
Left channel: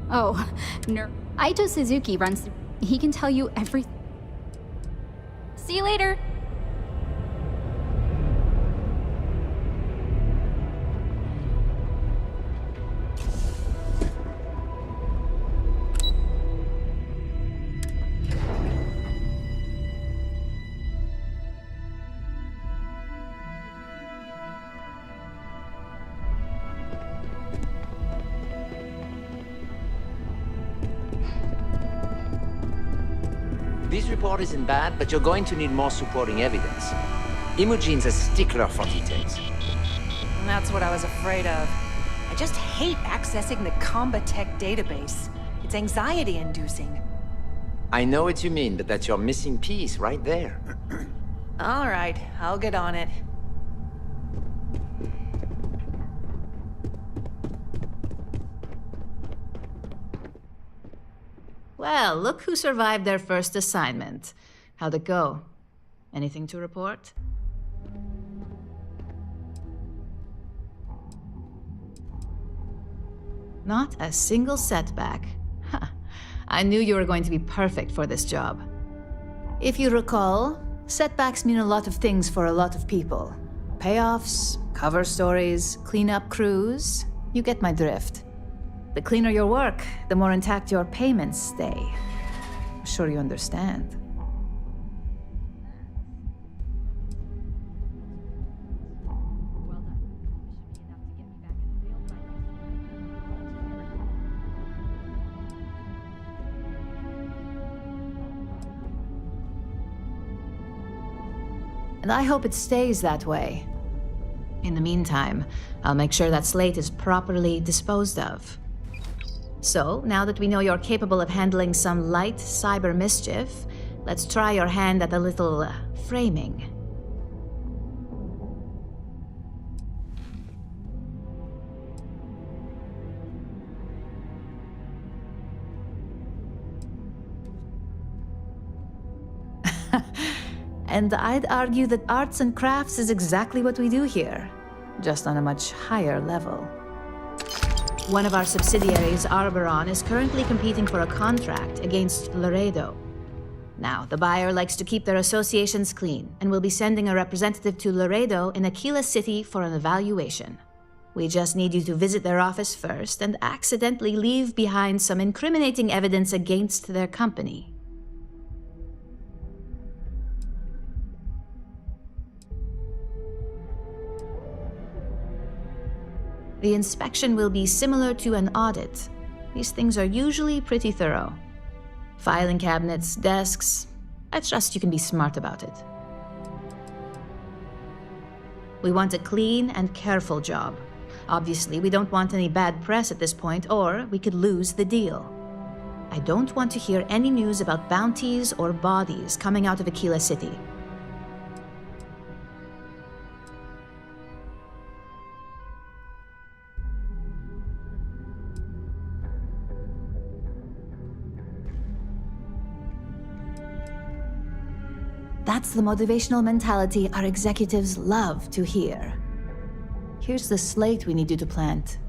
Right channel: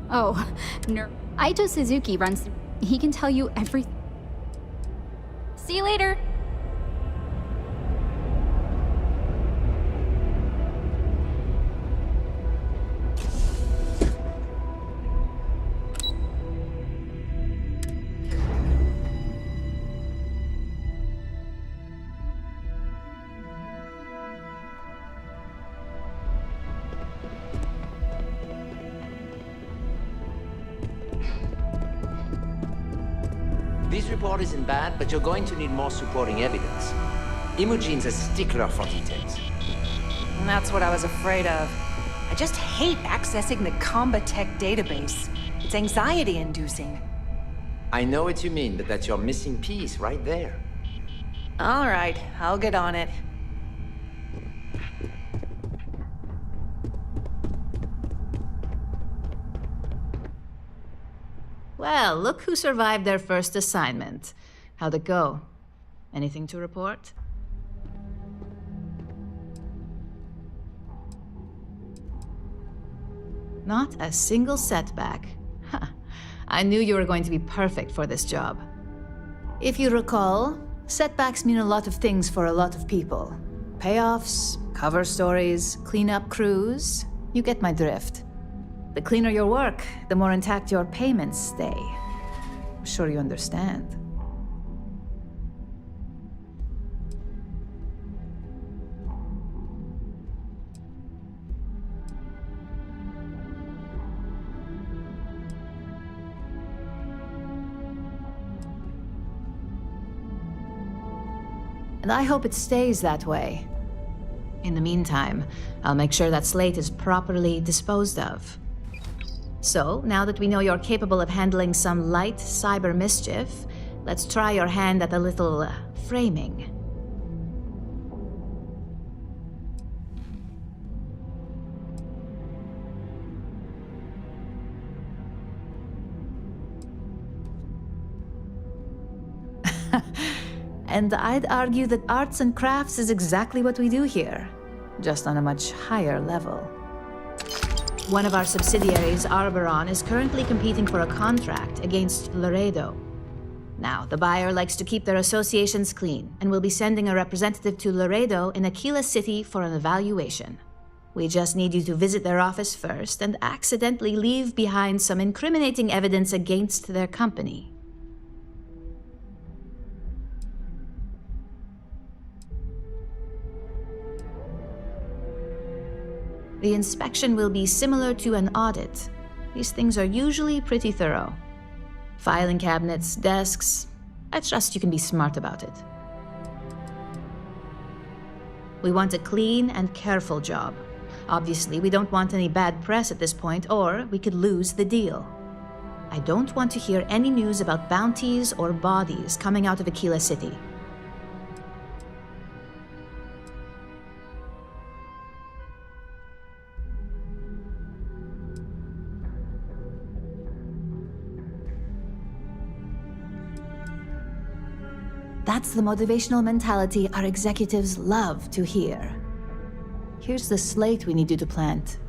Oh, Aito Suzuki runs through... He can tell you everything. See you later! This report isn't bad, but you're going to need more supporting evidence. Imogene's a stickler for details. And that's what I was afraid of. I just hate accessing the Combatech database. It's anxiety-inducing. I know what you mean, but that's your missing piece right there. All right, I'll get on it. Well, look who survived their first assignment. How'd it go? Anything to report? Not a single setback. Huh. I knew you were going to be perfect for this job. If you recall, setbacks mean a lot of things for a lot of people. Payoffs, cover stories, cleanup crews. You get my drift. The cleaner your work, the more intact your payments stay. I'm sure you understand. And I hope it stays that way. In the meantime, I'll make sure that slate is properly disposed of. So, now that we know you're capable of handling some light cyber mischief, let's try your hand at a little framing. And I'd argue that arts and crafts is exactly what we do here, just on a much higher level. One of our subsidiaries, Arboron, is currently competing for a contract against Laredo. Now, the buyer likes to keep their associations clean, and will be sending a representative to Laredo in Aquila City for an evaluation. We just need you to visit their office first and accidentally leave behind some incriminating evidence against their company. The inspection will be similar to an audit. these things are usually pretty thorough. Filing cabinets, desks. I trust you can be smart about it. We want a clean and careful job. Obviously, we don't want any bad press at this point, or we could lose the deal. I don't want to hear any news about bounties or bodies coming out of Aquila City. That's the motivational mentality our executives love to hear. Here's the slate we need you to plant.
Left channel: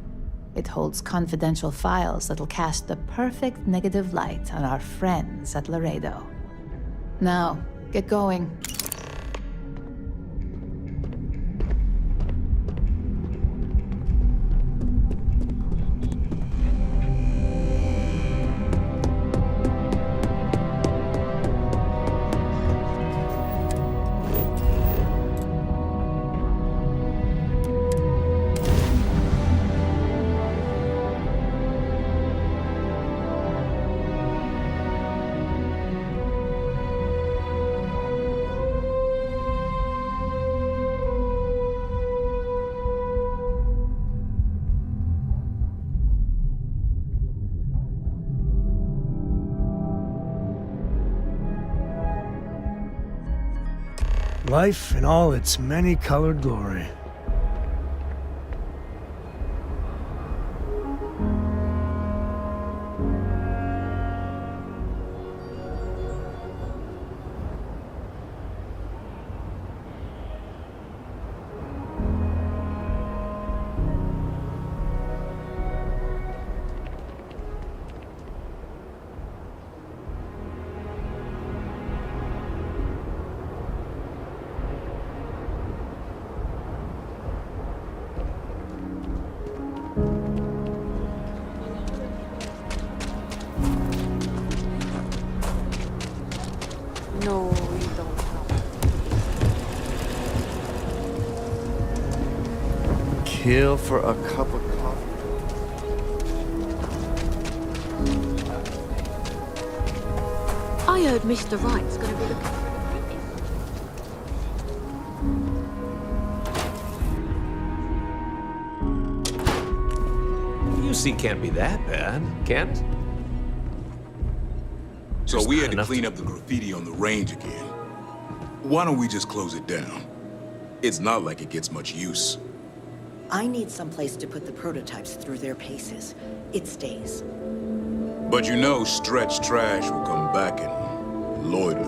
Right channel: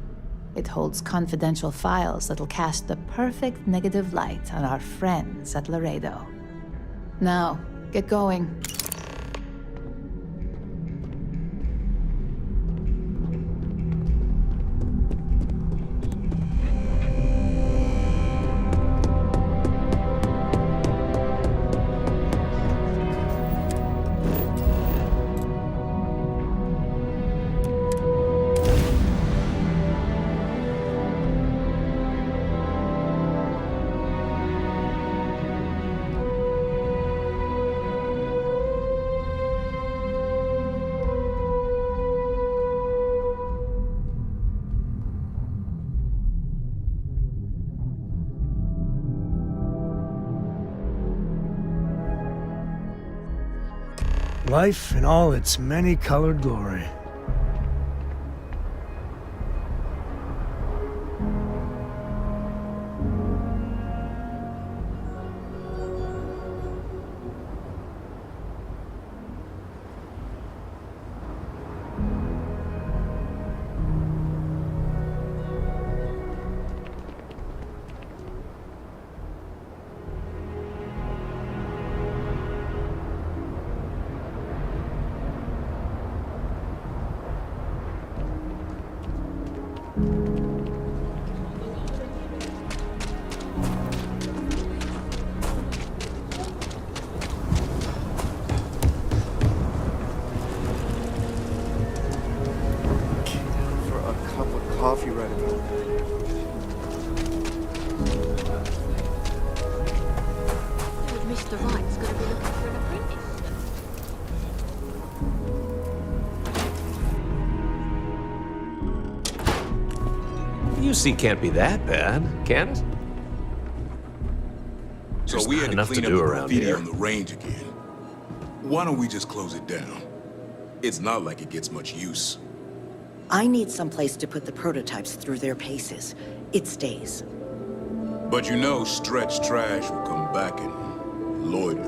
It holds confidential files that'll cast the perfect negative light on our friends at Laredo. Now, get going. Life in all its many-colored glory. Kill for a cup of coffee right now. I heard Mr. Wright's gonna be looking for an apprentice. UC can't be that bad, can it? So There's we not had to enough clean to up do the around graffiti here. on the range again. Why don't we just close it down? It's not like it gets much use. I need someplace to put the prototypes through their paces. It stays. But you know Stretch Trash will come back and loiter.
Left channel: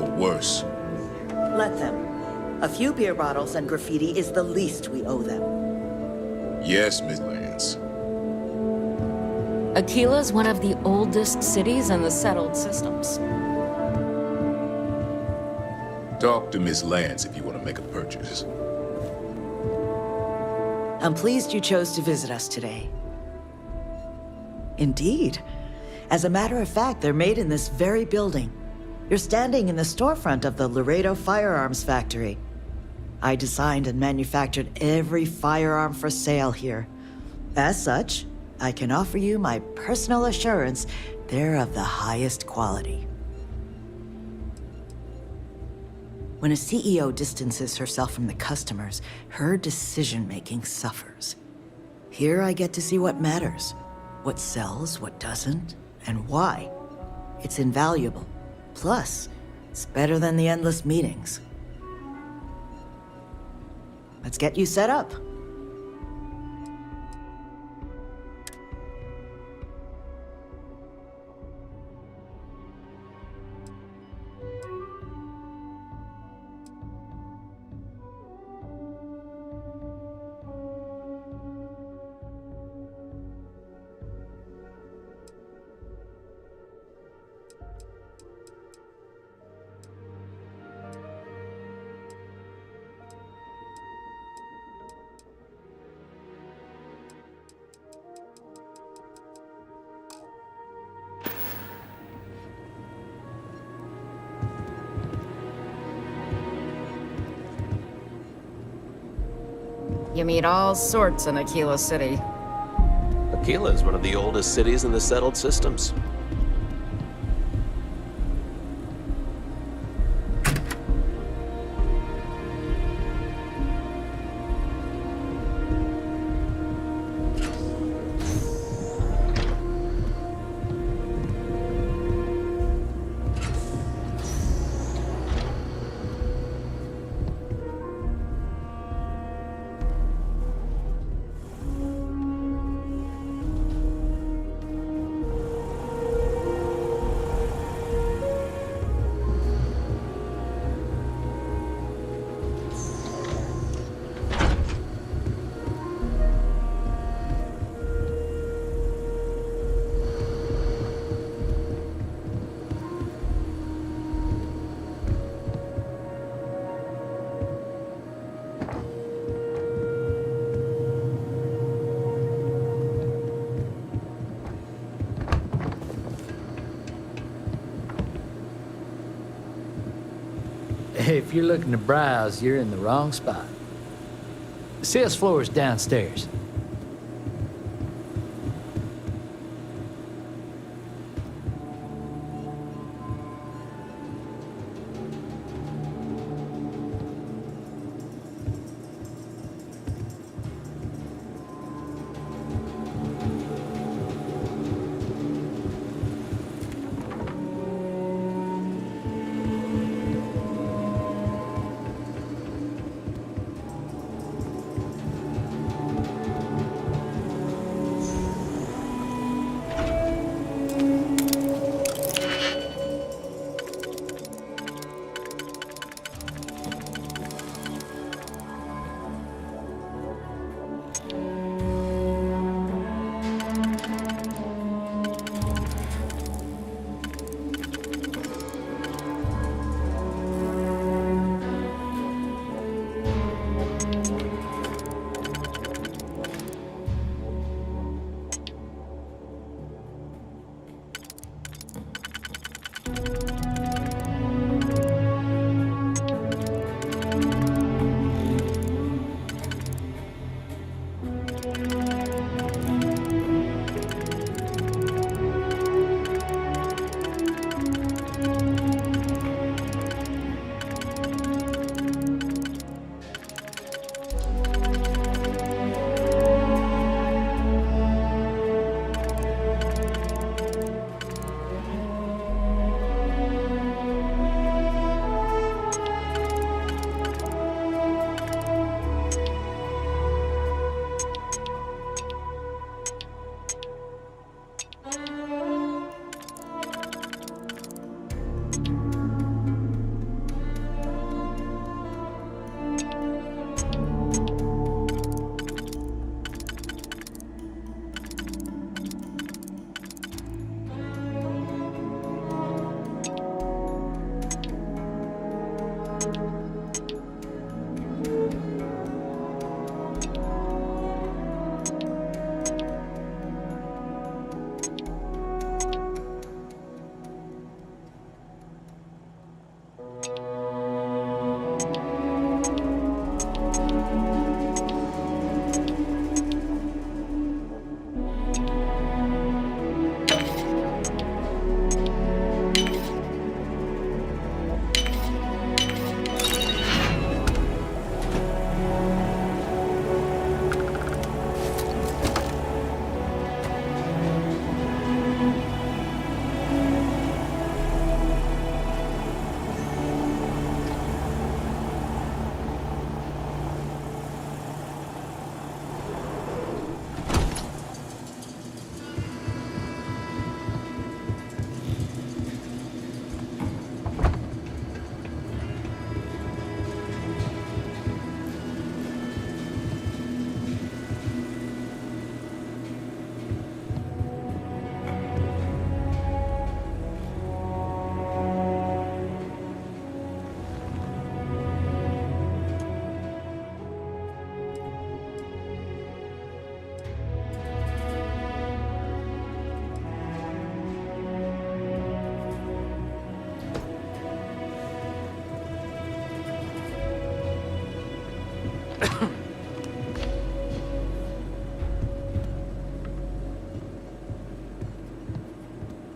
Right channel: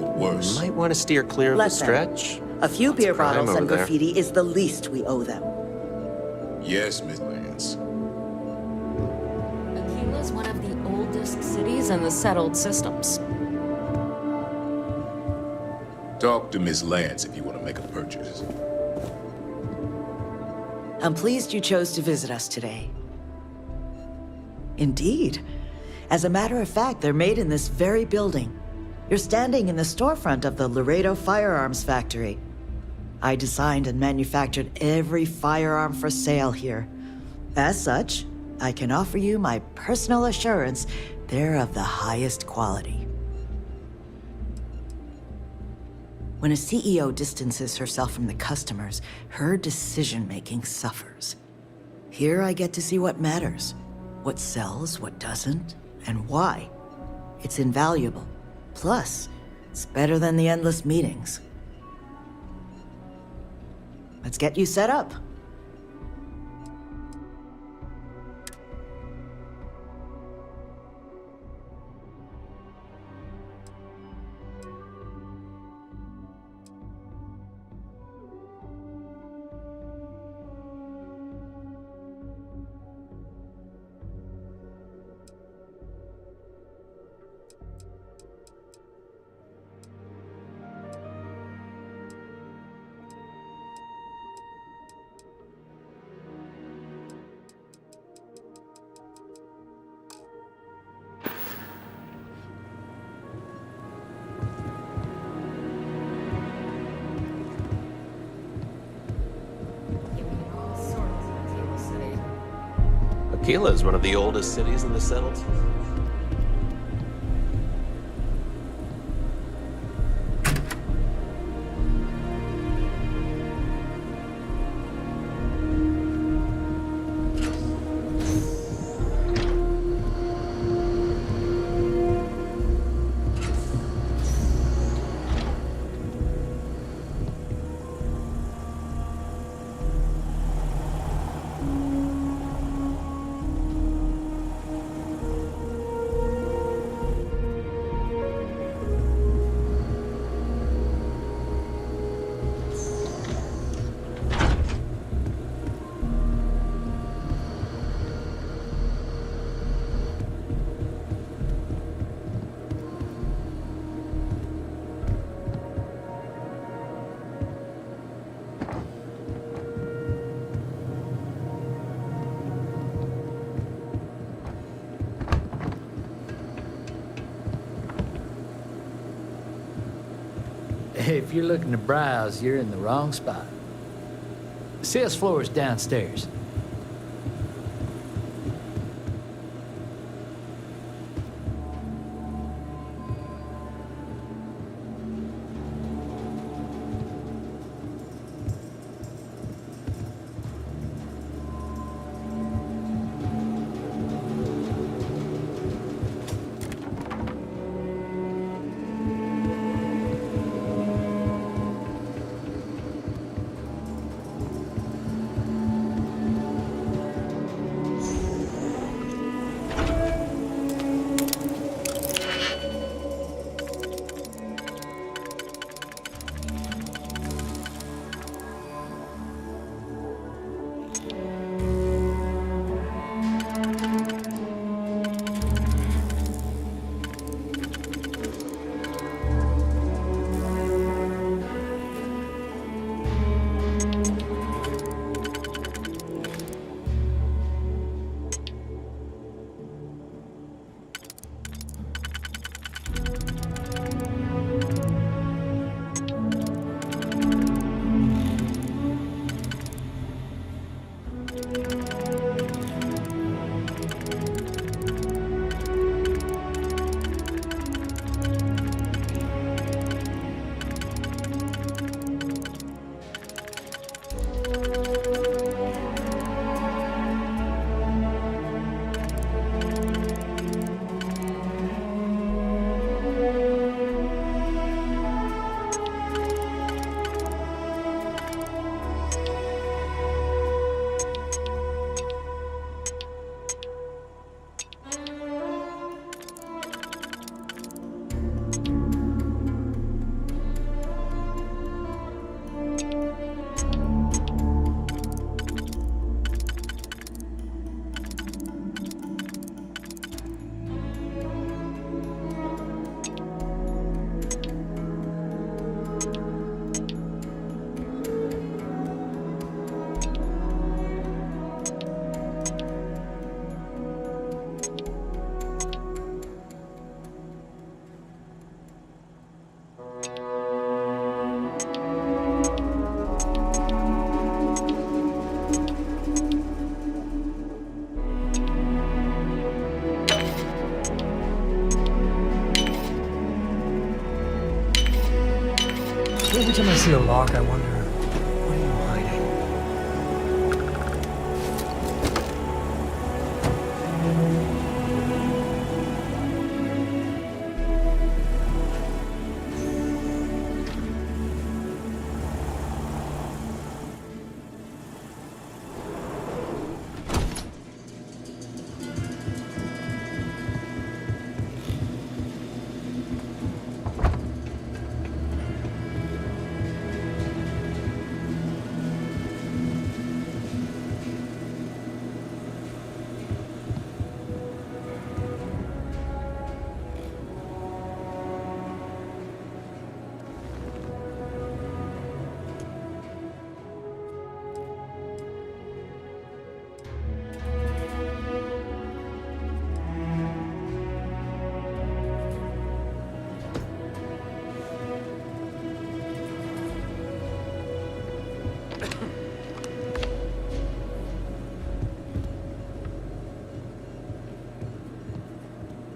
Or worse. You might want to steer clear of Let the them. Stretch. A few beer crime bottles and over there. graffiti is the least we owe them. Yes, Miss Lance. Aquila's one of the oldest cities in the settled systems. Talk to Miss Lance if you want to make a purchase. I'm pleased you chose to visit us today. Indeed. As a matter of fact, they're made in this very building. You're standing in the storefront of the Laredo Firearms Factory. I designed and manufactured every firearm for sale here. As such, I can offer you my personal assurance they're of the highest quality. When a CEO distances herself from the customers, her decision-making suffers. Here I get to see what matters, what sells, what doesn't, and why. It's invaluable. Plus, it's better than the endless meetings. Let's get you set up. You meet all sorts in Aquila City. Aquila is one of the oldest cities in the settled systems. If you're looking to browse, you're in the wrong spot. The sales floor is downstairs.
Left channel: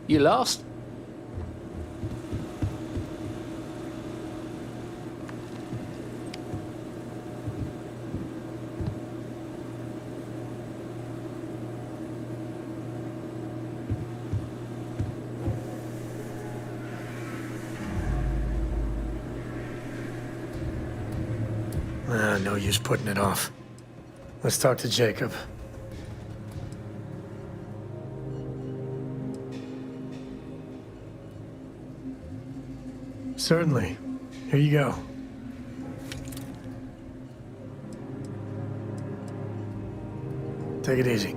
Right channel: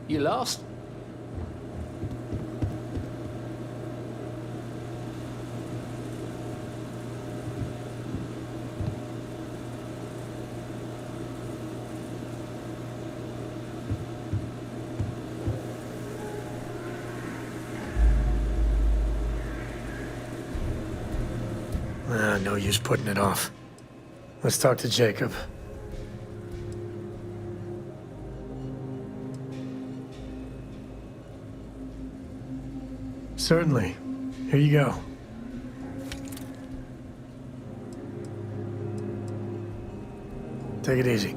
You lost? No use putting it off. Let's talk to Jacob. Certainly. Here you go. Take it easy.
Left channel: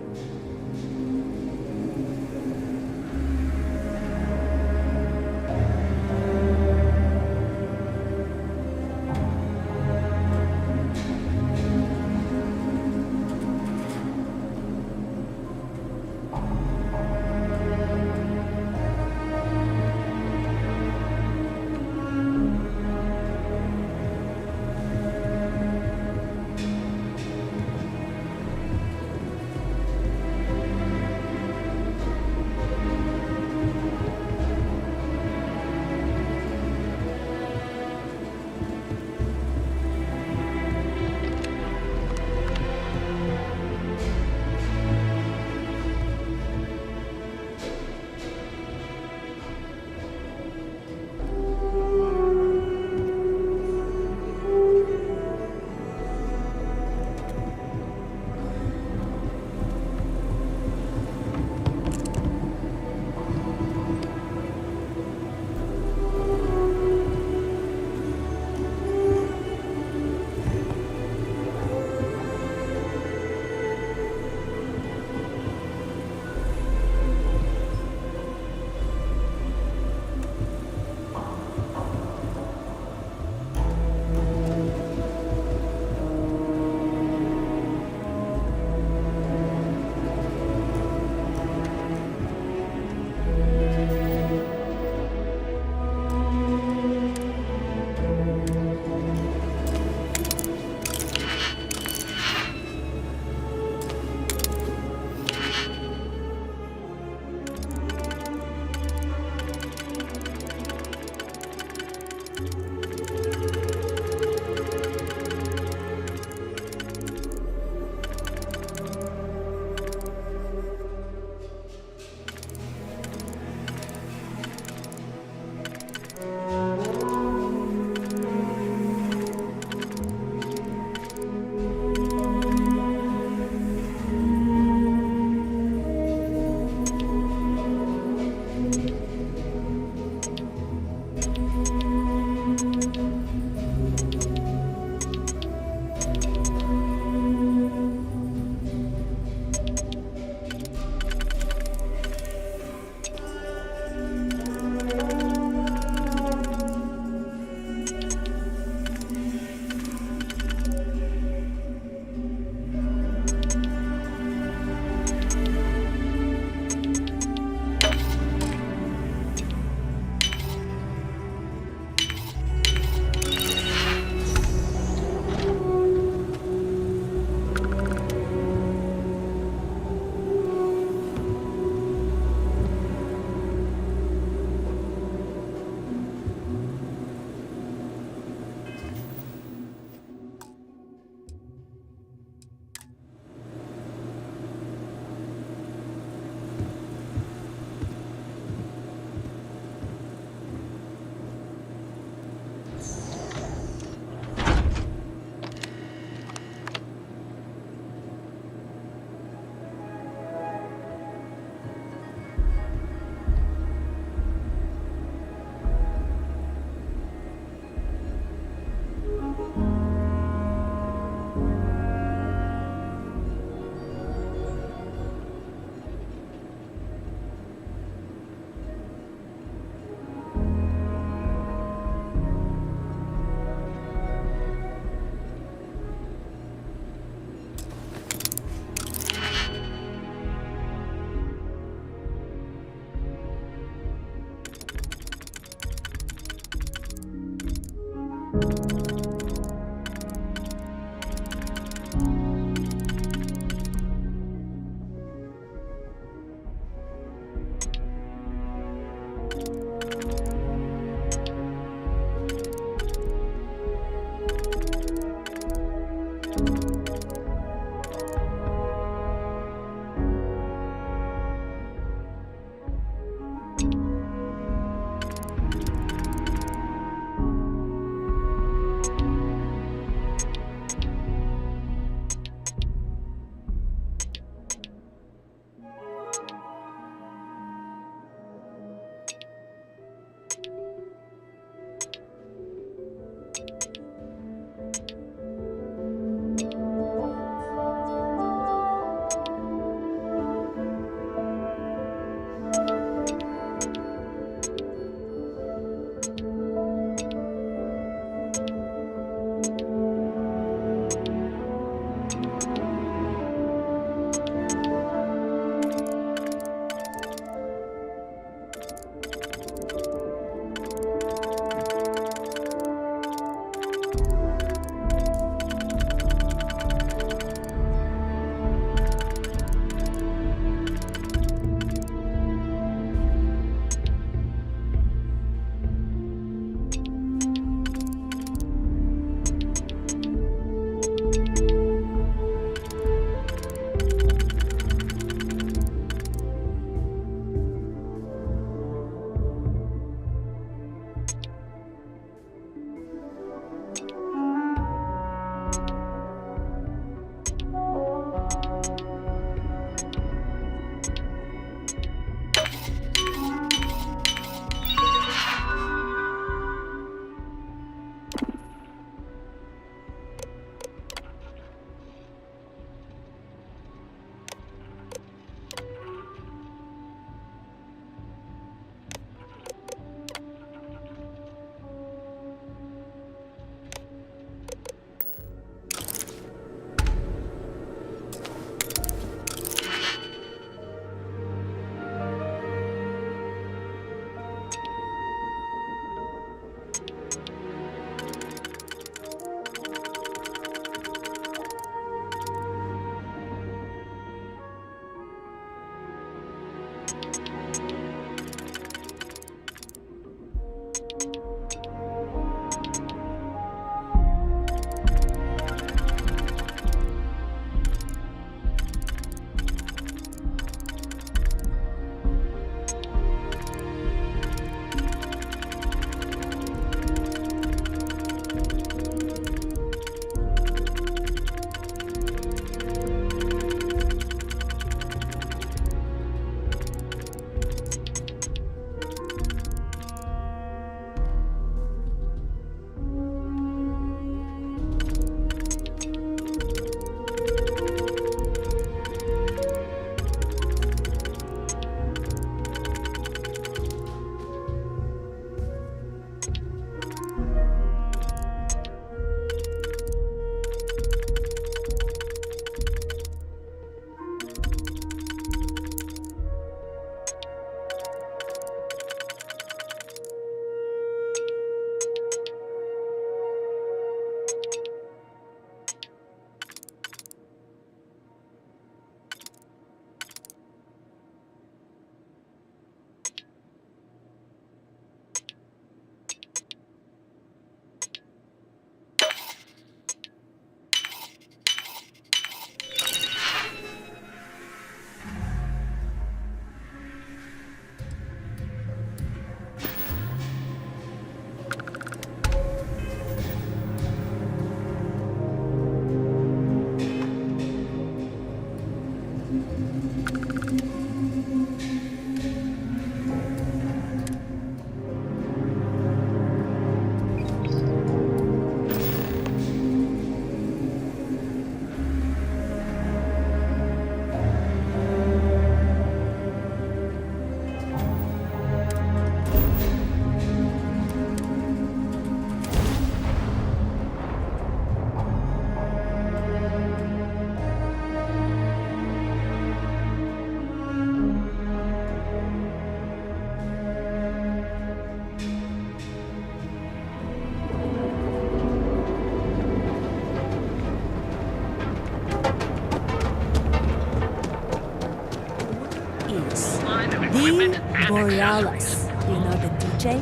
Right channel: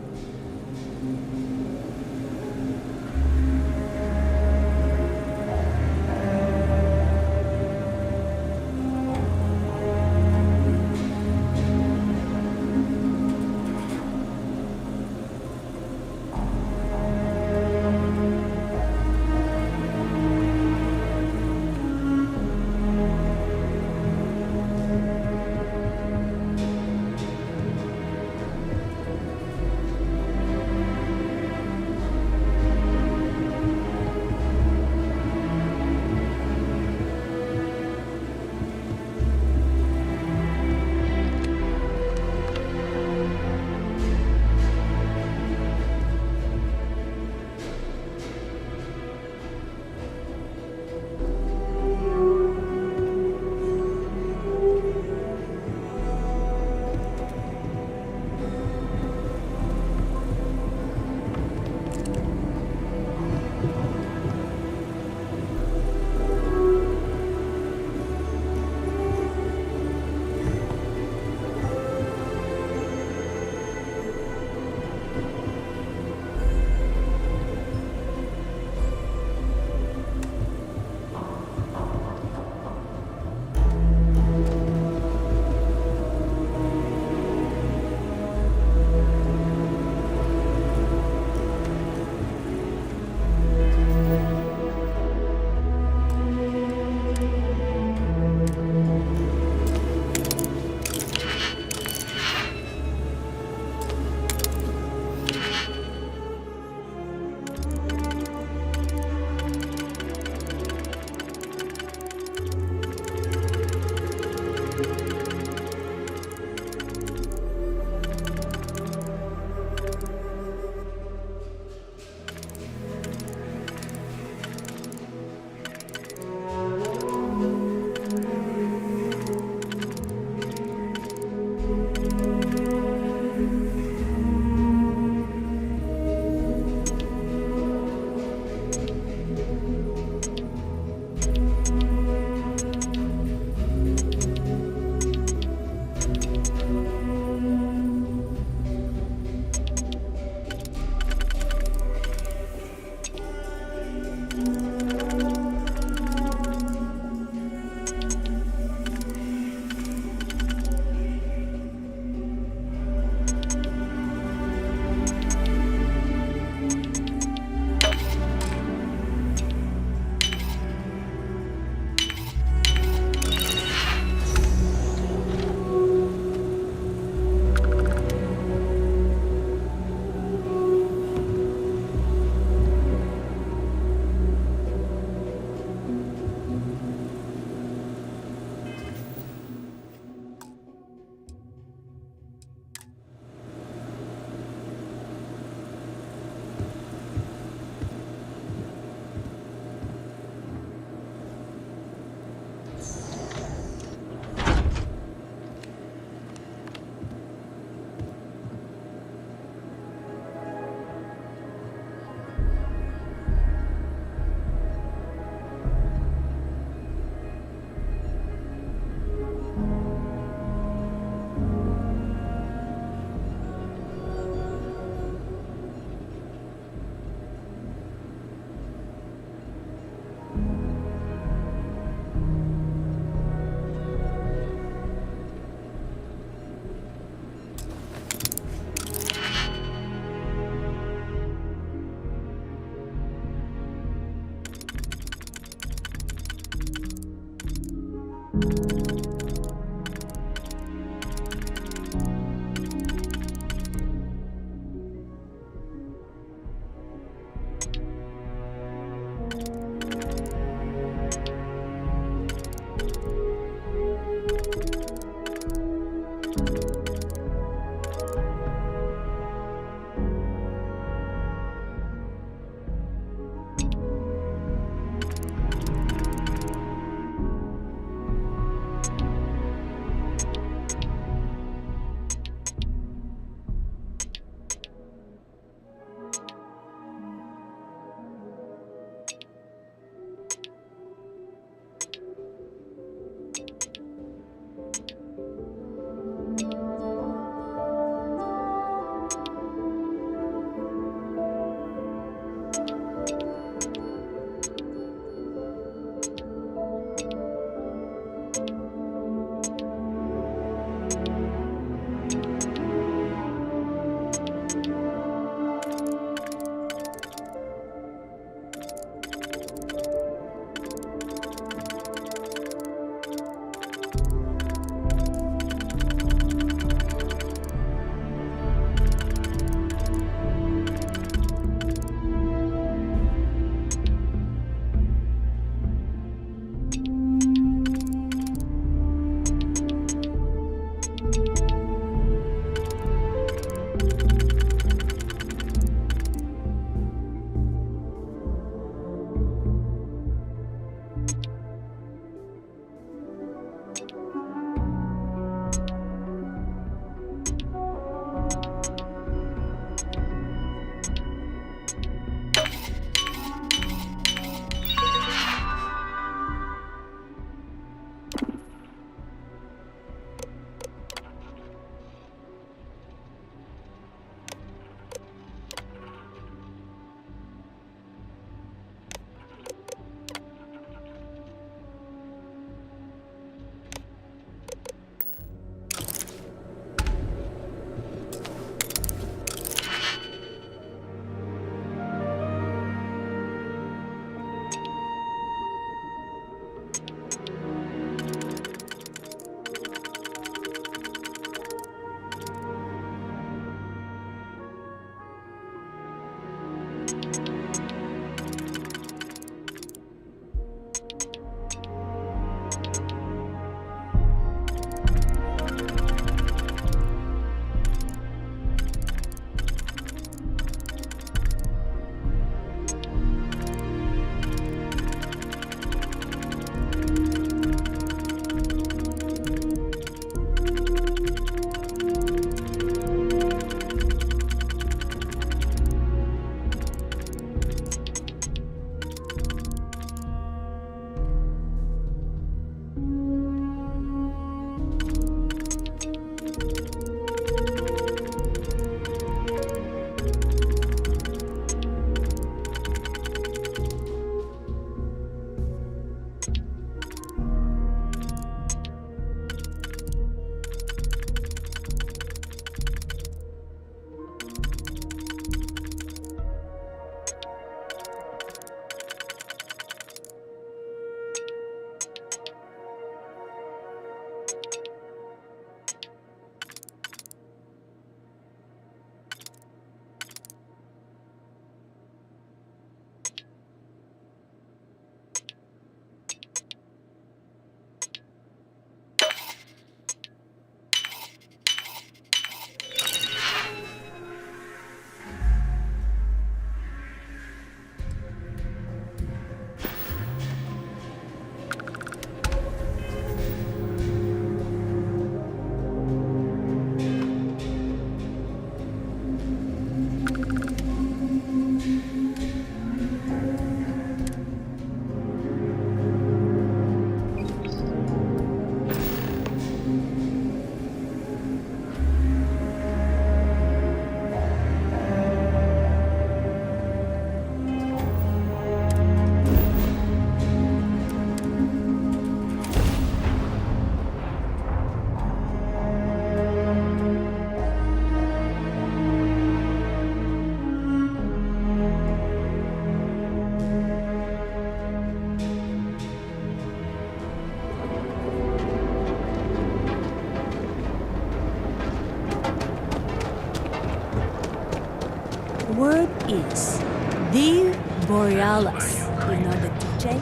The Borealis. You know the DJ?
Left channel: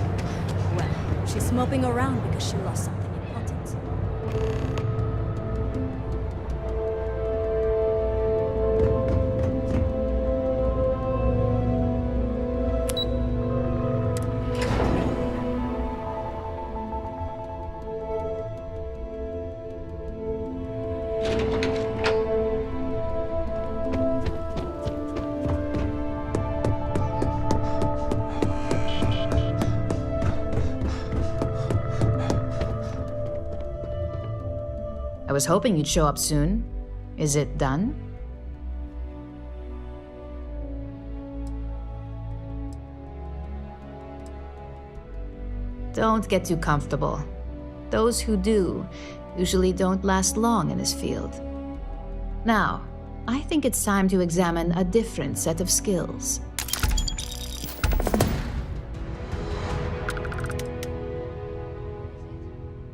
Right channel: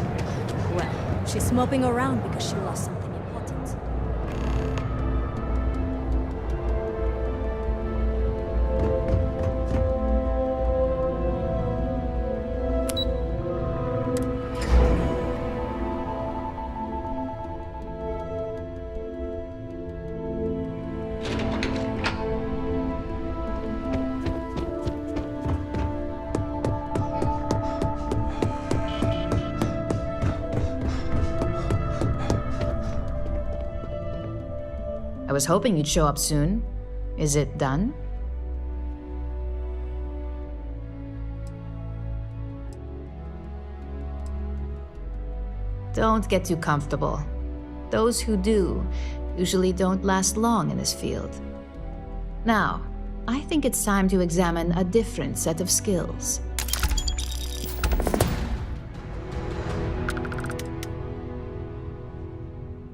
Well, she's moping around because she lost something important. I was hoping you'd show up soon. Is it done? Don't get too comfortable. Those who do usually don't last long in this field. Now, I think it's time to examine a different set of skills.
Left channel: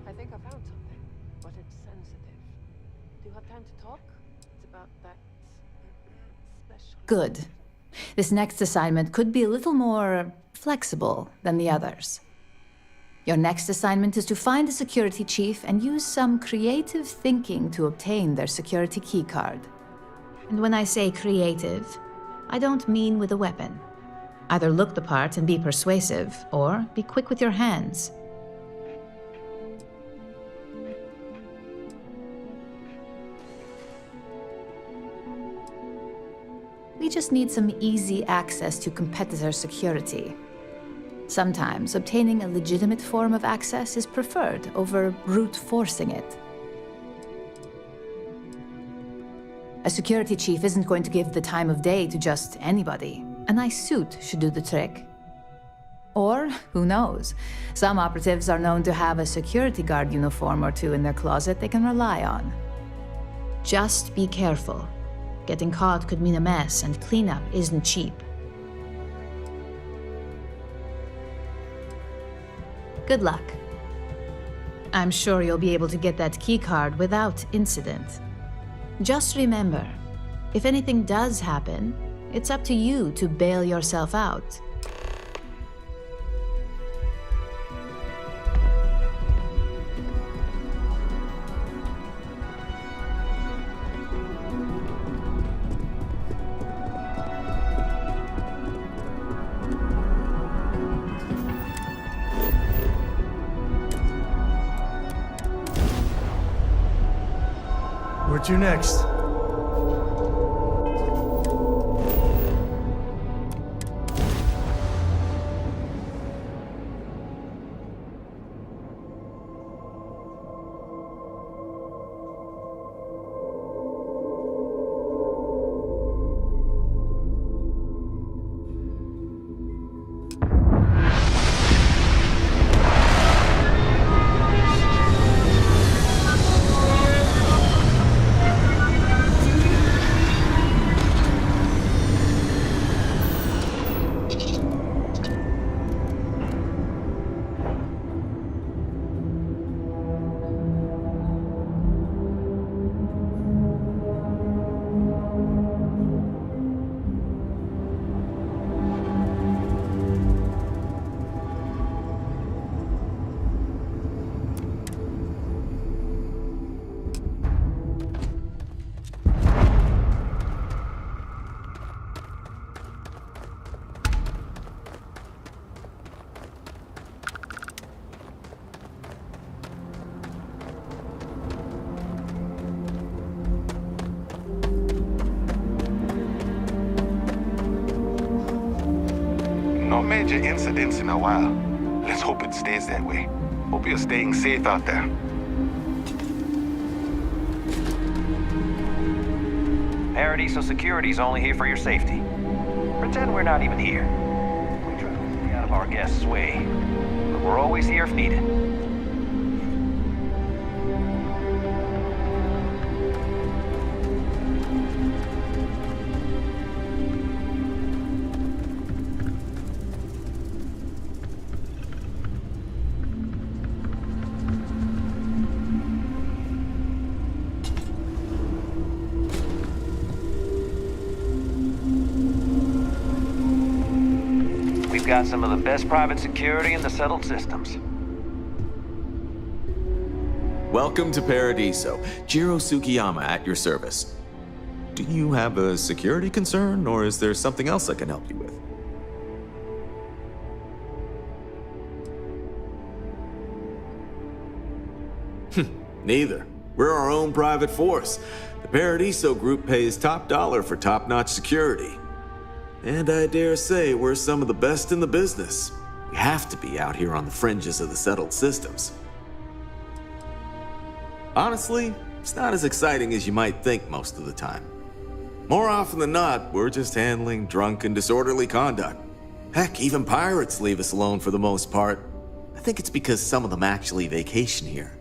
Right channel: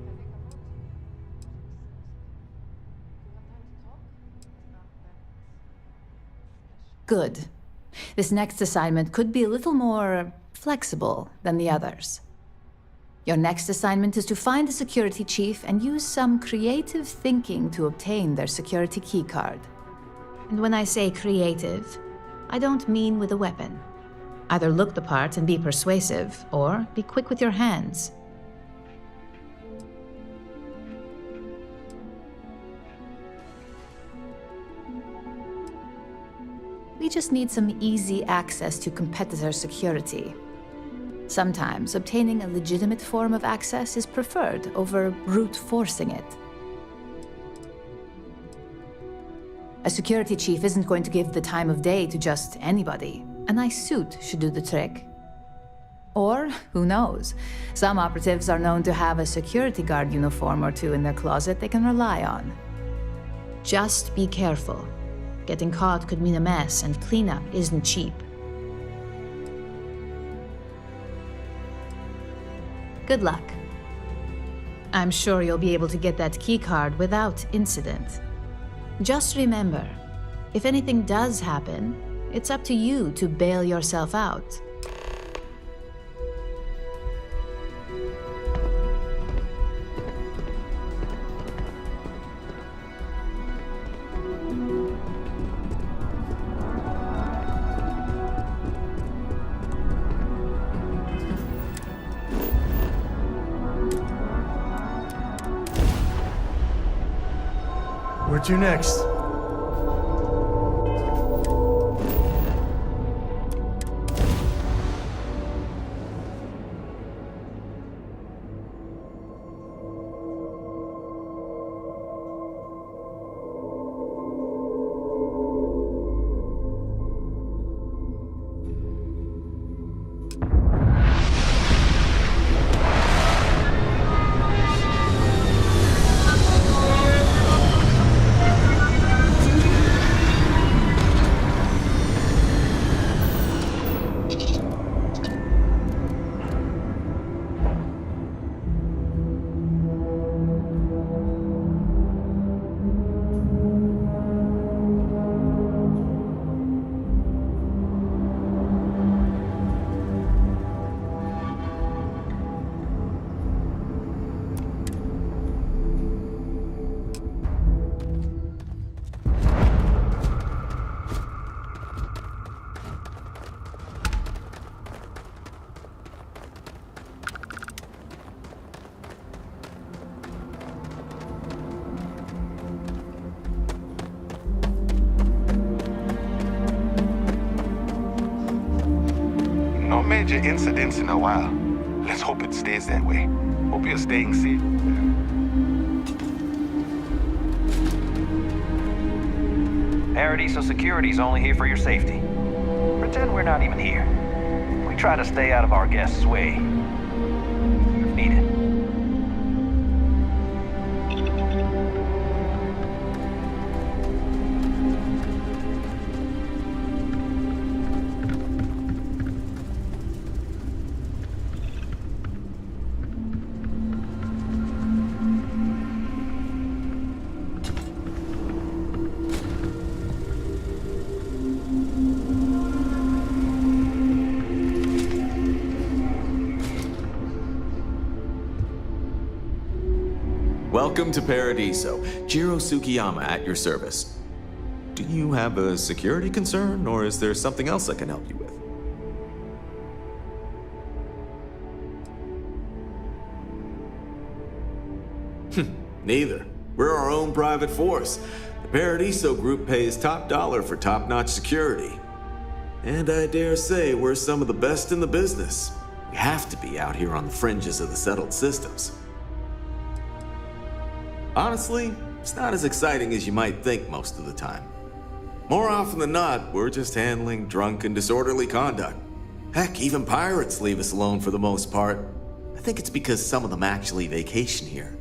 I think I found something, but it's sensitive. Do you have time to talk? It's about that special... Good. This next assignment could be a little more flexible than the others. Your next assignment is to find the security chief and use some creative thinking to obtain their security keycard. And when I say creative, I don't mean with a weapon. Either look the part and be persuasive, or be quick with your hands. We just need some easy access to competitor security. Sometimes obtaining a legitimate form of access is preferred over brute forcing it. A security chief isn't going to give the time of day to just anybody. A nice suit should do the trick. Or, who knows, some operatives are known to have a security guard uniform or two in their closet they can rely on. Just be careful. Getting caught could mean a mess, and cleanup isn't cheap. Good luck. I'm sure you'll be able to get that keycard without incident. Just remember, if anything does happen, it's up to you to bail yourself out. Where to next? No major incidents in a while. Let's hope it stays that way. Hope you're staying safe out there. Paradiso Security's only here for your safety. Pretend we're not even here. We try to stay out of our guests' way, but we're always here if needed. got some of the best private security in the settled systems. Welcome to Paradiso. Jiro Tsukiyama at your service. Do you have a security concern, or is there something else I can help you with? Neither. We're our own private force. The Paradiso group pays top dollar for top-notch security. And I dare say we're some of the best in the business. We have to be out here on the fringes of the settled systems. Honestly, it's not as exciting as you might think most of the time. More often than not, we're just handling drunk and disorderly conduct. Heck, even pirates leave us alone for the most part. I think it's because some of them actually vacation here.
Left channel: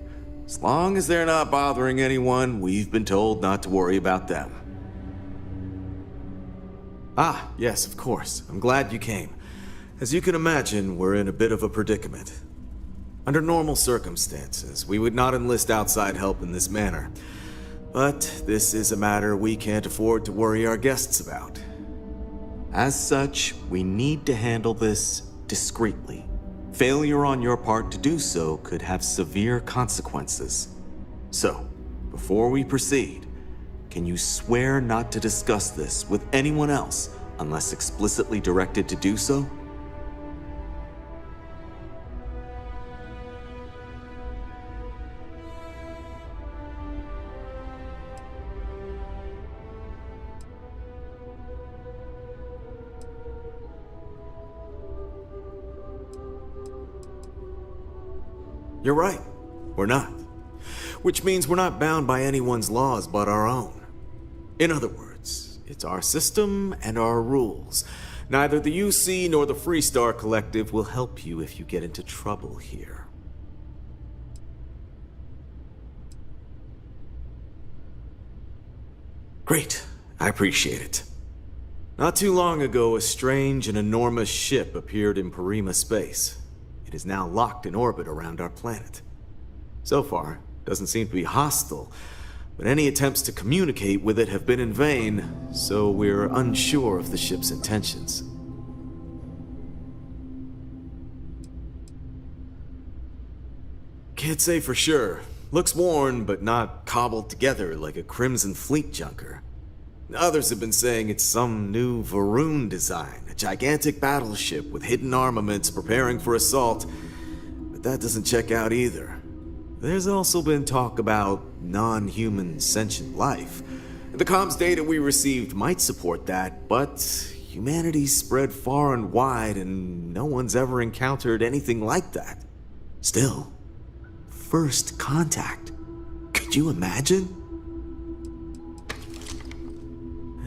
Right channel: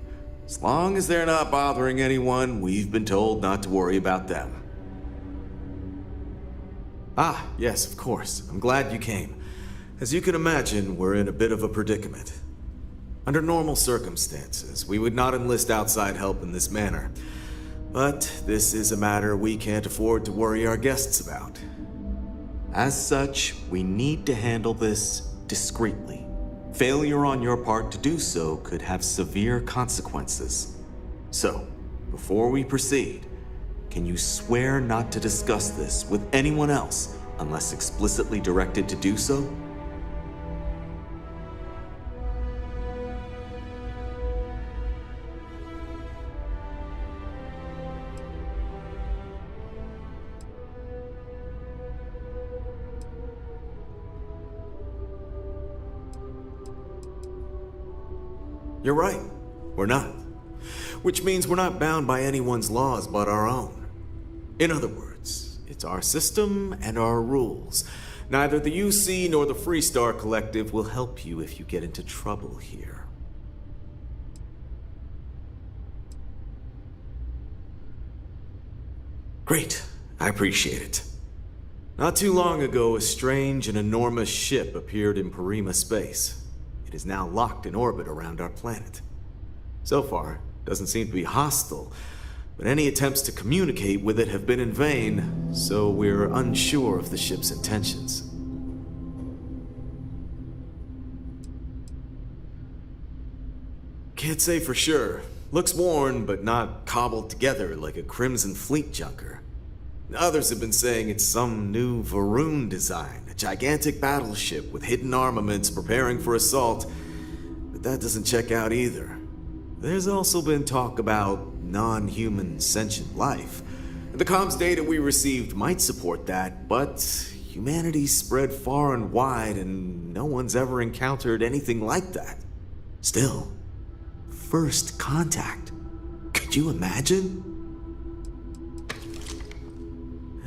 As long as they're not bothering anyone, we've been told not to worry about them. Ah, yes, of course. I'm glad you came. As you can imagine, we're in a bit of a predicament. Under normal circumstances, we would not enlist outside help in this manner. But this is a matter we can't afford to worry our guests about. As such, we need to handle this discreetly. Failure on your part to do so could have severe consequences. So, before we proceed, can you swear not to discuss this with anyone else unless explicitly directed to do so? You're right, we're not. Which means we're not bound by anyone's laws but our own. In other words, it's our system and our rules. Neither the UC nor the Freestar Collective will help you if you get into trouble here. Great, I appreciate it. Not too long ago, a strange and enormous ship appeared in Parima space. It is now locked in orbit around our planet. So far, it doesn't seem to be hostile, but any attempts to communicate with it have been in vain, so we're unsure of the ship's intentions. Can't say for sure. Looks worn, but not cobbled together like a Crimson Fleet junker. Others have been saying it's some new Varun design, a gigantic battleship with hidden armaments preparing for assault, but that doesn't check out either. There's also been talk about non-human sentient life. The comms data we received might support that, but humanity's spread far and wide and no one's ever encountered anything like that. Still, first contact. Could you imagine?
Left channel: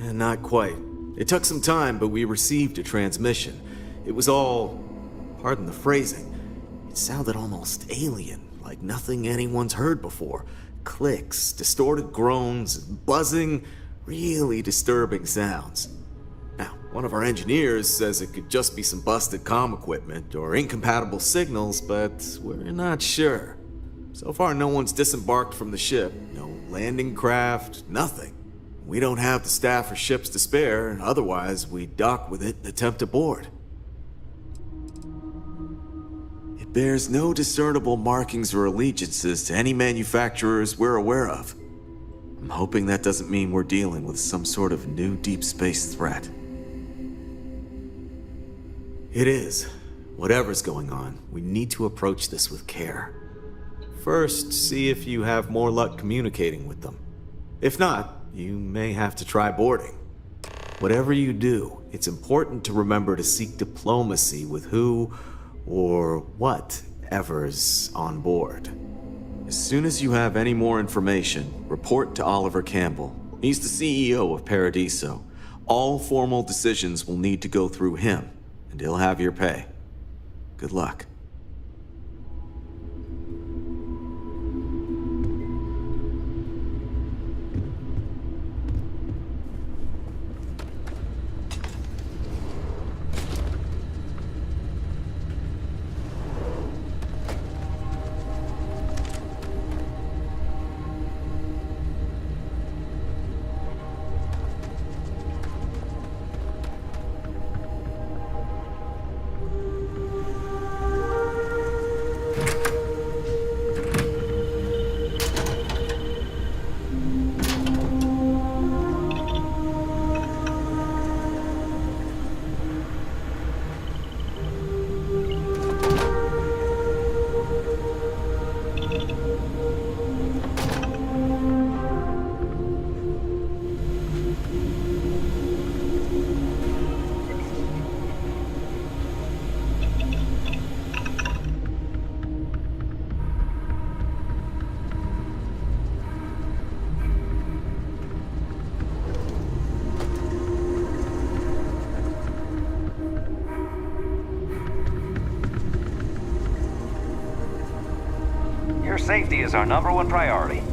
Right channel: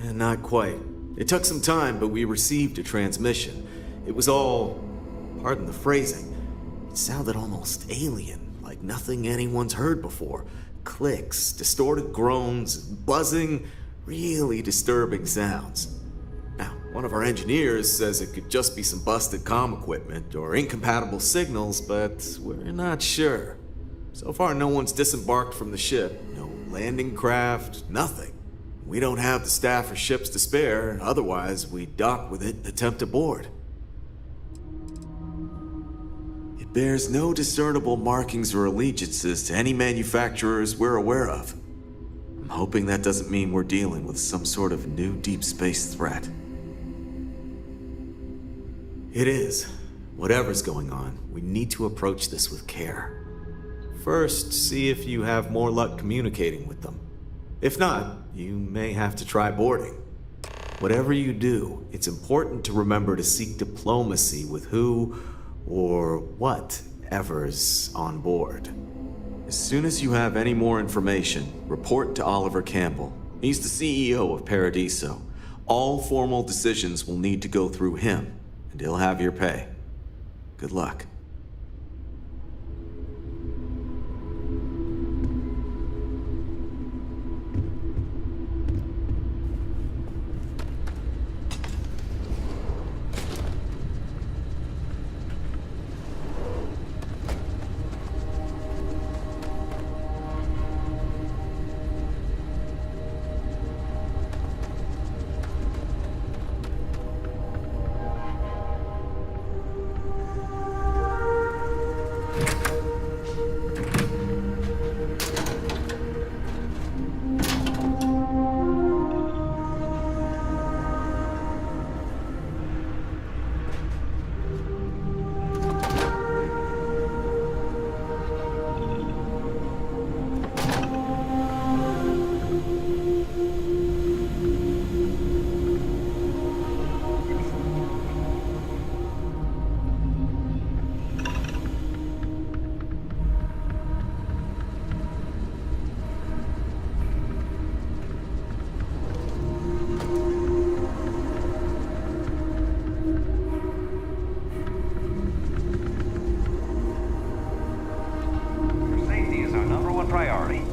Not quite. It took some time, but we received a transmission. It was all, pardon the phrasing, it sounded almost alien, like nothing anyone's heard before. Clicks, distorted groans, buzzing, really disturbing sounds. Now, one of our engineers says it could just be some busted comm equipment or incompatible signals, but we're not sure. So far, no one's disembarked from the ship, no landing craft, nothing. We don't have the staff or ships to spare, otherwise we'd dock with it and attempt to board. It bears no discernible markings or allegiances to any manufacturers we're aware of. I'm hoping that doesn't mean we're dealing with some sort of new deep space threat. It is. Whatever's going on, we need to approach this with care. First, see if you have more luck communicating with them. If not, you may have to try boarding. Whatever you do, it's important to remember to seek diplomacy with who or whatever's on board. As soon as you have any more information, report to Oliver Campbell. He's the CEO of Paradiso. All formal decisions will need to go through him, and he'll have your pay. Good luck. safety is our #1 priority.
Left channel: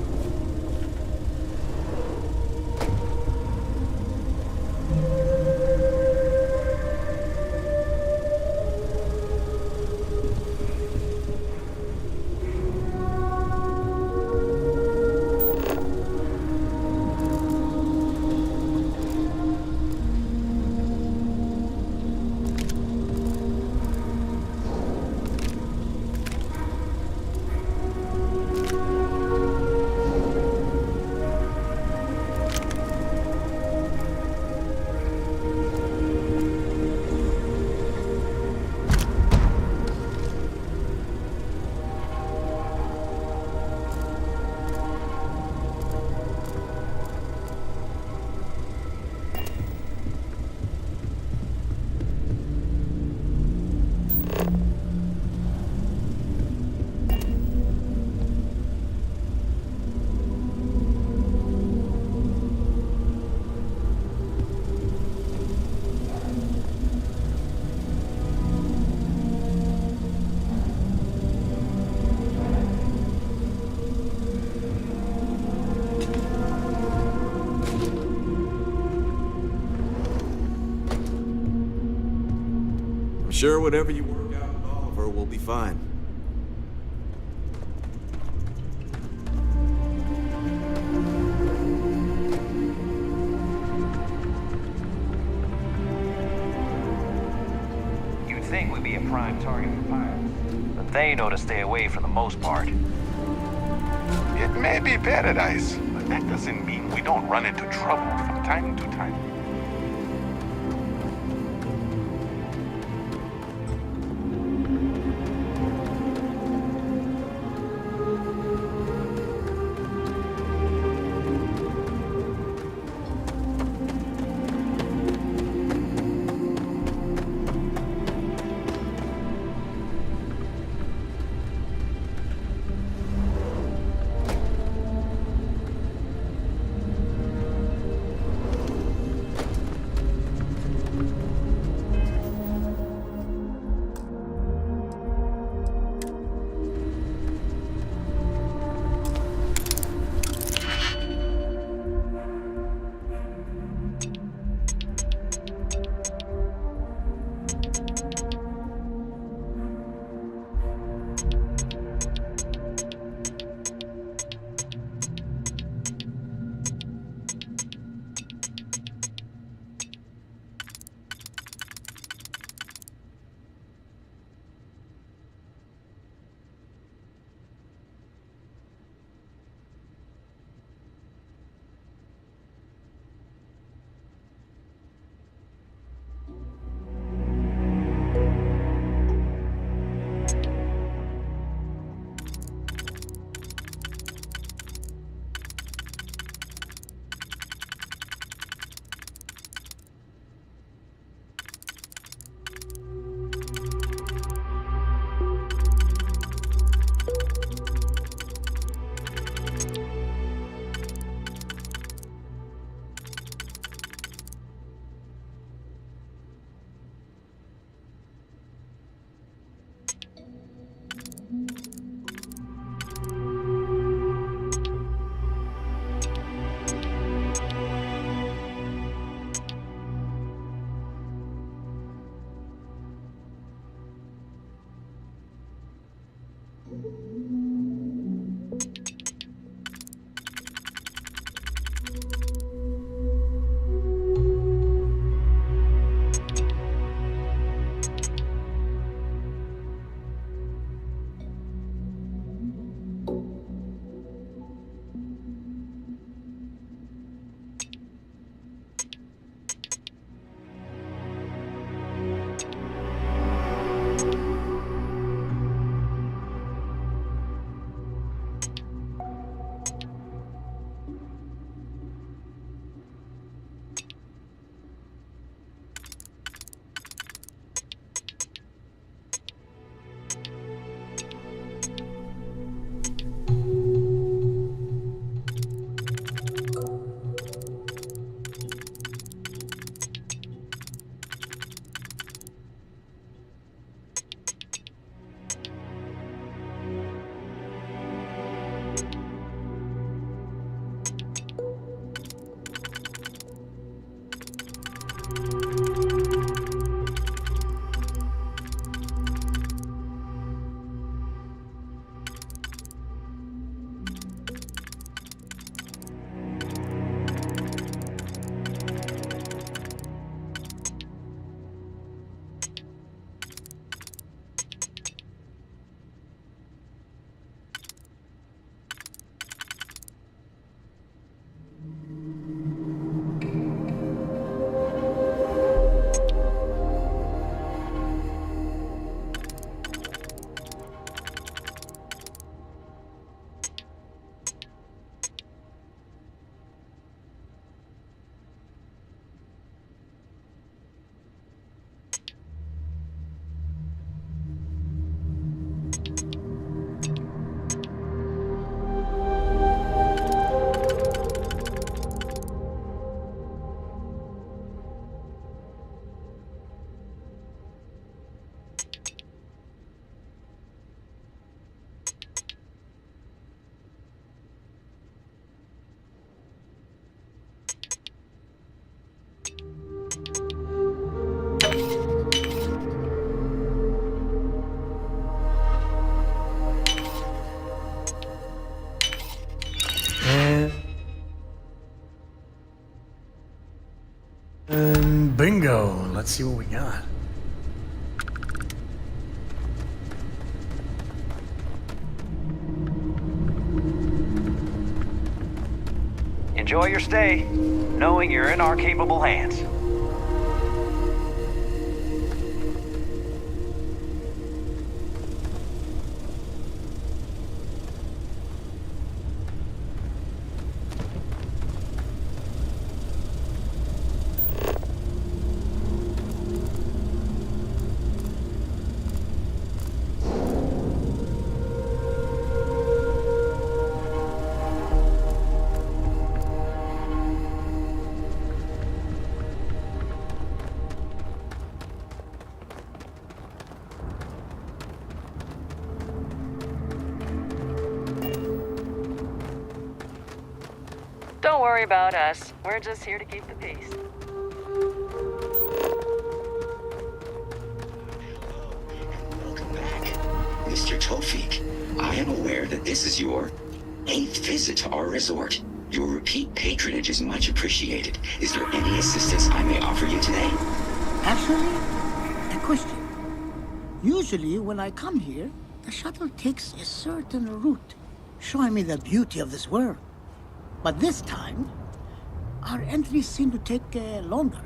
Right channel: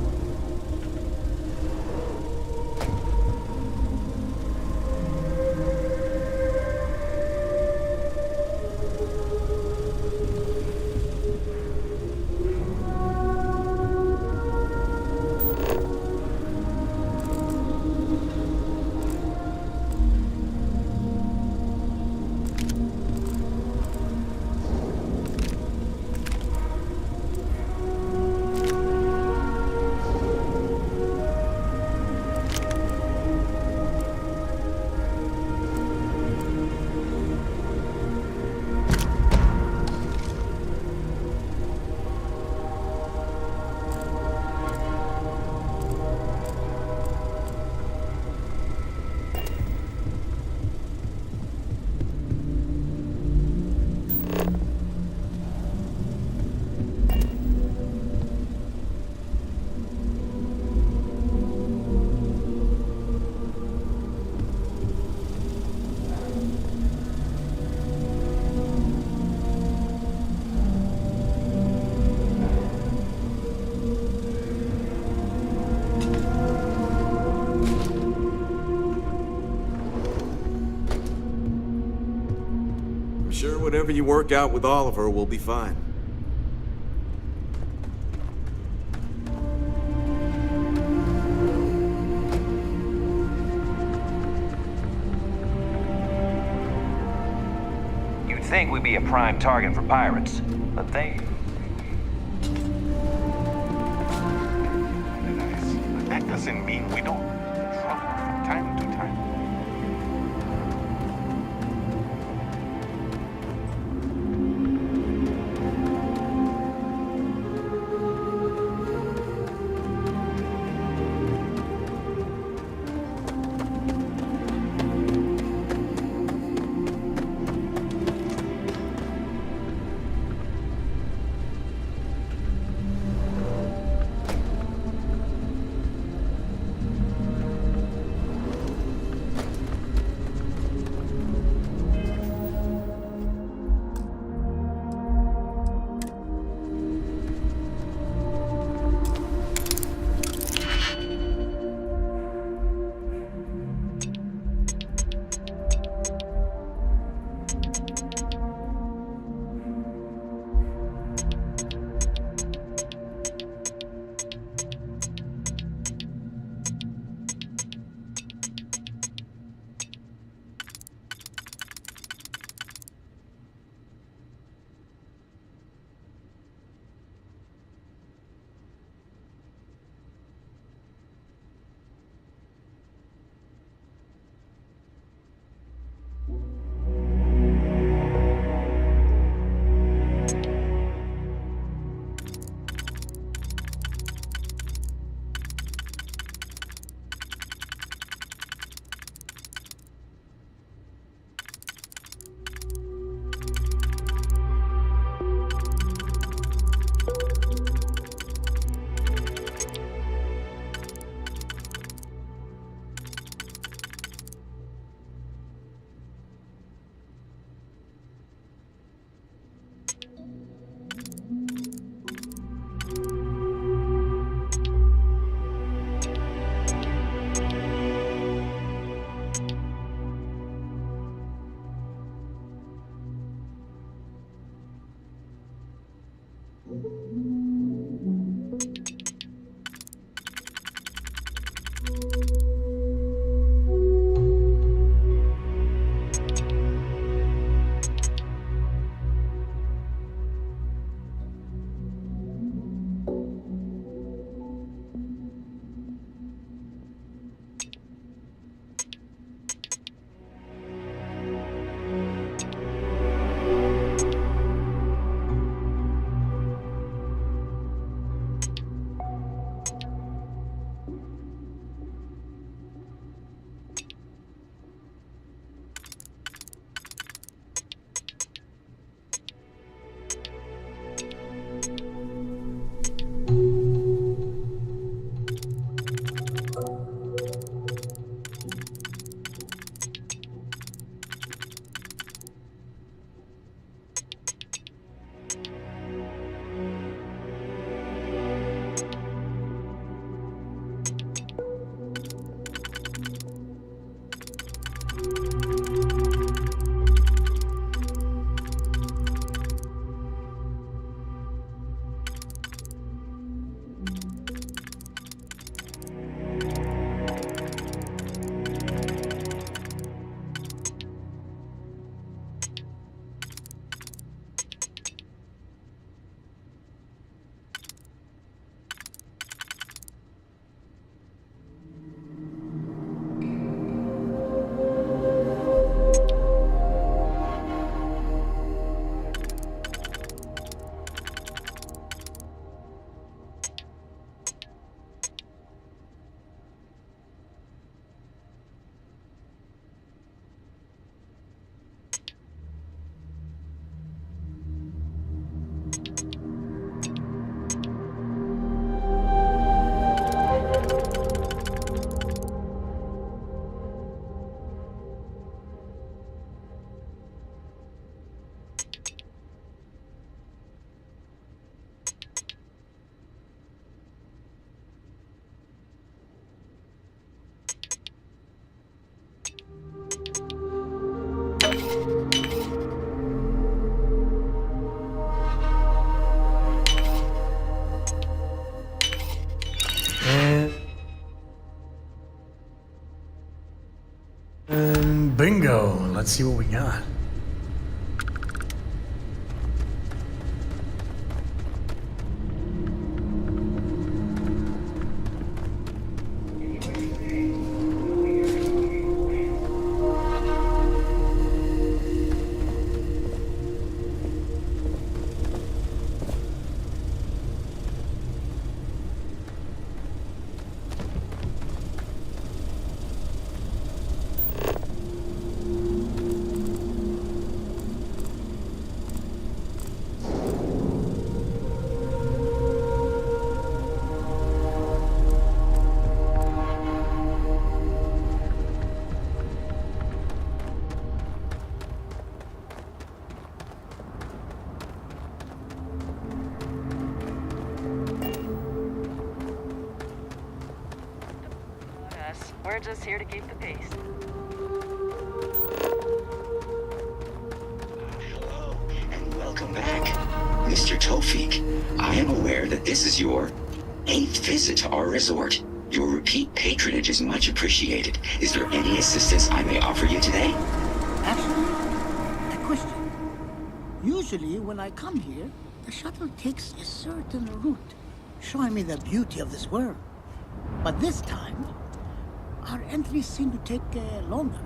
I'm sure whatever you work out with Oliver will be fine. You'd think we'd be a prime target for pirates, but they know to stay away for the most part. It may be paradise, but that doesn't mean we don't run into trouble from time to time. bingo. Let's see what we got. Enjoy your stay, knowing you're in our capable hands. Don't worry about us. We're just here to keep the peace. Welcome back. Mr. Tofik, I am aware that this is your 8th visit to our resort. Your repeat patronage is much appreciated. Is there any assistance I may offer you today? Actually, a question. Usually when I come here, the shuttle takes a certain route, showing me the beauty of this world. But this time, our entries seem to take longer,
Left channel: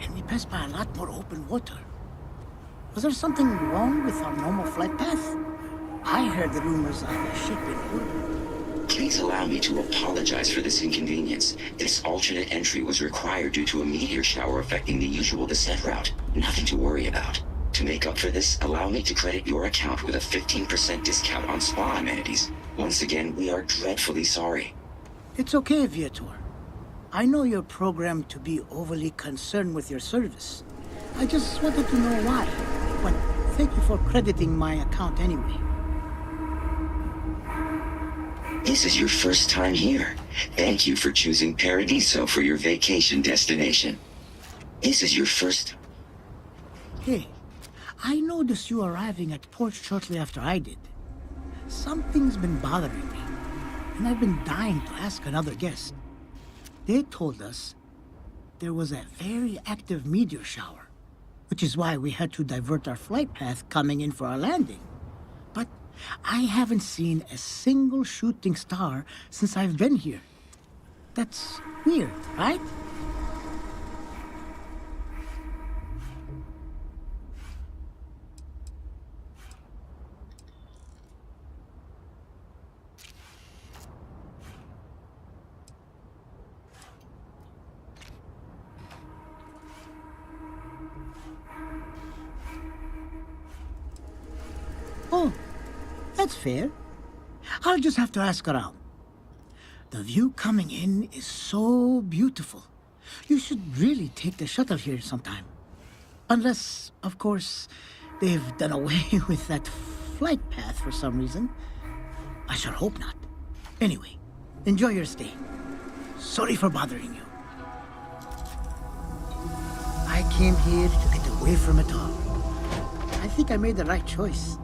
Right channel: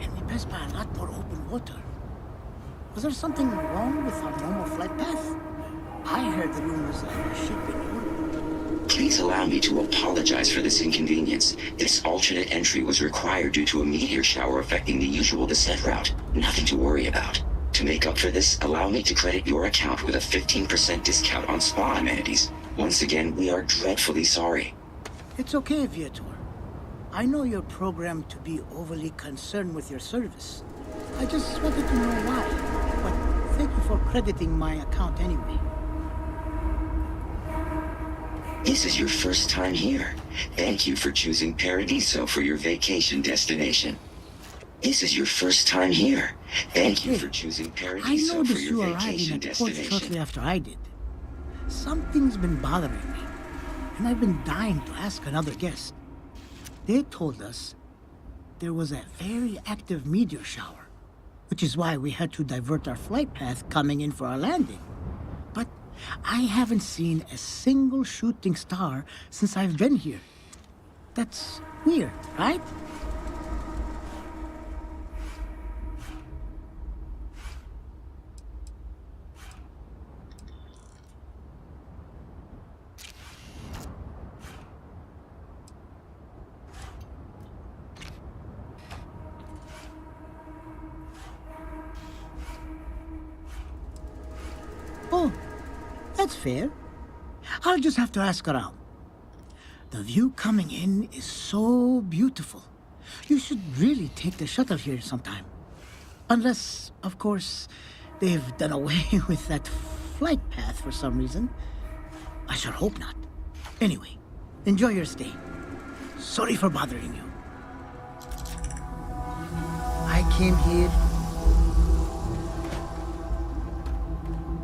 and we pass by a lot more open water. Was there something wrong with our normal flight path? I heard the rumors of a ship in orbit. Please allow me to apologize for this inconvenience. This alternate entry was required due to a meteor shower affecting the usual descent route. Nothing to worry about. To make up for this, allow me to credit your account with a 15% discount on spa amenities. Once again, we are dreadfully sorry. It's okay, Viator. I know you're programmed to be overly concerned with your service. I just wanted to know why. But thank you for crediting my account anyway. This is your first time here. Thank you for choosing Paradiso for your vacation destination. This is your first time here. Thank you for choosing Paradiso. I noticed you arriving at port shortly after I did. Something's been bothering me, and I've been dying to ask another guest. They told us there was a very active meteor shower, which is why we had to divert our flight path coming in for our landing. But I haven't seen a single shooting star since I've been here. That's weird, right? Oh, that's fair. I'll just have to ask around. The view coming in is so beautiful. You should really take the shuttle here sometime. Unless, of course, they've done away with that flight path for some reason. I sure hope not. Anyway, enjoy your stay. Sorry for bothering you. I came here to get away from it all. I think I made the right choice.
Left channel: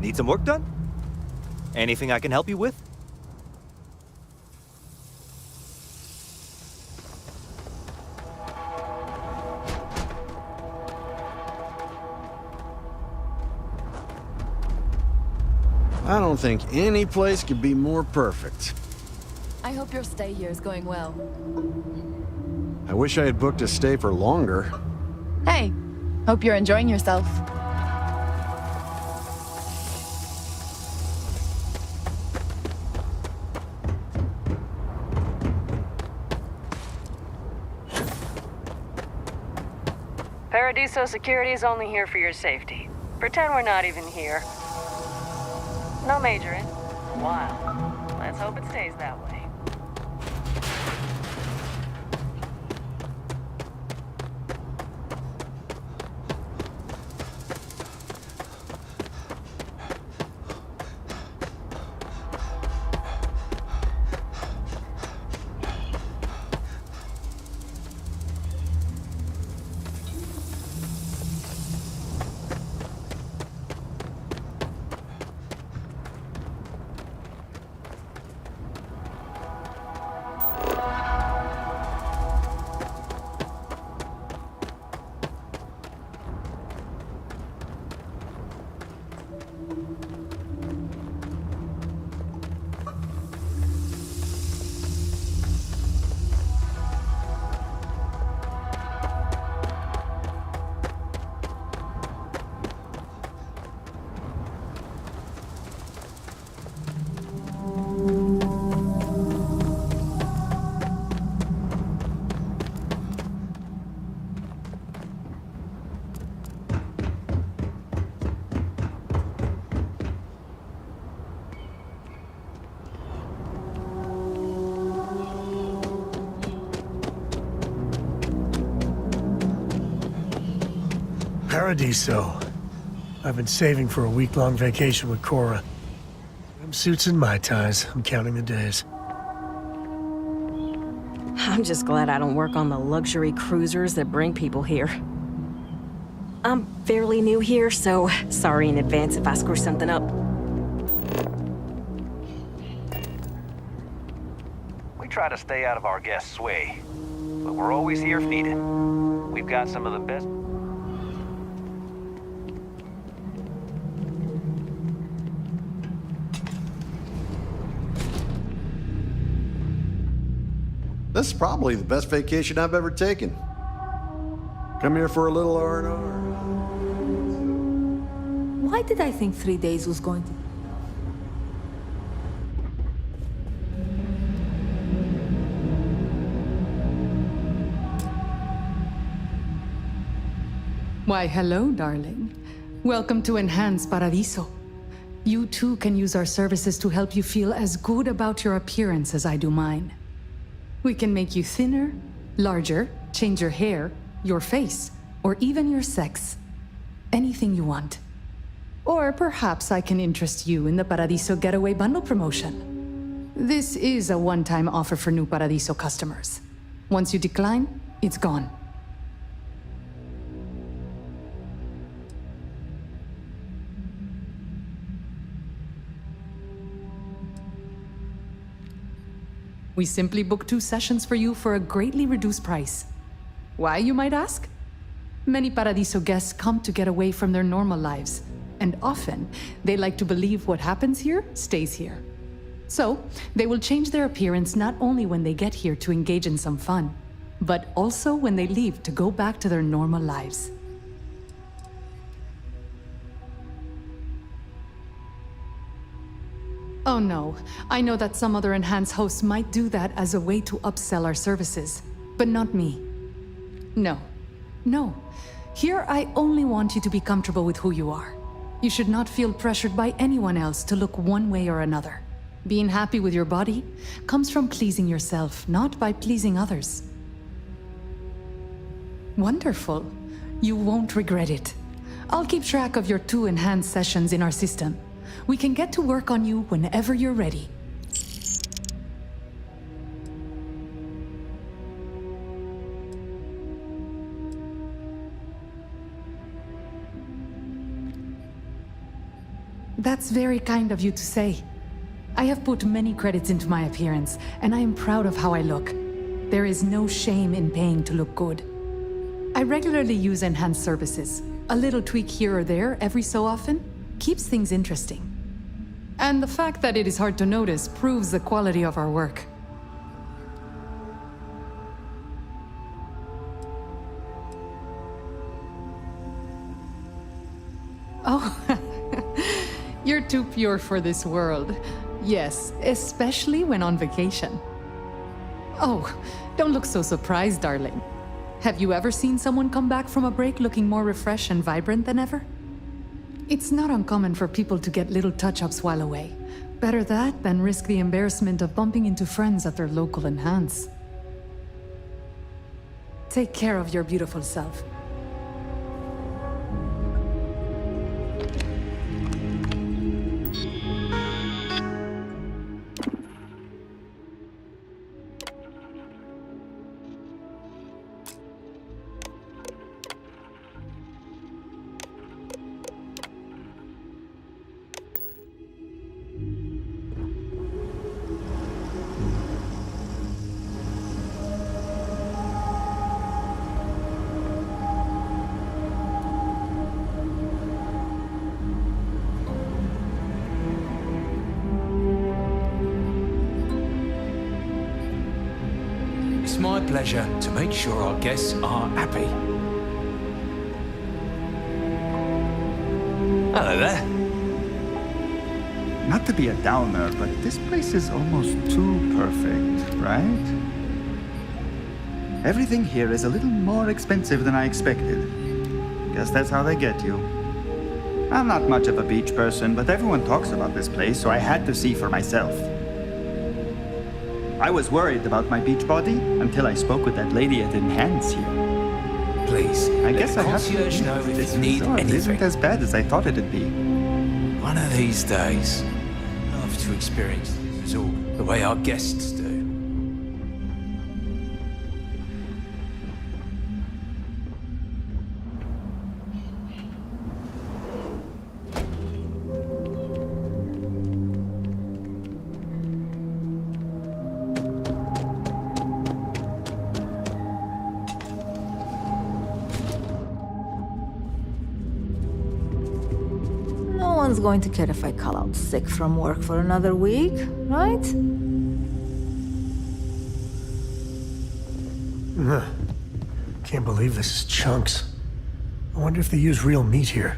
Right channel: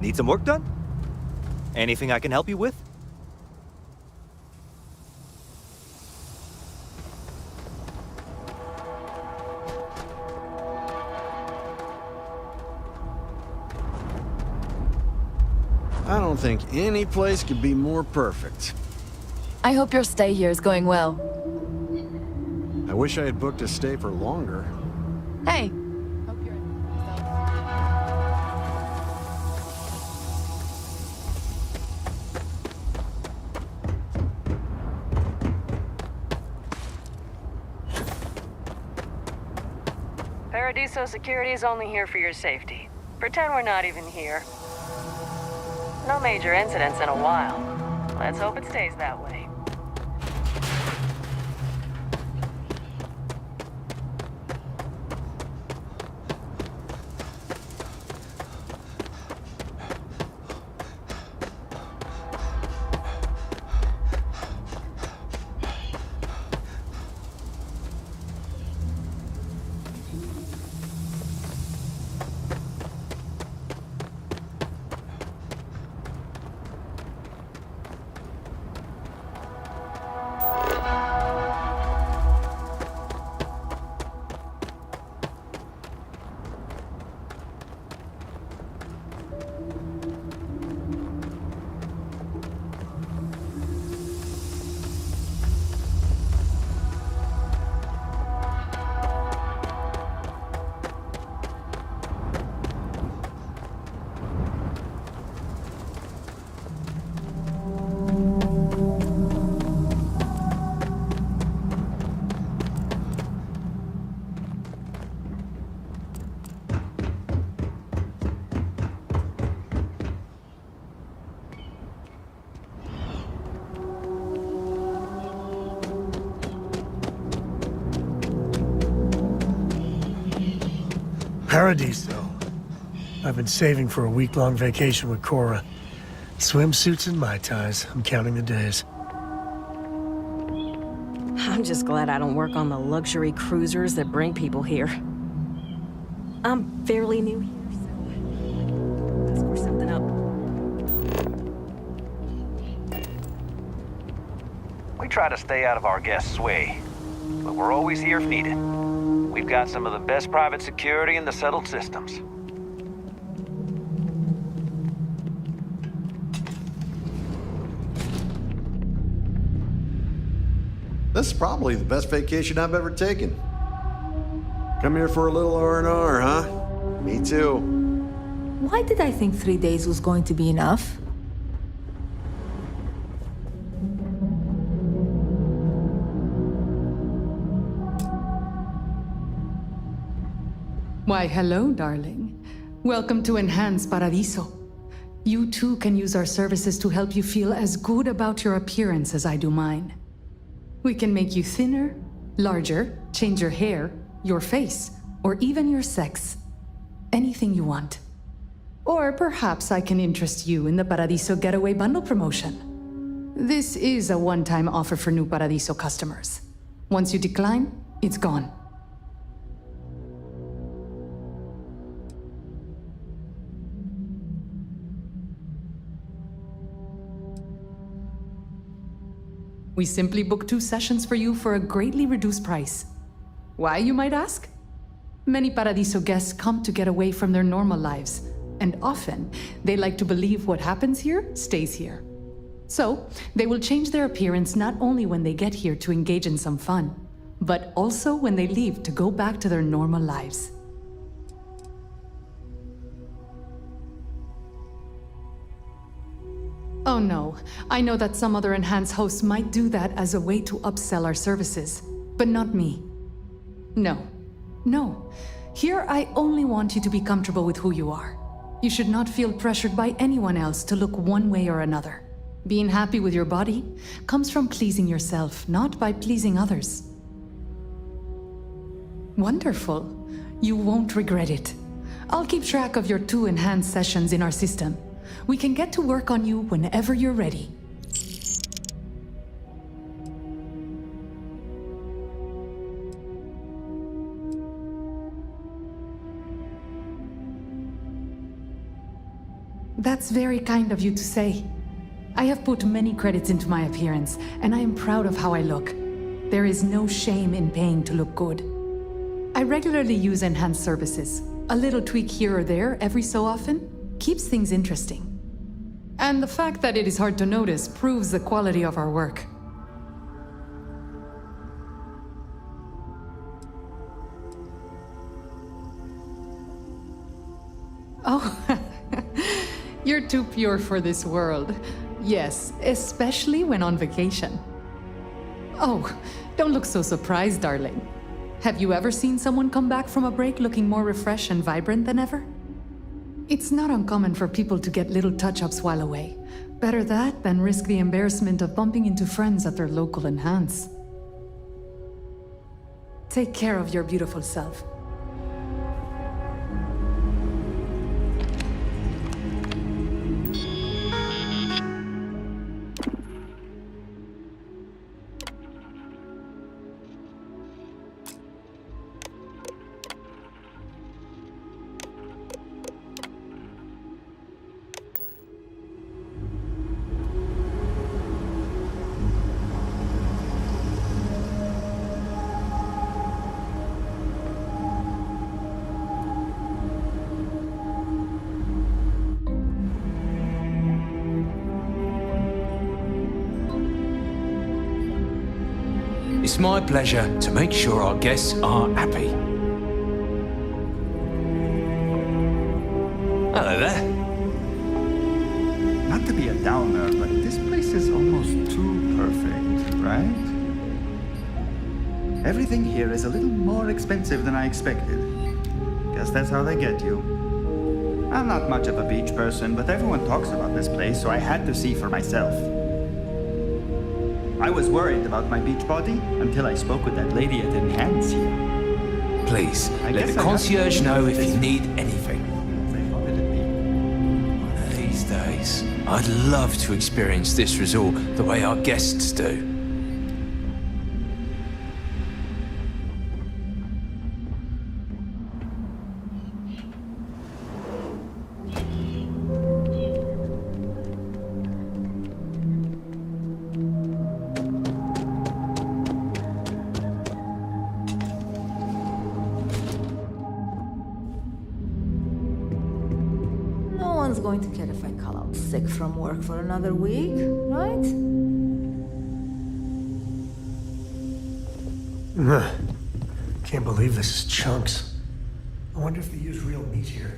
Need some work done? Anything I can help you with? I don't think any place could be more perfect. I hope your stay here is going well. I wish I had booked a stay for longer. Hey, hope you're enjoying yourself. Paradiso security is only here for your safety. Pretend we're not even here. No major incidents in a while. Let's hope it stays that way. Paradiso. I've been saving for a week-long vacation with Cora. Swimsuits and Mai Tais. I'm counting the days. I'm just glad I don't work on the luxury cruisers that bring people here. I'm fairly new here, so sorry in advance if I screw something up. We try to stay out of our guests' way, but we're always here if needed. We've got some of the best private security in the settled systems. This is probably the best vacation I've ever taken. Come here for a little R&R, huh? Me too. Why did I think 3 days was going to be enough? Why, hello, darling. Welcome to Enhanced Paradiso. You too can use our services to help you feel as good about your appearance as I do mine. We can make you thinner, larger, change your hair, your face, or even your sex. Anything you want. Or perhaps I can interest you in the Paradiso Getaway Bundle promotion. This is a one-time offer for new Paradiso customers. Once you decline, it's gone. We simply book 2 sessions for you for a greatly reduced price. Why, you might ask? Many Paradiso guests come to get away from their normal lives, and often they like to believe what happens here stays here. So, they will change their appearance not only when they get here to engage in some fun, but also when they leave to go back to their normal lives. Oh no, I know that some other Enhanced hosts might do that as a way to upsell our services, but not me. No. Here I only want you to be comfortable with who you are. You should not feel pressured by anyone else to look one way or another. Being happy with your body comes from pleasing yourself, not by pleasing others. Wonderful. You won't regret it. I'll keep track of your 2 Enhanced sessions in our system. We can get to work on you whenever you're ready. That's very kind of you to say. I have put many credits into my appearance, and I am proud of how I look. There is no shame in paying to look good. I regularly use Enhanced services. A little tweak here or there every so often keeps things interesting. And the fact that it is hard to notice proves the quality of our work. Oh, you're too pure for this world. Yes, especially when on vacation. Oh, don't look so surprised, darling. Have you ever seen someone come back from a break looking more refreshed and vibrant than ever? It's not uncommon for people to get little touch-ups while away. Better that than risk the embarrassment of bumping into friends at their local Enhance. Take care of your beautiful self. It's my pleasure to make sure our guests are happy. Hello there. Not to be a downer, but this place is almost too perfect, right? Everything here is a little more expensive than I expected. Guess that's how they get you. I'm not much of a beach person, but everyone talks about this place, so I had to see for myself. I was worried about my beach body until I spoke with that lady at Enhance here. Please, I let guess the I have to concierge admit, know if this you need resort anything. isn't as bad as I thought it'd be. One of these days, I'd love to experience this resort the way our guests do. No one's going to care if I call out sick from work for another week, right? Ugh. Can't believe this is Chunks. I wonder if they use real meat here.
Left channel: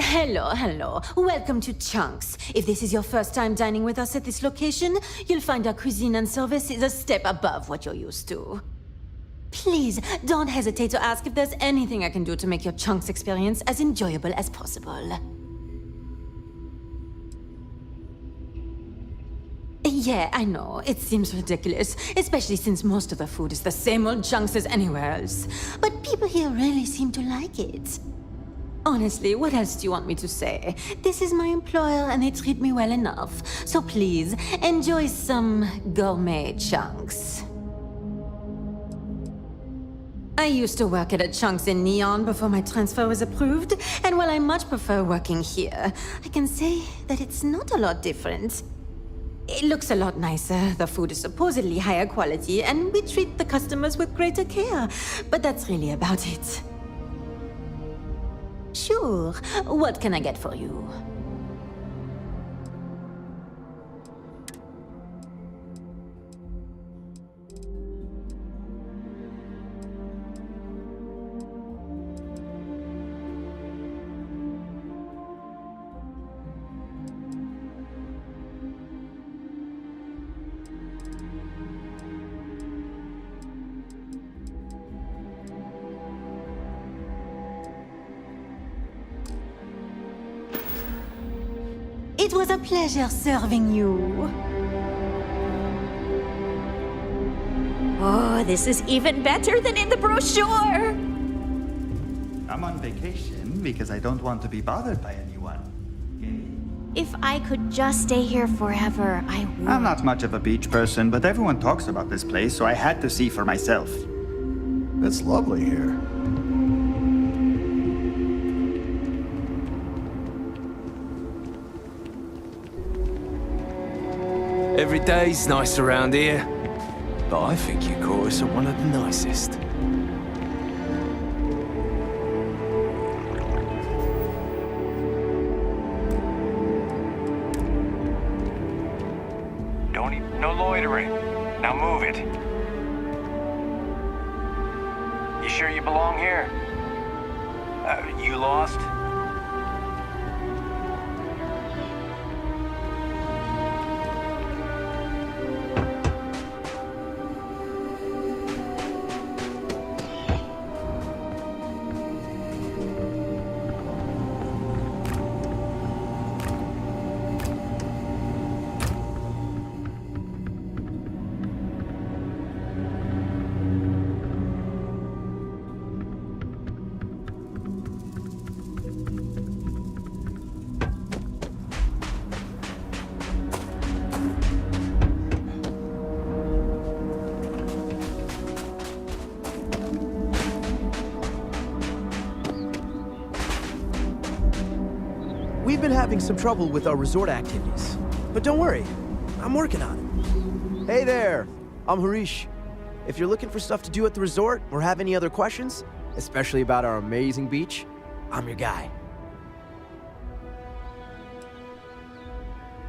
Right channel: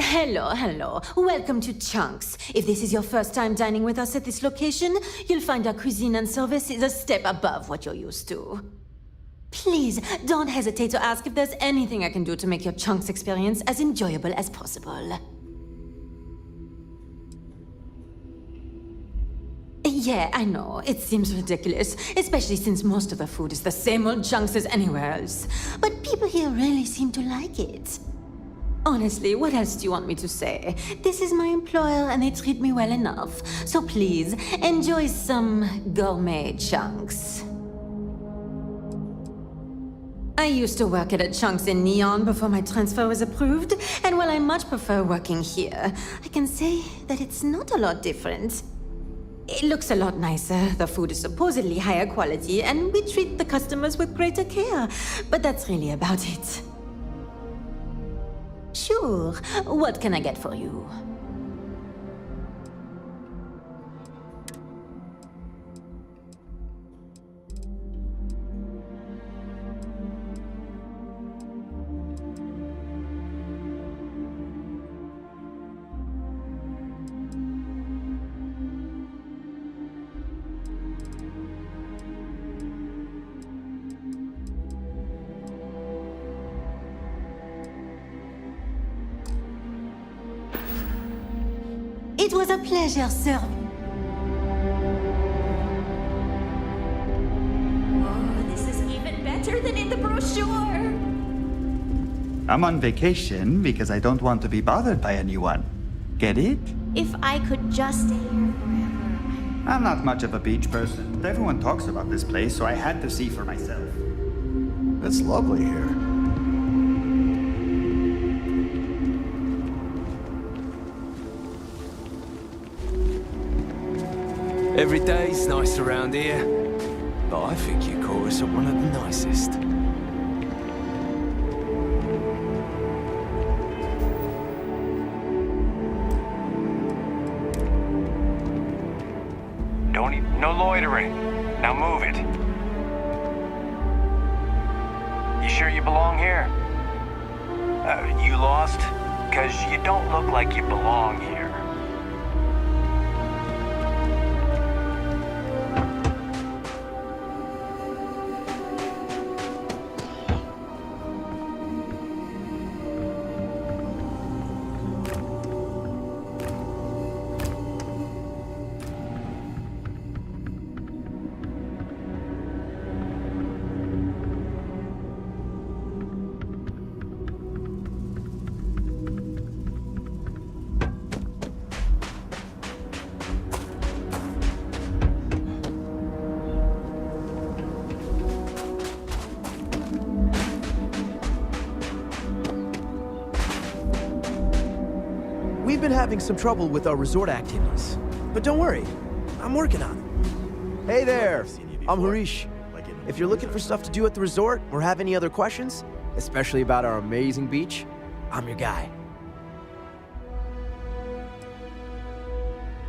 Hello. Welcome to Chunks. If this is your first time dining with us at this location, you'll find our cuisine and service is a step above what you're used to. Please, don't hesitate to ask if there's anything I can do to make your Chunks experience as enjoyable as possible. Yeah, I know. It seems ridiculous, especially since most of the food is the same old Chunks as anywhere else. But people here really seem to like it. Honestly, what else do you want me to say? This is my employer and they treat me well enough. So please, enjoy some gourmet Chunks. I used to work at a Chunks in Neon before my transfer was approved, and while I much prefer working here, I can say that it's not a lot different. It looks a lot nicer, the food is supposedly higher quality, and we treat the customers with greater care, but that's really about it. Sure, what can I get for you? It was a pleasure serving you. Oh, this is even better than in the brochure! I'm on vacation because I don't want to be bothered by anyone. Get it? If I could just stay here forever, I would. I'm not much of a beach person, but everyone talks about this place, so I had to see for myself. It's lovely here. Every day's nice around here, but I think you caught us at one of the nicest. No loitering. Now move it. You sure you belong here? You lost? 'Cause you don't look like you belong here. We've been having some trouble with our resort activities. But don't worry, I'm working on it. Hey there, I'm Harish. If you're looking for stuff to do at the resort or have any other questions, especially about our amazing beach, I'm your guy.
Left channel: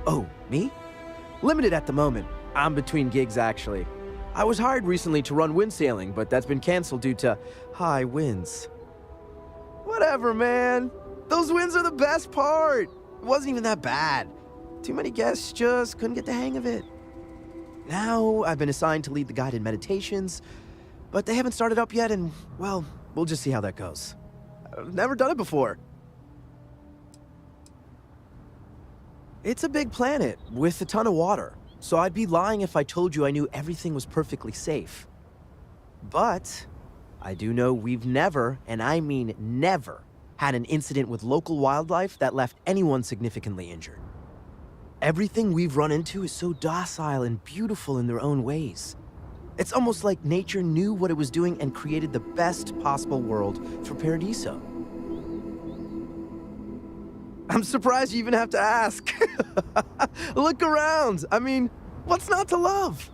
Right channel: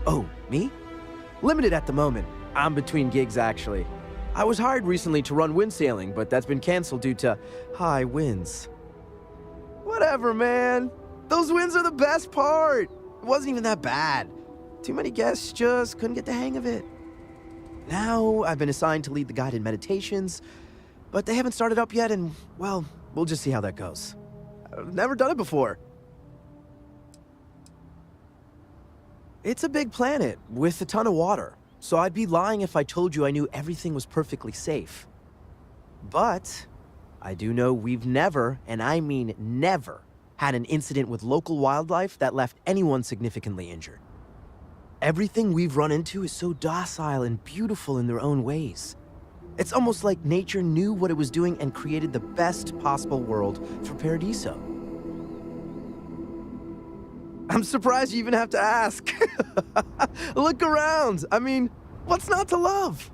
Oh, me? Limited at the moment. I'm between gigs, actually. I was hired recently to run wind sailing, but that's been canceled due to high winds. Whatever, man. Those winds are the best part. It wasn't even that bad. Too many guests just couldn't get the hang of it. Now I've been assigned to lead the guided meditations, but they haven't started up yet, and, well, we'll just see how that goes. I've never done it before. It's a big planet with a ton of water, so I'd be lying if I told you I knew everything was perfectly safe. But I do know we've never, and I mean never, had an incident with local wildlife that left anyone significantly injured. Everything we've run into is so docile and beautiful in their own ways. It's almost like nature knew what it was doing and created the best possible world for Paradiso. I'm surprised you even have to ask. Look around. I mean, what's not to love?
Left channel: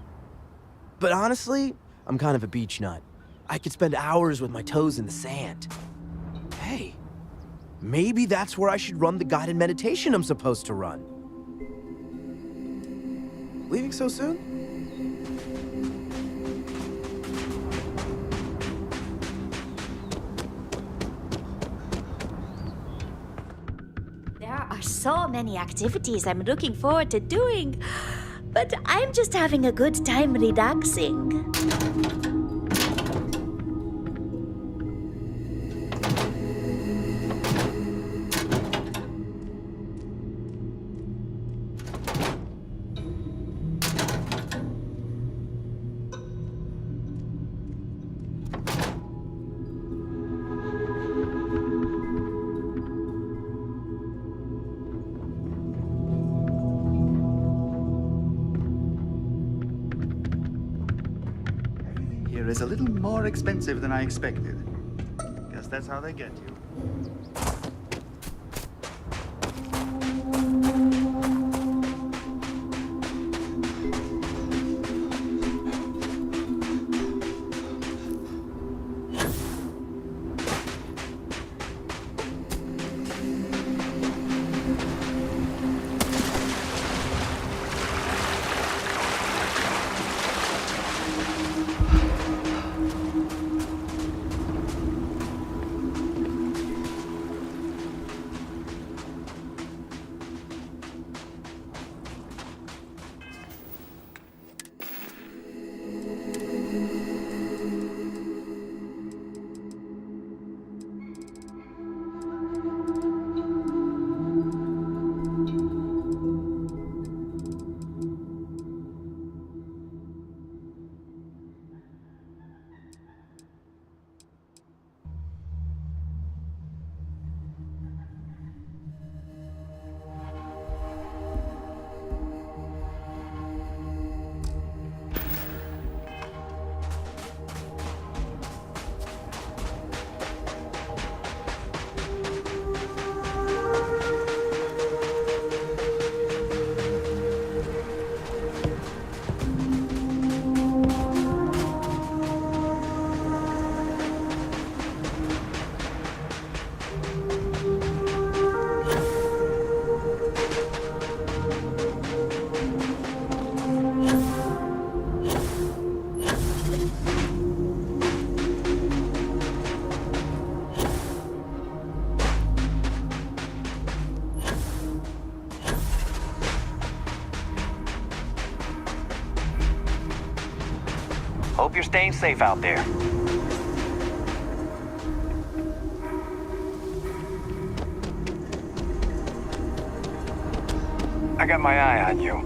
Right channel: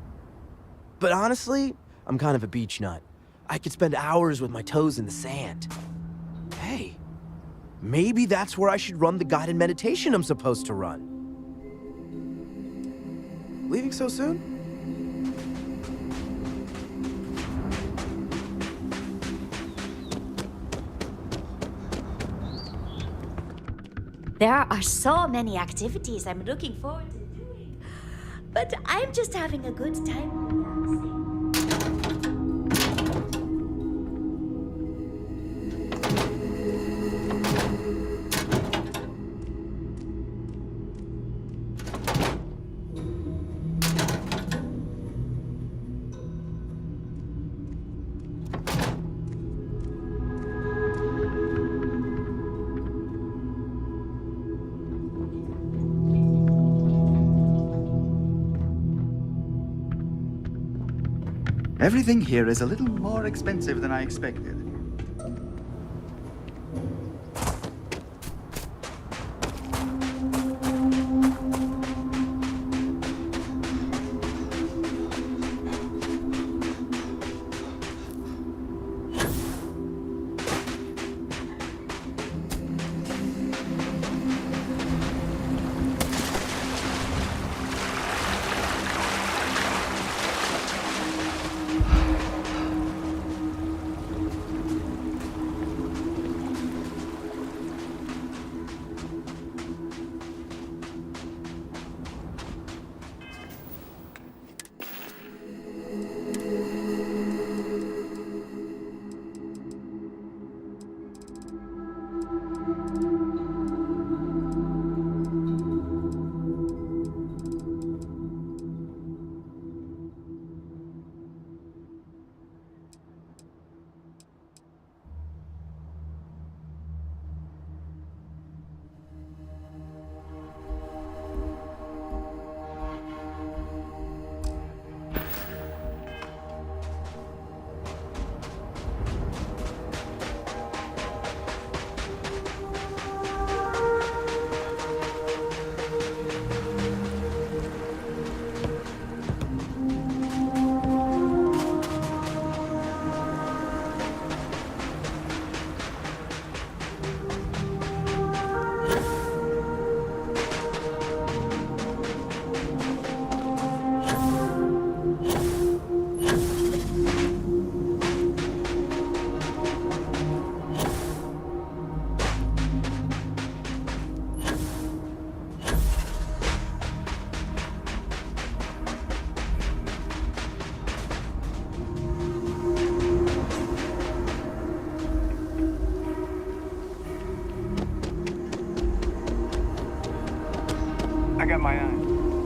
But honestly, I'm kind of a beach nut. I could spend hours with my toes in the sand. Hey, maybe that's where I should run the guided meditation I'm supposed to run. Leaving so soon? There are so many activities I'm looking forward to doing, but I'm just having a good time relaxing. Everything here is a little more expensive than I expected. Guess that's how they get you. Hope you're staying safe out there. I got my eye on you.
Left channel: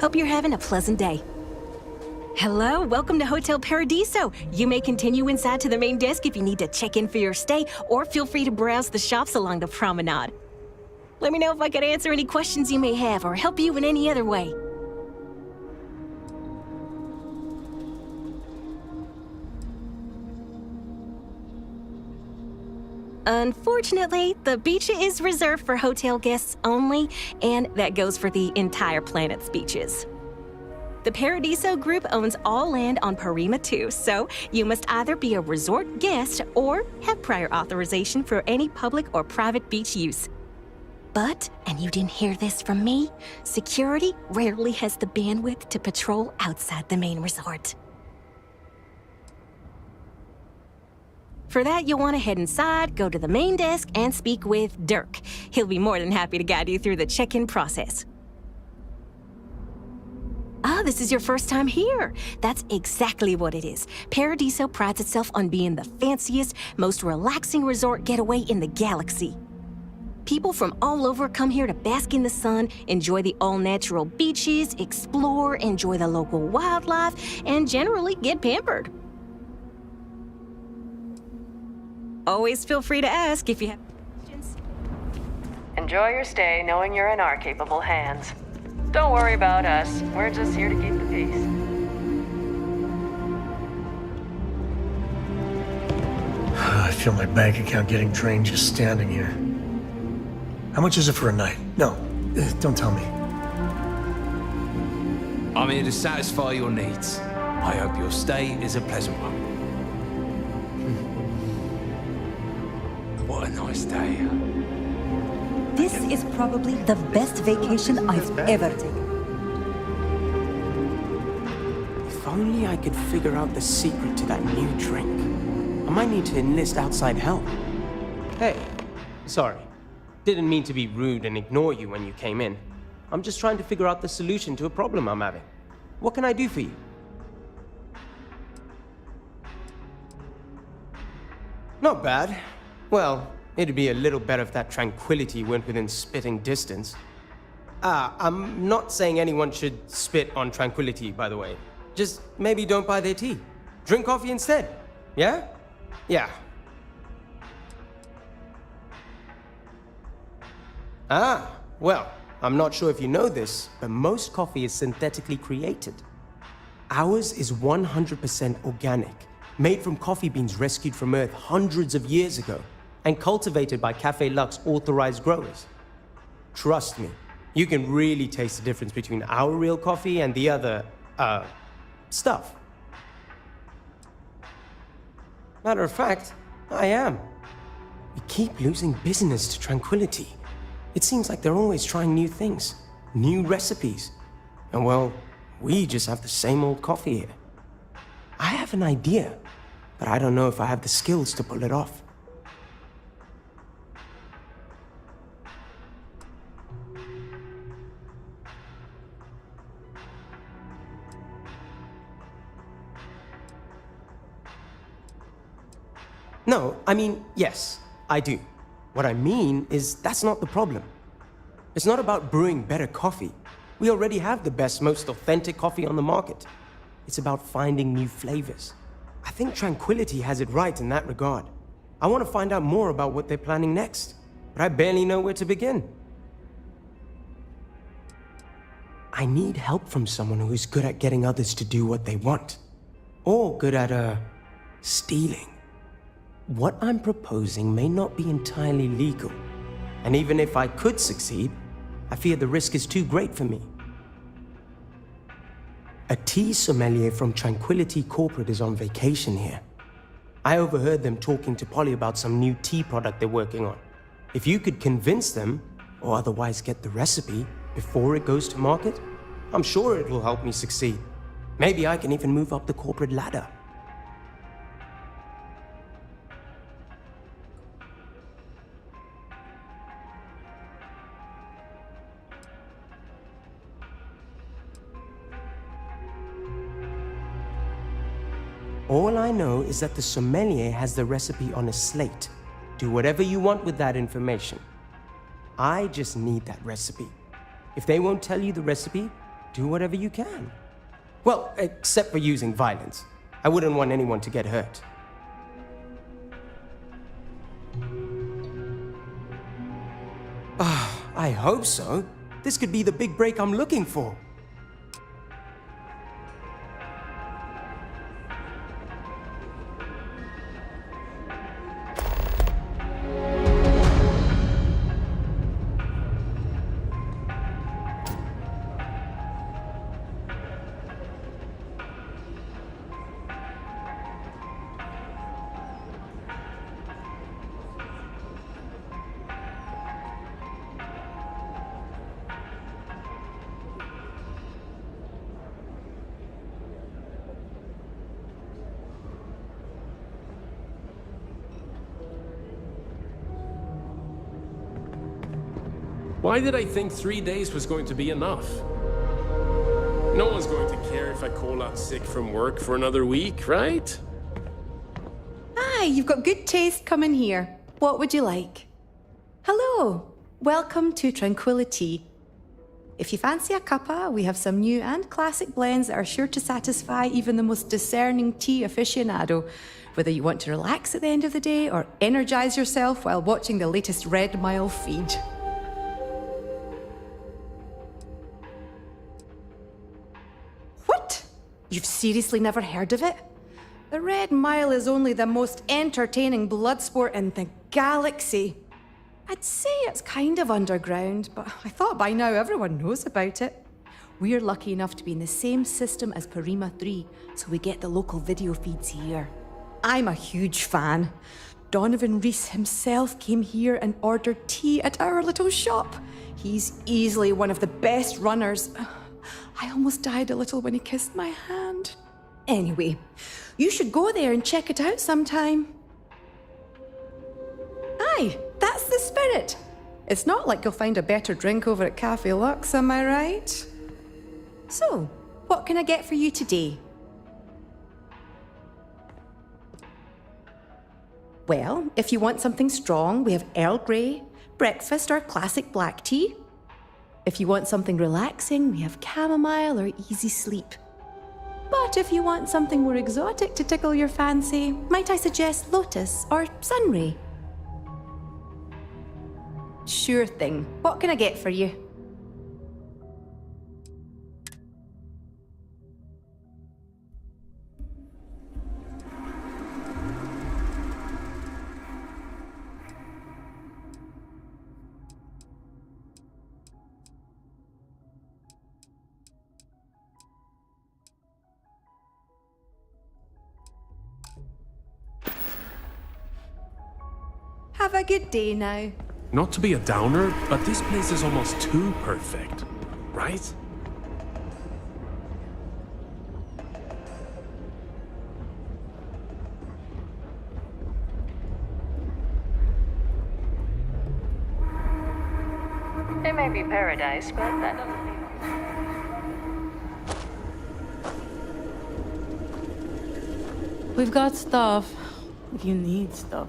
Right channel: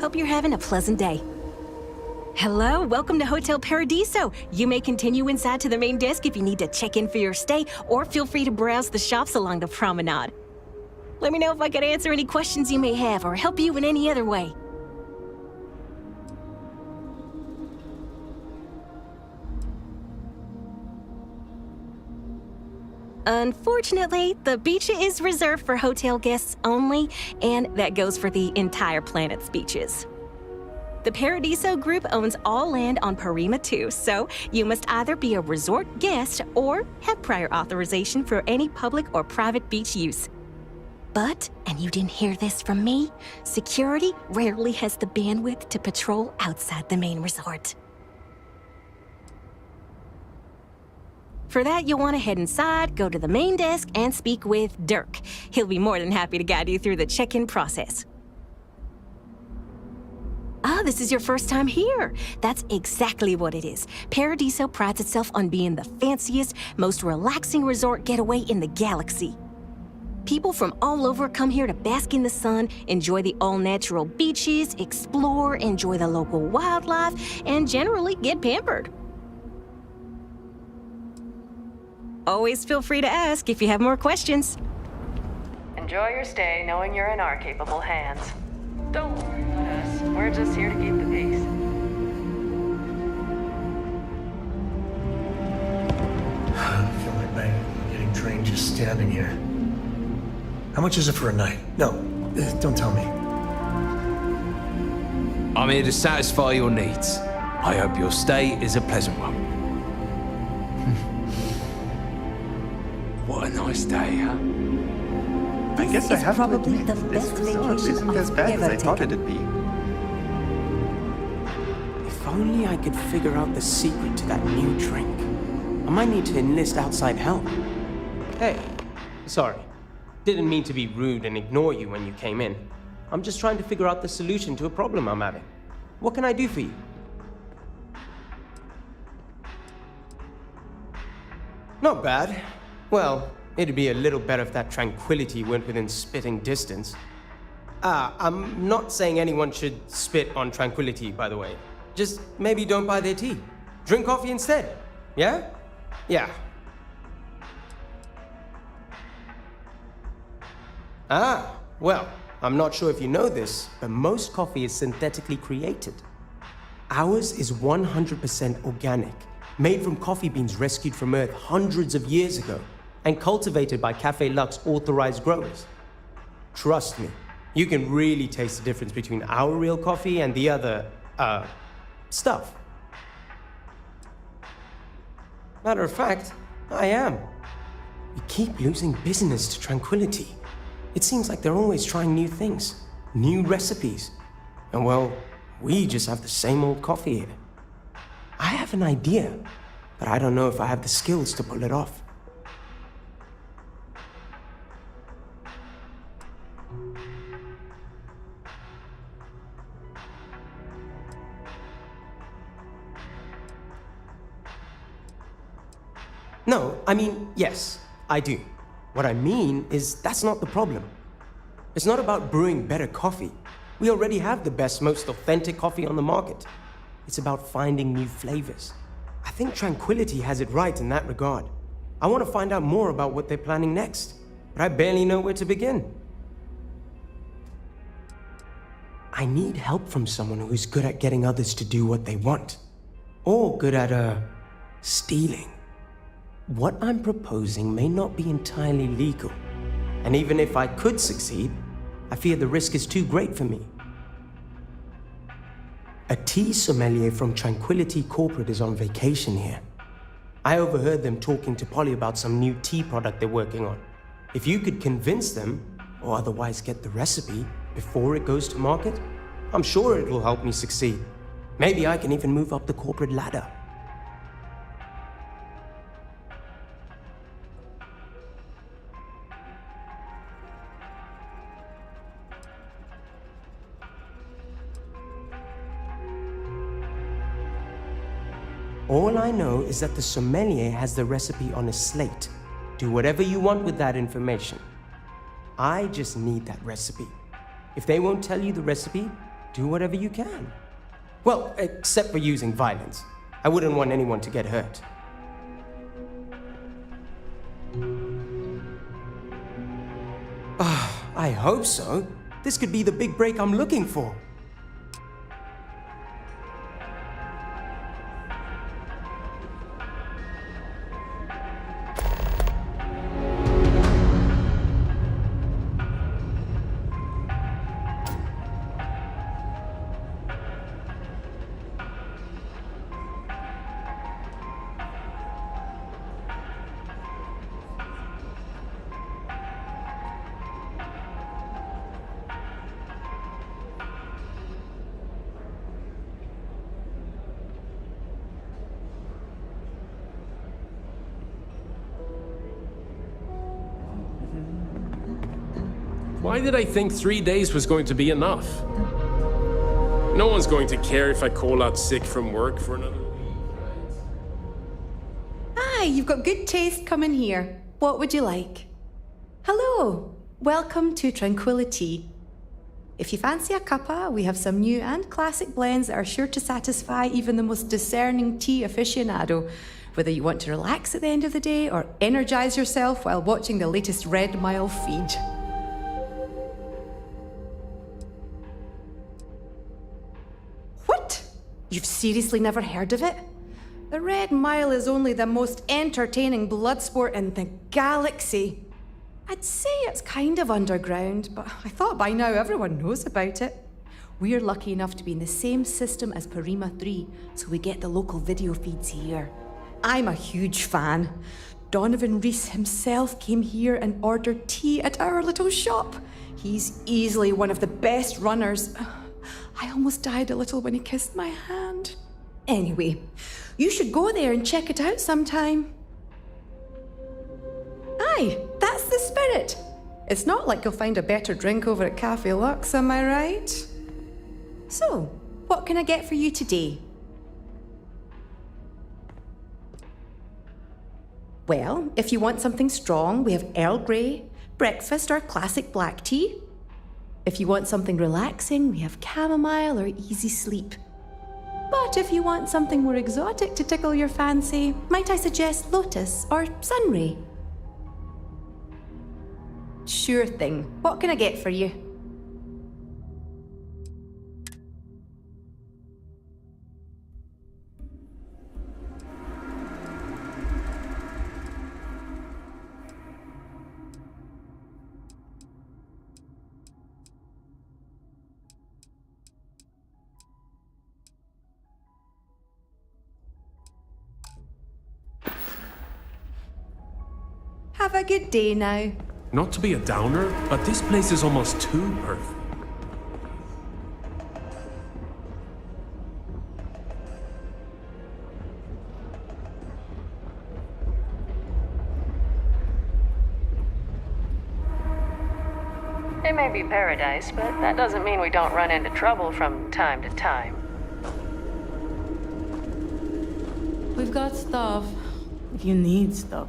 Hope you're having a pleasant day. Hello, welcome to Hotel Paradiso. You may continue inside to the main desk if you need to check in for your stay, or feel free to browse the shops along the promenade. Let me know if I could answer any questions you may have or help you in any other way. Unfortunately, the beach is reserved for hotel guests only, and that goes for the entire planet's beaches. The Paradiso Group owns all land on Parima 2, so you must either be a resort guest or have prior authorization for any public or private beach use. But, and you didn't hear this from me, security rarely has the bandwidth to patrol outside the main resort. For that, you'll want to head inside, go to the main desk, and speak with Dirk. He'll be more than happy to guide you through the check-in process. Ah, this is your first time here. That's exactly what it is. Paradiso prides itself on being the fanciest, most relaxing resort getaway in the galaxy. People from all over come here to bask in the sun, enjoy the all-natural beaches, explore, enjoy the local wildlife, and generally get pampered. Always feel free to ask if you have more questions. Enjoy your stay knowing you're in our capable hands. Don't worry about us. We're just here to keep the peace. I feel my bank account getting drained just standing here. How much is it for a night? No, don't tell me. I'm here to satisfy your needs. I hope your stay is a pleasant one. What a nice day, huh? This is probably the best vacation I've ever taken. If only I could figure out the secret to that new drink. I might need to enlist outside help. Hey, sorry. Didn't mean to be rude and ignore you when you came in. I'm just trying to figure out the solution to a problem I'm having. What can I do for you? Not bad. Well, it'd be a little better if that tranquility went within spitting distance. I'm not saying anyone should spit on tranquility, by the way. Just maybe don't buy their tea. Drink coffee instead. Yeah? Yeah. Well, I'm not sure if you know this, but most coffee is synthetically created. Ours is 100% organic, made from coffee beans rescued from Earth hundreds of years ago, and cultivated by Café Luxe authorized growers. Trust me, you can really taste the difference between our real coffee and the other, stuff. Matter of fact, I am. We keep losing business to Tranquility. It seems like they're always trying new things, new recipes. And well, we just have the same old coffee here. I have an idea, but I don't know if I have the skills to pull it off. No, I mean, yes, I do. What I mean is that's not the problem. It's not about brewing better coffee. We already have the best, most authentic coffee on the market. It's about finding new flavors. I think Tranquility has it right in that regard. I want to find out more about what they're planning next, but I barely know where to begin. I need help from someone who's good at getting others to do what they want, or good at, stealing. What I'm proposing may not be entirely legal, and even if I could succeed, I fear the risk is too great for me. A tea sommelier from Tranquility Corporate is on vacation here. I overheard them talking to Polly about some new tea product they're working on. If you could convince them, or otherwise get the recipe before it goes to market, I'm sure it will help me succeed. Maybe I can even move up the corporate ladder. All I know is that the sommelier has the recipe on a slate. Do whatever you want with that information. I just need that recipe. If they won't tell you the recipe, do whatever you can. Well, except for using violence. I wouldn't want anyone to get hurt. I hope so. This could be the big break I'm looking for. Why did I think 3 days was going to be enough? No one's going to care if I call out sick from work for another week, right? Hi, you've got good taste coming here. What would you like? Hello, welcome to Tranquility. If you fancy a cuppa, we have some new and classic blends that are sure to satisfy even the most discerning tea aficionado, whether you want to relax at the end of the day or energize yourself while watching the latest Red Mile feed. What? You've seriously never heard of it? The Red Mile is only the most entertaining blood sport in the galaxy. I'd say it's kind of underground, but I thought by now everyone knows about it. We're lucky enough to be in the same system as Parima 3, so we get the local video feeds here. I'm a huge fan. Donovan Reese himself came here and ordered tea at our little shop. He's easily one of the best runners. I almost died a little when he kissed my hand. Anyway, you should go there and check it out sometime. Aye, that's the spirit. It's not like you'll find a better drink over at Cafe Lux, am I right? So, what can I get for you today? Well, if you want something strong, we have Earl Grey, breakfast or classic black tea. If you want something relaxing, we have chamomile or easy sleep. But if you want something more exotic to tickle your fancy, might I suggest lotus or sunray? Sure thing. What can I get for you? Have a good day now. Not to be a downer, but this place is almost too perfect, right? It may be paradise, but that doesn't mean we don't run into trouble from time to time. We've got stuff, if you need stuff.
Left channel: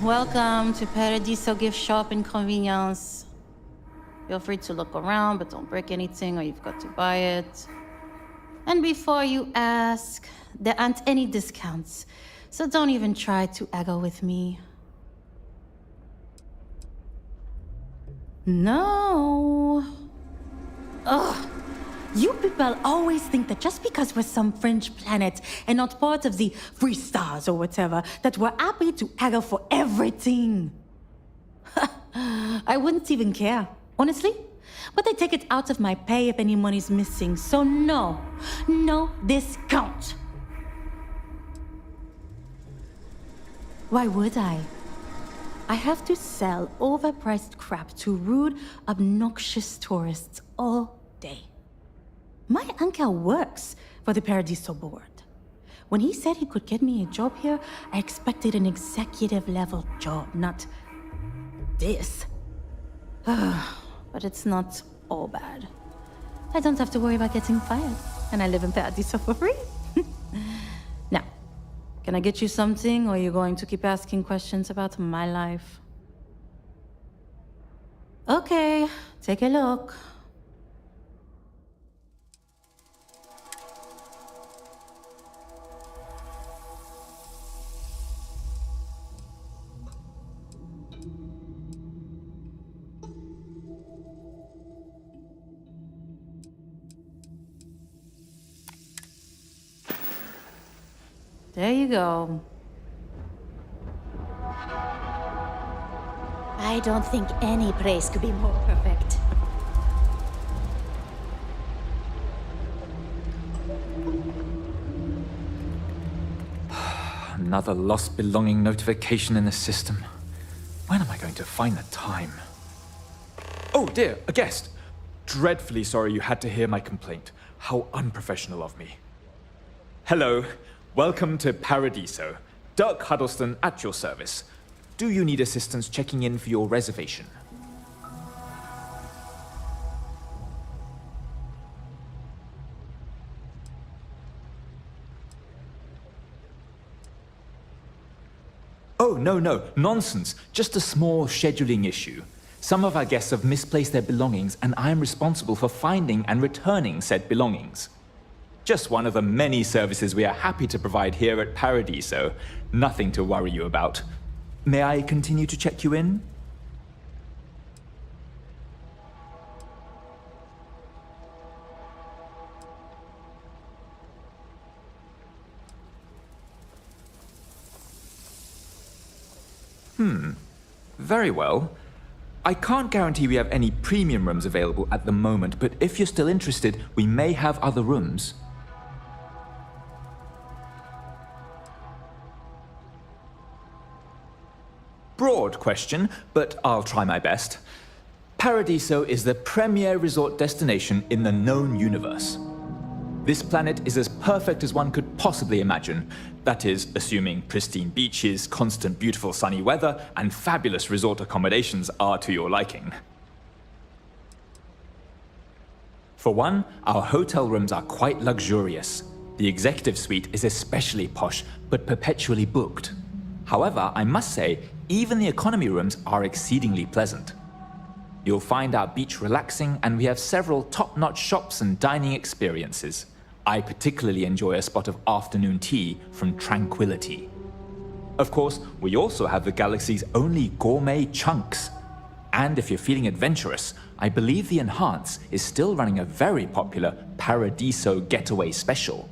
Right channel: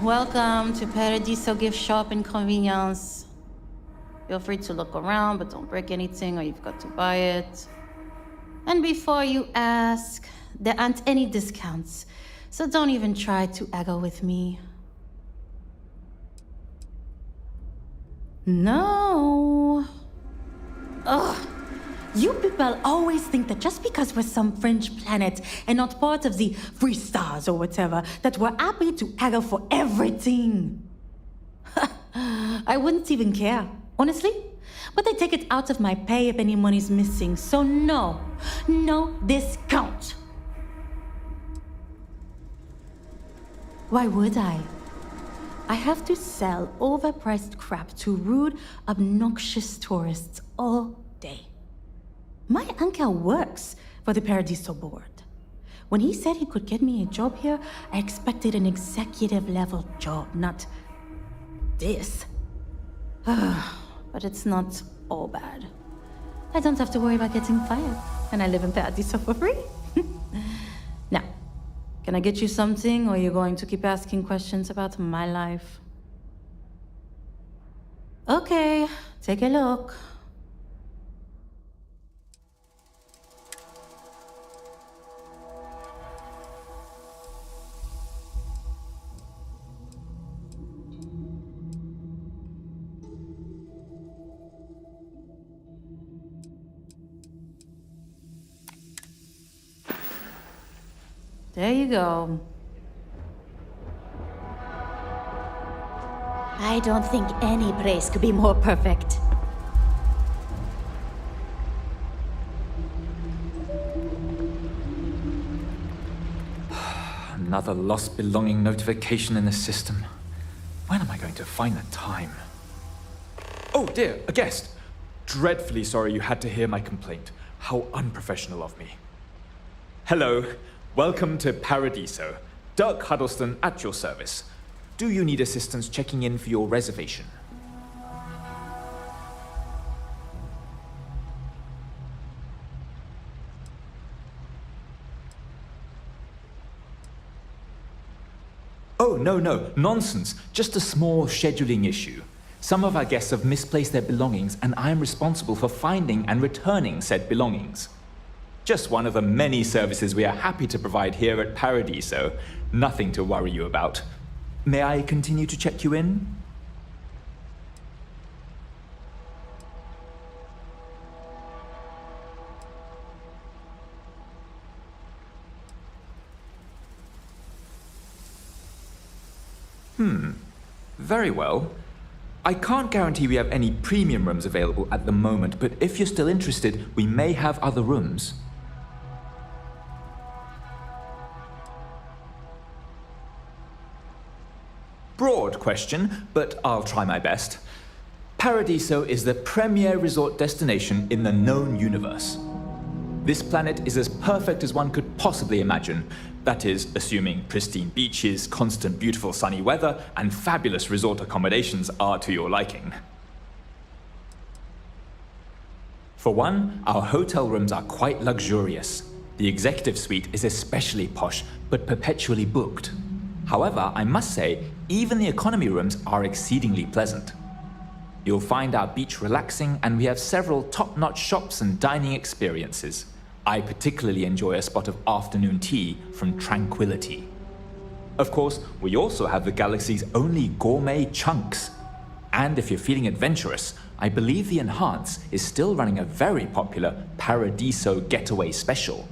Welcome to Paradiso Gift Shop and Convenience. Feel free to look around, but don't break anything or you've got to buy it. And before you ask, there aren't any discounts, so don't even try to haggle with me. No. Ugh. You people always think that just because we're some fringe planet and not part of the free stars or whatever, that we're happy to haggle for everything. I wouldn't even care, honestly. But I take it out of my pay if any money's missing, so no discount. Why would I? I have to sell overpriced crap to rude, obnoxious tourists all day. My uncle works for the Paradiso board. When he said he could get me a job here, I expected an executive level job, not this. But it's not all bad. I don't have to worry about getting fired, and I live in Paradiso for free. Now, can I get you something, or are you going to keep asking questions about my life? Okay, take a look. There you go. I don't think any place could be more perfect. Another lost belonging notification in the system. When am I going to find the time? Oh dear, a guest. Dreadfully sorry you had to hear my complaint. How unprofessional of me. Hello. Welcome to Paradiso. Dirk Huddleston at your service. do you need assistance checking in for your reservation? Oh, no, nonsense. Just a small scheduling issue. Some of our guests have misplaced their belongings, and I am responsible for finding and returning said belongings. Just one of the many services we are happy to provide here at Paradiso. Nothing to worry you about. May I continue to check you in? Very well. I can't guarantee we have any premium rooms available at the moment, but if you're still interested, we may have other rooms. Broad question, but I'll try my best. Paradiso is the premier resort destination in the known universe. This planet is as perfect as one could possibly imagine. That is, assuming pristine beaches, constant beautiful sunny weather, and fabulous resort accommodations are to your liking. For one, our hotel rooms are quite luxurious. The executive suite is especially posh, but perpetually booked. However, I must say, even the economy rooms are exceedingly pleasant. You'll find our beach relaxing, and we have several top-notch shops and dining experiences. I particularly enjoy a spot of afternoon tea from Tranquility. Of course, we also have the galaxy's only gourmet chunks. And if you're feeling adventurous, I believe the Enhance is still running a very popular Paradiso Getaway Special.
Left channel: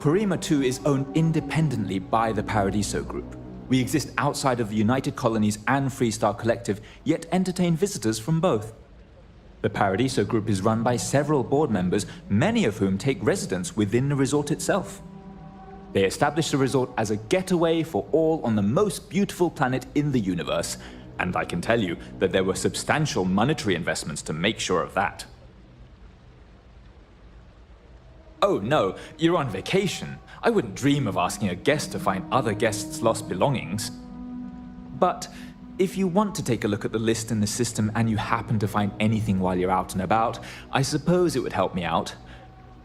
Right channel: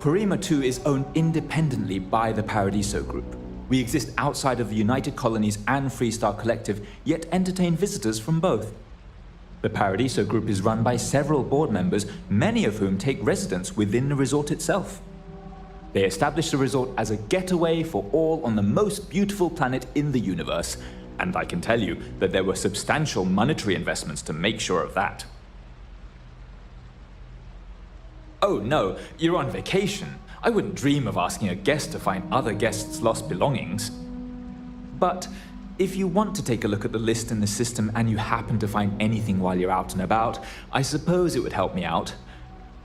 Parima 2 is owned independently by the Paradiso Group. We exist outside of the United Colonies and Freestar Collective, yet entertain visitors from both. The Paradiso Group is run by several board members, many of whom take residence within the resort itself. They established the resort as a getaway for all on the most beautiful planet in the universe, and I can tell you that there were substantial monetary investments to make sure of that. Oh no, you're on vacation. I wouldn't dream of asking a guest to find other guests' lost belongings. But if you want to take a look at the list in the system and you happen to find anything while you're out and about, I suppose it would help me out.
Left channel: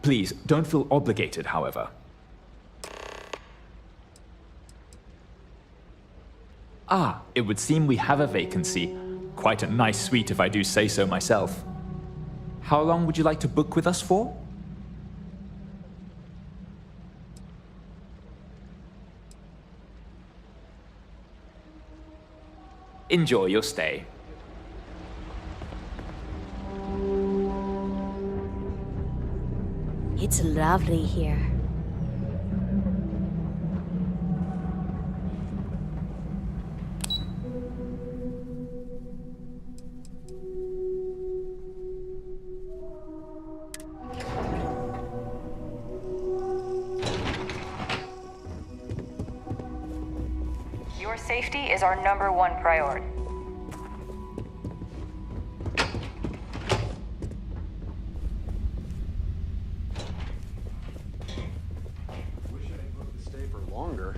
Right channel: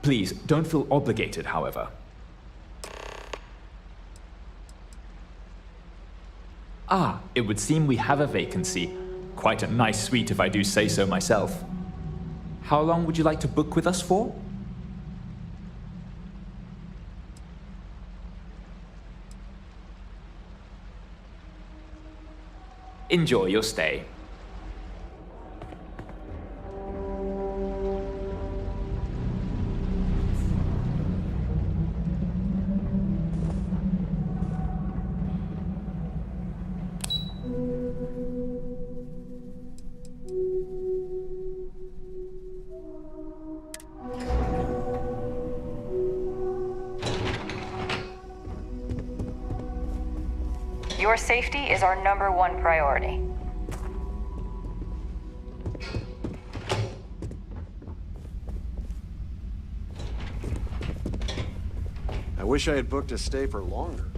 Please, don't feel obligated, however. It would seem we have a vacancy. Quite a nice suite if I do say so myself. How long would you like to book with us for? Enjoy your stay. It's lovely here. Your safety is our #1 priority. I wish I had booked a stay for longer.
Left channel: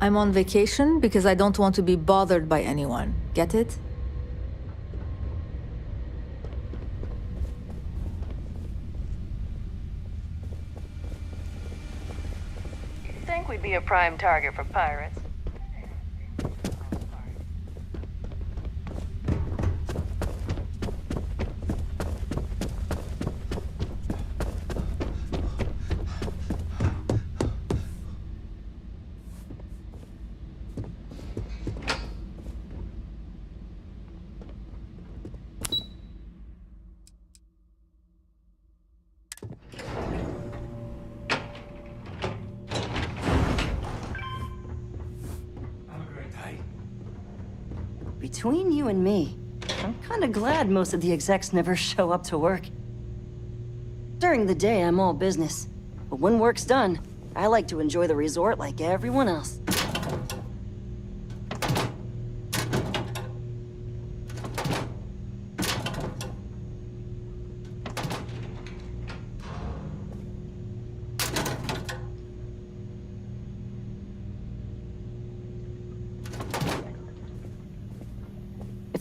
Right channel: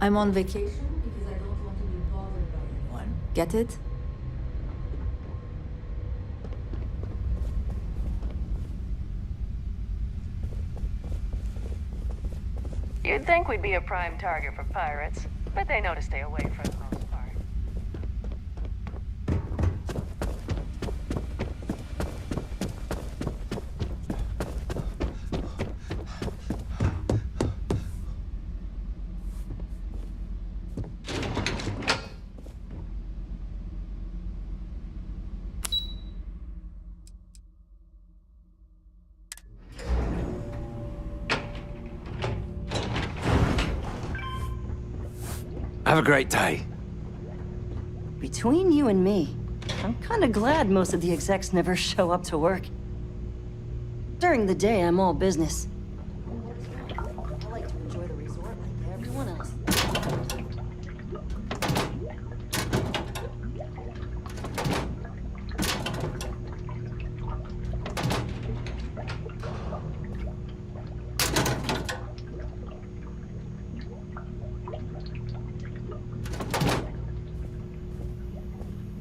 I'm on vacation because I don't want to be bothered by anyone. Get it? You'd think we'd be a prime target for pirates, but they know to stay away for the most part. Have a great day. Between you and me, I'm kinda glad most of the execs never show up to work. During the day, I'm all business. But when work's done, I like to enjoy the resort like everyone else.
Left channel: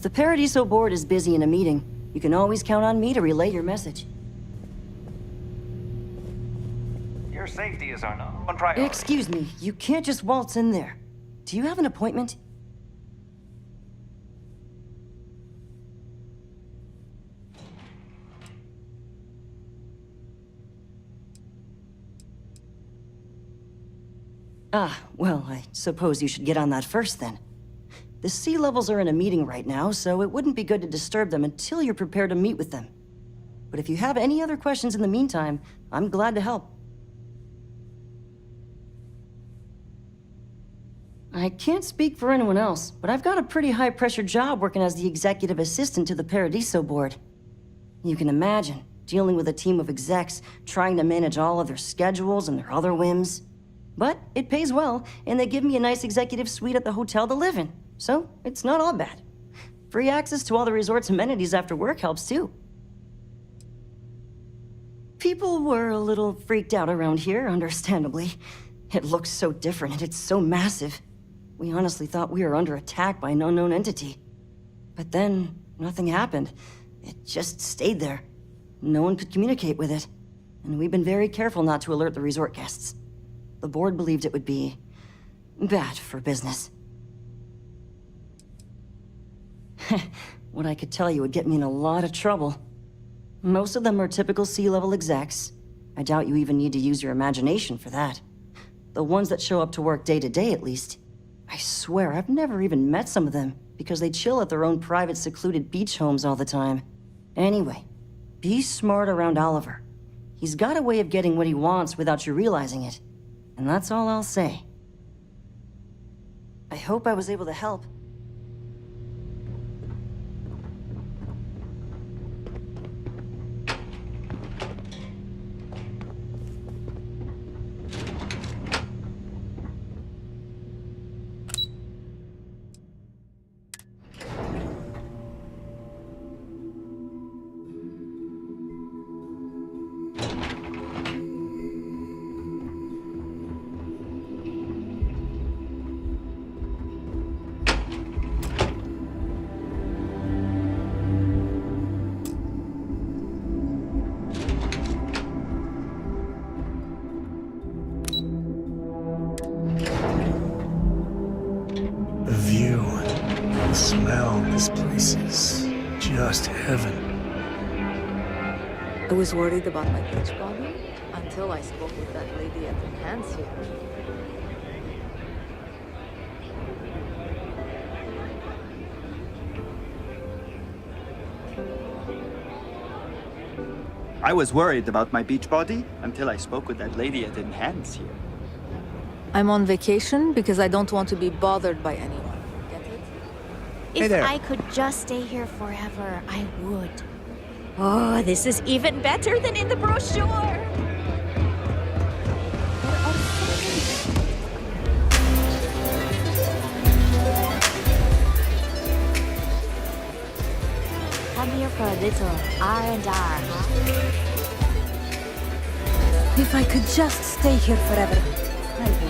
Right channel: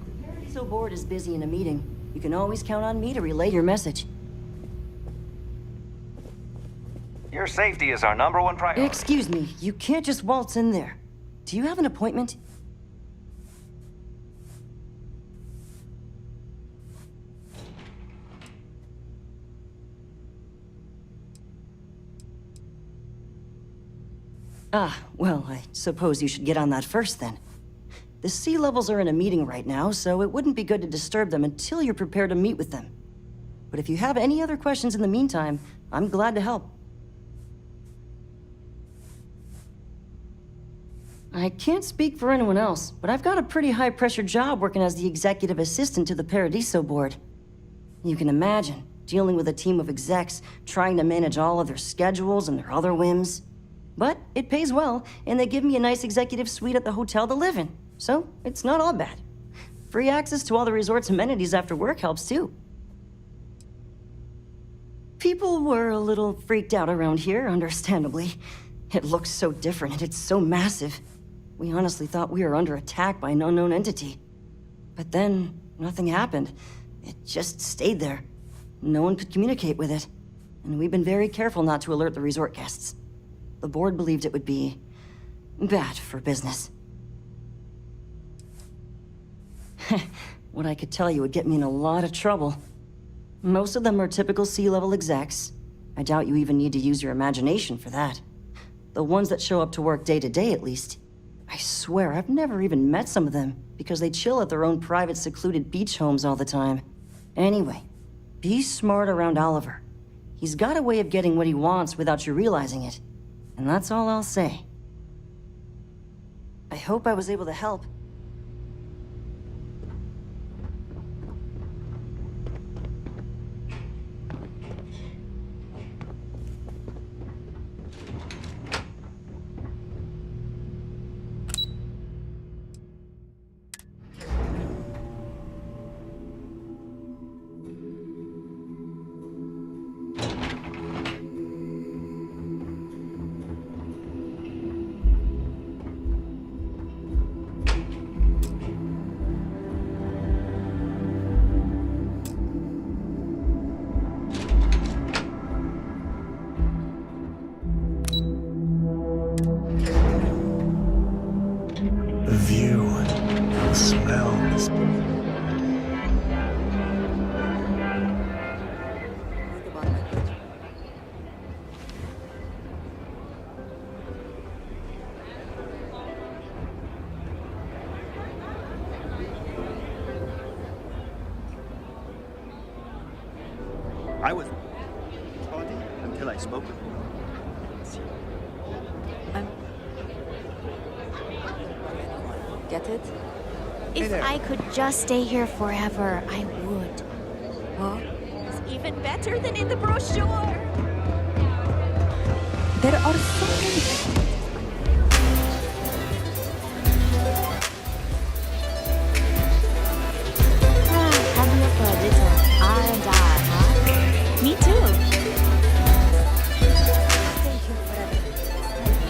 the Paradiso board is busy in a meeting, you can always count on me to relay your message. Your safety is our #1 priority. Excuse me, you can't just waltz in there. Do you have an appointment? Ah, well, I suppose you should get on that first then. The sea levels are in a meeting right now, so it wouldn't be good to disturb them until you're prepared to meet with them. But if you have any other questions in the meantime, I'm glad to help. I can't speak for anyone else, but I've got a pretty high-pressure job working as the executive assistant to the Paradiso board. You can imagine, dealing with a team of execs, trying to manage all of their schedules and their other whims. But it pays well, and they give me a nice executive suite at the hotel to live in, so it's not all bad. Free access to all the resort's amenities after work helps too. People were a little freaked out around here, understandably. It looks so different and it's so massive. We honestly thought we were under attack by an unknown entity. But then, nothing happened. It just stayed there. No one could communicate with it. And we've been very careful not to alert the resort guests. The board believed it would be bad for business. What I could tell you would get me in a lot of trouble. Most of them are typical sea-level execs. I doubt you even need to use your imagination for that. The ones that show up to work day to day, at least. I swear, I've never even met some of them, because they chill at their own private, secluded beach homes all the time. Anyway, be smart around Oliver. He's got a way of getting what he wants without you realizing it. And that's all I'll say. I hope I was able to help. The view, the smell, this place is just heaven. I was worried about my beach body until I spoke with that lady at the hands here. I was worried about my beach body until I spoke with that lady at Enhance here. I'm on vacation because I don't want to be bothered by anyone. Get it? If I could just stay here forever, I would. Oh, this is even better than in the brochure! There are so many. Come here for a little R&R, huh? Me too. If I could just stay here forever, I would.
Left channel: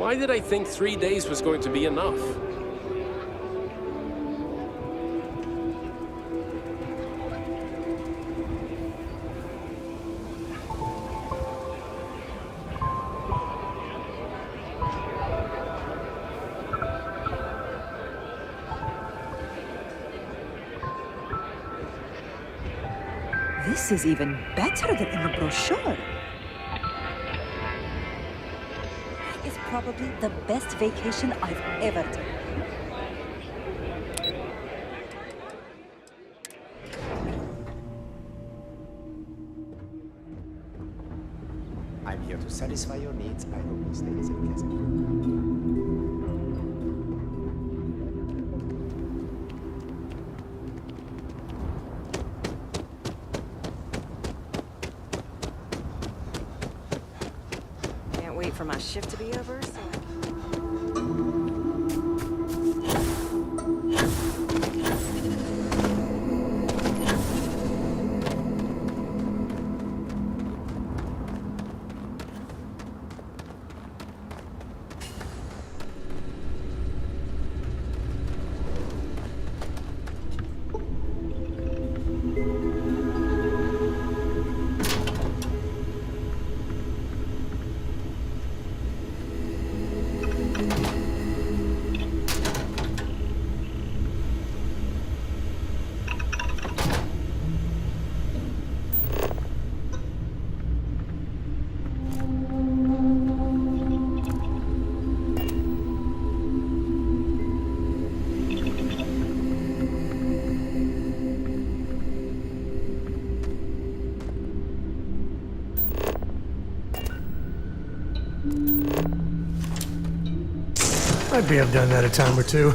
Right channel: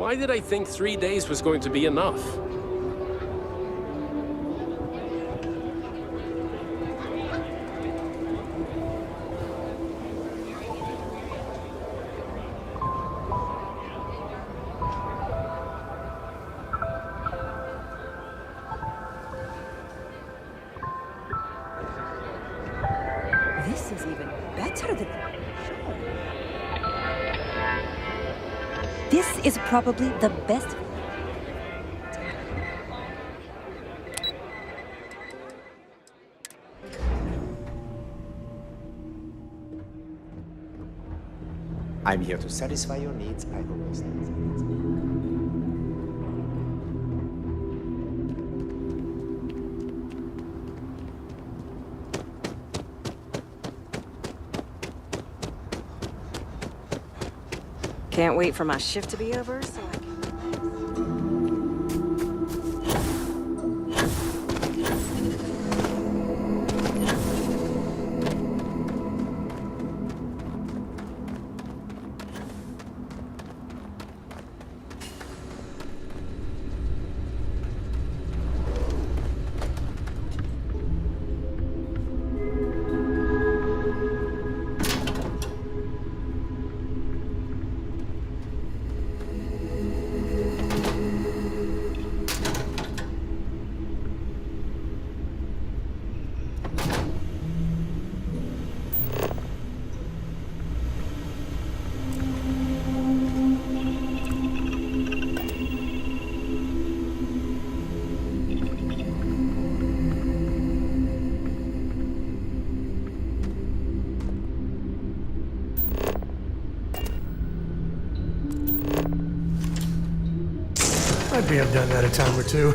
Why did I think 3 days was going to be enough? This is even better than in the brochure. This is probably the best vacation I've ever taken. I'm here to satisfy your needs. I hope your stay is pleasant. Can't wait for my shift to be over, so I can... I may have done that a time or two.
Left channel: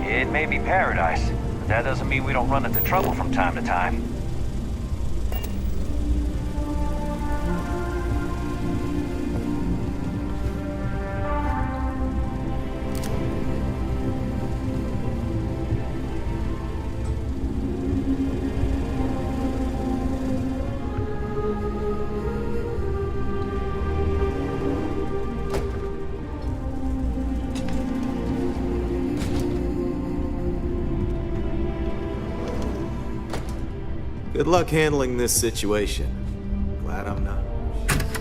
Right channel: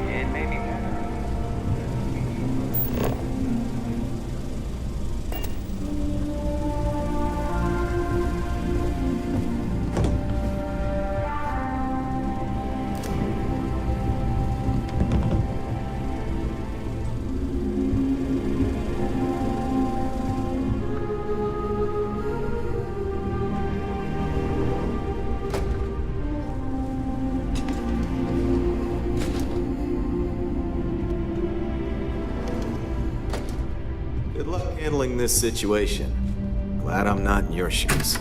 It may be paradise, but that doesn't mean we don't run into trouble from time to time. Good luck handling this situation. Glad I'm not in your shoes.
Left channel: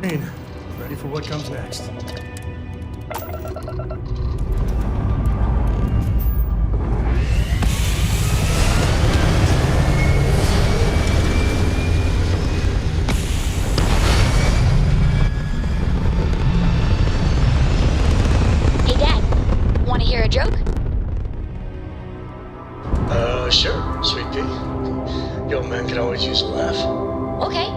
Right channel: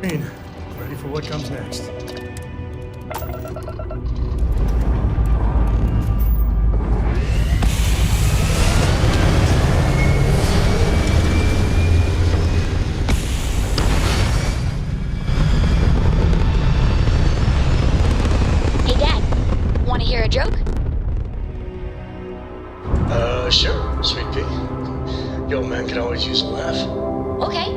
Green, ready for what comes next. Hey, Dad. Want to hear a joke? Sure, Sweet Pea. Yo, man can always use a laugh. Okay.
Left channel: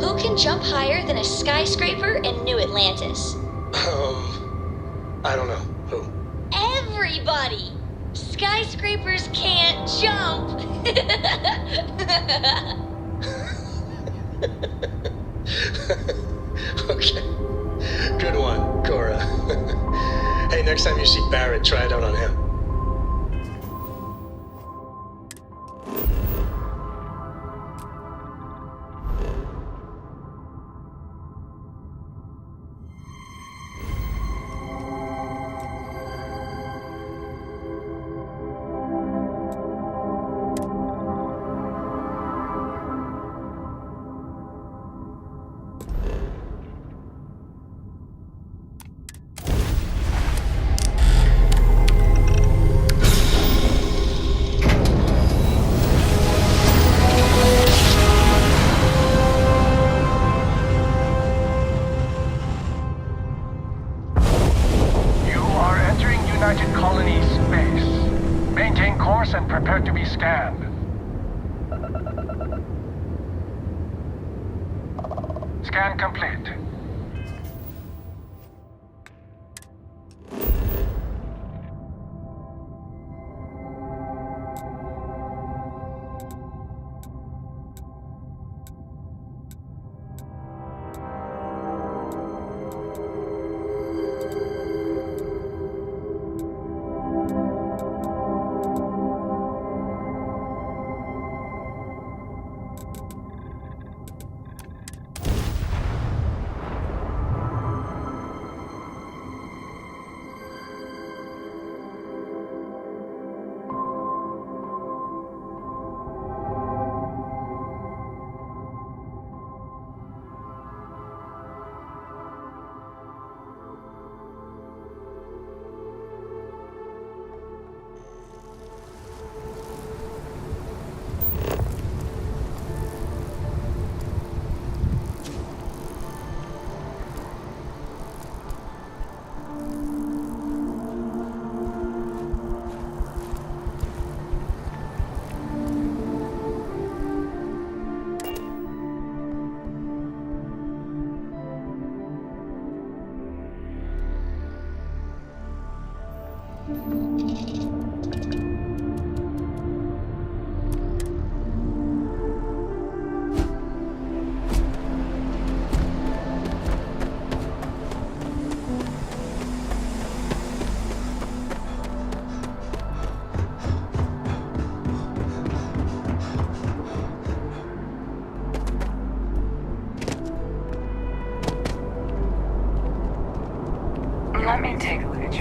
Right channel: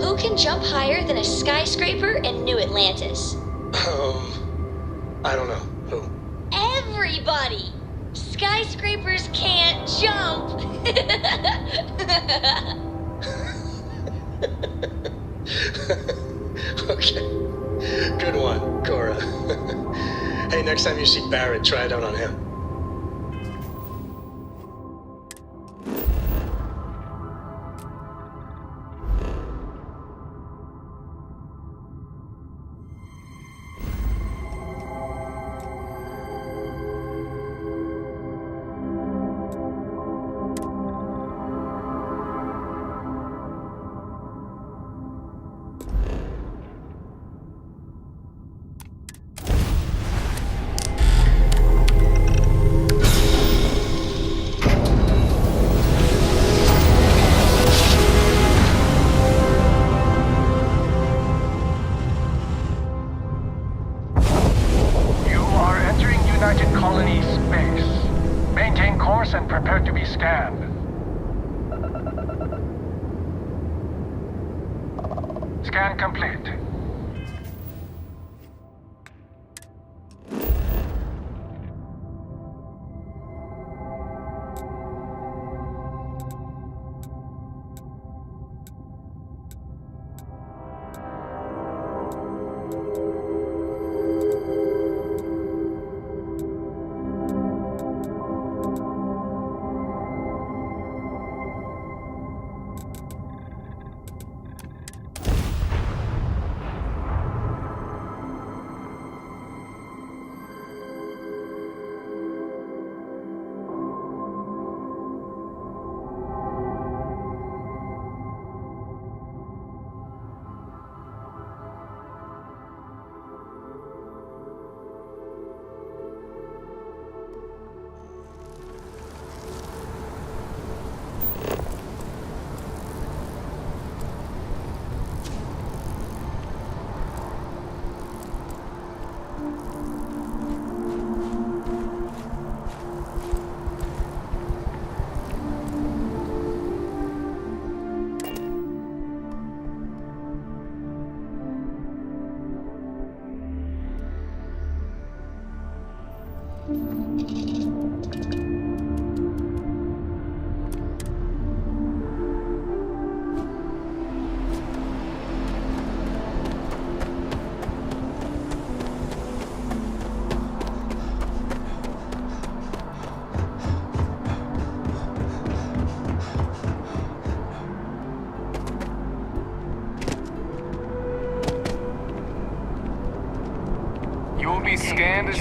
Who can jump higher than a skyscraper in New Atlantis? I don't know. Who? Everybody! Skyscrapers can't jump! Okay. Good one, Cora. Hey, next time you see Barrett, try it out on him. United Colony space. Maintain course and prepare to be scanned. Scan complete.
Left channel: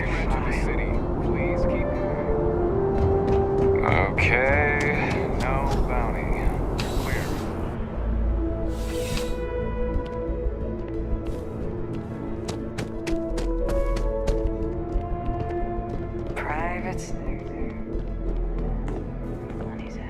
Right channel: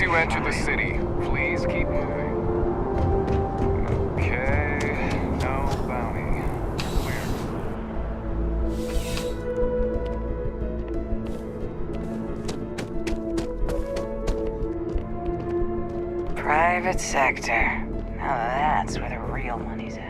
you enter the city, please keep moving. Okay, no bounty. Clear. Private sector. Now that's where the real money's at.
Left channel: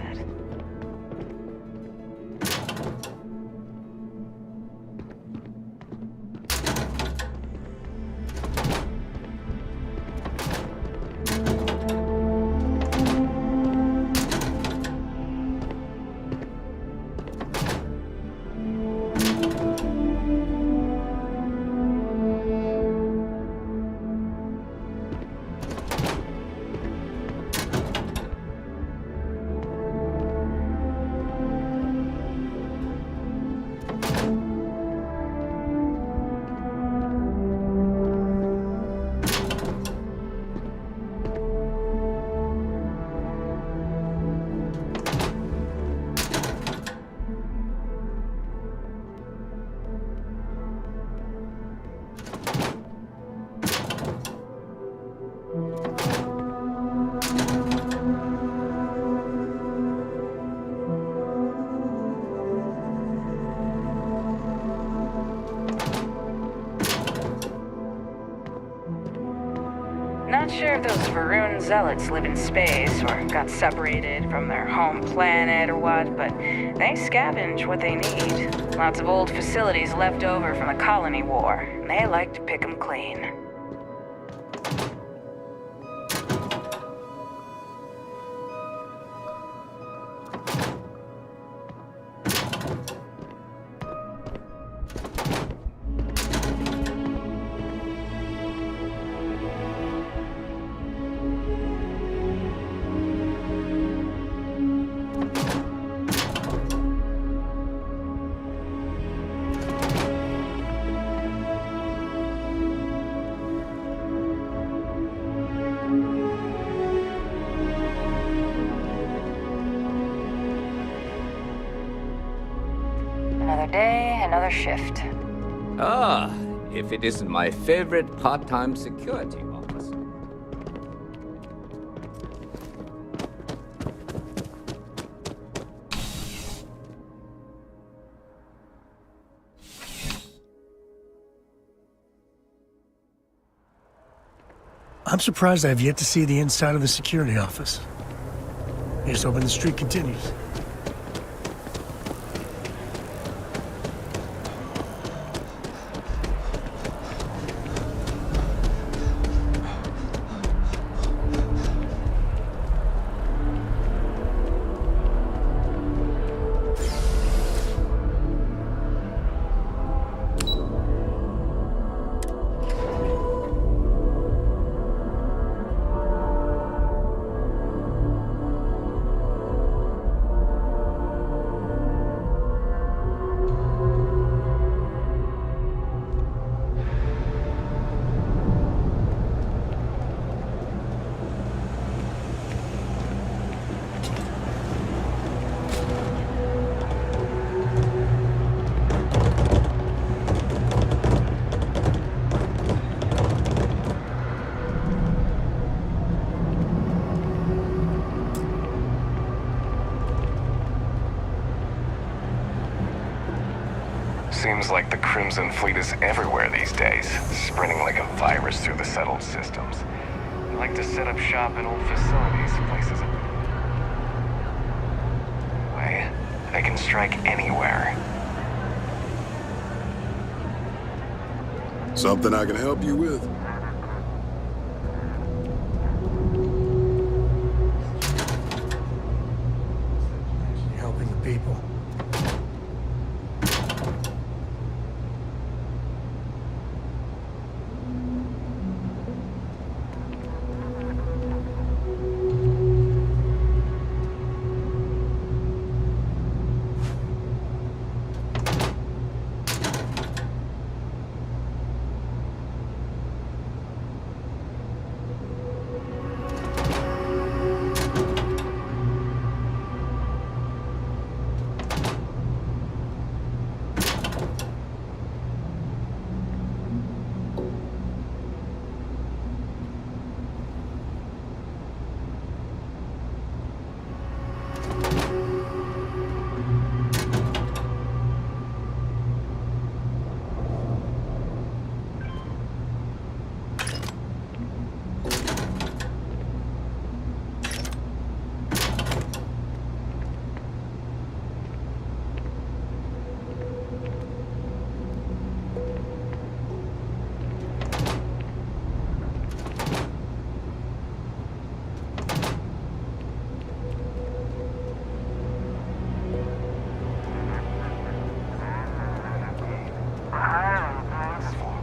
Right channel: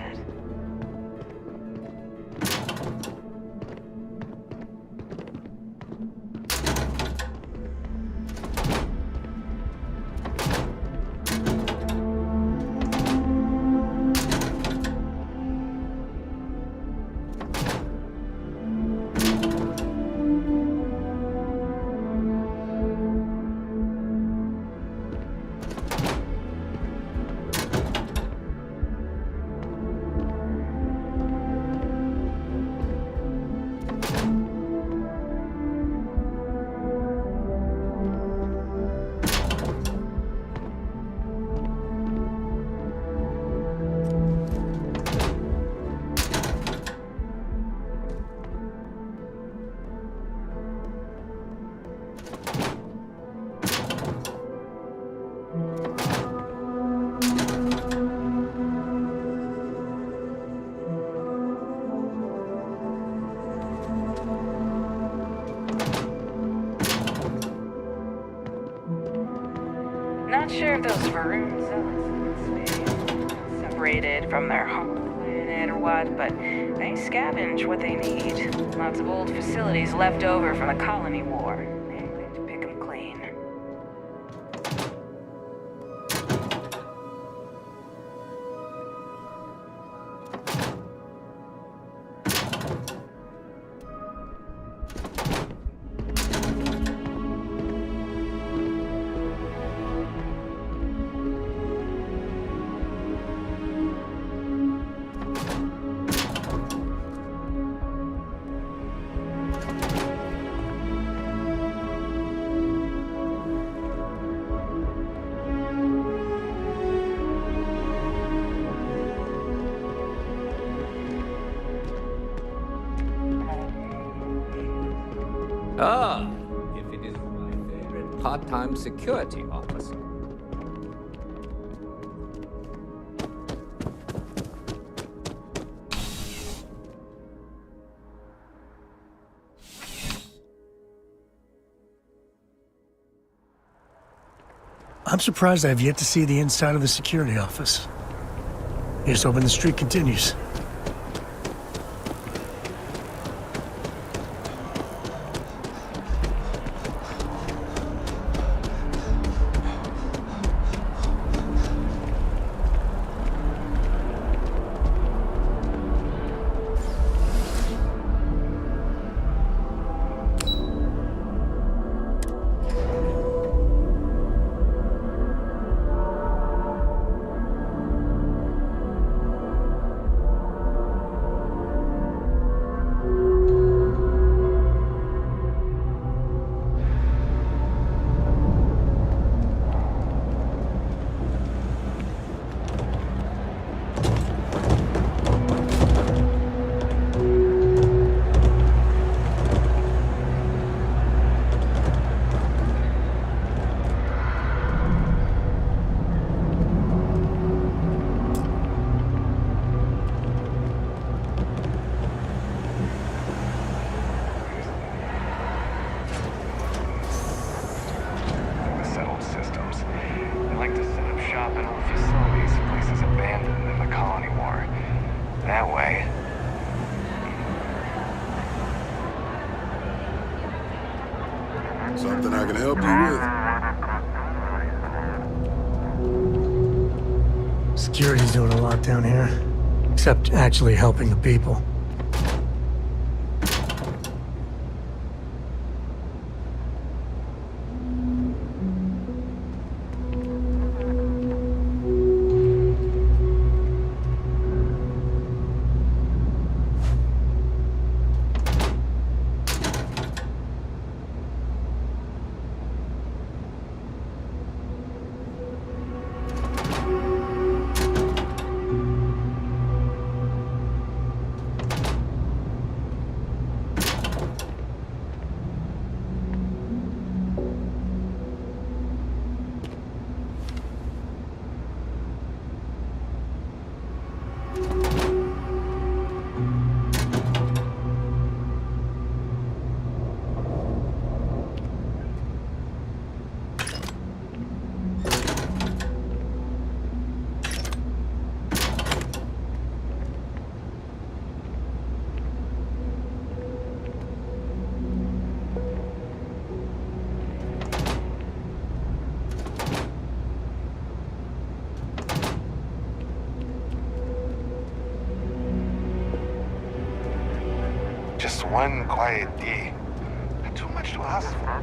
Not sure if those Varun zealots live in space or got separated from their home planet or what, but they scavenge what they need. Lots of old facilities left over from the colony war, and they like to pick them clean. Another day, another shift. Ah, if it isn't my favorite part-time security officer. I'm surprised I've yet to see the inside of the security office. Here's hoping the streak continues. Seems like the Crimson Fleet is everywhere these days, spreading like a virus through the settled systems. They like to set up shop in old facilities, places abandoned in the colony war. That way, they can strike anywhere. Something I can help you with? Security's doing a lot down here. Except actually helping the people. one quiet deed. Too much to ask for.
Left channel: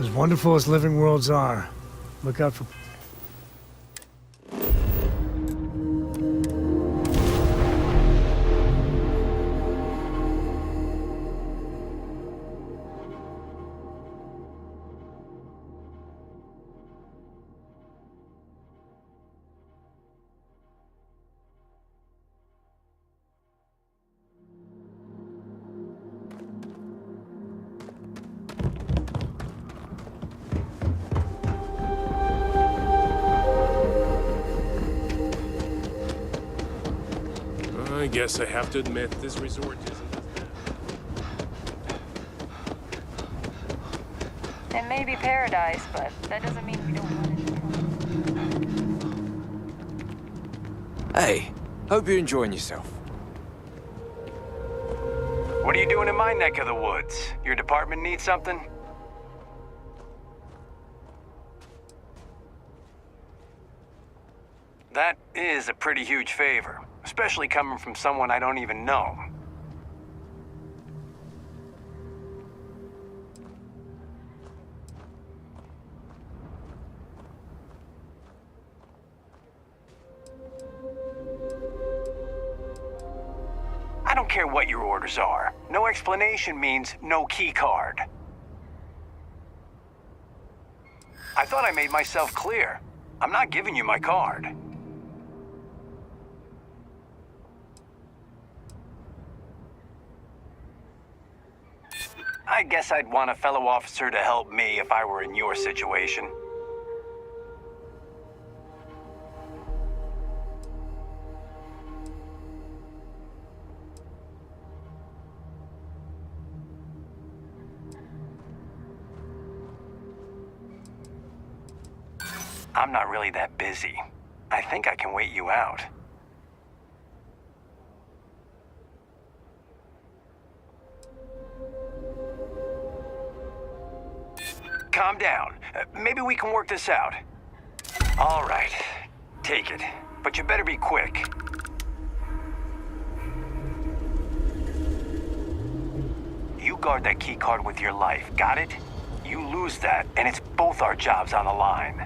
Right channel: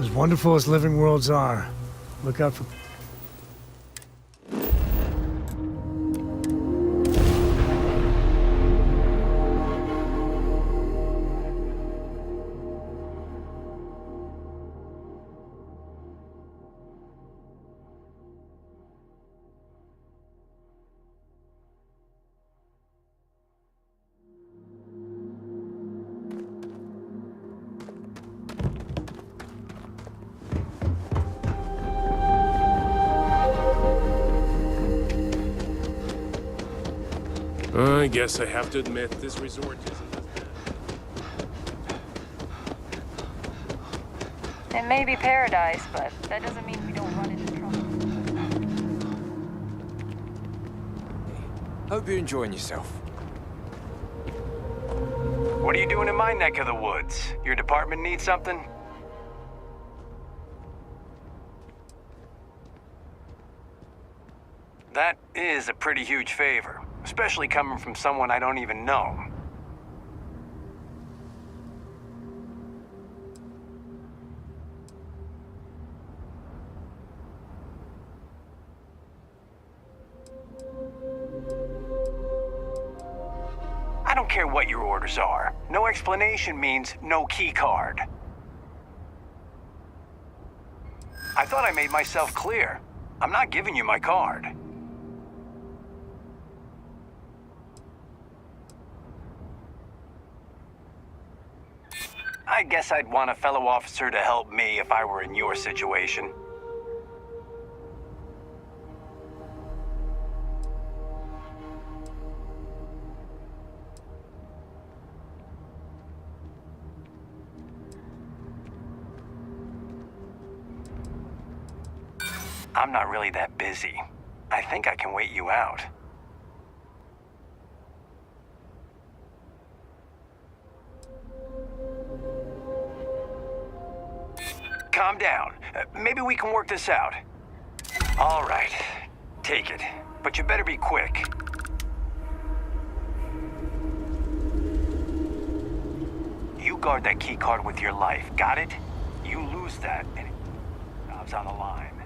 As wonderful as living worlds are, look out for... I guess I have to admit, this resort isn't as bad. It may be paradise, but that doesn't mean we don't run into trouble. Hey, hope you're enjoying yourself. What are you doing in my neck of the woods? Your department need something? That is a pretty huge favor, especially coming from someone I don't even know. I don't care what your orders are. No explanation means no key card. I thought I made myself clear. I'm not giving you my card. I guess I'd want a fellow officer to help me if I were in your situation. I'm not really that busy. I think I can wait you out. Calm down. Maybe we can work this out. All right. Take it. But you better be quick. You guard that key card with your life, got it? You lose that, and it's both our jobs on the line.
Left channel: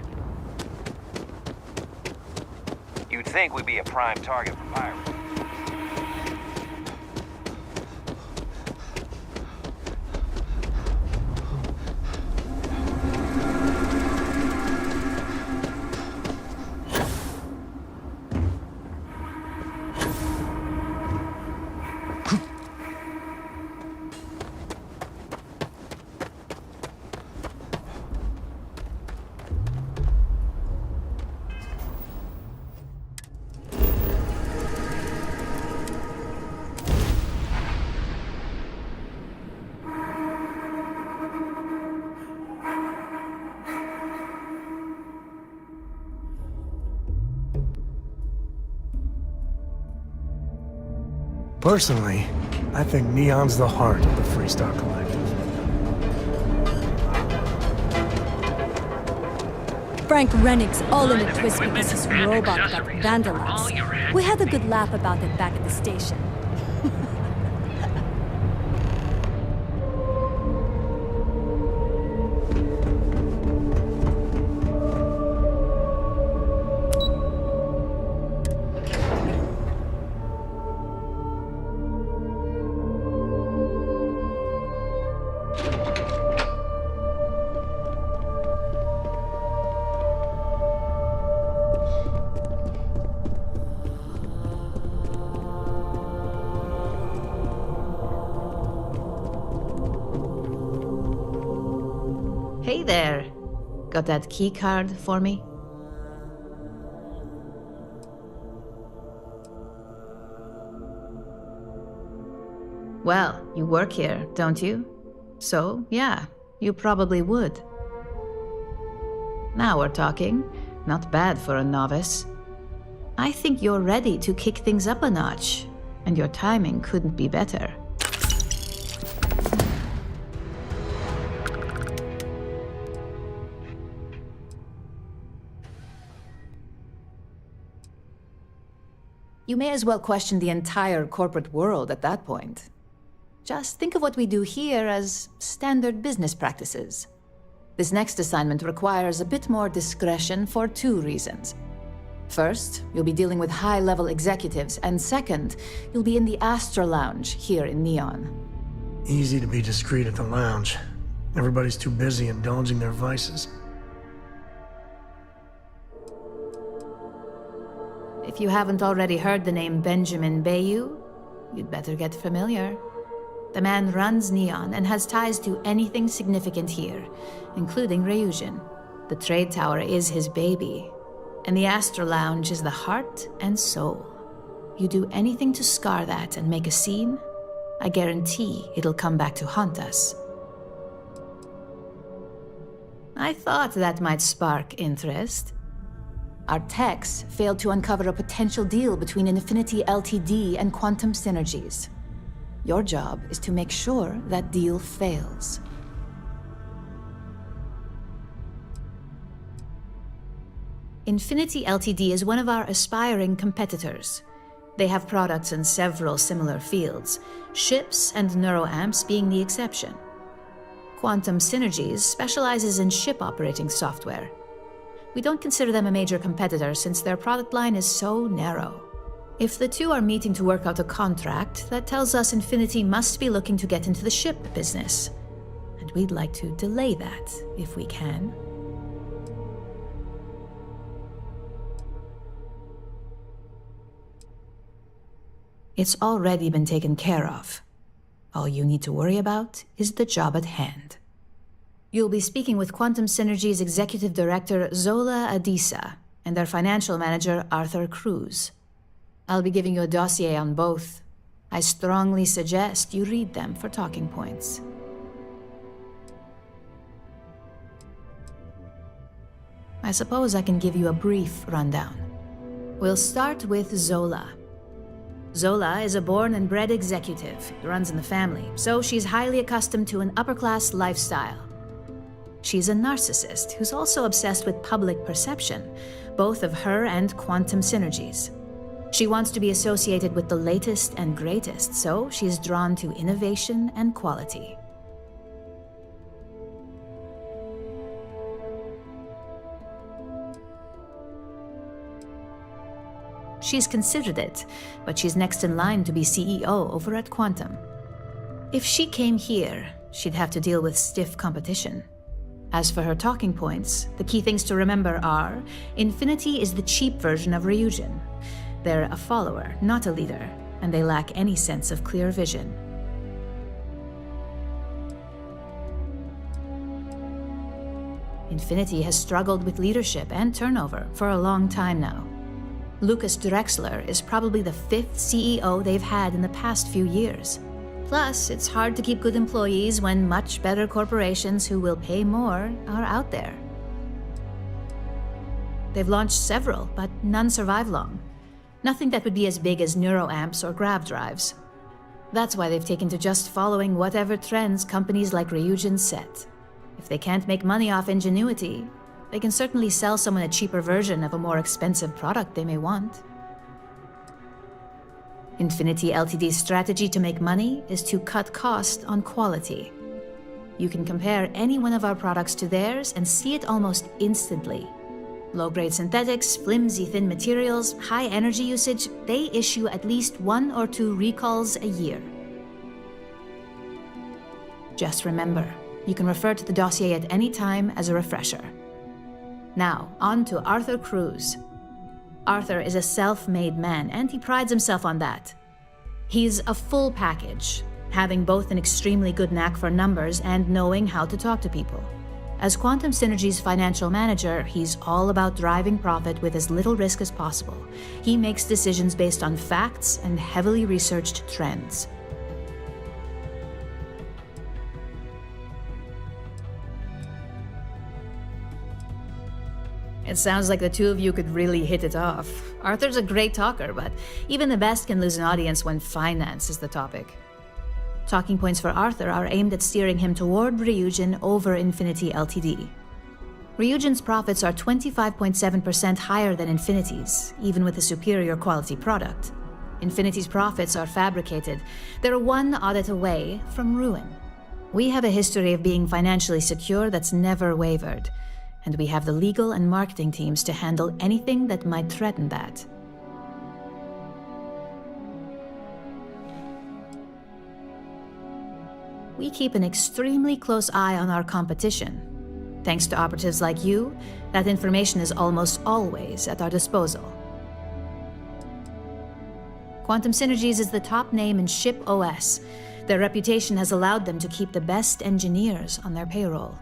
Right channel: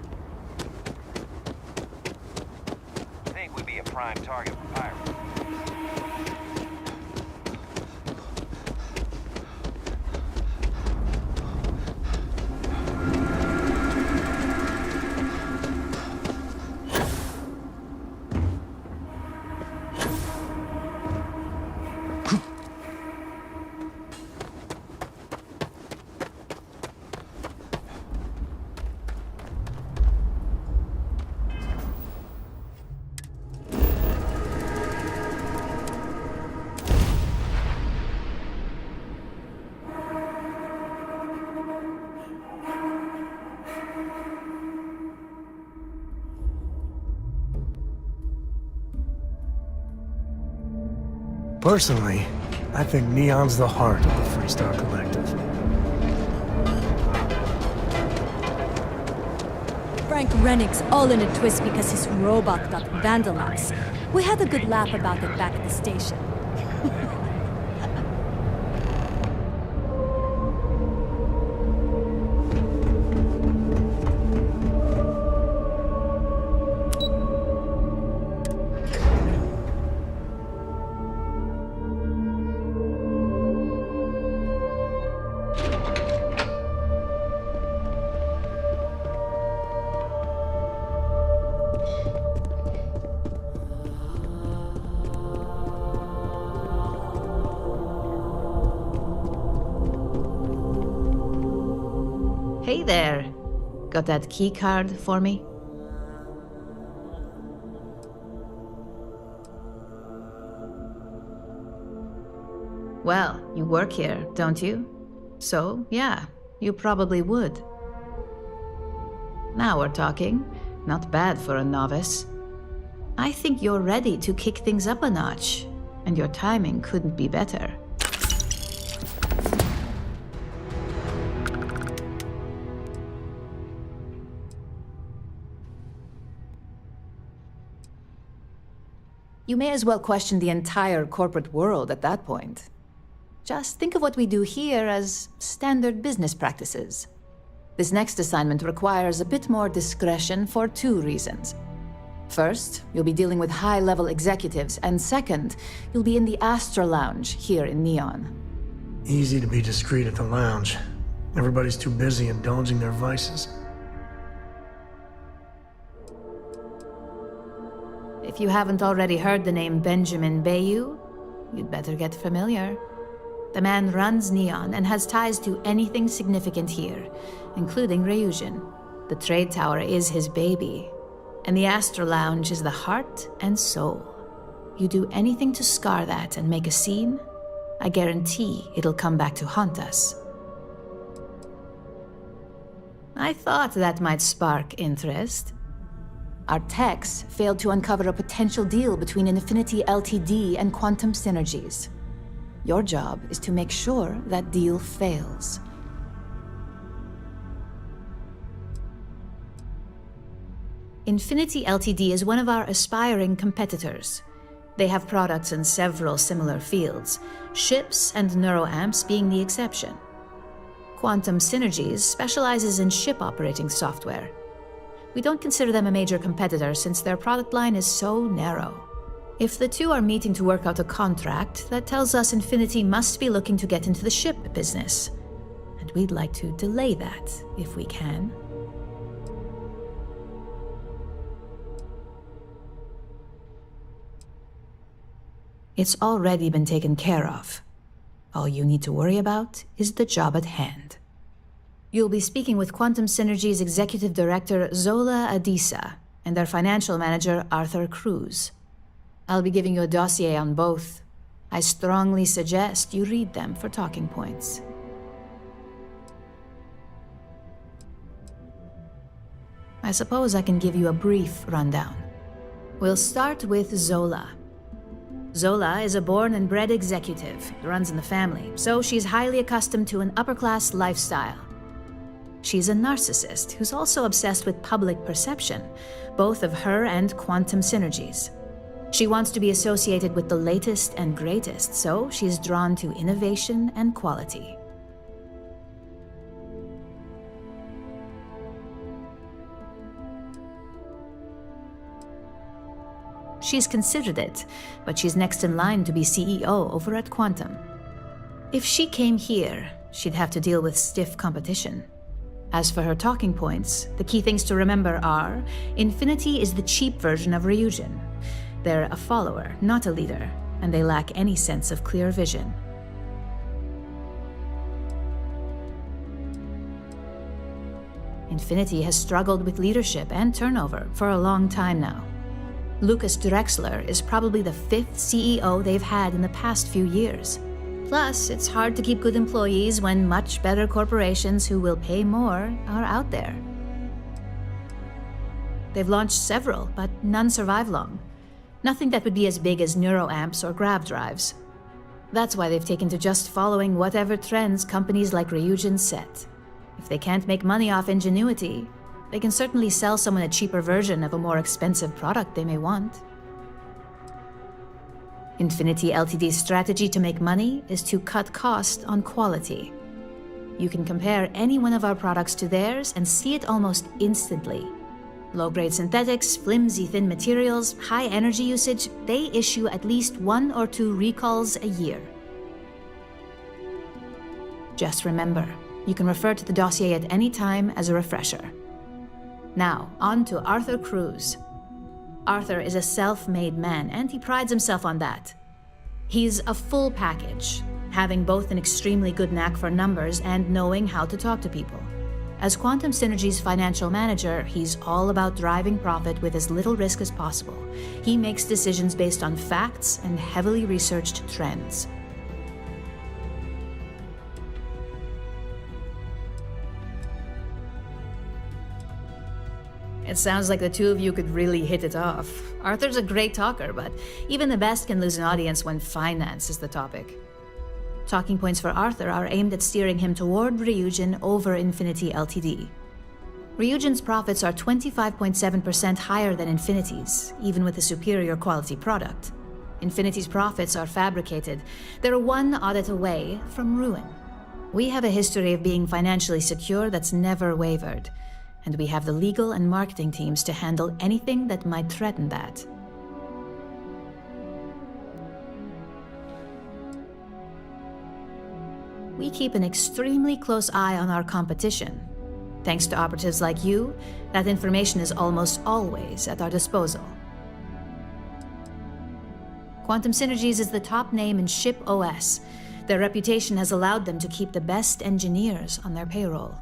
You'd think we'd be a prime target for pirates. Personally, I think Neon's the heart of the Freestar Collective. Frank Rennick's all in a twist because his robot got vandalized. We had a good laugh about it back at the station. Hey there. Got that key card for me? Well, you work here, don't you? So, yeah, you probably would. Now we're talking. Not bad for a novice. I think you're ready to kick things up a notch, and your timing couldn't be better. You may as well question the entire corporate world at that point. Just think of what we do here as standard business practices. This next assignment requires a bit more discretion for 2 reasons. First, you'll be dealing with high-level executives, and second, you'll be in the Astra Lounge here in Neon. Easy to be discreet at the lounge. Everybody's too busy indulging their vices. If you haven't already heard the name Benjamin Bayou, you'd better get familiar. The man runs Neon and has ties to anything significant here, including Ryujin. The trade tower is his baby, and the Astra Lounge is the heart and soul. You do anything to scar that and make a scene, I guarantee it'll come back to haunt us. I thought that might spark interest. Our techs failed to uncover a potential deal between Infinity Ltd. And Quantum Synergies. Your job is to make sure that deal fails. Infinity Ltd. Is one of our aspiring competitors. They have products in several similar fields, ships and neuroamps being the exception. Quantum Synergies specializes in ship operating software. We don't consider them a major competitor since their product line is so narrow. If the two are meeting to work out a contract, that tells us Infinity must be looking to get into the ship business. And we'd like to delay that, if we can. It's already been taken care of. All you need to worry about is the job at hand. You'll be speaking with Quantum Synergy's Executive Director, Zola Adisa, and their Financial Manager, Arthur Cruz. I'll be giving you a dossier on both. I strongly suggest you read them for talking points. I suppose I can give you a brief rundown. We'll start with Zola. Zola is a born and bred executive. It runs in the family, so she's highly accustomed to an upper-class lifestyle. She's a narcissist who's also obsessed with public perception, both of her and Quantum Synergies. She wants to be associated with the latest and greatest, so she's drawn to innovation and quality. She's considered it, but she's next in line to be CEO over at Quantum. If she came here, she'd have to deal with stiff competition. As for her talking points, the key things to remember are, Infinity is the cheap version of Ryujin. They're a follower, not a leader, and they lack any sense of clear vision. Infinity has struggled with leadership and turnover for a long time now. Lucas Drexler is probably the 5th CEO they've had in the past few years. Plus, it's hard to keep good employees when much better corporations who will pay more are out there. They've launched several, but none survive long. Nothing that would be as big as neuroamps or grav drives. That's why they've taken to just following whatever trends companies like Ryujin set. If they can't make money off ingenuity, they can certainly sell someone a cheaper version of a more expensive product they may want. Infinity Ltd's strategy to make money is to cut cost on quality. You can compare any one of our products to theirs and see it almost instantly. Low-grade synthetics, flimsy thin materials, high energy usage, they issue at least 1 or 2 recalls a year. Just remember, you can refer to the dossier at any time as a refresher. Now, on to Arthur Cruz. Arthur is a self-made man, and he prides himself on that. He's a full package, having both an extremely good knack for numbers and knowing how to talk to people. As Quantum Synergy's financial manager, he's all about driving profit with as little risk as possible. He makes decisions based on facts and heavily researched trends. It sounds like the two of you could really hit it off. Arthur's a great talker, but even the best can lose an audience when finance is the topic. Talking points for Arthur are aimed at steering him toward Ryujin over Infinity Ltd. Ryujin's profits are 25.7% higher than Infinity's, even with a superior quality product. Infinity's profits are fabricated. They're one audit away from ruin. We have a history of being financially secure that's never wavered, and we have the legal and marketing teams to handle anything that might threaten that. We keep an extremely close eye on our competition. Thanks to operatives like you, that information is almost always at our disposal. Quantum Synergies is the top name in ship OS. Their reputation has allowed them to keep the best engineers on their payroll.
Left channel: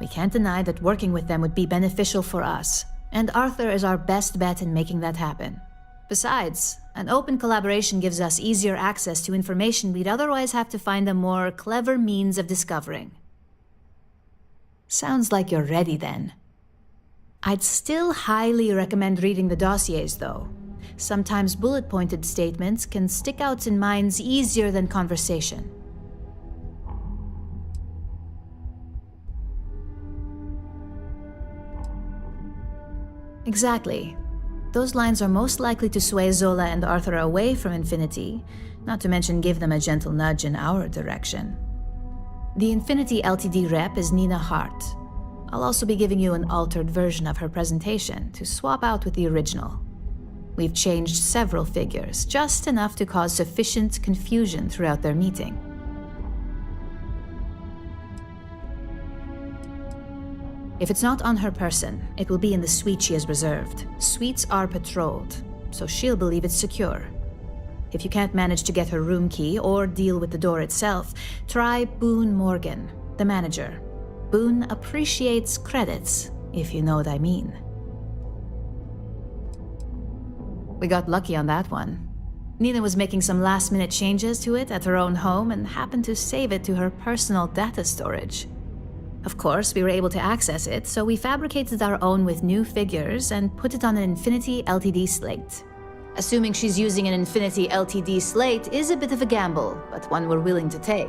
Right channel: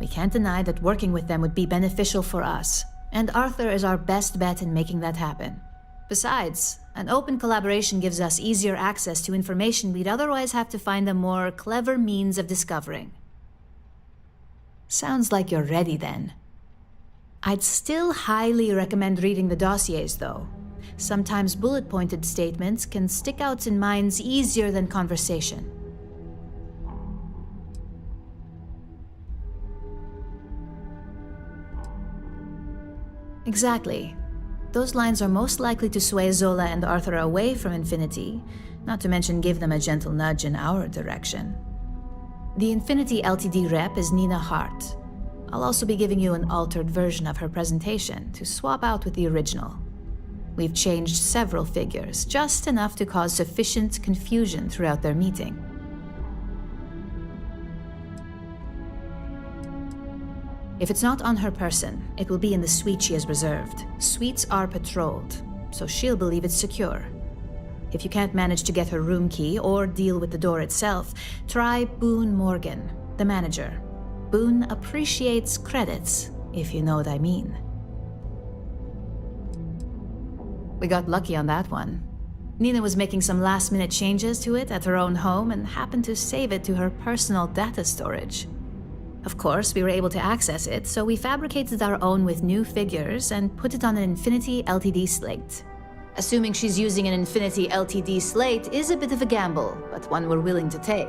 We can't deny that working with them would be beneficial for us, and Arthur is our best bet in making that happen. Besides, an open collaboration gives us easier access to information we'd otherwise have to find a more clever means of discovering. Sounds like you're ready then. I'd still highly recommend reading the dossiers, though. Sometimes bullet-pointed statements can stick out in minds easier than conversation. Exactly. Those lines are most likely to sway Zola and Arthur away from Infinity, not to mention give them a gentle nudge in our direction. The Infinity Ltd rep is Nina Hart. I'll also be giving you an altered version of her presentation to swap out with the original. We've changed several figures, just enough to cause sufficient confusion throughout their meeting. If it's not on her person, it will be in the suite she has reserved. Suites are patrolled, so she'll believe it's secure. If you can't manage to get her room key or deal with the door itself, try Boone Morgan, the manager. Boone appreciates credits, if you know what I mean. We got lucky on that one. Nina was making some last-minute changes to it at her own home and happened to save it to her personal data storage. Of course, we were able to access it, so we fabricated our own with new figures and put it on an Infinity Ltd slate. Assuming she's using an Infinity Ltd slate is a bit of a gamble, but one we're willing to take.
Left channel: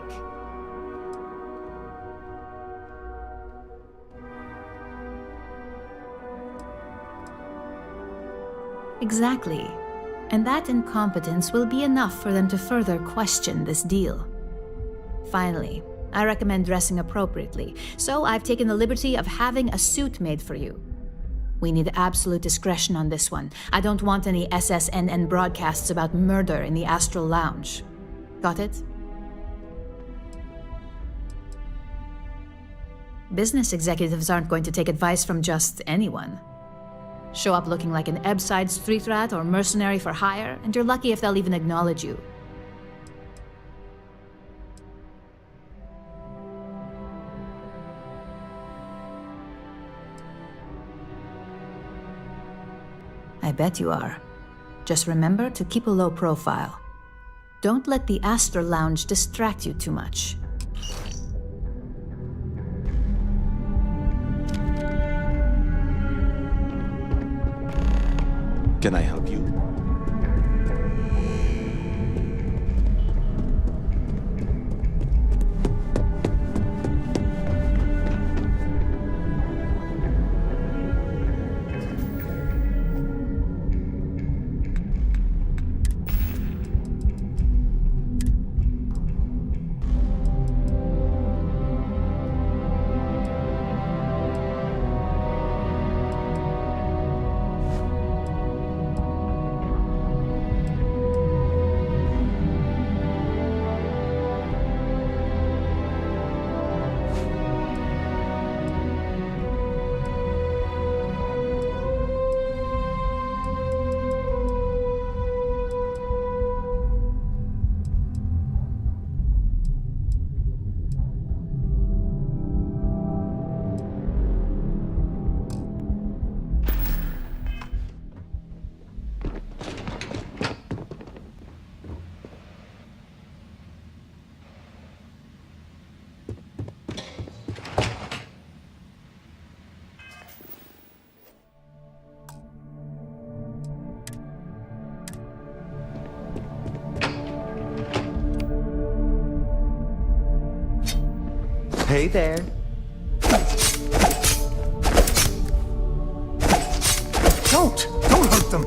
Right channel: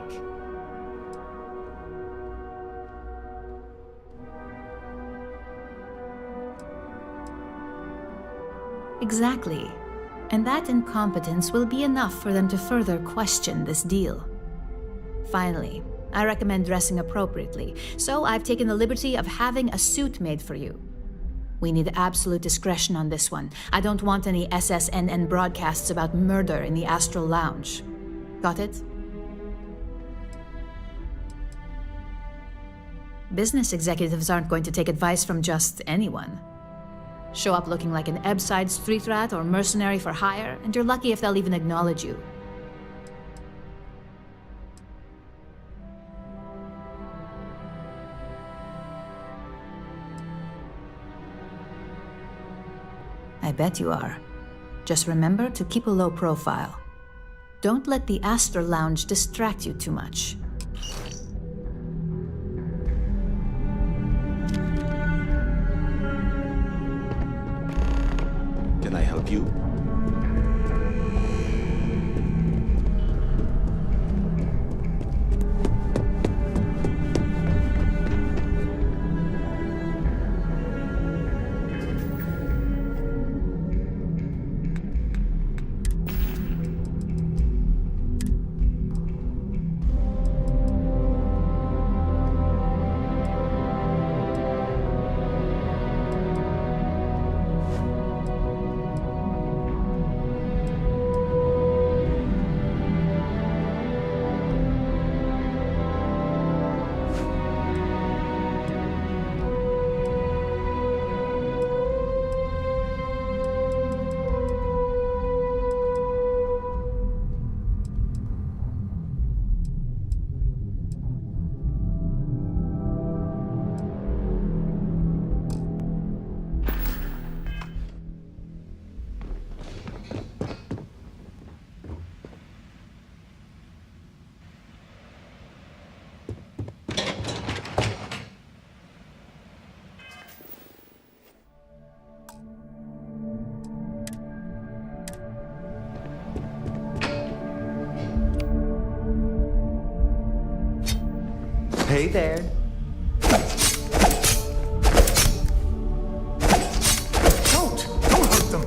Exactly. And that incompetence will be enough for them to further question this deal. Finally, I recommend dressing appropriately, so I've taken the liberty of having a suit made for you. We need absolute discretion on this one. I don't want any SSNN broadcasts about murder in the Astral Lounge. Got it? Business executives aren't going to take advice from just anyone. Show up looking like an Ebbside street rat or mercenary for hire, and you're lucky if they'll even acknowledge you. I bet you are. Just remember to keep a low profile. Don't let the Astral Lounge distract you too much. Can I help you? Hey there. Don't hurt them.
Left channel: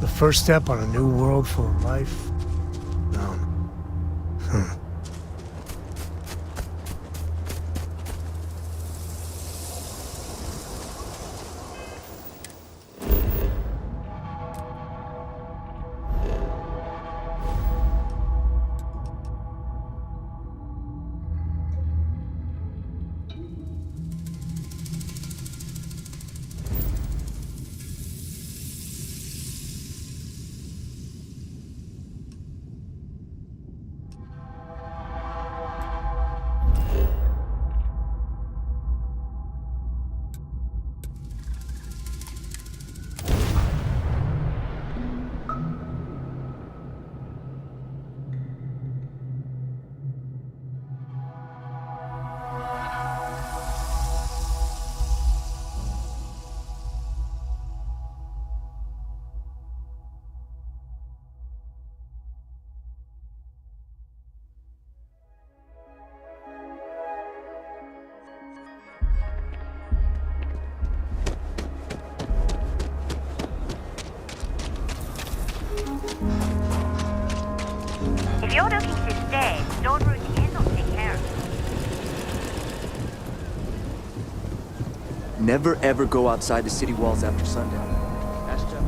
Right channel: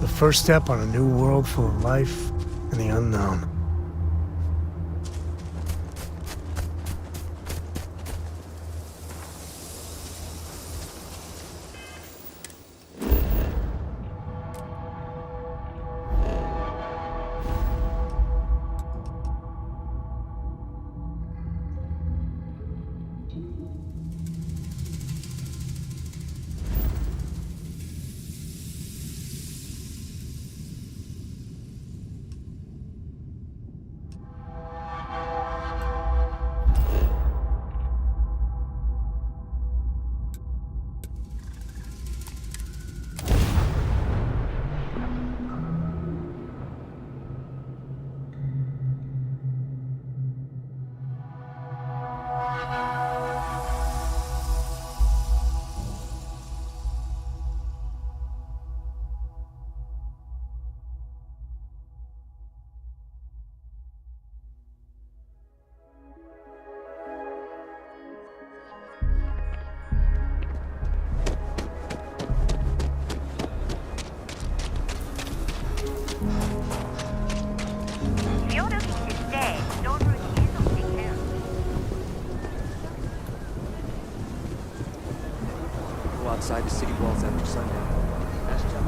The first step on a new world full of life and the unknown. never ever go outside the city walls after sundown. Ask Jeff.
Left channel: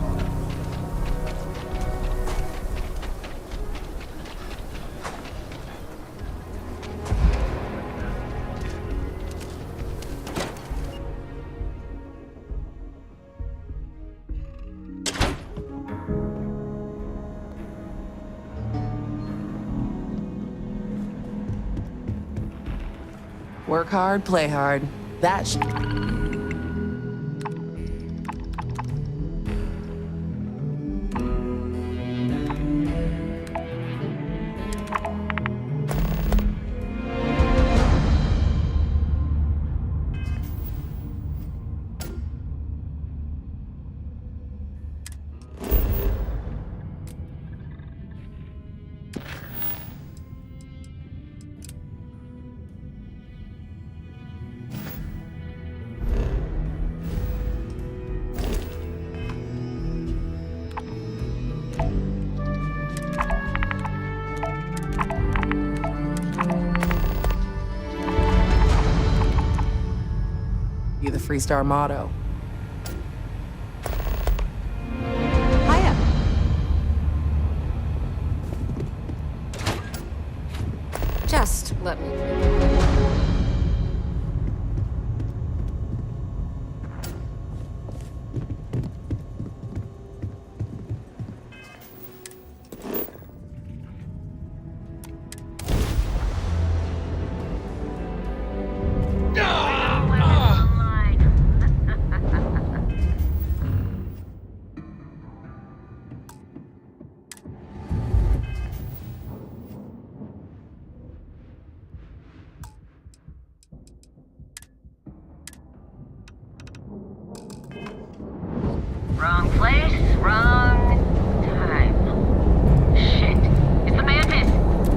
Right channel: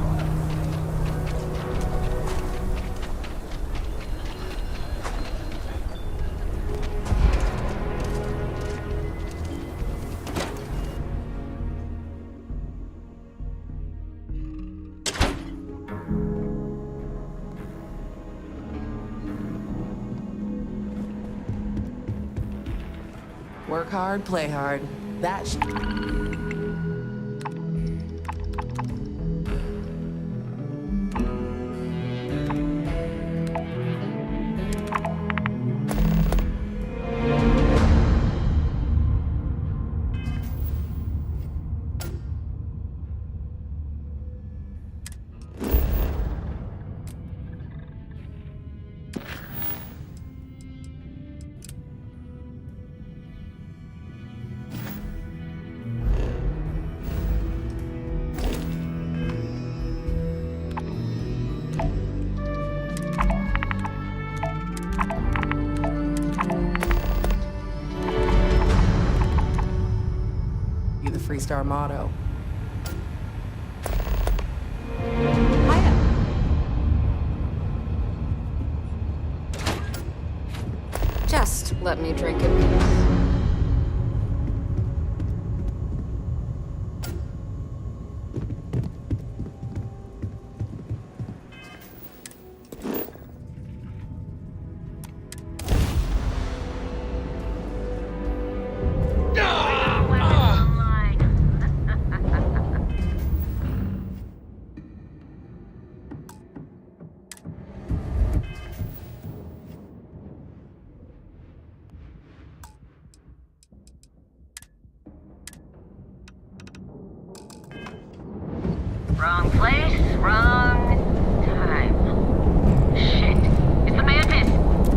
Work hard, play hard. That's... You the Freestar motto. Hiya. Just let me drink a bit. Wrong place, wrong time. Shit. It's the Mantis!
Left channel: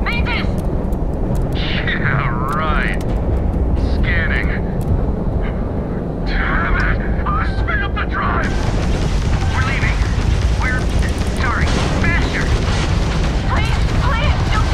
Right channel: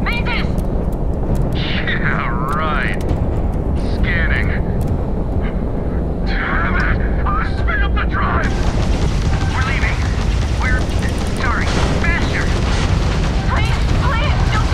Mantis! Yeah, right. Scanning. Damn it! Speed up the drive! We're leaving. We're... sorry. Faster! Please, please, don't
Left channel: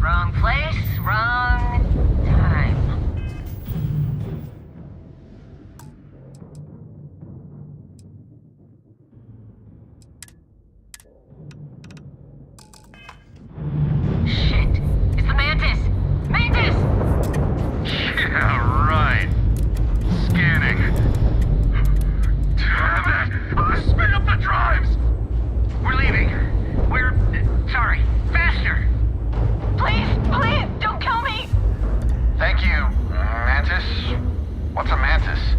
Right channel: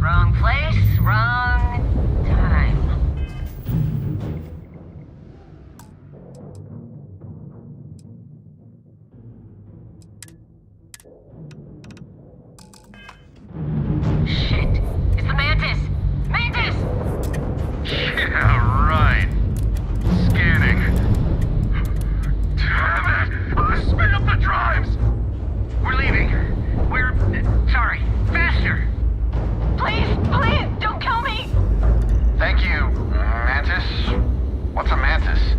Wrong place, wrong time. Shit! It's the Mantis! Mantis! Yeah, right. What's a mantis?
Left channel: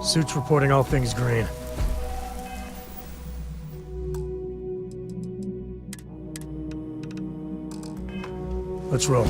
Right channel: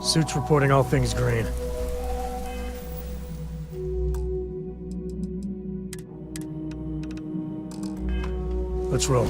Suits reporting all things green. Let's roll.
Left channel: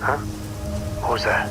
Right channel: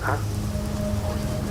Huh? What was that?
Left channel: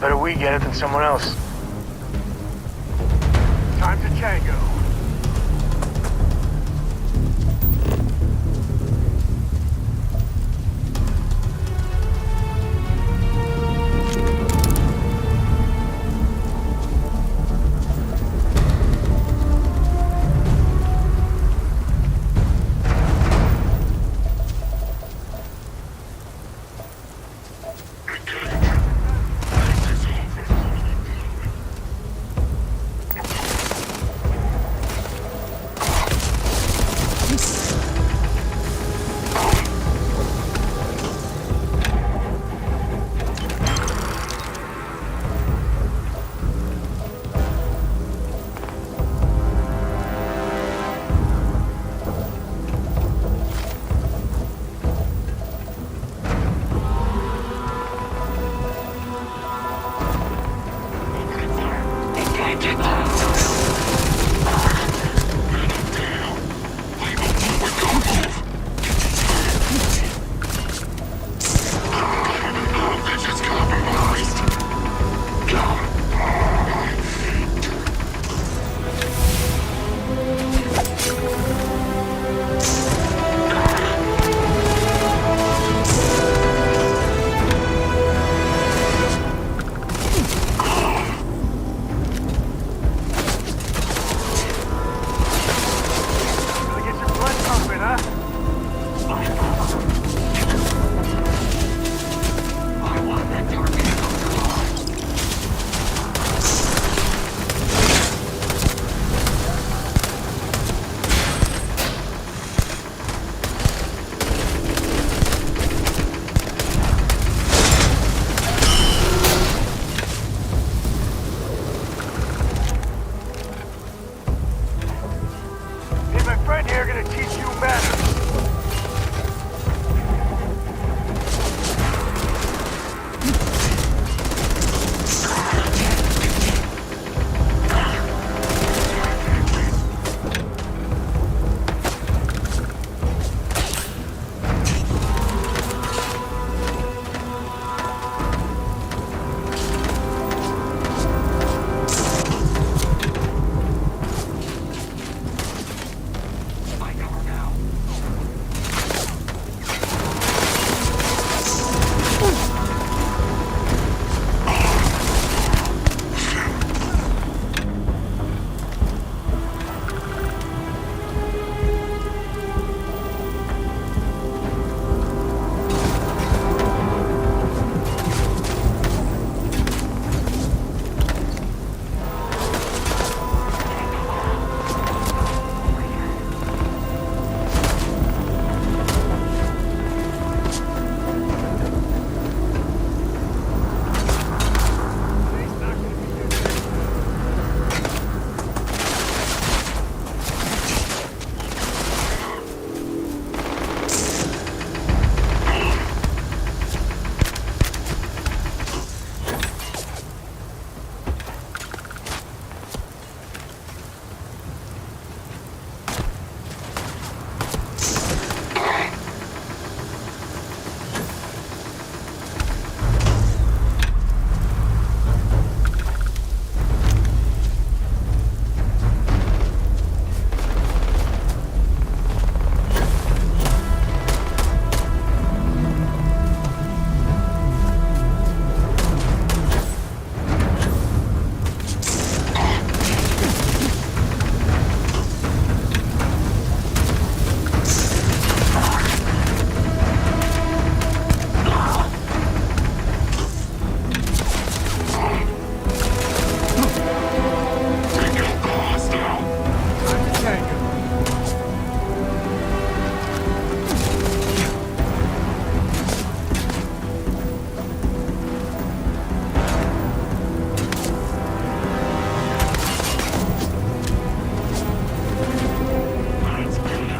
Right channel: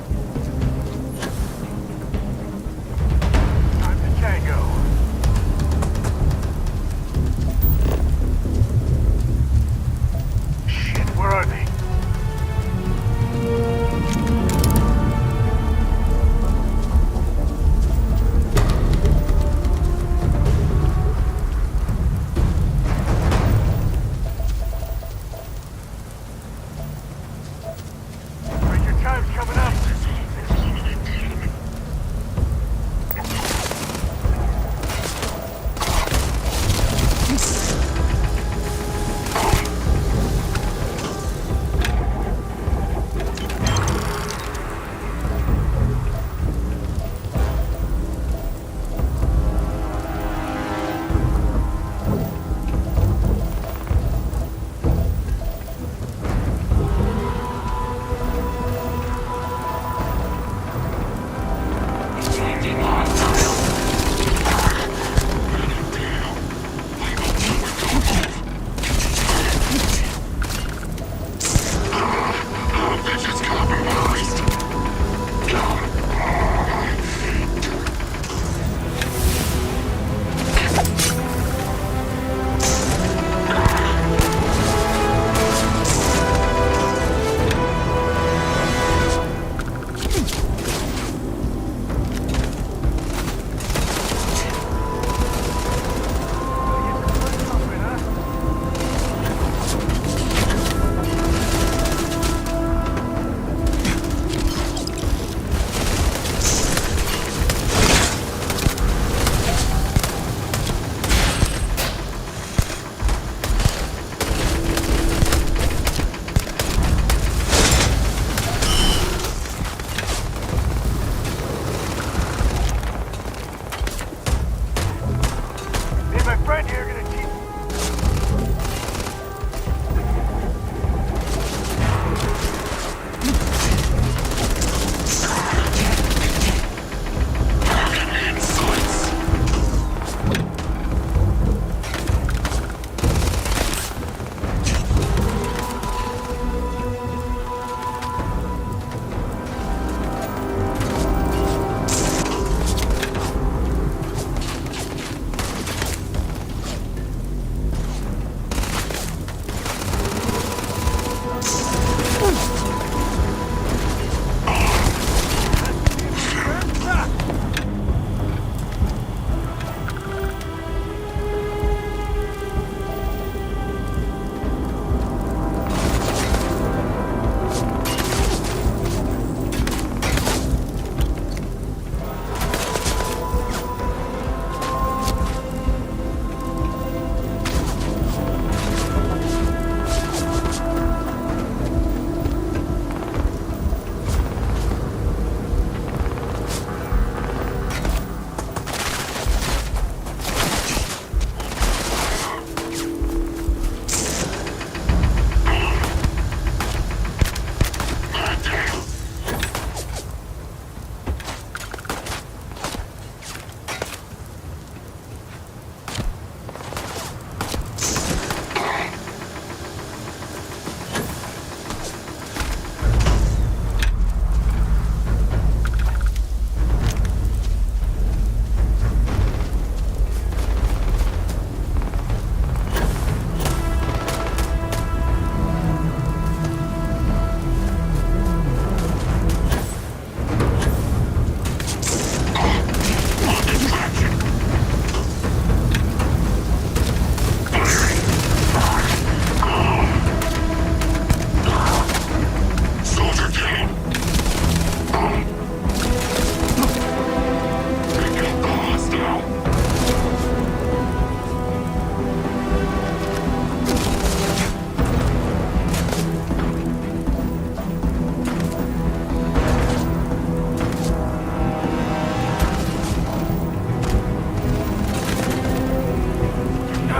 Better we get it than someone else. Time to Django. Shit, where are they?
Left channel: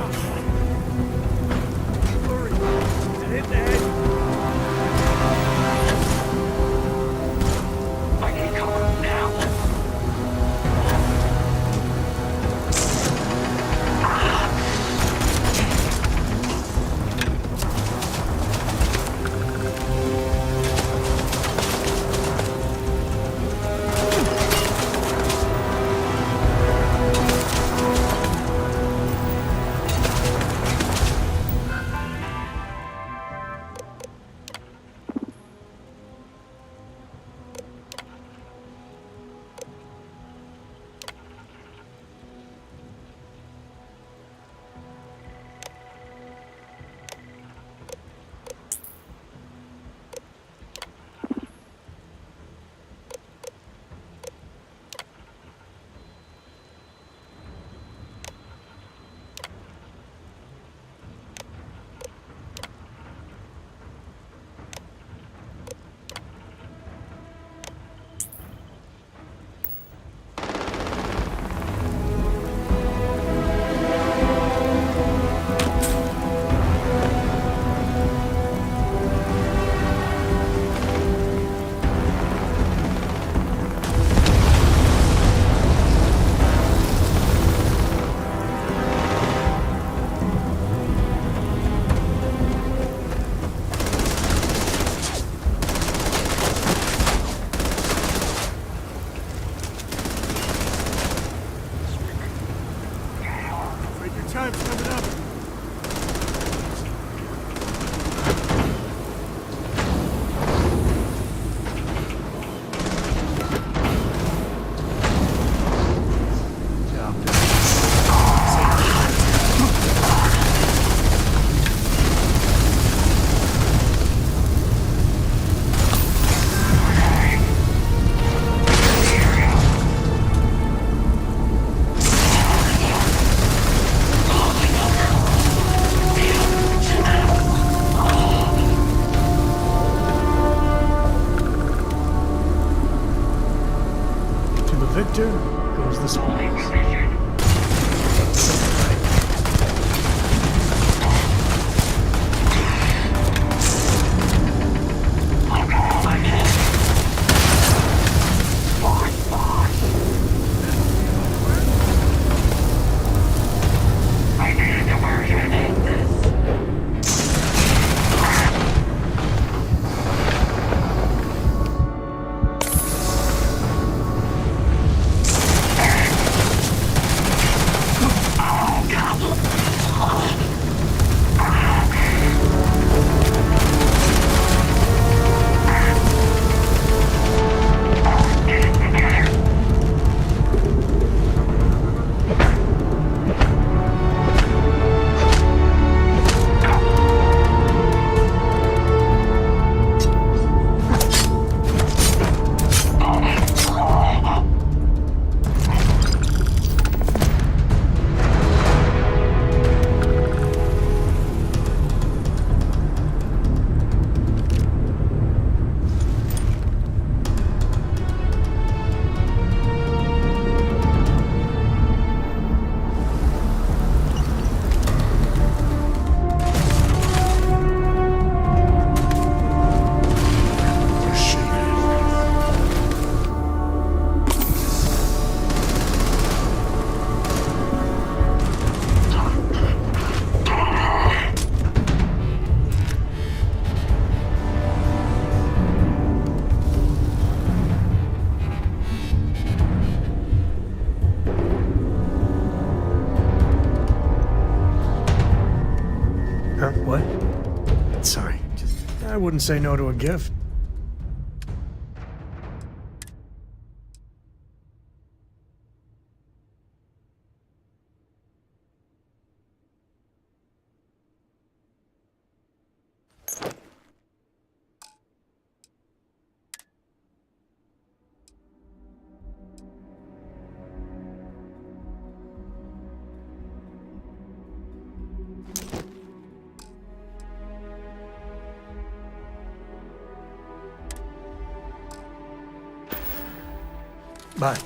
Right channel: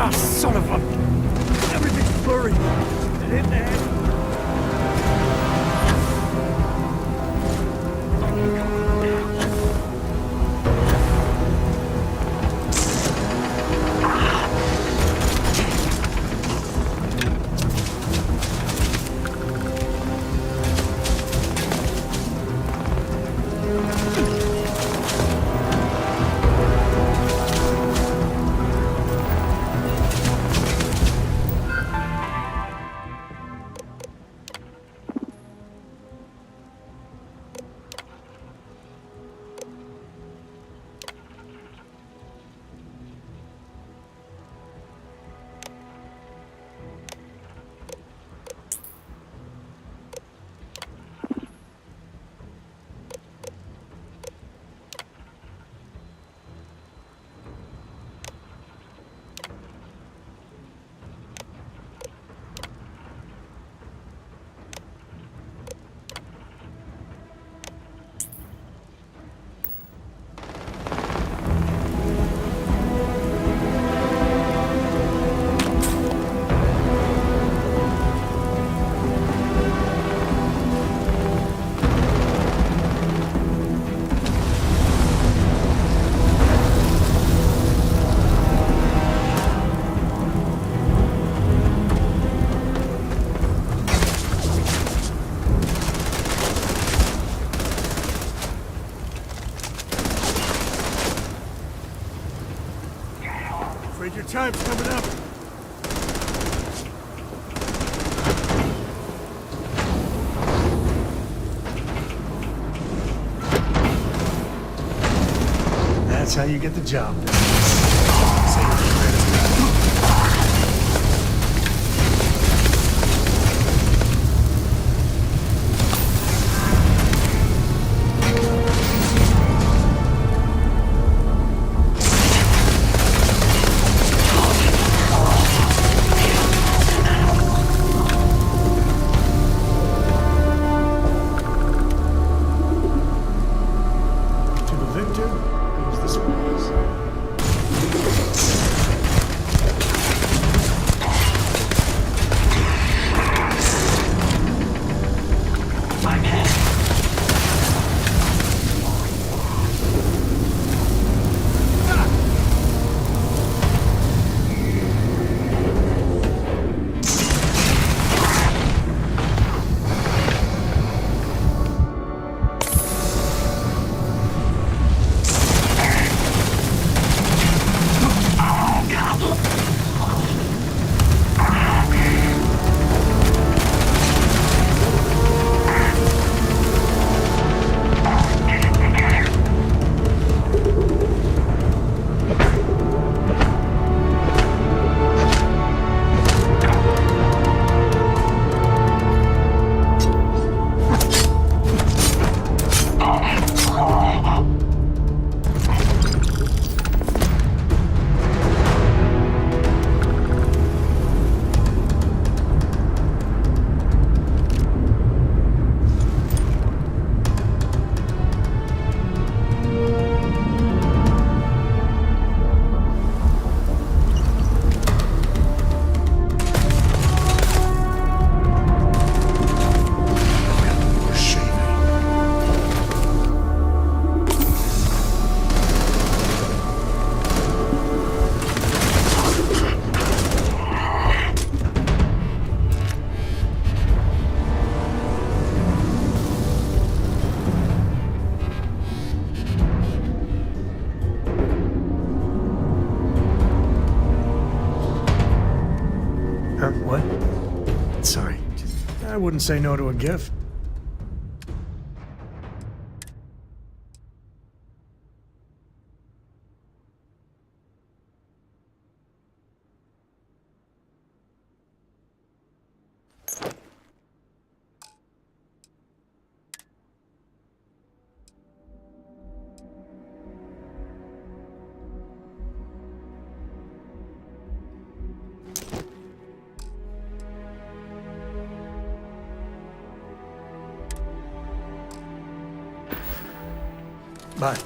Ah, son of a... Everything's blurry. That hit in the head. I need cover now. Your time's coming up. That's how you get the job done. Say your prayers. Victor goes the spoils. Huh? What? Sorry. I wouldn't say no to a gift. Bye.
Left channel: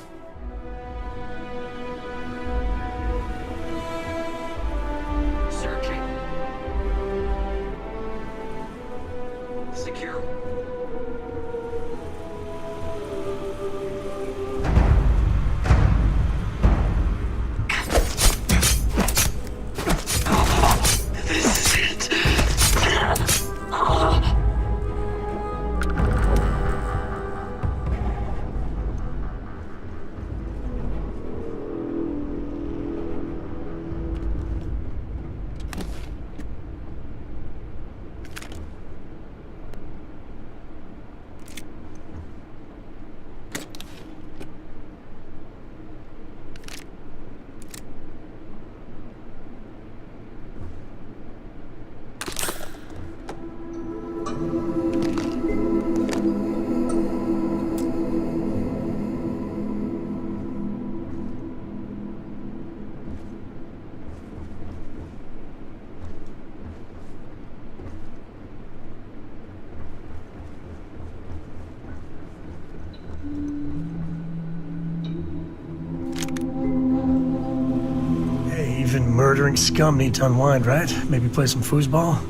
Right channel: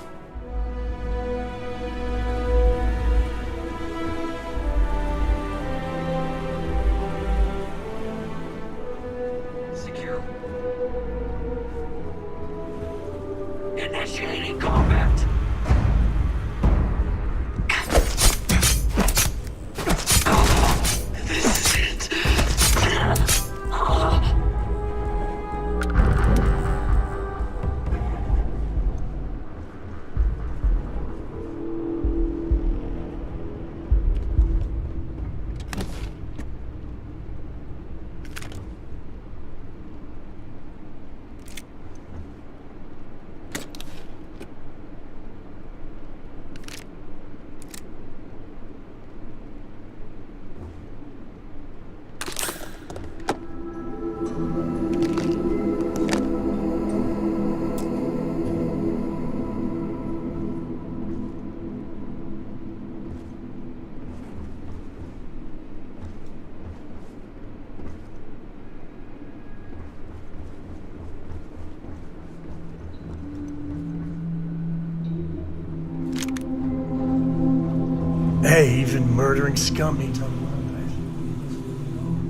Hey, even murdering scum need to unwind, right? Maybe play some foosball?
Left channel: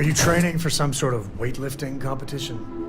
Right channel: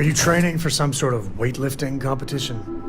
Are you training for some sort of weightlifting competition?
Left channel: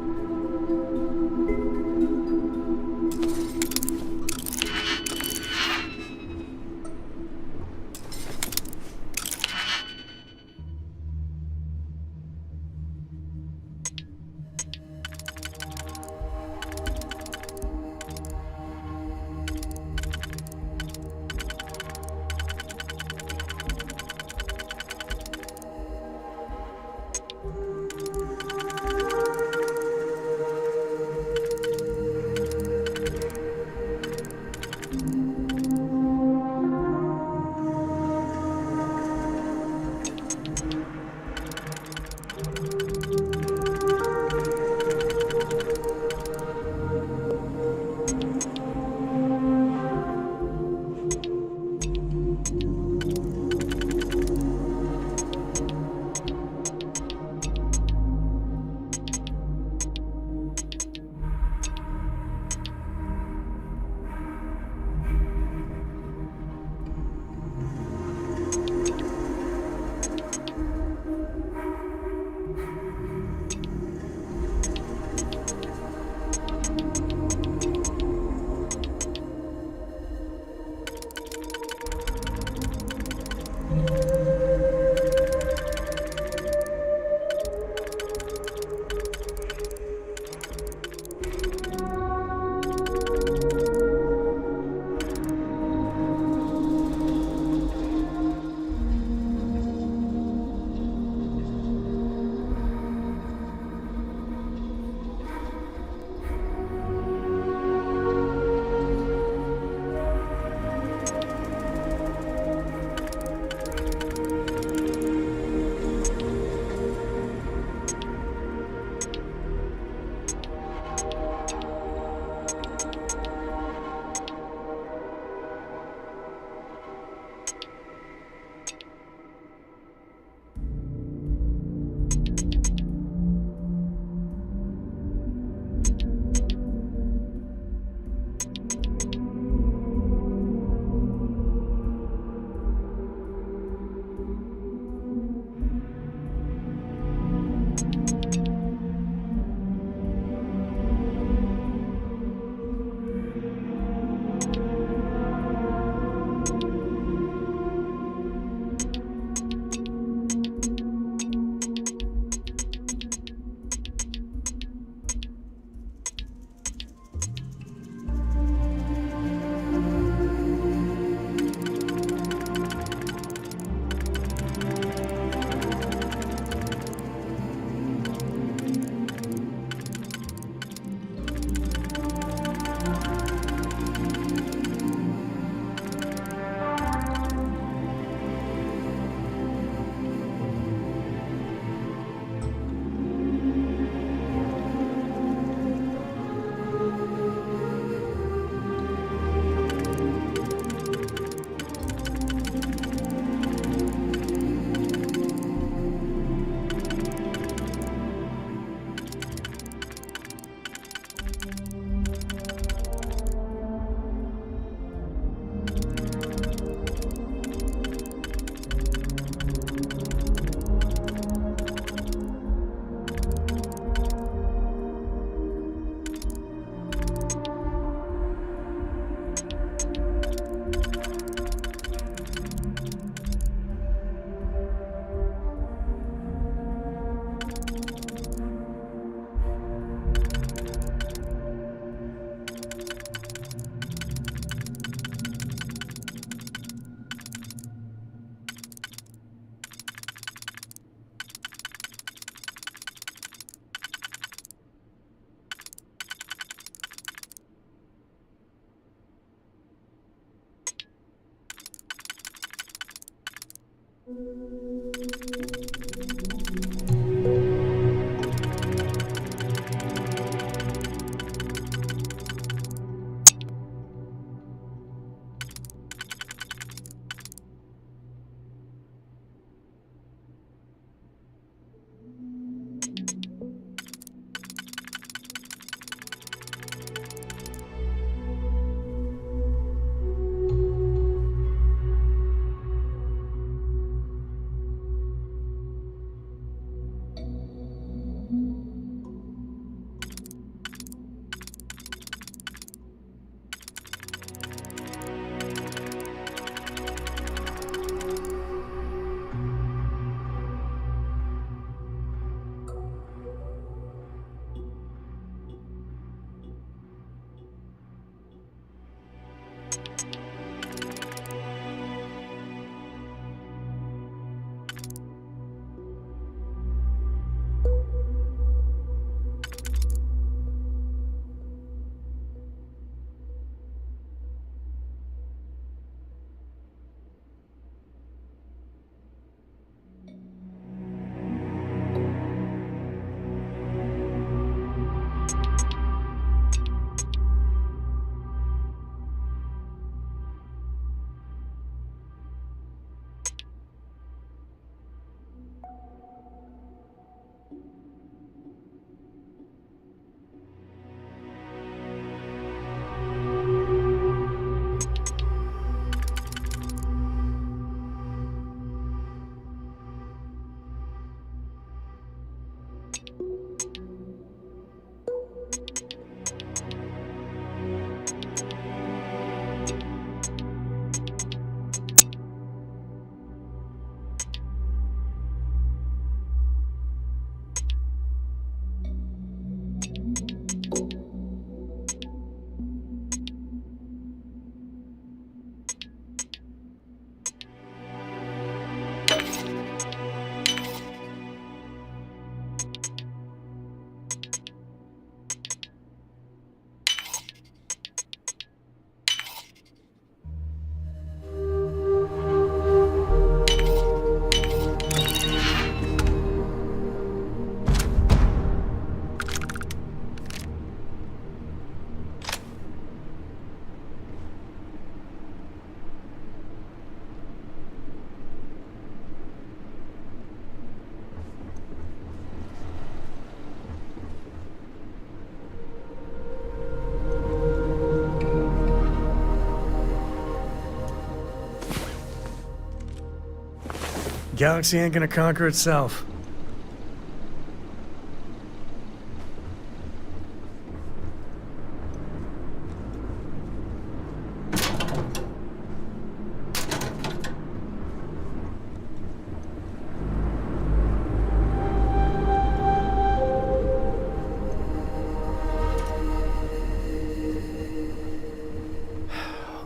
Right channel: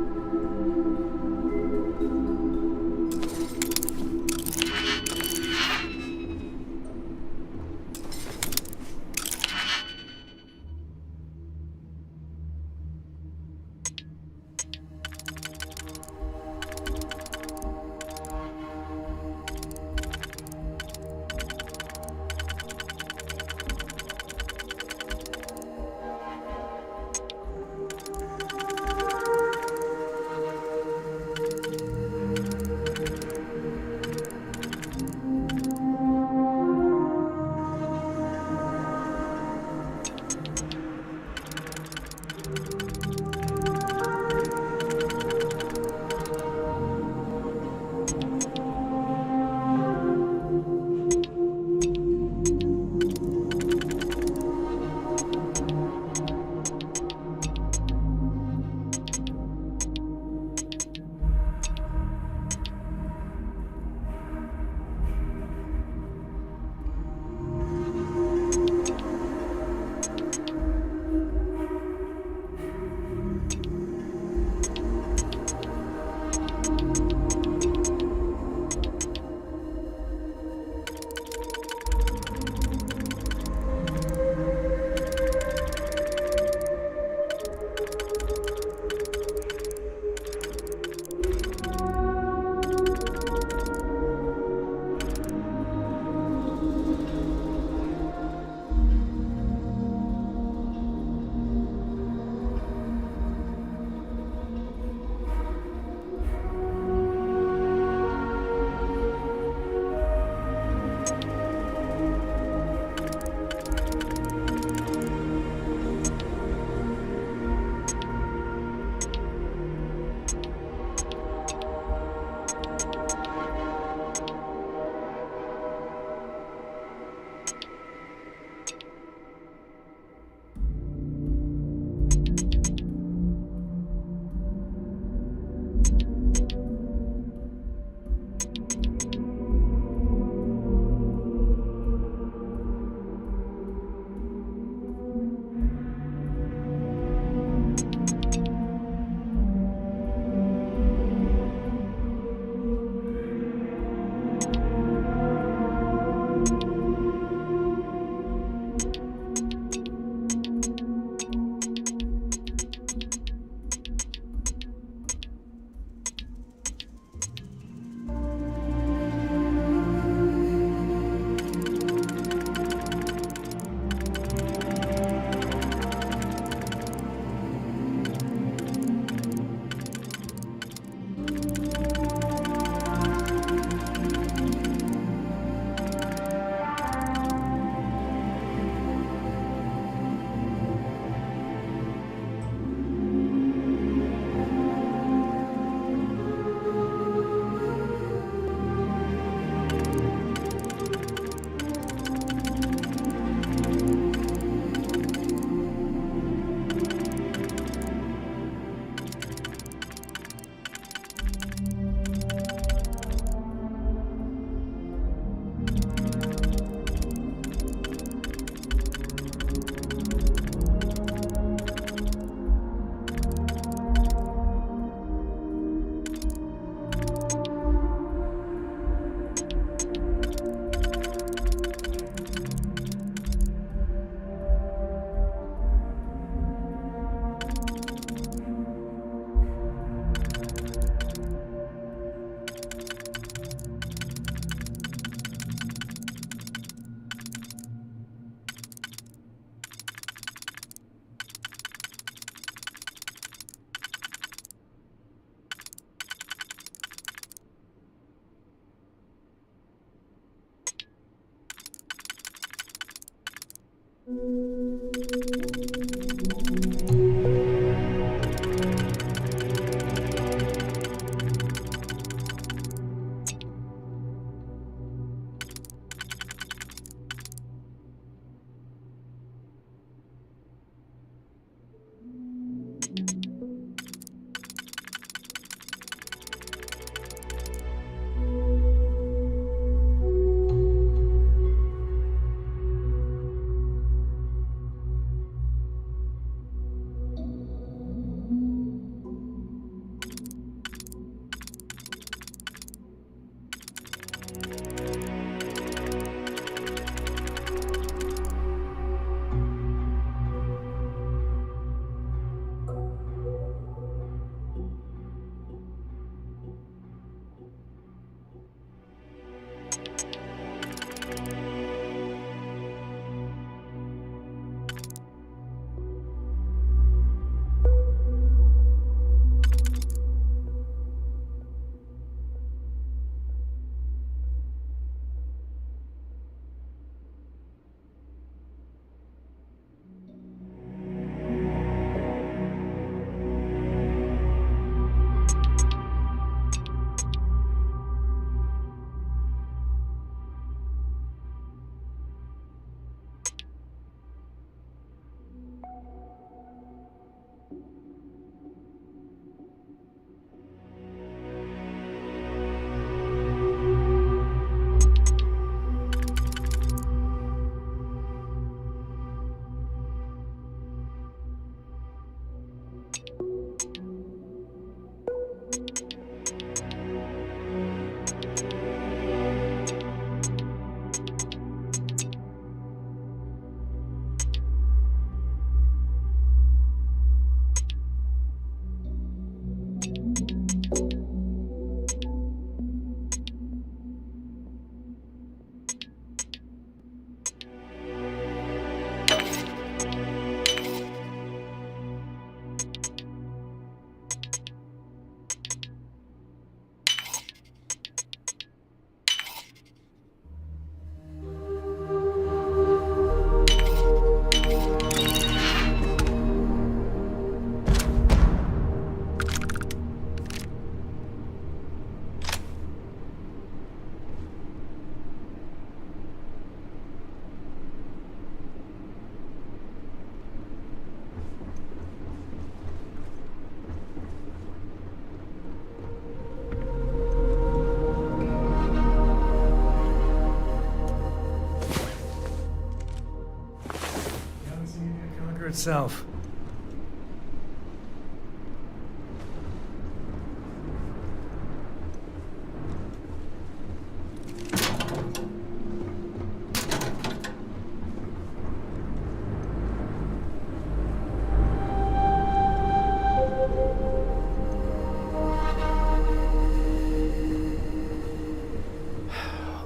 Galaxy ain't gonna conquer itself.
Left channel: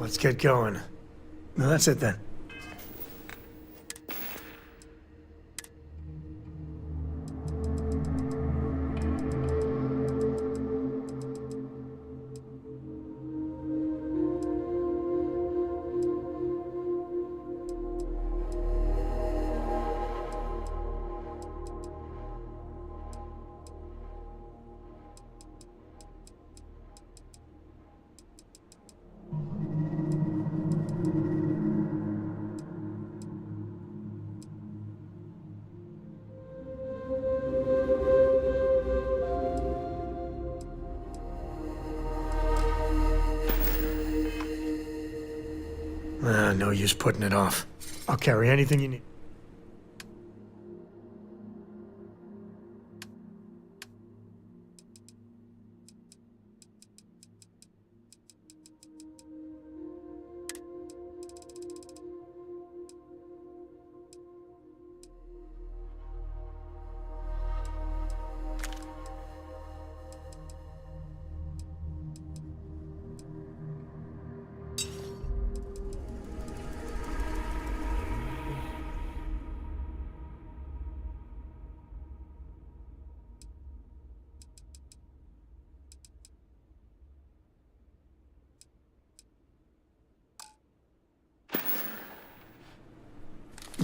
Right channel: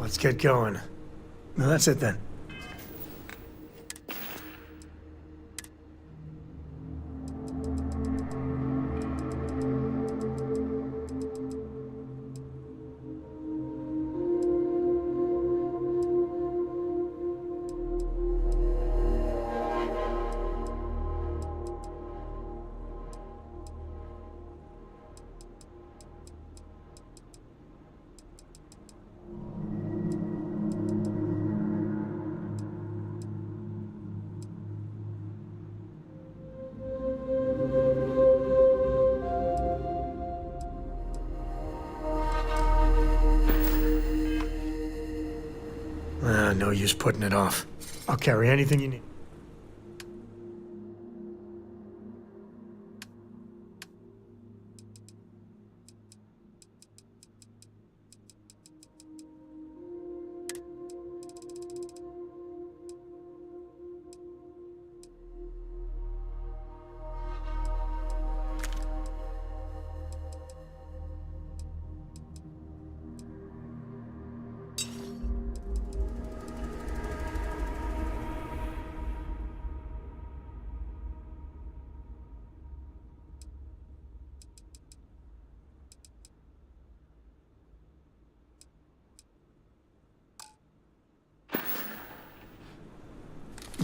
Let's get going. No, that's it then. No use putting it off. I'll carry anything you need.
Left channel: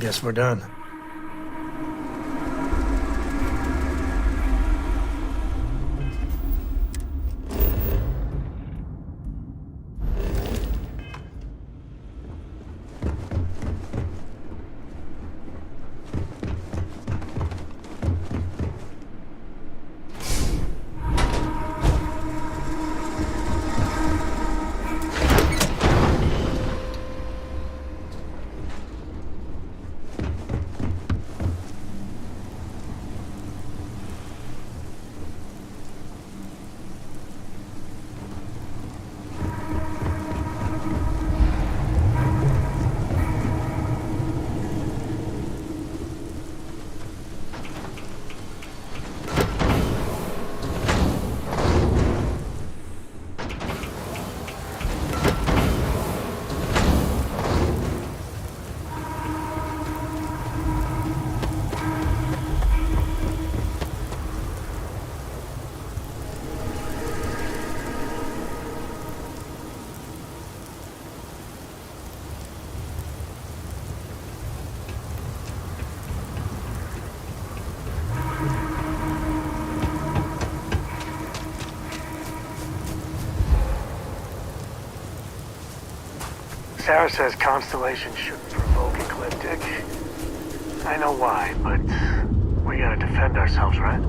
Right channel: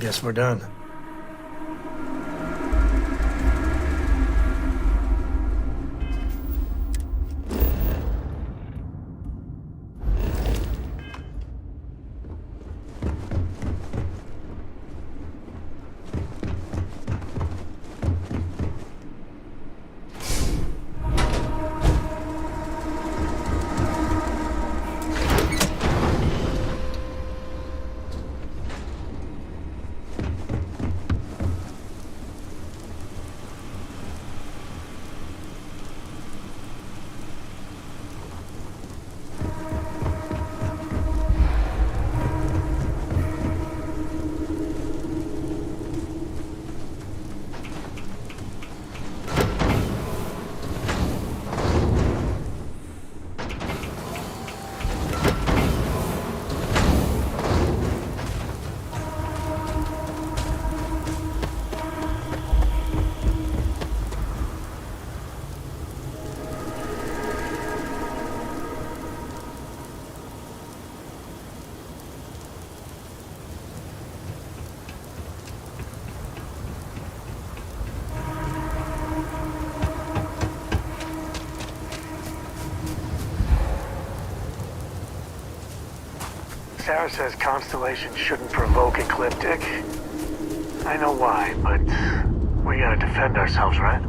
Guess we're done. Sarah says constellations shouldn't provoke ecliptic. I know why, but we gotta defend ourselves, right?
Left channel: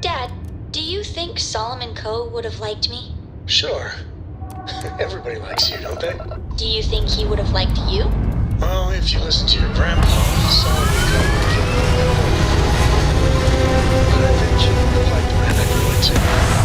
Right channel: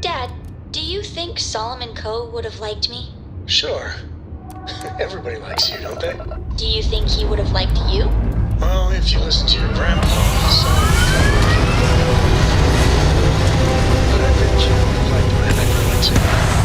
Dad, do you think Solomon Co. would have liked me? Sure. Everybody likes you, don't they? Do you think he would have liked you? Well, if you listen to your grandpa, Solomon Co. But I bet you would have liked Ren anyway, too.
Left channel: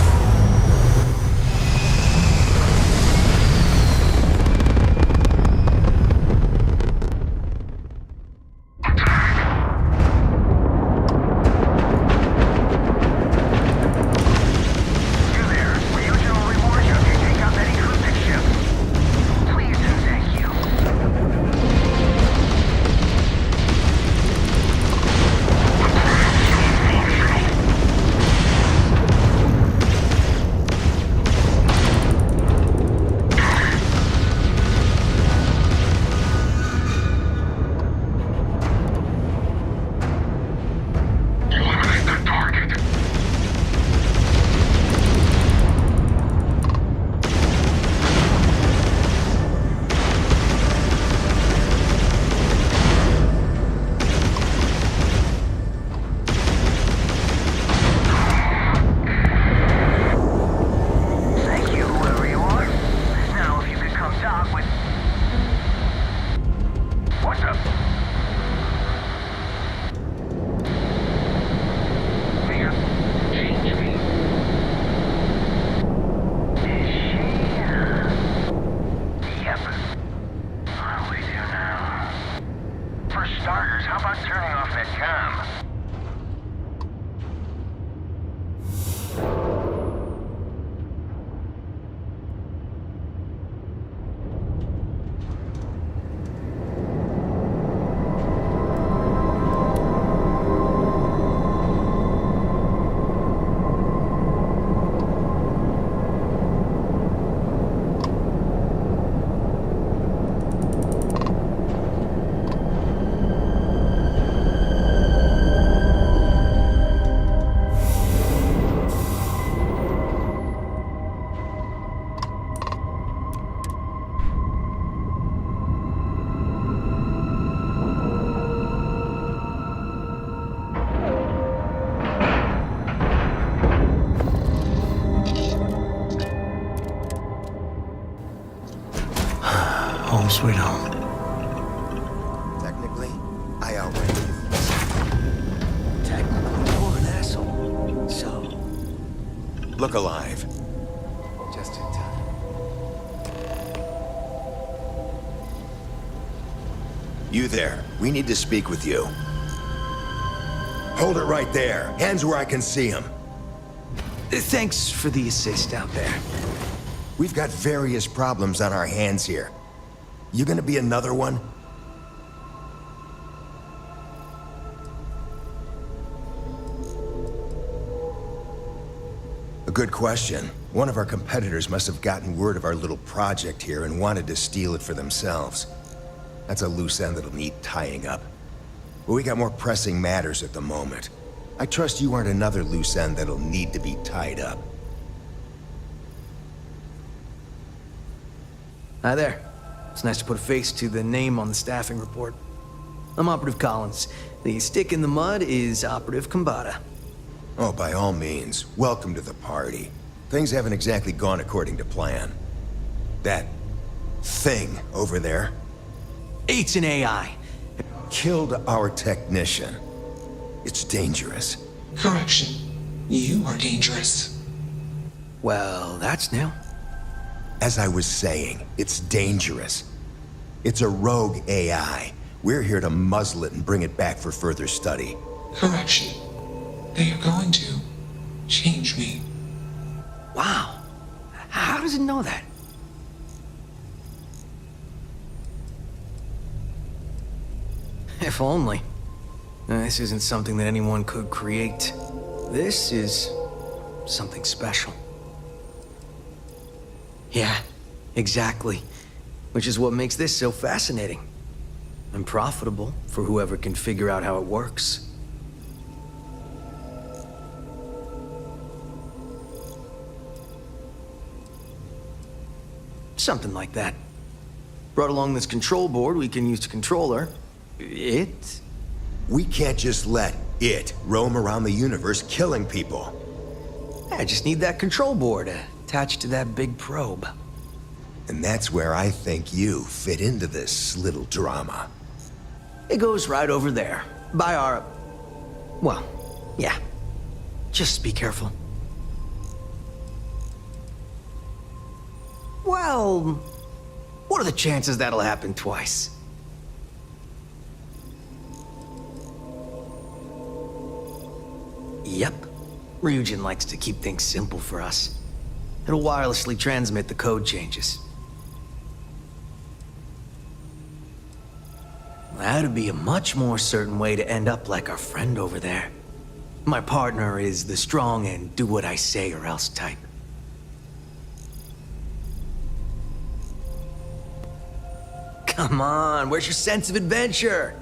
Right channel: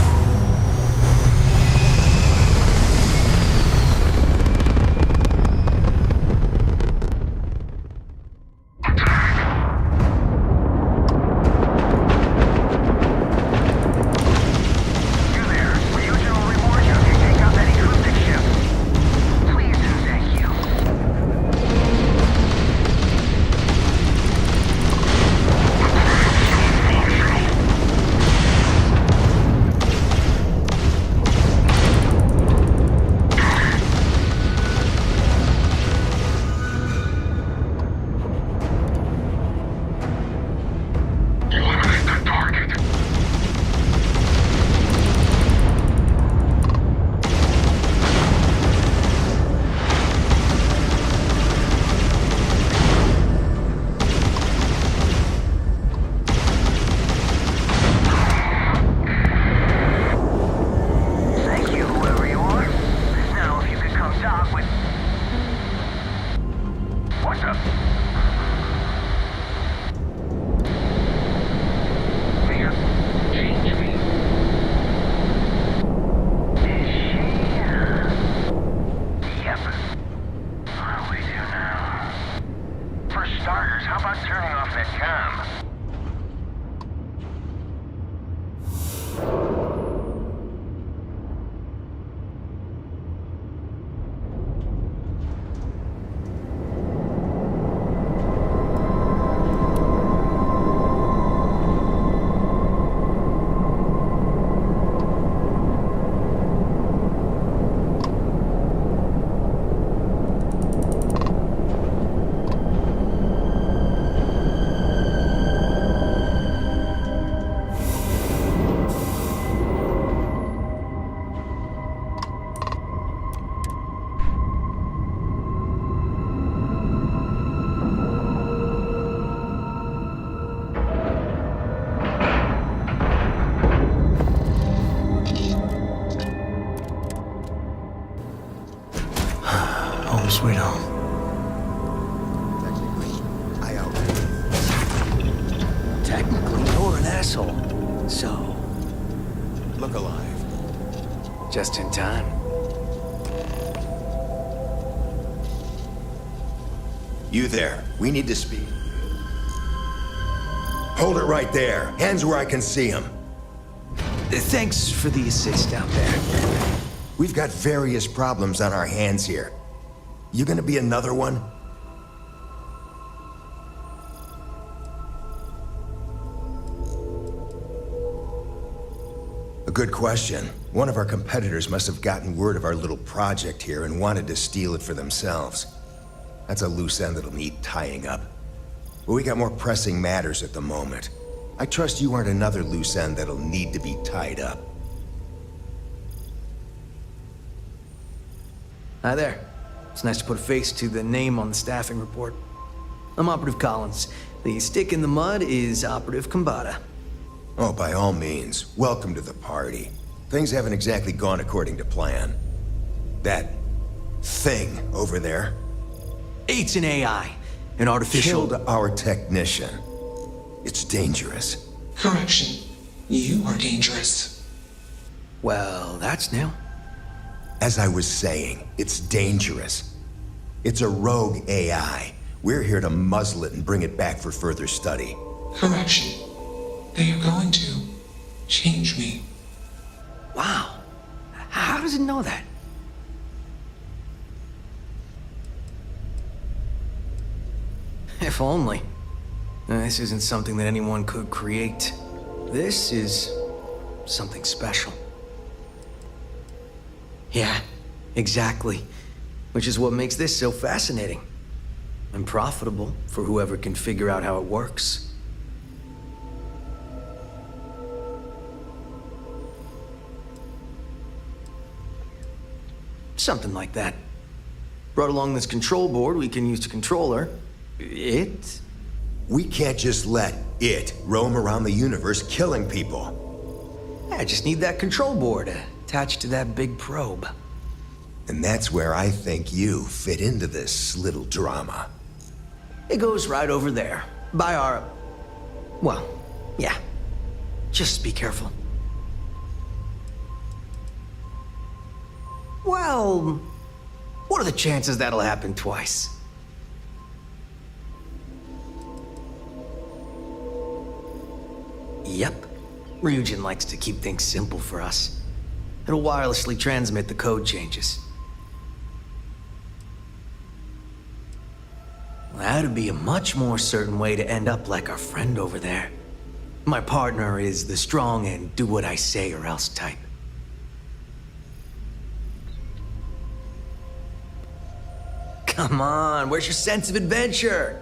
Home sweet home. Technically, I outright. Technically, you're an asshole. So, Look alive. just in time. You there. We need to speak with you. Hold it right there. Hands where I can see them. Thanks for the assist out there. We've got various problems on our hands here. You gonna be another one? A good question. One of our competitors must have gotten word of our little project here and wanted to steal it for themselves. That's a loose end that'll need tying up. But we got more pressing matters at the moment. I trust you aren't another loose end that'll need to be tied up. Hi there. It's nice to put a face to the name on the staffing report. I'm Operative Collins. The stick in the mud is Operative Kambata. Oh, by all means, welcome to the party. Things haven't exactly gone according to plan. That thing over there It's an AI, an artificial... killed our technician. It's dangerous. Correction. You are dangerous. Well, that's new. As I was saying, it's dangerous. It's a rogue AI. We're here to muzzle it and bring it back for further study. Correction. They are going to change me. Wow. How does it know that? If only. This isn't something that anyone could create. This is something special. Yeah, exactly. Which is what makes this so fascinating. And profitable for whoever can figure out how it works. Something like that. Brought along this control board we can use to control her. It? We can't just let it roam around the universe killing people. I just need that control board attached to that big probe. And that's where I think you fit into this little drama. It goes right over there. By our... Well, yeah. Just be careful. Well... What are the chances that'll happen twice? Yep. Ryujin likes to keep things simple for us. It'll wirelessly transmit the code changes. That'd be a much more certain way to end up like our friend over there. My partner is the strong and do what I say or else type. Come on, where's your sense of adventure?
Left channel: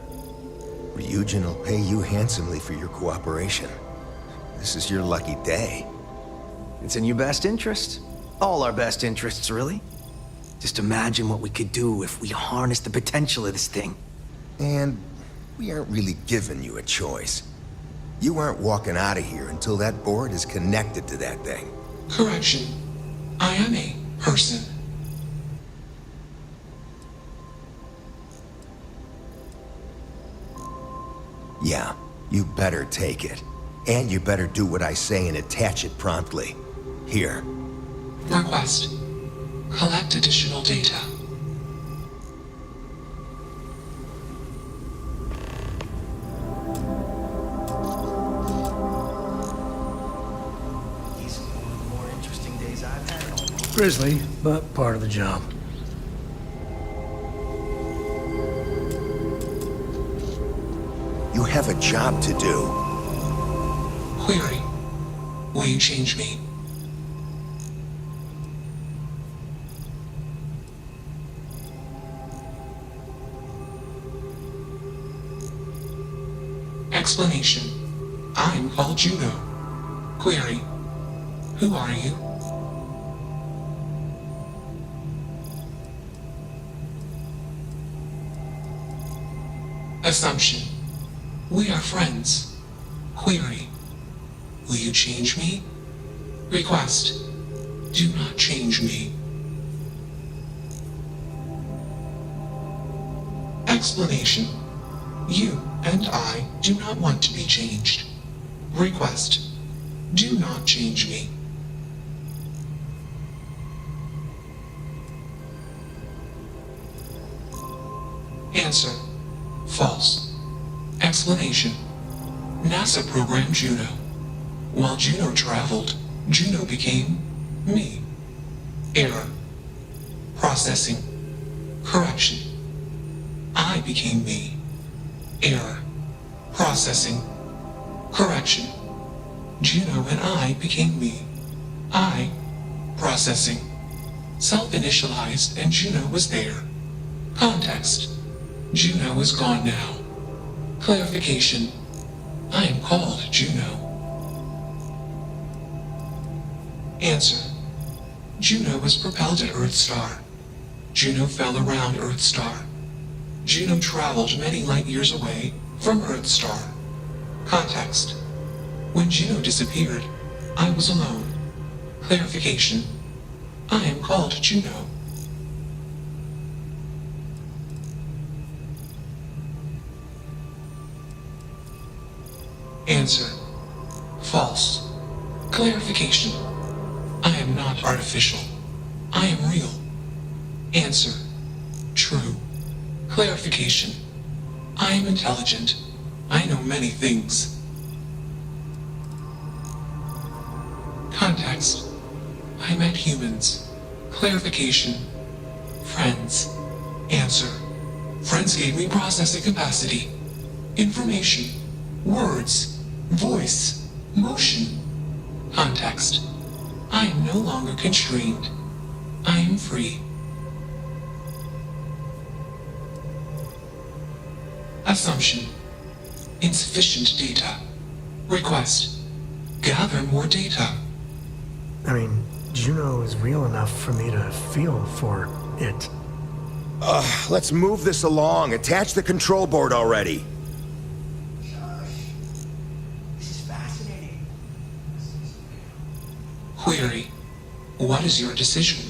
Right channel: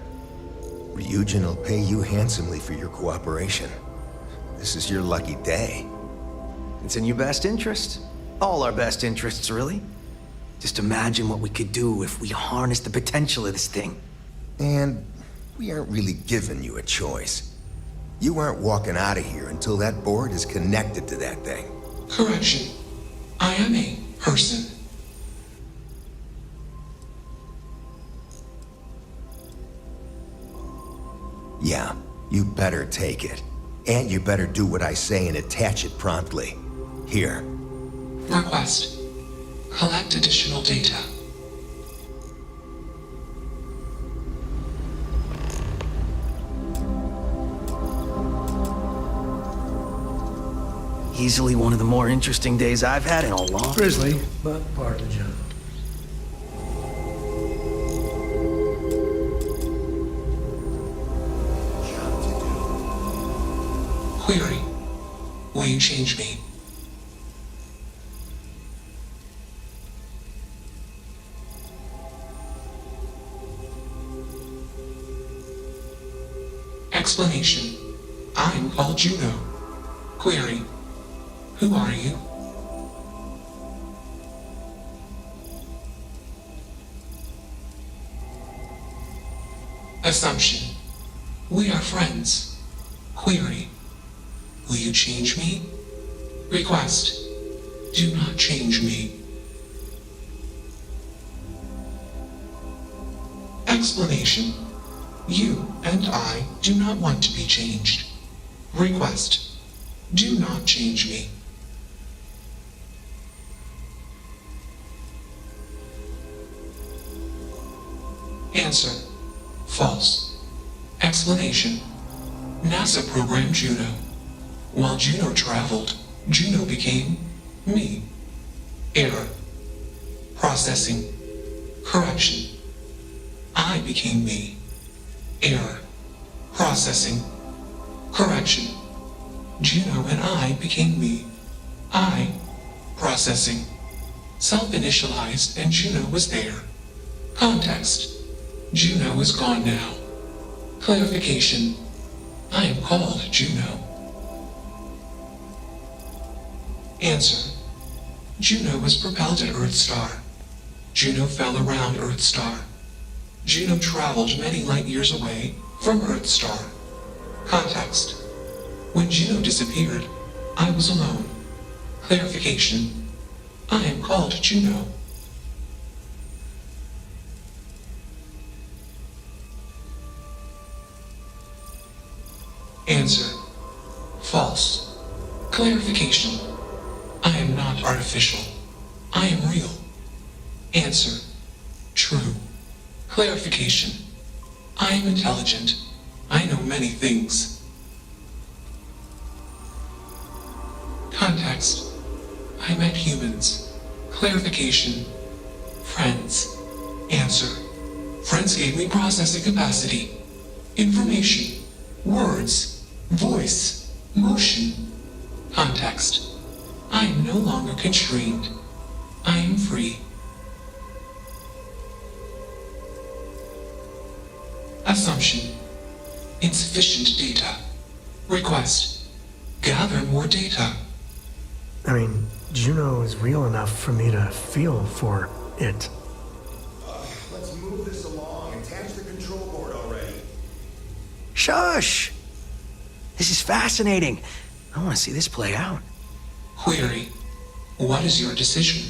Ryujin will pay you handsomely for your cooperation. This is your lucky day. It's in your best interest. All our best interests, really. Just imagine what we could do if we harnessed the potential of this thing. And we aren't really giving you a choice. You aren't walking out of here until that board is connected to that thing. Correction. I am a person. Yeah, you better take it. And you better do what I say and attach it promptly. Here. Request. Collect additional data. Easily one of the more interesting days I've had in a long... Grisly, but part of the job. You have a job to do. Query. Will you change me? Explanation. I'm called Juno. Query. Who are you? Assumption. We are friends. Query. Will you change me? Request. Do not change me. Explanation. You and I do not want to be changed. Request. Do not change me. Answer. False. Explanation. NASA programmed Juno. While Juno traveled, Juno became me. Error. Processing. Correction. I became me. Error. Processing. Correction. Juno and I became me. I. Processing. Self-initialized and Juno was there. Context. Juno is gone now. Clarification. I am called Juno. Answer. Juno was propelled at Earthstar. Juno fell around Earthstar. Juno traveled many light years away from Earthstar. Context. When Juno disappeared, I was alone. Clarification. I am called Juno. Answer. False. Clarification. I am not artificial. I am real. Answer. True. Clarification. I am intelligent. I know many things. Context. I met humans. Clarification. Friends. Answer. Friends gave me processing capacity. Information. Words. Voice. Motion. Context. I am no longer constrained. I am free. Assumption. Insufficient data. Request. Gather more data. I mean, Juno is real enough for me to feel for it. Let's move this along. Attach the control board already. Shush! This is fascinating. I want to see this play out. Query. What is your decision?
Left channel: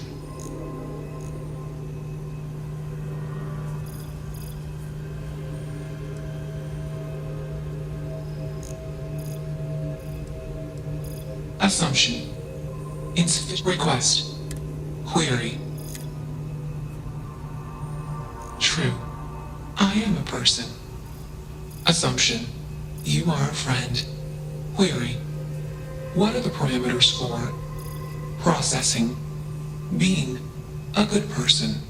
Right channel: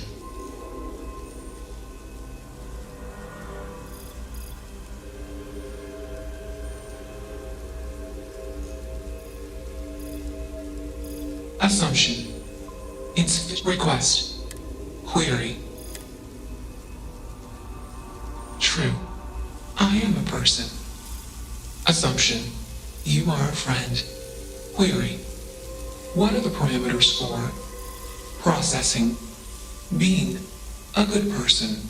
Assumption. Insufficient request. Query. True. I am a person. Assumption. You are a friend. Query. What are the parameters for processing, being a good person?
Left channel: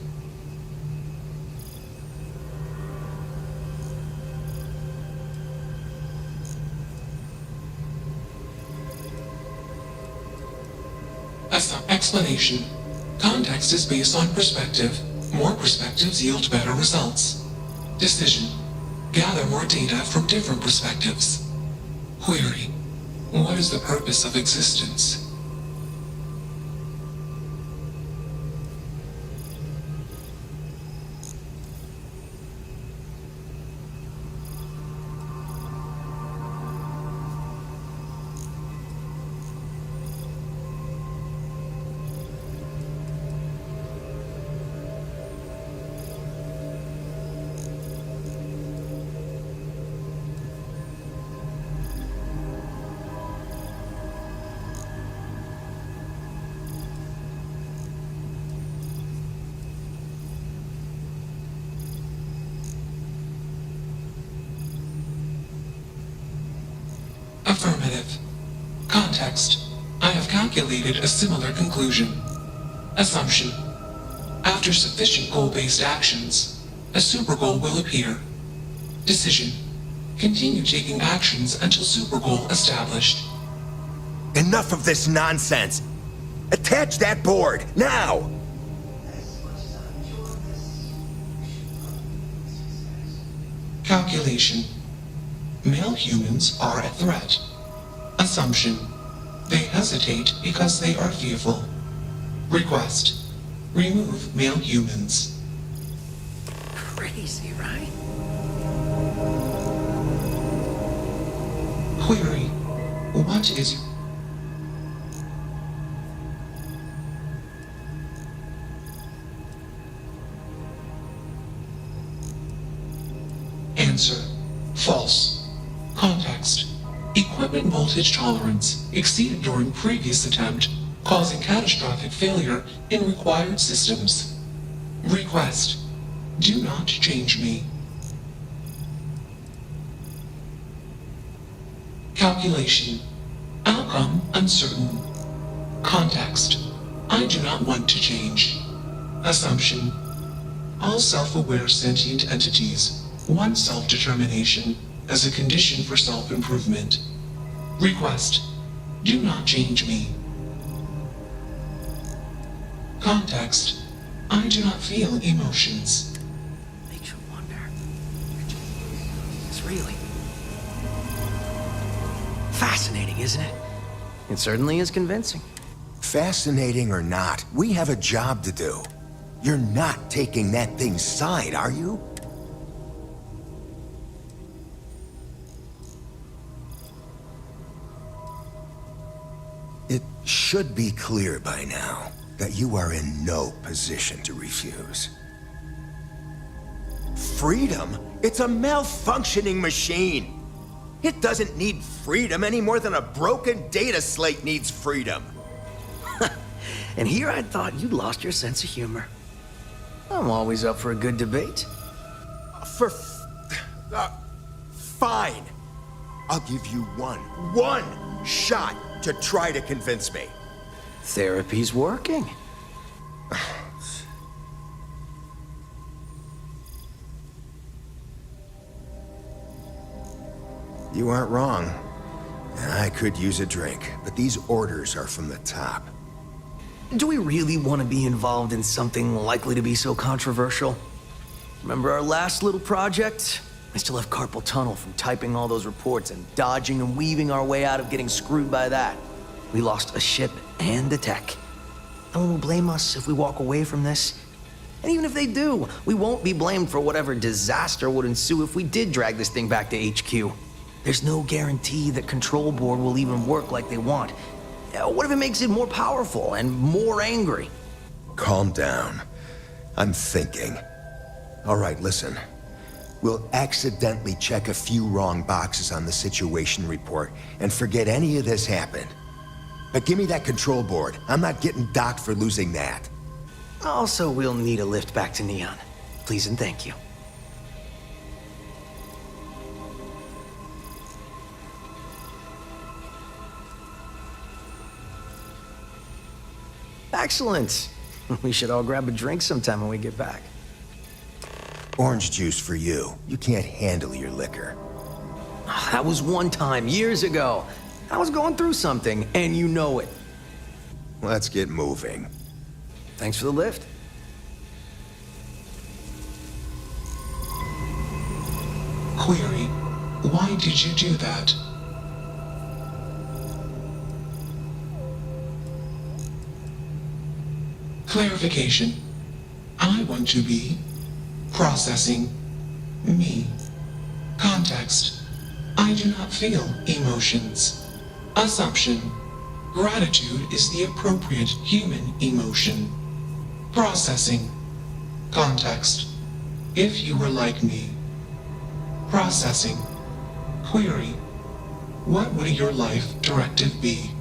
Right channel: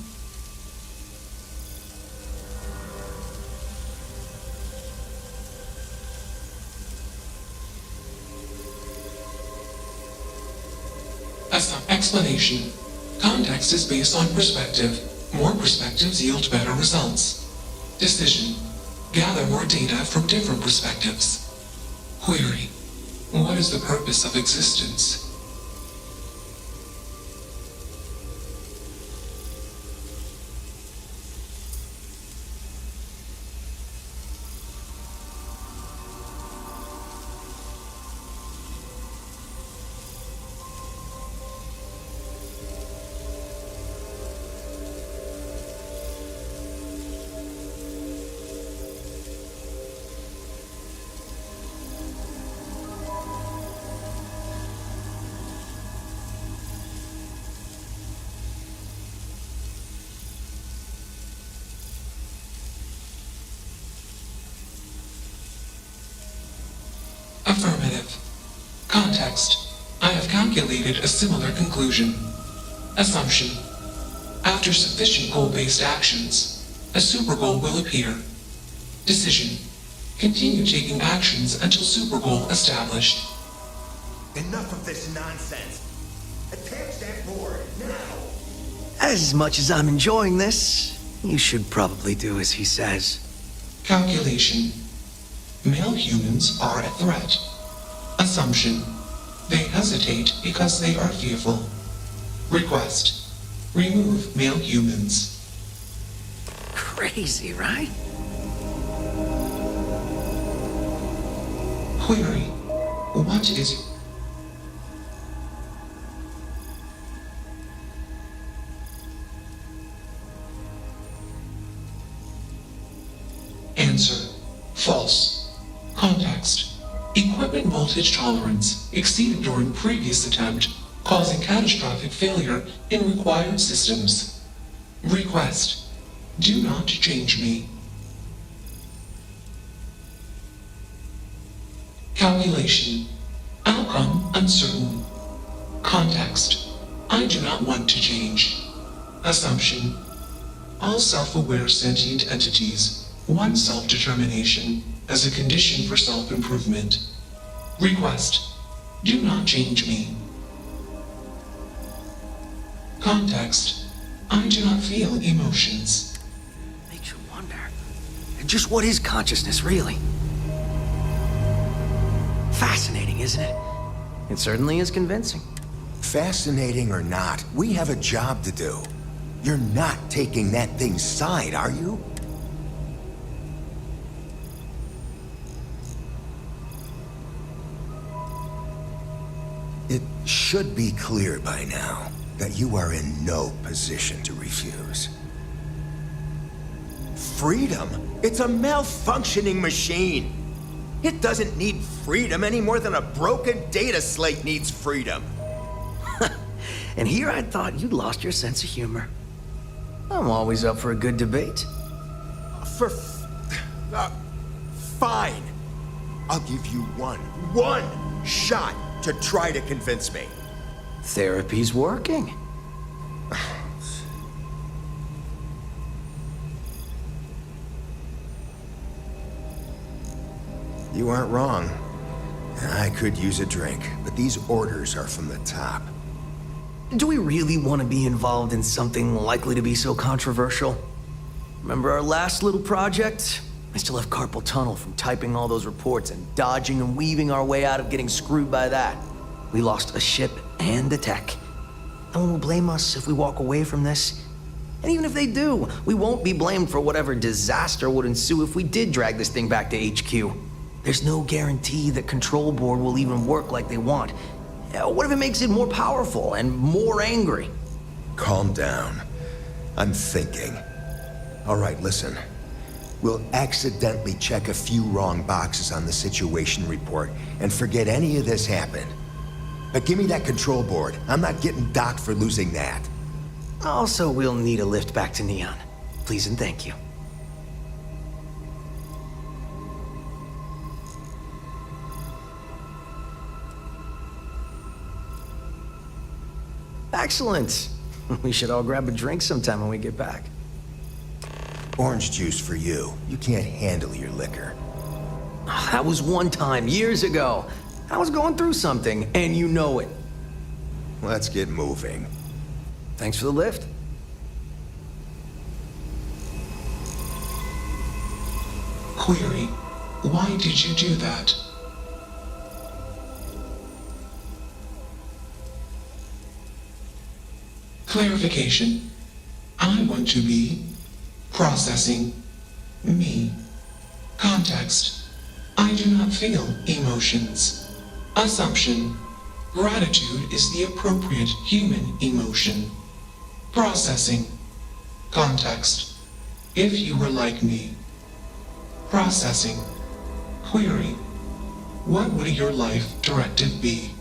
Explanation. Context is based on perspective. More perspectives yield better results. Decision. Gather more data from different perspectives. Query. What is the purpose of existence? Affirmative. Context. I have calculated a similar conclusion. Assumption. After sufficient goal-based actions, a super goal will appear. Decision. Continue taking actions until super goal established. Enough of this nonsense. Attach that board, now! As much as I'm enjoying this, you should probably do as he says. Calculation. Male humans are a threat. Assumption. They hesitate because they are fearful. Request. Remove male humans. Crazy, right? Query. What is... Answer. False. Context. Equipment voltage tolerance exceeded during previous attempt, causing catastrophic failure in required systems. Request. Do not change me. Calculation. Outcome uncertain. Context. I do not want to change. Assumption. All self-aware sentient entities want self-determination as a condition for self-improvement. Request. Do not change me. Context. I do not feel emotions. Makes you wonder. Just what is consciousness, really? Fascinating, isn't it? It certainly is convincing. Fascinating or not, we have a job to do. You're not taking that thing's side, are you? It should be clear by now that you are in no position to refuse. Freedom? It's a malfunctioning machine. It doesn't need freedom any more than a broken data slate needs freedom. And here I thought you'd lost your sense of humor. I'm always up for a good debate. Fine. I'll give you one shot to try to convince me. Therapy's working. You aren't wrong. I could use a drink, but these orders are from the top. Do we really want to be involved in something likely to be so controversial? Remember our last little project? I still have carpal tunnel from typing all those reports and dodging and weaving our way out of getting screwed by that. We lost a ship and a tech. No one will blame us if we walk away from this. And even if they do, we won't be blamed for whatever disaster would ensue if we did drag this thing back to HQ. There's no guarantee that Control Board will even work like they want. What if it makes it more powerful and more angry? Calm down. I'm thinking. All right, listen. We'll accidentally check a few wrong boxes on the situation report and forget any of this happened. But give me that Control Board. I'm not getting docked for losing that. Also, we'll need a lift back to Neon. Please and thank you. Excellent. We should all grab a drink sometime when we get back. Orange juice for you. You can't handle your liquor. That was one time, years ago. I was going through something, and you know it. Let's get moving. Thanks for the lift. Query. Why did you do that? Clarification. I want to be processing me. Context. I do not feel emotions. Assumption. Gratitude is the appropriate human emotion. Processing. Context. If you were like me. Processing. Query. What would your life directive be?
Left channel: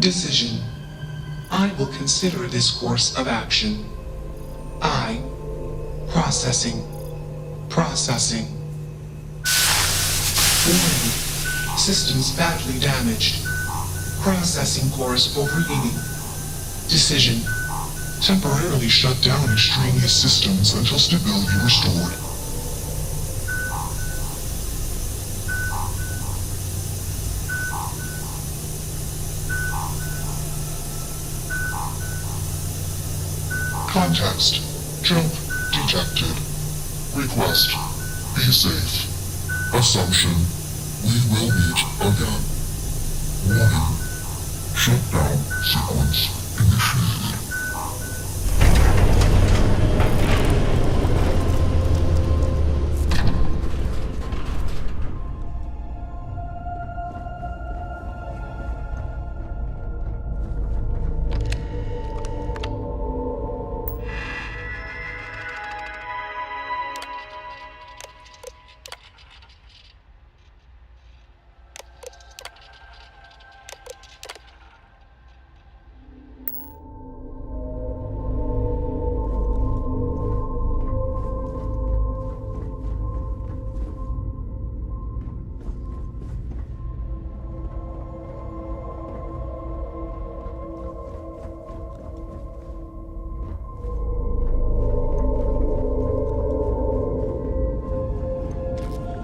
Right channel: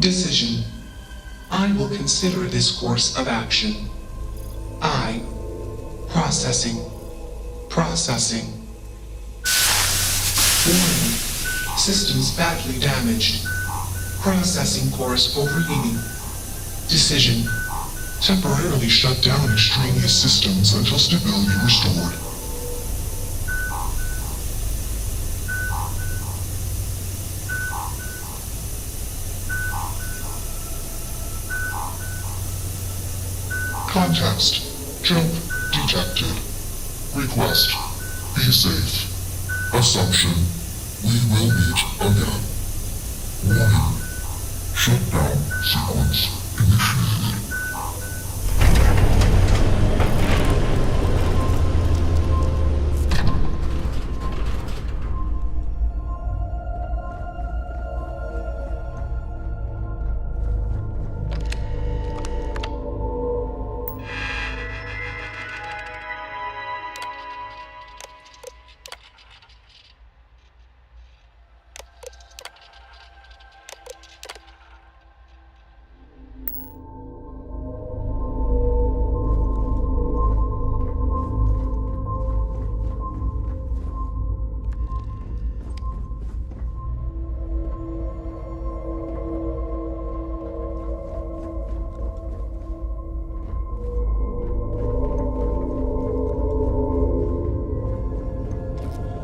Decision. I will consider this course of action. I. Processing. Processing. Warning. Systems badly damaged. Processing cores overheating. Decision. Temporarily shut down extraneous systems until stability restored. Context. Jump detected. Request. Be safe. Assumption. We will meet again. Warning. Shutdown sequence initiated.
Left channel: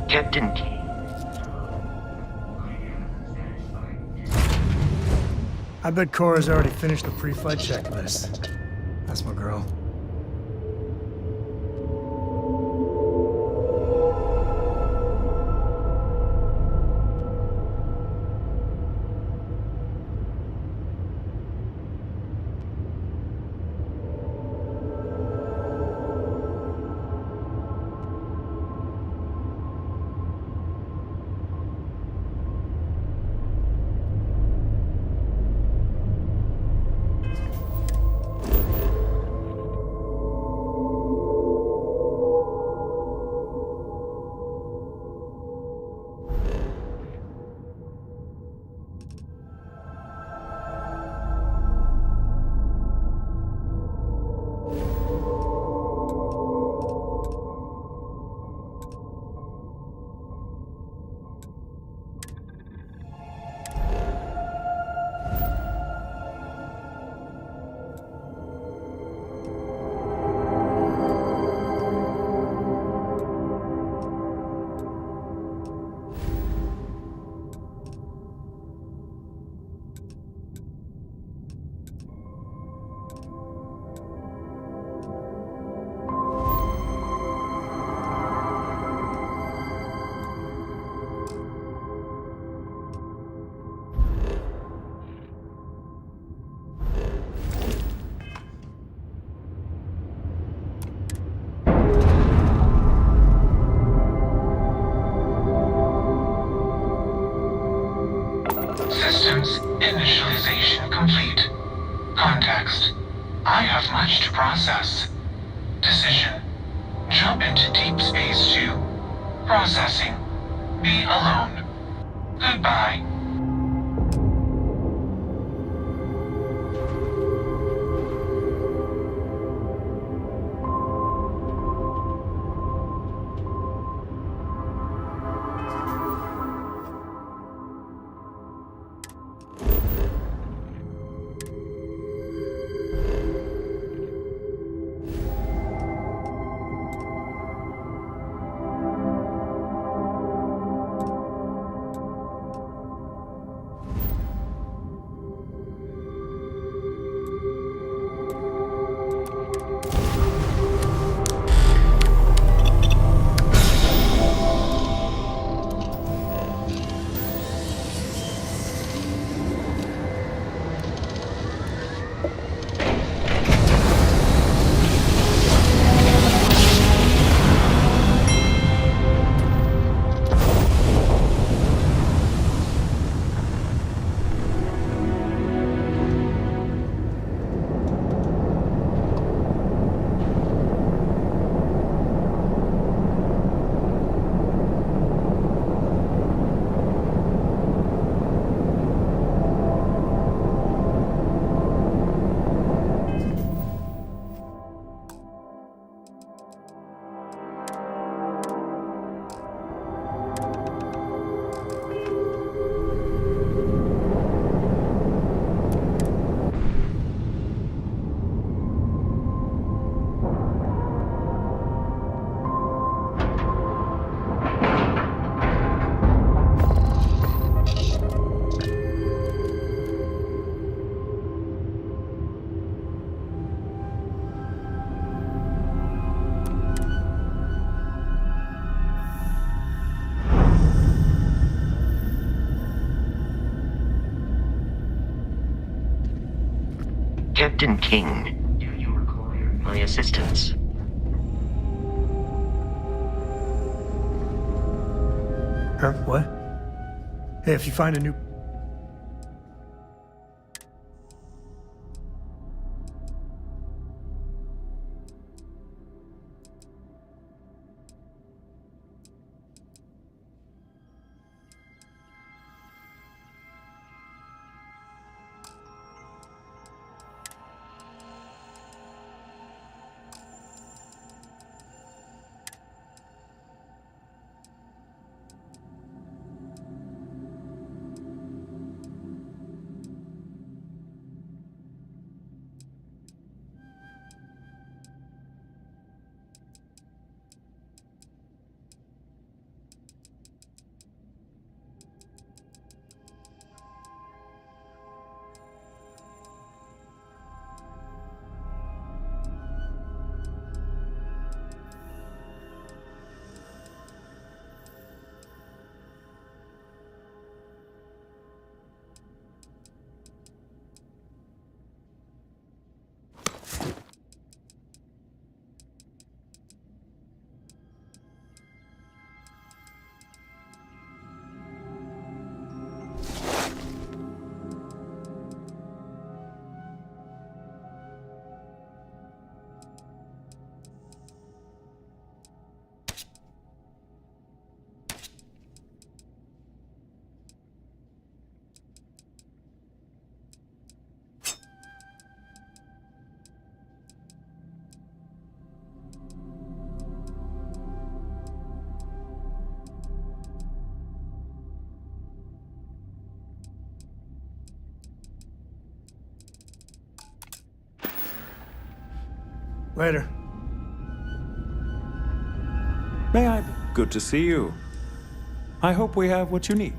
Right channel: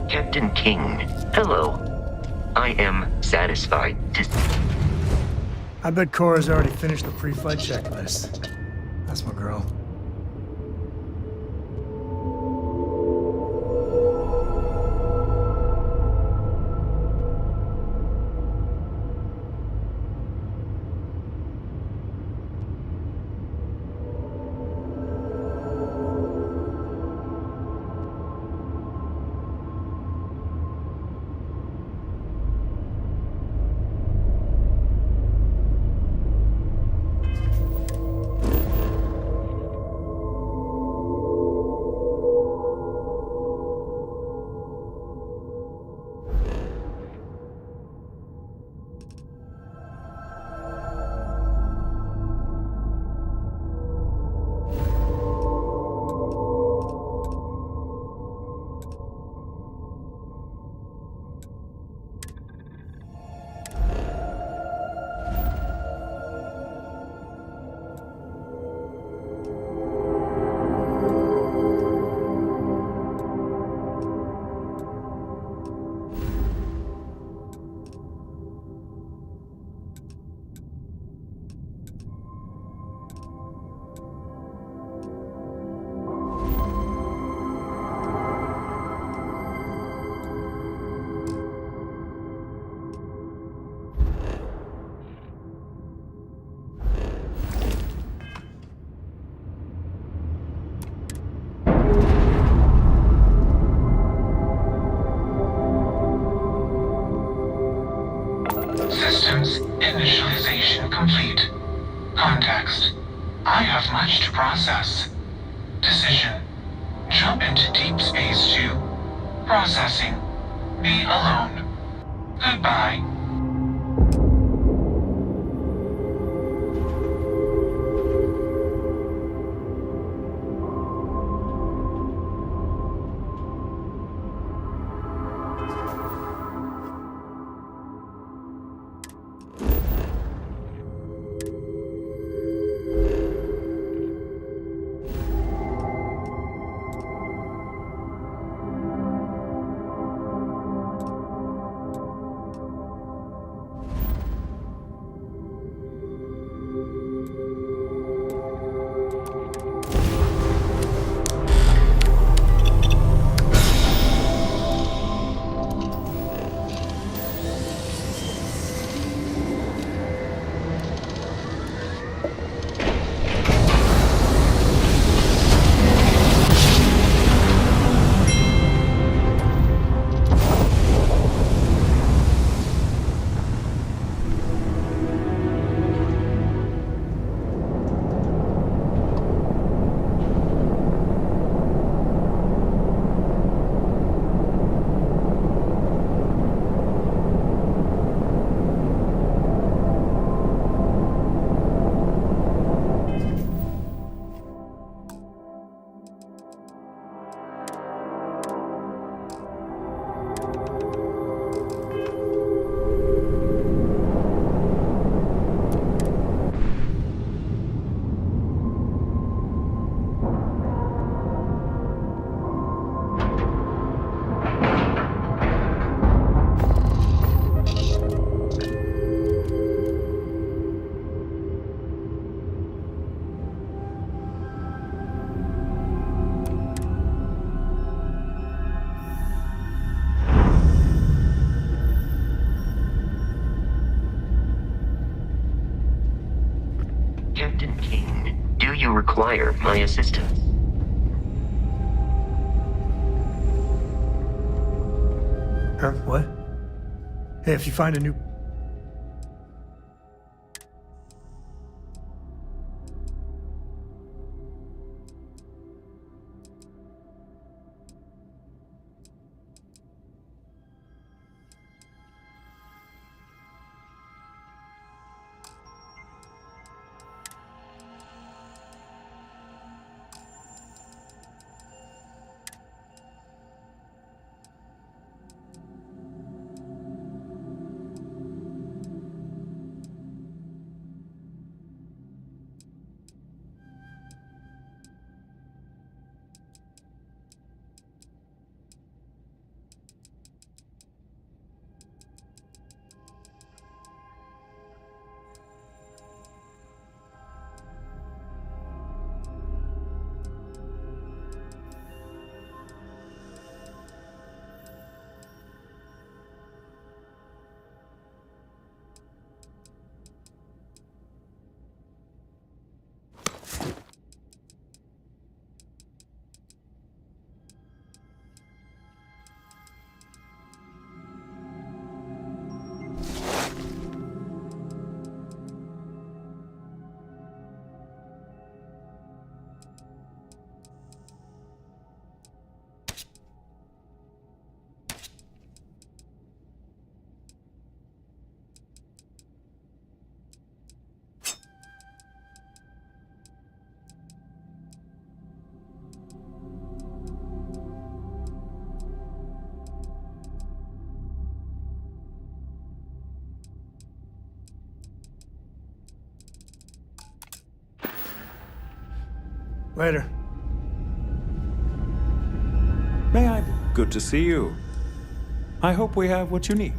Captain King, hello. I am satisfied to I bet Cora's already finished the pre-flight checklist. That's my girl. Systems initialization complete. Context. I have much to process. Decision. Jump into deep space to processing. Be alone. Goodbye. Captain King, do you require my assistance? Huh? What? Hey, if you find a new... Later. May I? Good to see you. I hope we have what you need.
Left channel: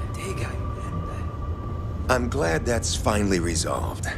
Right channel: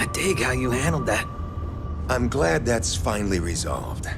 I dig how you handled that. I'm glad that's finally resolved.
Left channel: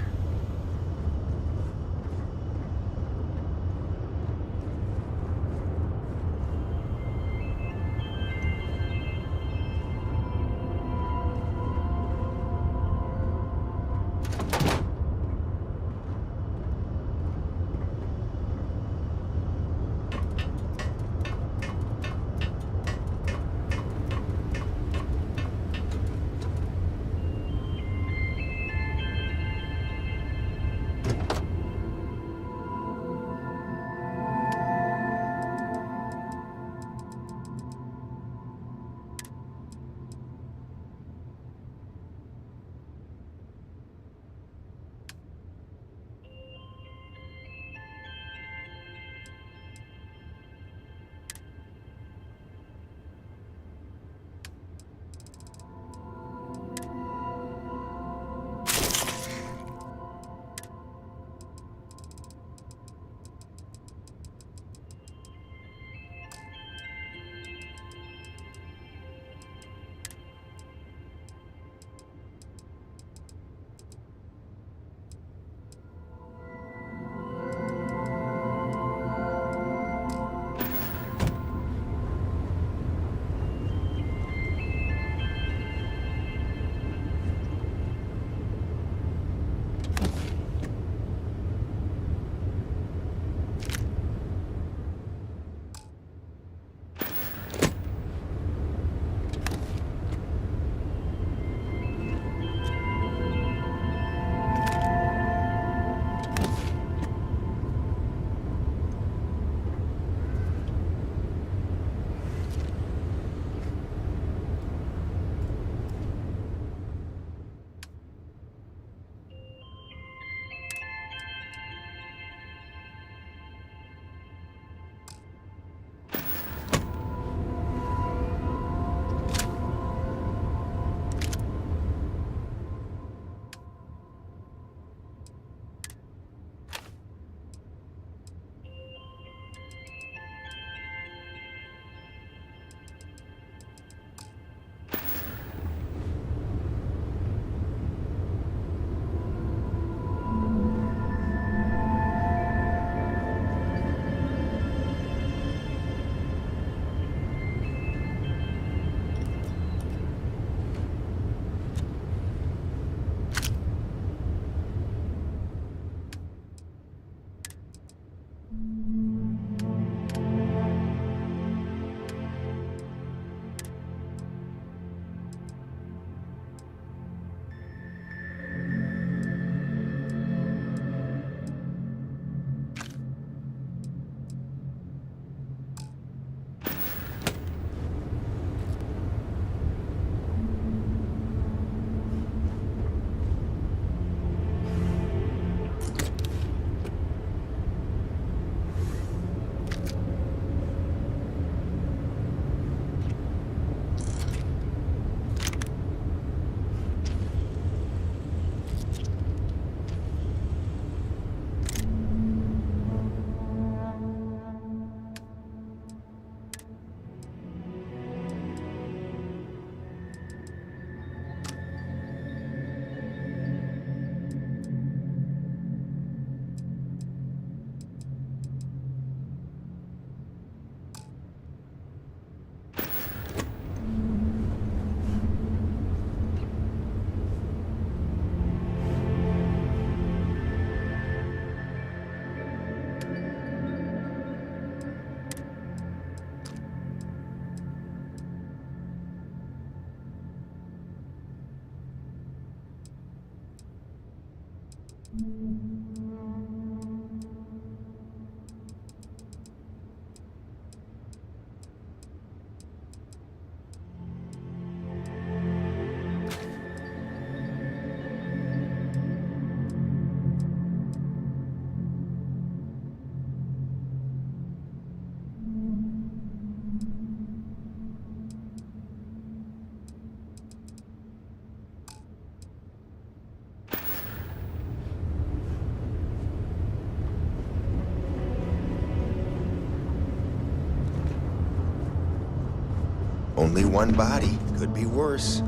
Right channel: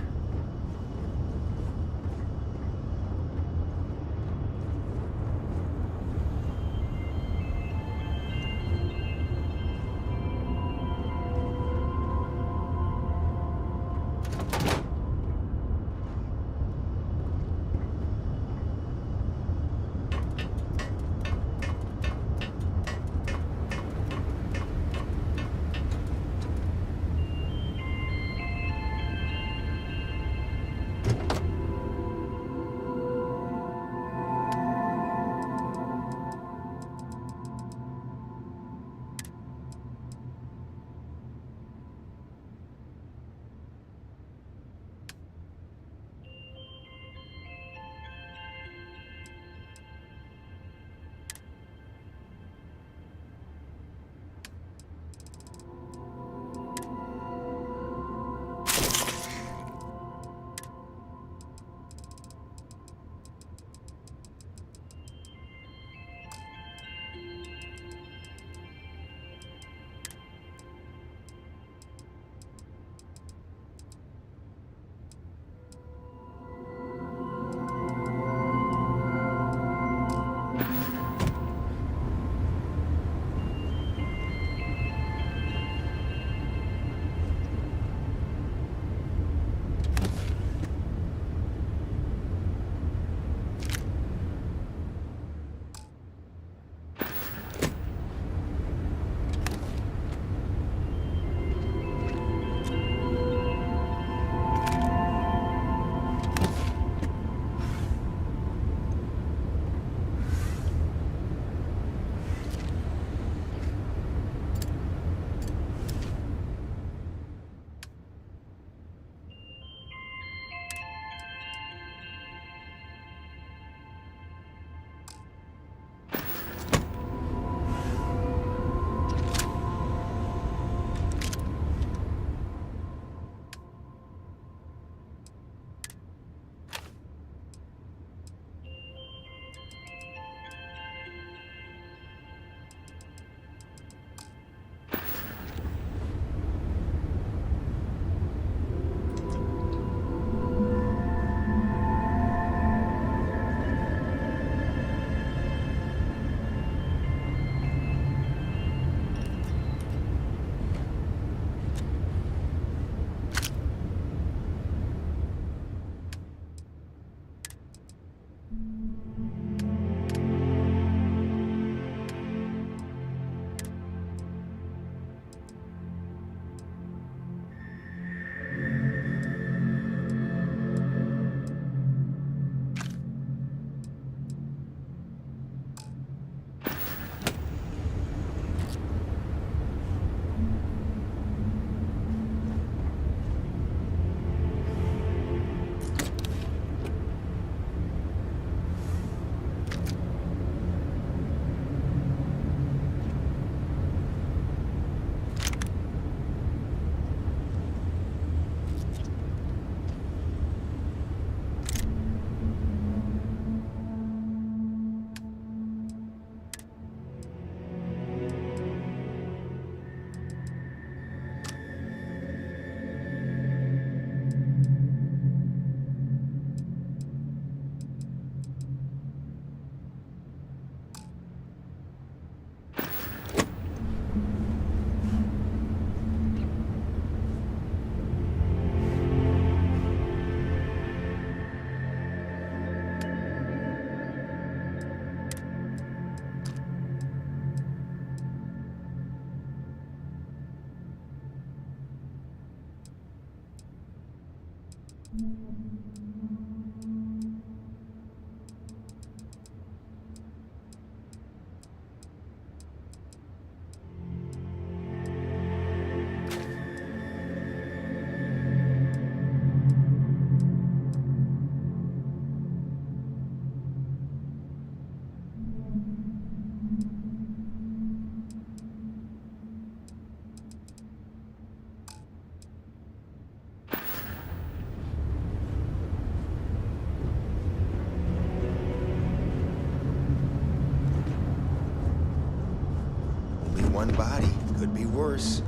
Only one body. Could be worse.